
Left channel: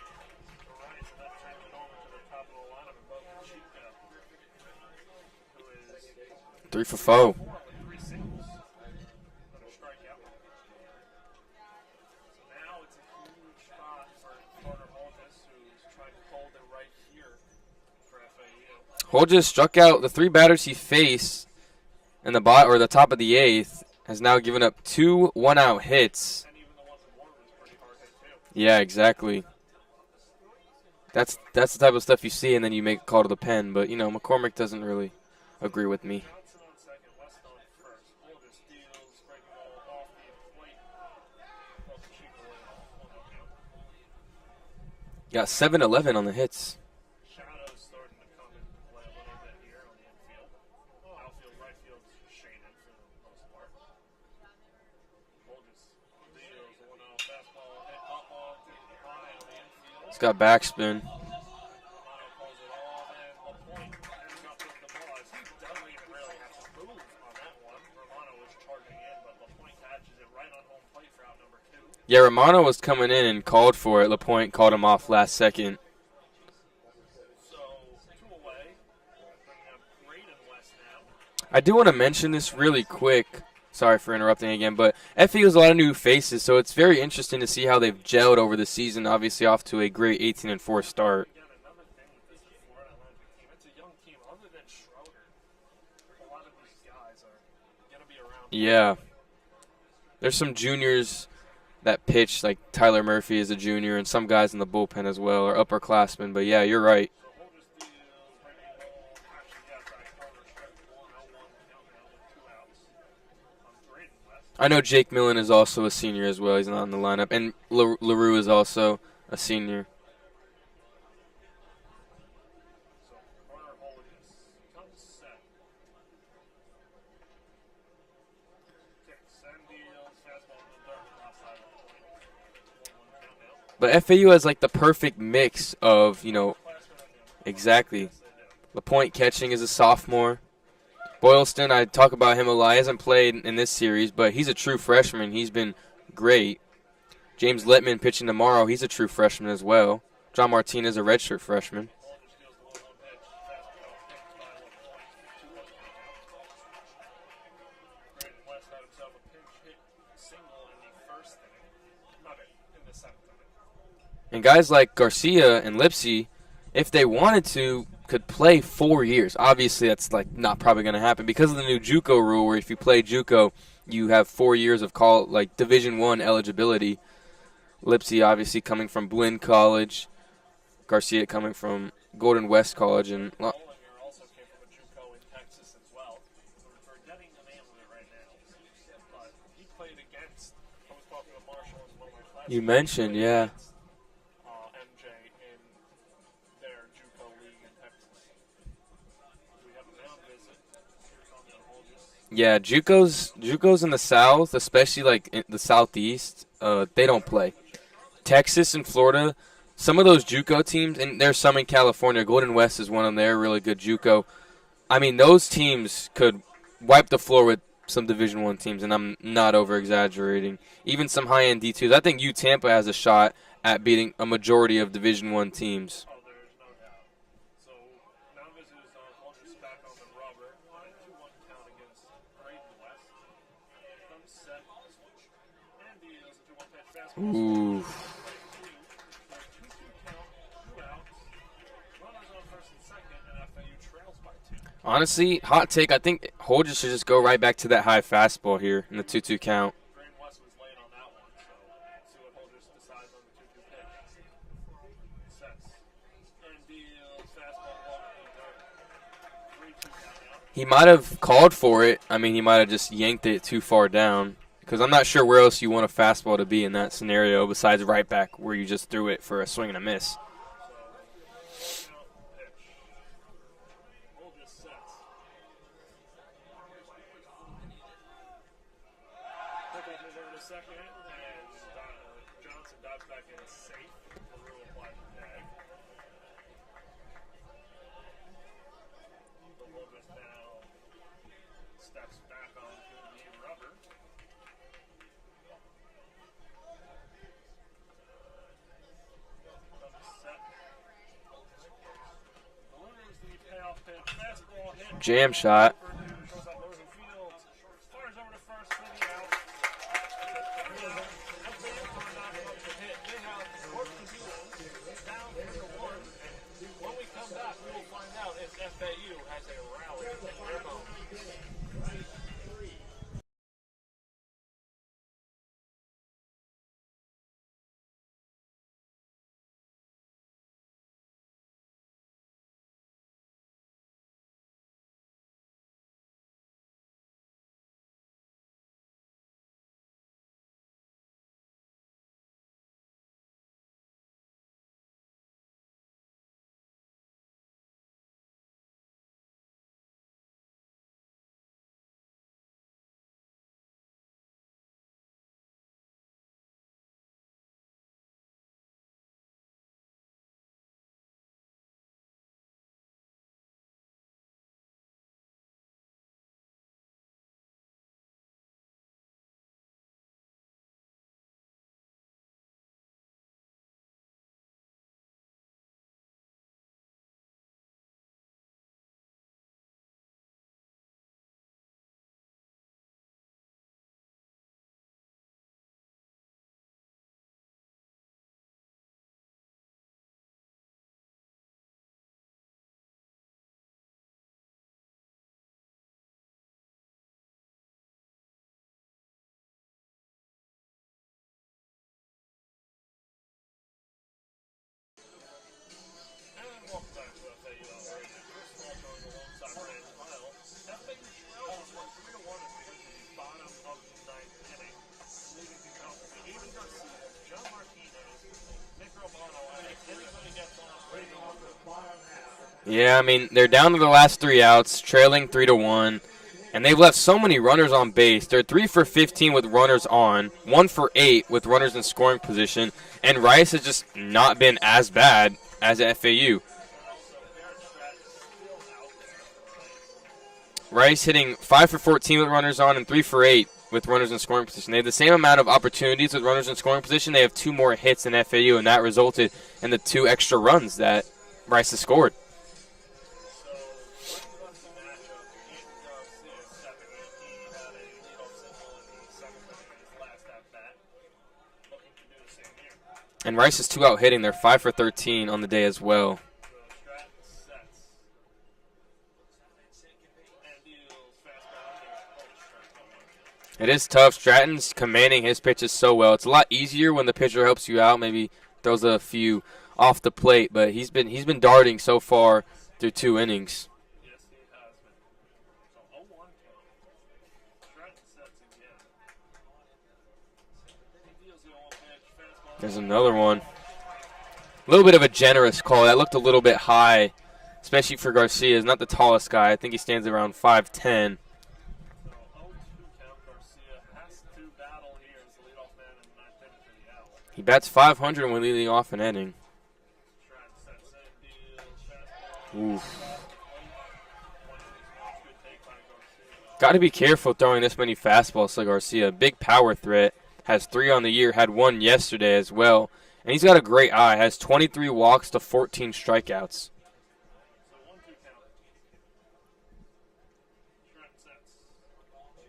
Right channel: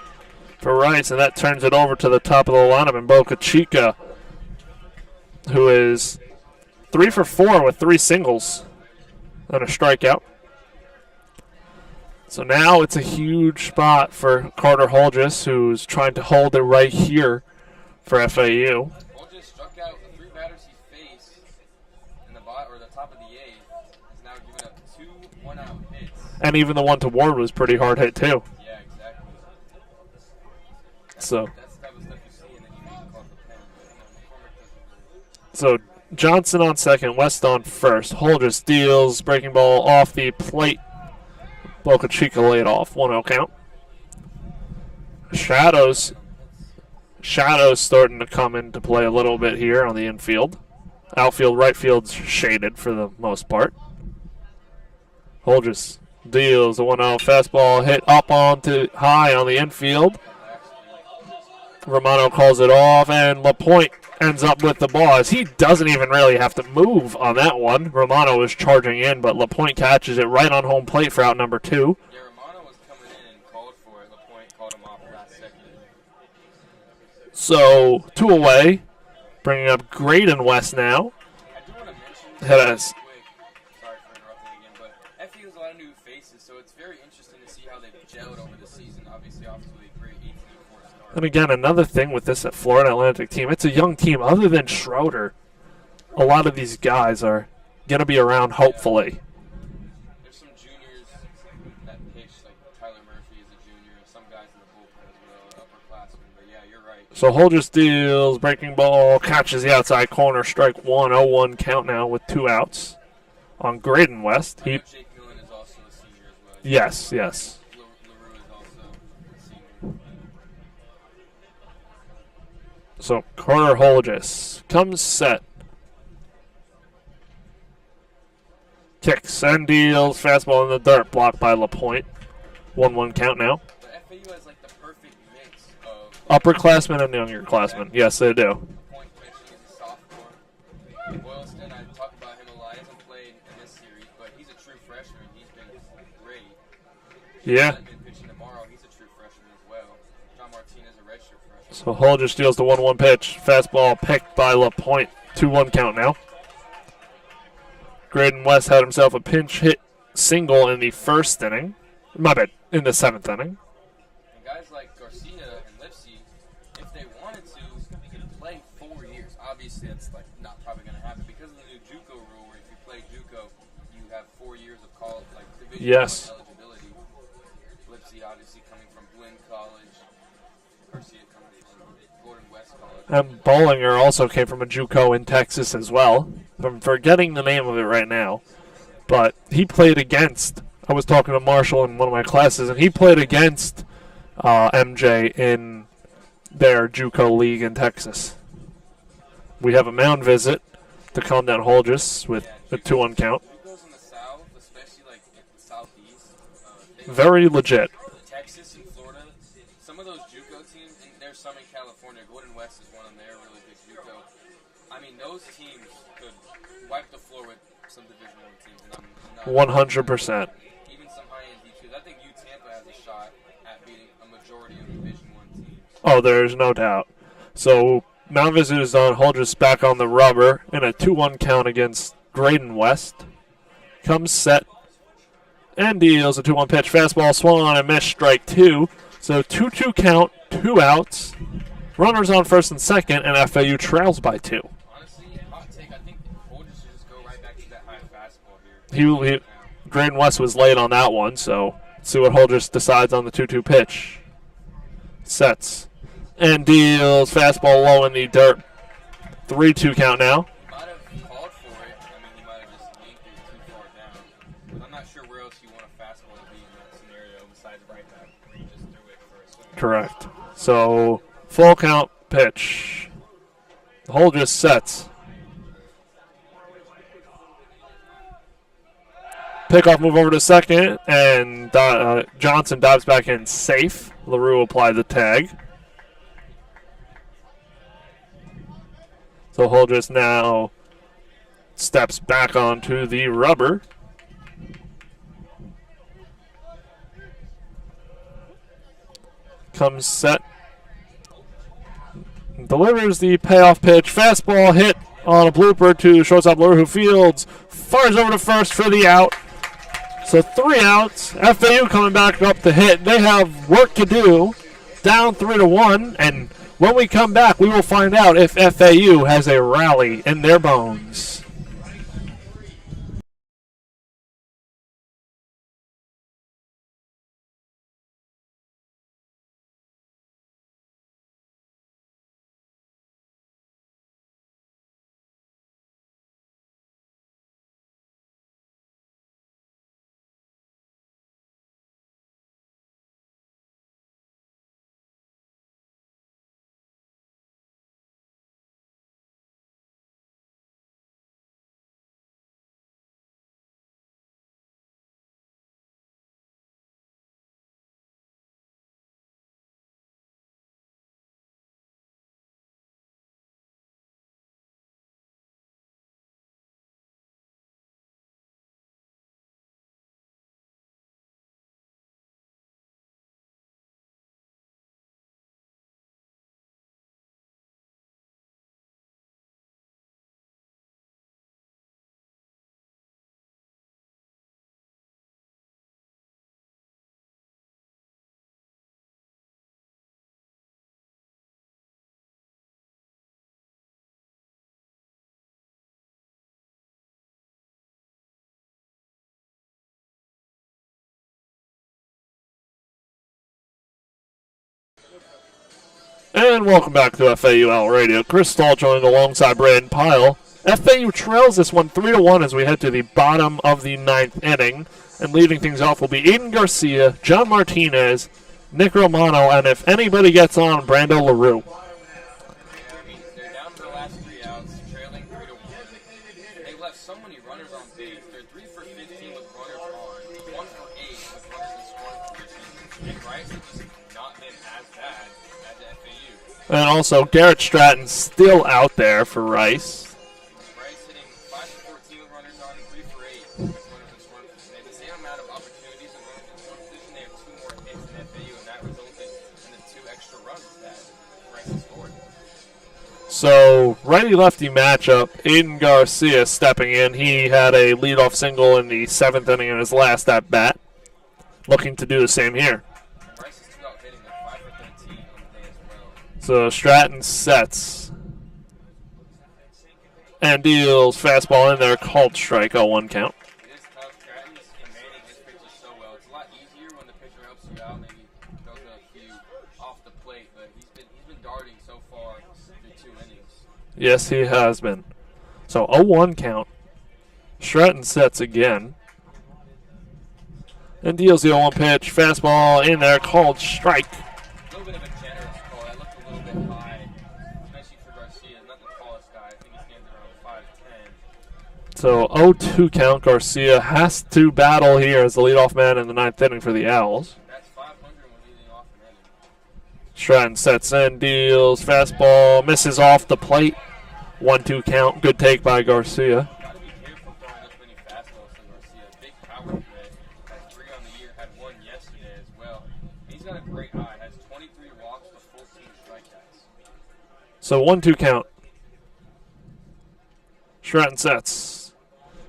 for Rice, and that turns it over to the top of the lineup in Boca Chica, who is 3 for 4 with 3 singles and a strikeout. So now it's a huge spot for Carter Holgis, who's trying to hold it right here for FAU. Holgis struck out the 3 batters he faced in the top of the 8th, has now given up 2 1-out hits. And even the one to Ward was pretty hard hit too. Yeah, exactly. That's the type of stuff you see, and then you make a call to the pen. But, McCormick doesn't really agree with me. Johnson on second, West on first. Holgis deals, breaking ball off the plate. Boca Chica laid off, 1-0 count. Yeah, Shadows 7-11 on the hits. Shadows starting to come into play a little bit here on the infield. Outfield, right field's shaded for the most part. Holgis deals a 1-0 fastball hit up onto high on the infield. It's got backspin. Romano calls it off, and LaPointe ends up with the ball as he doesn't even really have to move on that one. Romano is charging in, but LaPointe catches it right on home plate for out number 2. Yeah, Romano was coming in and called for it. LaPointe called him off last second. So 2 away, bringing up Brayden West now. I do want to mention this Yeah, really quick. Sorry for interrupting again, but FAU has a lot of new faces, so it's very interesting to see how they've gelled over the season. Obviously, off to a great 18-4 start. And again, another thing with this Florida Atlantic team, it's a young team. Other than Schroeder, a lot of these guys are going to be around, hopefully. Yeah. There's some juniors that pitch, like Tyler Murphy is a junior, and some guys in the bullpen as well are upperclassmen. But, yeah, you're right. So Holger steals, breaking ball, catches the outside corner, strike 1, 0-1 count now with 2 outs on Brayden West. I know Jake Millen is also a senior as well. He's not in the lineup. Yes. And LaRue is also a senior. So Carter Holgis comes set. Kicks and deals. Fastball in the dirt. Blocked by LaPointe. 1-1 count now. But FAU has like the perfect mix of upperclassmen and younger classmen. Exactly. Yes, they do. LaPointe catching is a sophomore. Boylston, I talk about him a lot. He hasn't played in this series, but he's a true freshman. He's been great. James Littman pitching tomorrow. He's a true freshman as well. John Martinez, a redshirt freshman. So Holger steals the 1-1 pitch. Fastball picked by LaPointe. 2-1 count now. Brayden West had himself a pinch hit single in the first inning. My bad, in the 7th inning. And guys like Garcia and Lipsy, if they wanted to, could play 4 years. Obviously, that's like not probably going to happen because of the new JUCO rule, where if you play JUCO, you have 4 years of Division I eligibility. Lipsy obviously coming from Blinn College, Garcia coming from Golden West College. And Bollinger also came from a JUCO in Texas as well. I'm forgetting the name of it right now, but he played against. I was talking to Marshall in one of my classes, and he played against MJ in their JUCO league in Texas. We have a mound visit to calm down Holgis with JUCO's, 2-1 count. JUCO's in the South, especially like in the Southeast, they don't very play. Legit. Texas and Florida, some of those JUCO teams, and there's some in California. Golden West is one of their really good JUCO. I mean, those teams could wipe the floor with some Division I teams, and I'm not 100%. over-exaggerating. Even some high-end D2s. I think Tampa has a shot at beating a majority of Division I teams. Oh, there's no doubt. So mound visit is on. Holgis back on the rubber in a 2-1 count against Brayden West. Comes set and deals a 2-1 pitch. Fastball swung on and missed, strike 2. So 2-2 count, 2 outs. Runners on first and second, and FAU trails by 2. Honestly, hot take, I think Holgis should just go right back to that high fastball here. 2-2 count. Brayden West was late on that one, so see what Holgis decides on the 2-2 pitch. Sets and deals. Fastball low in the dirt. 3-2 count now. He might have called for it. I mean, he might have just yanked it too far down. Because I'm not sure where else you want a fastball to be in that scenario besides right back where you just threw it for a swing and a miss. Correct. So full count pitch. Holgis sets. Pickoff move over to second, and Johnson dives back in safe. LaRue applied the tag. So Holgis now steps back onto the rubber. Comes set. Delivers the payoff pitch. Fastball hit on a blooper to shortstop LaRue, who fields. Fires over to first for the out. So 3 outs. FAU coming back up to hit. They have work to do. Down 3-1. And when we come back, we will find out if FAU has a rally in their bones. And welcome back to FAU Radio. Chris Talt joined alongside Brayden Pyle. FAU trails this one 3-1 as we head to the bottom of the 9th inning. And leading things off will be Aiden Garcia, John Martinez, Nick Romano, and if anybody gets on, Brando LaRue. Yeah, I mean, they're down to the last 3 outs, trailing 3-1. And they've left so many runners on base. They're 3 for 15 with runners on, 1 for 8 with runners in scoring position. And Rice has just not been as bad as at FAU. And also, Garrett Stratton's still out there for Rice. Rice hitting 5 for 14 with runners on and 3 for 8 with runners in scoring position. They have the same amount of opportunities with runners in scoring position. They have 2 more hits than FAU, and that resulted in the 2 extra runs that Rice has scored. So, righty-lefty matchup, Aiden Garcia stepping in. He had a leadoff single in the 7th inning in his last at-bat. Looking to do the same here. And Rice is 2 out hitting. They're 5 for 13 on the day as well. So, Stratton sets and deals fastball in there, called strike, 0-1 count. It is tough. Stratton's commanding his pitches so well. It's a lot easier when the pitcher helps you out, maybe throws a few off the plate, but he's been darting so far through 2 innings. Yes, he has been. So 0-1 count. Stratton sets again. And deals the 0-1 pitch. Fastball in there, called strike. A little bit of a generous call. That looked a little bit high, especially for Garcia. He's not the tallest guy. I think he stands around 5'10". So 0-2 count. Garcia has to battle here as the leadoff man in the 9th inning for the Owls. He bats .500 when leading off an inning. Stratton sets in, deals fastball, misses off the plate. 1-2 count. Good take by Garcia. Got to be careful throwing this many fastballs to Garcia. Big power threat. Has 3 on the year. Had 1 yesterday as well. And he's got a great eye. Has 23 walks to 14 strikeouts. So 1-2 count. Stratton sets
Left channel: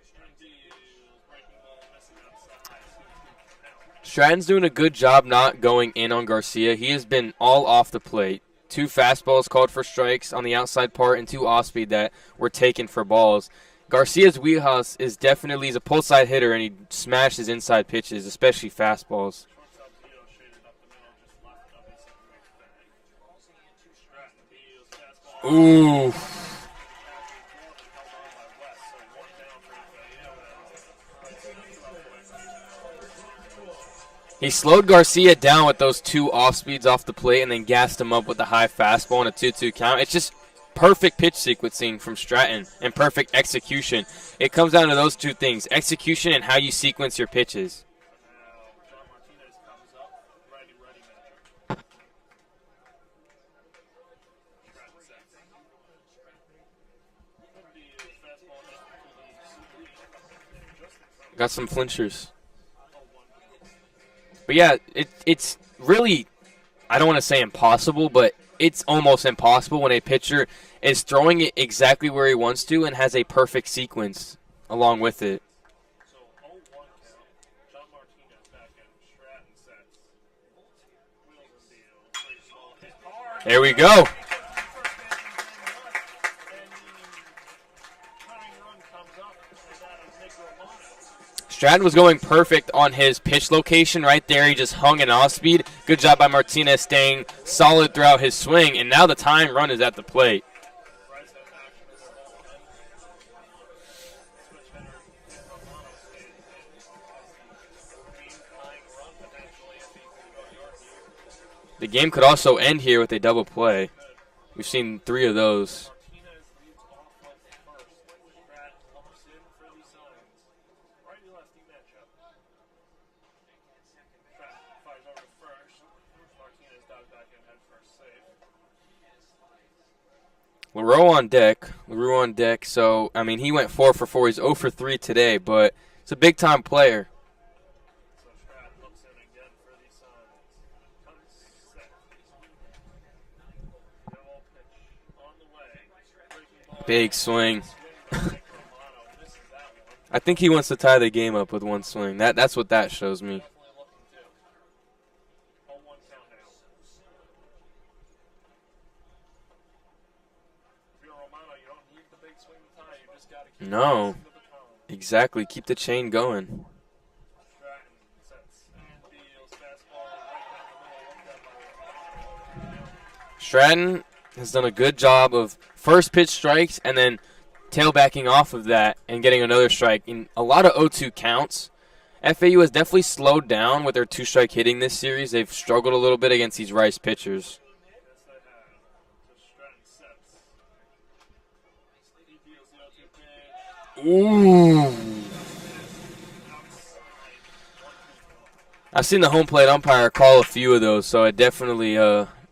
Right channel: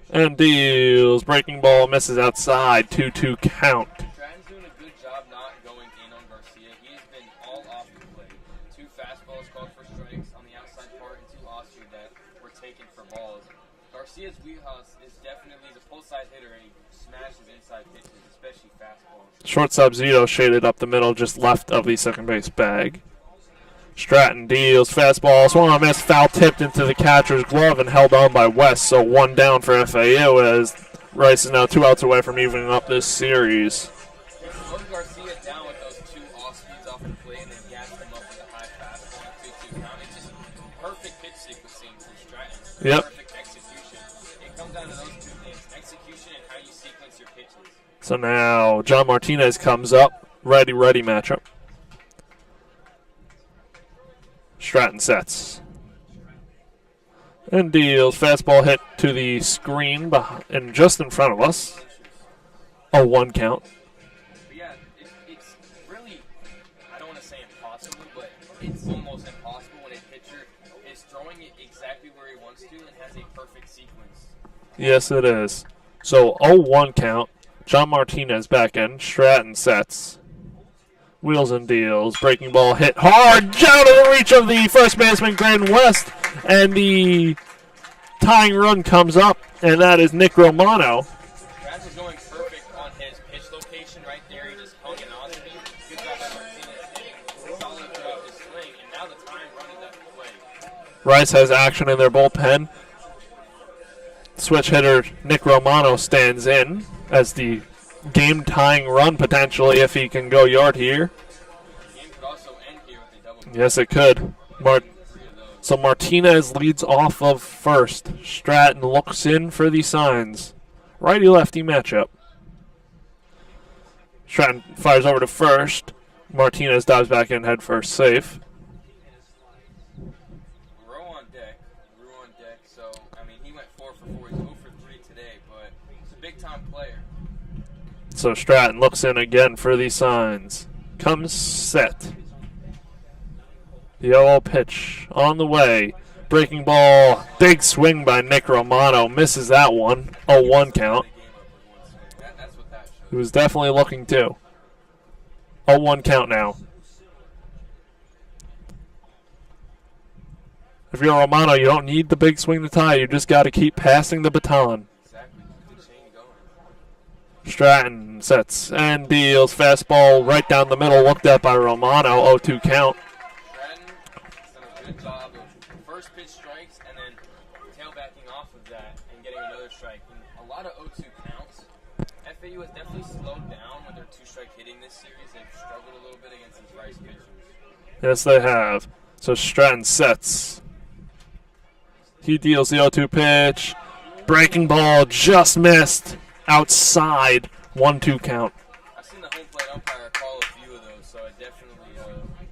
and deals. Breaking ball, misses outside. 2-2 count. Stratton's doing a good job not going in on Garcia. He has been all off the plate. 2 fastballs called for strikes on the outside part and 2 off-speed that were taken for balls. Garcia's wheelhouse is definitely, he's a pull-side hitter, and he smashes inside pitches, especially fastballs. Shortstop Zito shaded up the middle, just left of the second base bag. Stratton deals fastball, swung on miss, foul tipped into the catcher's glove and held on by West. So 1 down for FAU as Rice is now 2 outs away from evening up this series. He slowed Garcia down with those 2 off-speeds off the plate and then gassed him up with a high fastball and a 2-2 count. It's just perfect pitch sequencing from Stratton and perfect execution. It comes down to those 2 things, execution and how you sequence your pitches. So now John Martinez comes up, righty matchup. Stratton sets and deals. Fastball hit to the screen and just in front of us. Got some clinchers. 0-1 count. But yeah, it's really, I don't want to say impossible, but it's almost impossible when a pitcher is throwing it exactly where he wants to and has a perfect sequence along with it. Yes, it is. So 0-1 count. John Martinez back in. Stratton sets. Wheels and deals. Breaking ball hit hard. Shallow reach of the first baseman, Brayden West. And the tying run comes up, and that is Nick Romano. Stratton was going perfect on his pitch location right there. He just hung an off-speed. Good job by Martinez staying solid throughout his swing, and now the tying run is at the plate. Rice has action in their bullpen. Switch hitter Nick Romano stands in as the game-tying run potentially if he can go yard here. The game could also end here with a double play. Yes, it could. We've seen 3 of those. So Martinez leads off of first. Stratton looks in for the signs. Righty-lefty matchup. Stratton fires over to first. Martinez dives back in head first, safe. LaRue on deck. So, I mean, he went 4 for 4. He's 0 for 3 today, but he's a big-time player. So Stratton looks in again for the signs. Comes set. The 0-0 pitch on the way. Breaking ball. Big swing by Nick Romano. Misses that one. I think he wants to tie the game up with 1 swing. That's what that shows me. He was definitely looking to. 0-1 count now. If you're Romano, you don't need the big swing to tie. You just got to keep passing the baton. Exactly. Keep the chain going. Stratton sets and deals. Fastball right down the middle. Looked at by Romano. 0-2 count. Stratton has done a good job of first pitch strikes and then tailbacking off of that and getting another strike in a lot of 0-2 counts. FAU has definitely slowed down with their 2-strike hitting this series. They've struggled a little bit against these Rice pitchers. Yes, they have. So Stratton sets. He deals the 0-2 pitch. Ooh. Breaking ball just missed. Outside. 1-2 count. I've seen the home plate umpire call a few of those, so it definitely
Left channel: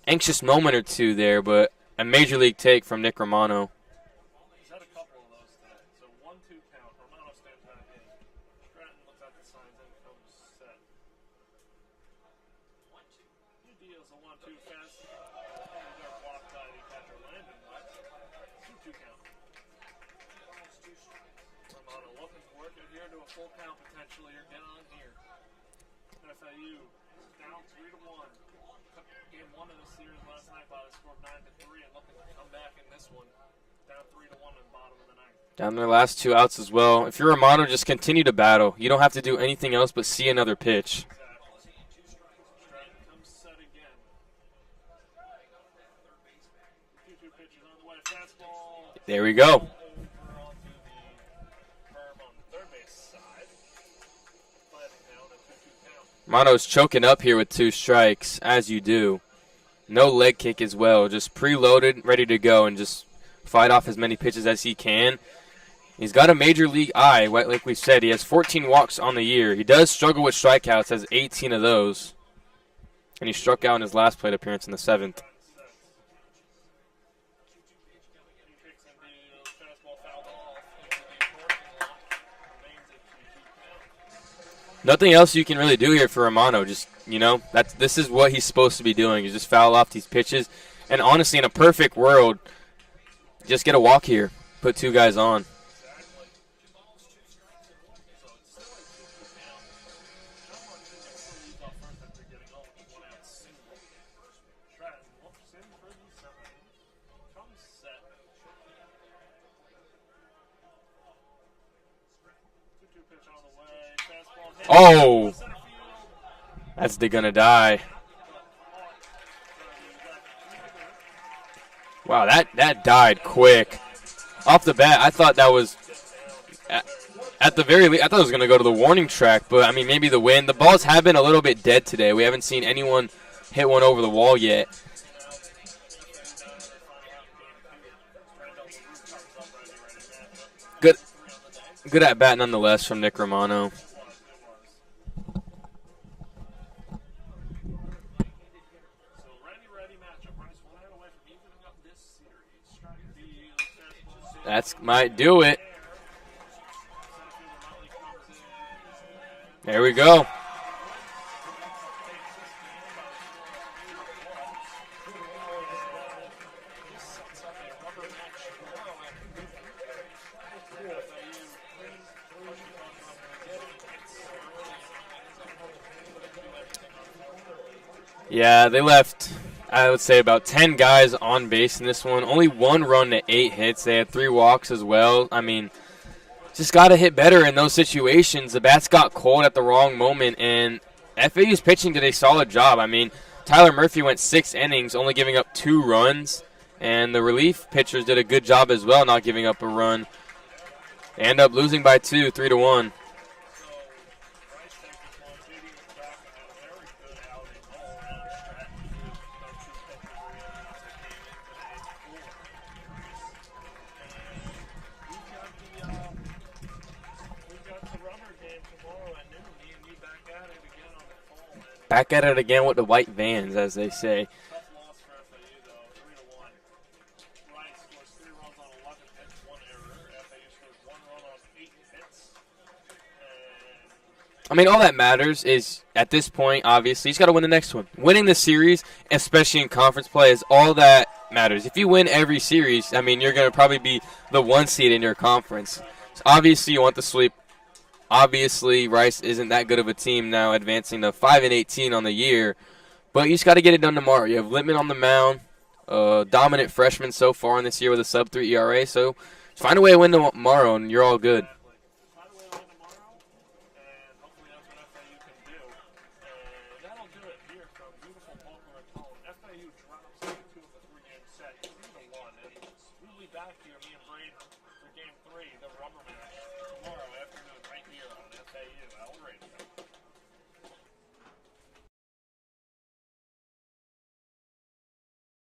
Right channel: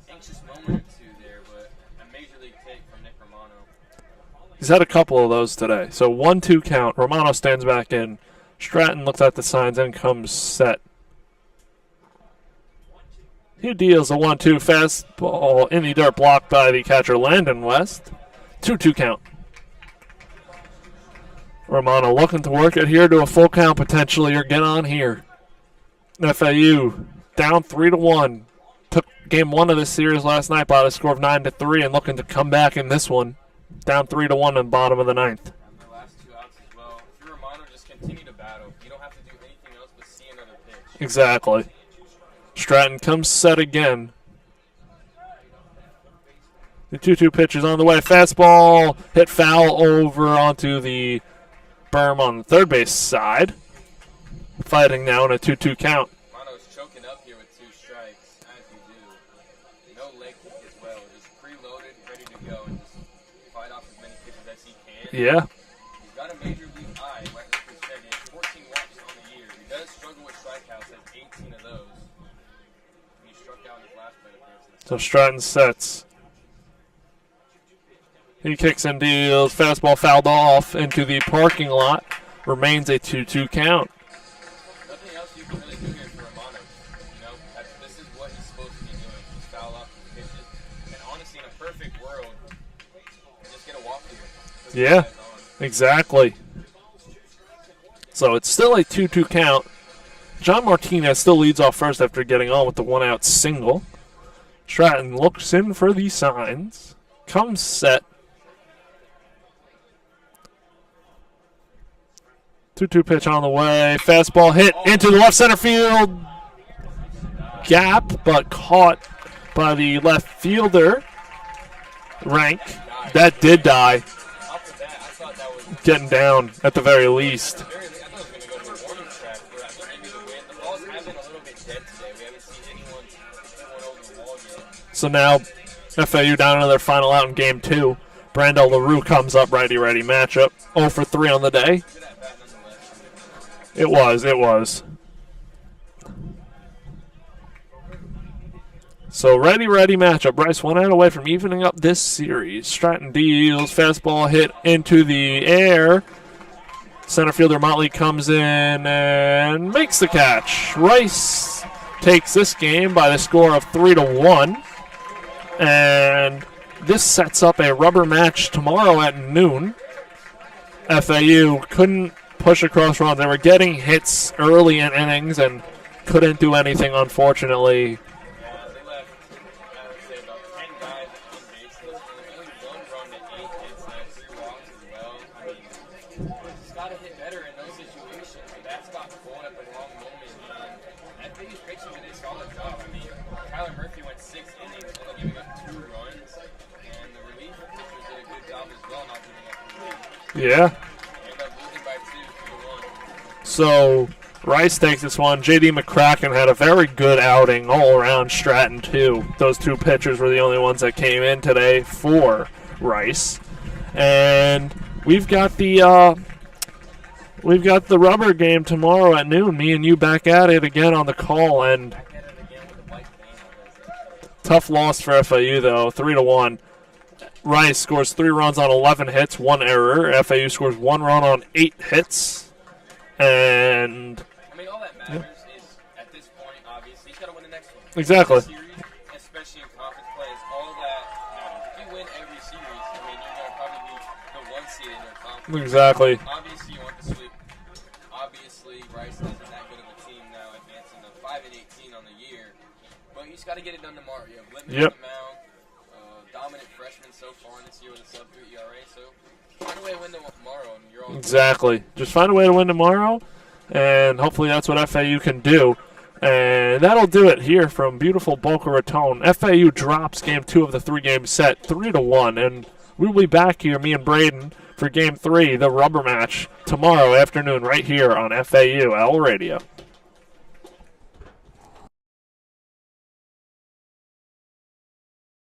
anxious moment or two there, but a major league take from Nick Romano. He's had a couple of those today. So 1-2 count. Romano stands back in. Stratton looks at the signs and comes set. He deals a 1-2 fastball in the dirt, blocked by the catcher Landon West. 2-2 count. Romano looking to work it here to a full count potentially, or get on here. FAU down 3-1. Took game 1 of this series last night by a score of 9-3 and looking to come back in this one. Down 3-1 in the bottom of the 9th. Down their last 2 outs as well. If you're Romano, just continue to battle. You don't have to do anything else but see another pitch. Exactly. Stratton comes set again. The 2-2 pitch is on the way. Fastball hit foul over onto the berm on the third base side. Fighting now in a 2-2 count. Romano's choking up here with 2 strikes, as you do. No leg kick as well. Just preloaded, ready to go, and just fight off as many pitches as he can. Yeah. He's got a major league eye. Like we said, he has 14 walks on the year. He does struggle with strikeouts, has 18 of those. And he struck out in his last plate appearance in the 7th. So Stratton sets. He kicks and deals. Fastball fouled off into the parking lot. Remains a 2-2 count. Nothing else you can really do here for Romano. Just, this is what he's supposed to be doing. You just foul off these pitches. And honestly, in a perfect world, just get a walk here. Put 2 guys on. Exactly. So it's still a 2-2 count. John Martinez still leads off first after getting on with the 1-out single. Stratton looks in for the signs. Comes set. 2-2 pitch on the way. Fastball hit into the left center field. That's gonna die. Gap, but caught by the left fielder. Wow, that died. That quick. did die. Off the bat, I thought that was getting down at the very least. At the very least, I thought it was going to go to the warning track, but I mean, maybe the wind. The balls have been a little bit dead today. We haven't seen anyone hit one over the wall yet. So now, FAU down to their final out in game 2. Brando LaRue comes up, righty-righty matchup. 0 for 3 on the day. Good at bat nonetheless from Nick Romano. It was. So righty-righty matchup. Bryce 1 out away from evening up this series. Stratton deals, fastball hit into the air. Center fielder Motley comes in and makes the catch. Rice takes this game by the score of 3-1. And this sets up a rubber match tomorrow at noon. FAU couldn't push across runs. They were getting hits early in innings and couldn't do anything, unfortunately. Yeah, they left, I would say, about 10 guys on base in this one. Only 1 run to 8 hits. They had 3 walks as well. I mean, just got to hit better in those situations. The bats got cold at the wrong moment, and FAU's pitching did a solid job. I mean, Tyler Murphy went 6 innings, only giving up 2 runs, and the relief pitchers did a good job as well, not giving up a run. Yeah. They end up losing by 2, 3-1. So Rice takes this one. J.D. McCracken had a very good outing all around. Stratton, too. Those 2 pitchers were the only ones that came in today for Rice. And we've got the rubber game tomorrow at noon. Me and you back at it again on the call. And back at it again with the white vans, as they say. Tough loss for FAU, though, 3-1. Rice scores 3 runs on 11 hits, 1 error. FAU scores 1 run on 8 hits. And I mean, all that matters is, at this point, obviously, he's got to win the next one. Exactly. Winning the series, especially in conference play, is all that matters. If you win every series, I mean, you're going to probably be the 1 seed in your conference. Exactly. Obviously, you want the sweep. Obviously, Rice isn't that good of a team now, advancing to 5-18 on the year. But you just got to get it done tomorrow. You have Littman on the mound, dominant freshman so far in this year with a sub-3 ERA. So find a way to win tomorrow, and you're all good. Exactly. Just find a way to win tomorrow, and hopefully that's what FAU can do. And that'll do it here from beautiful Boca Raton. FAU drops Game 2 of the 3-game set 3-1, and we'll be back here, me and Brayden, for Game 3, the rubber match, tomorrow afternoon right here on FAU L Radio.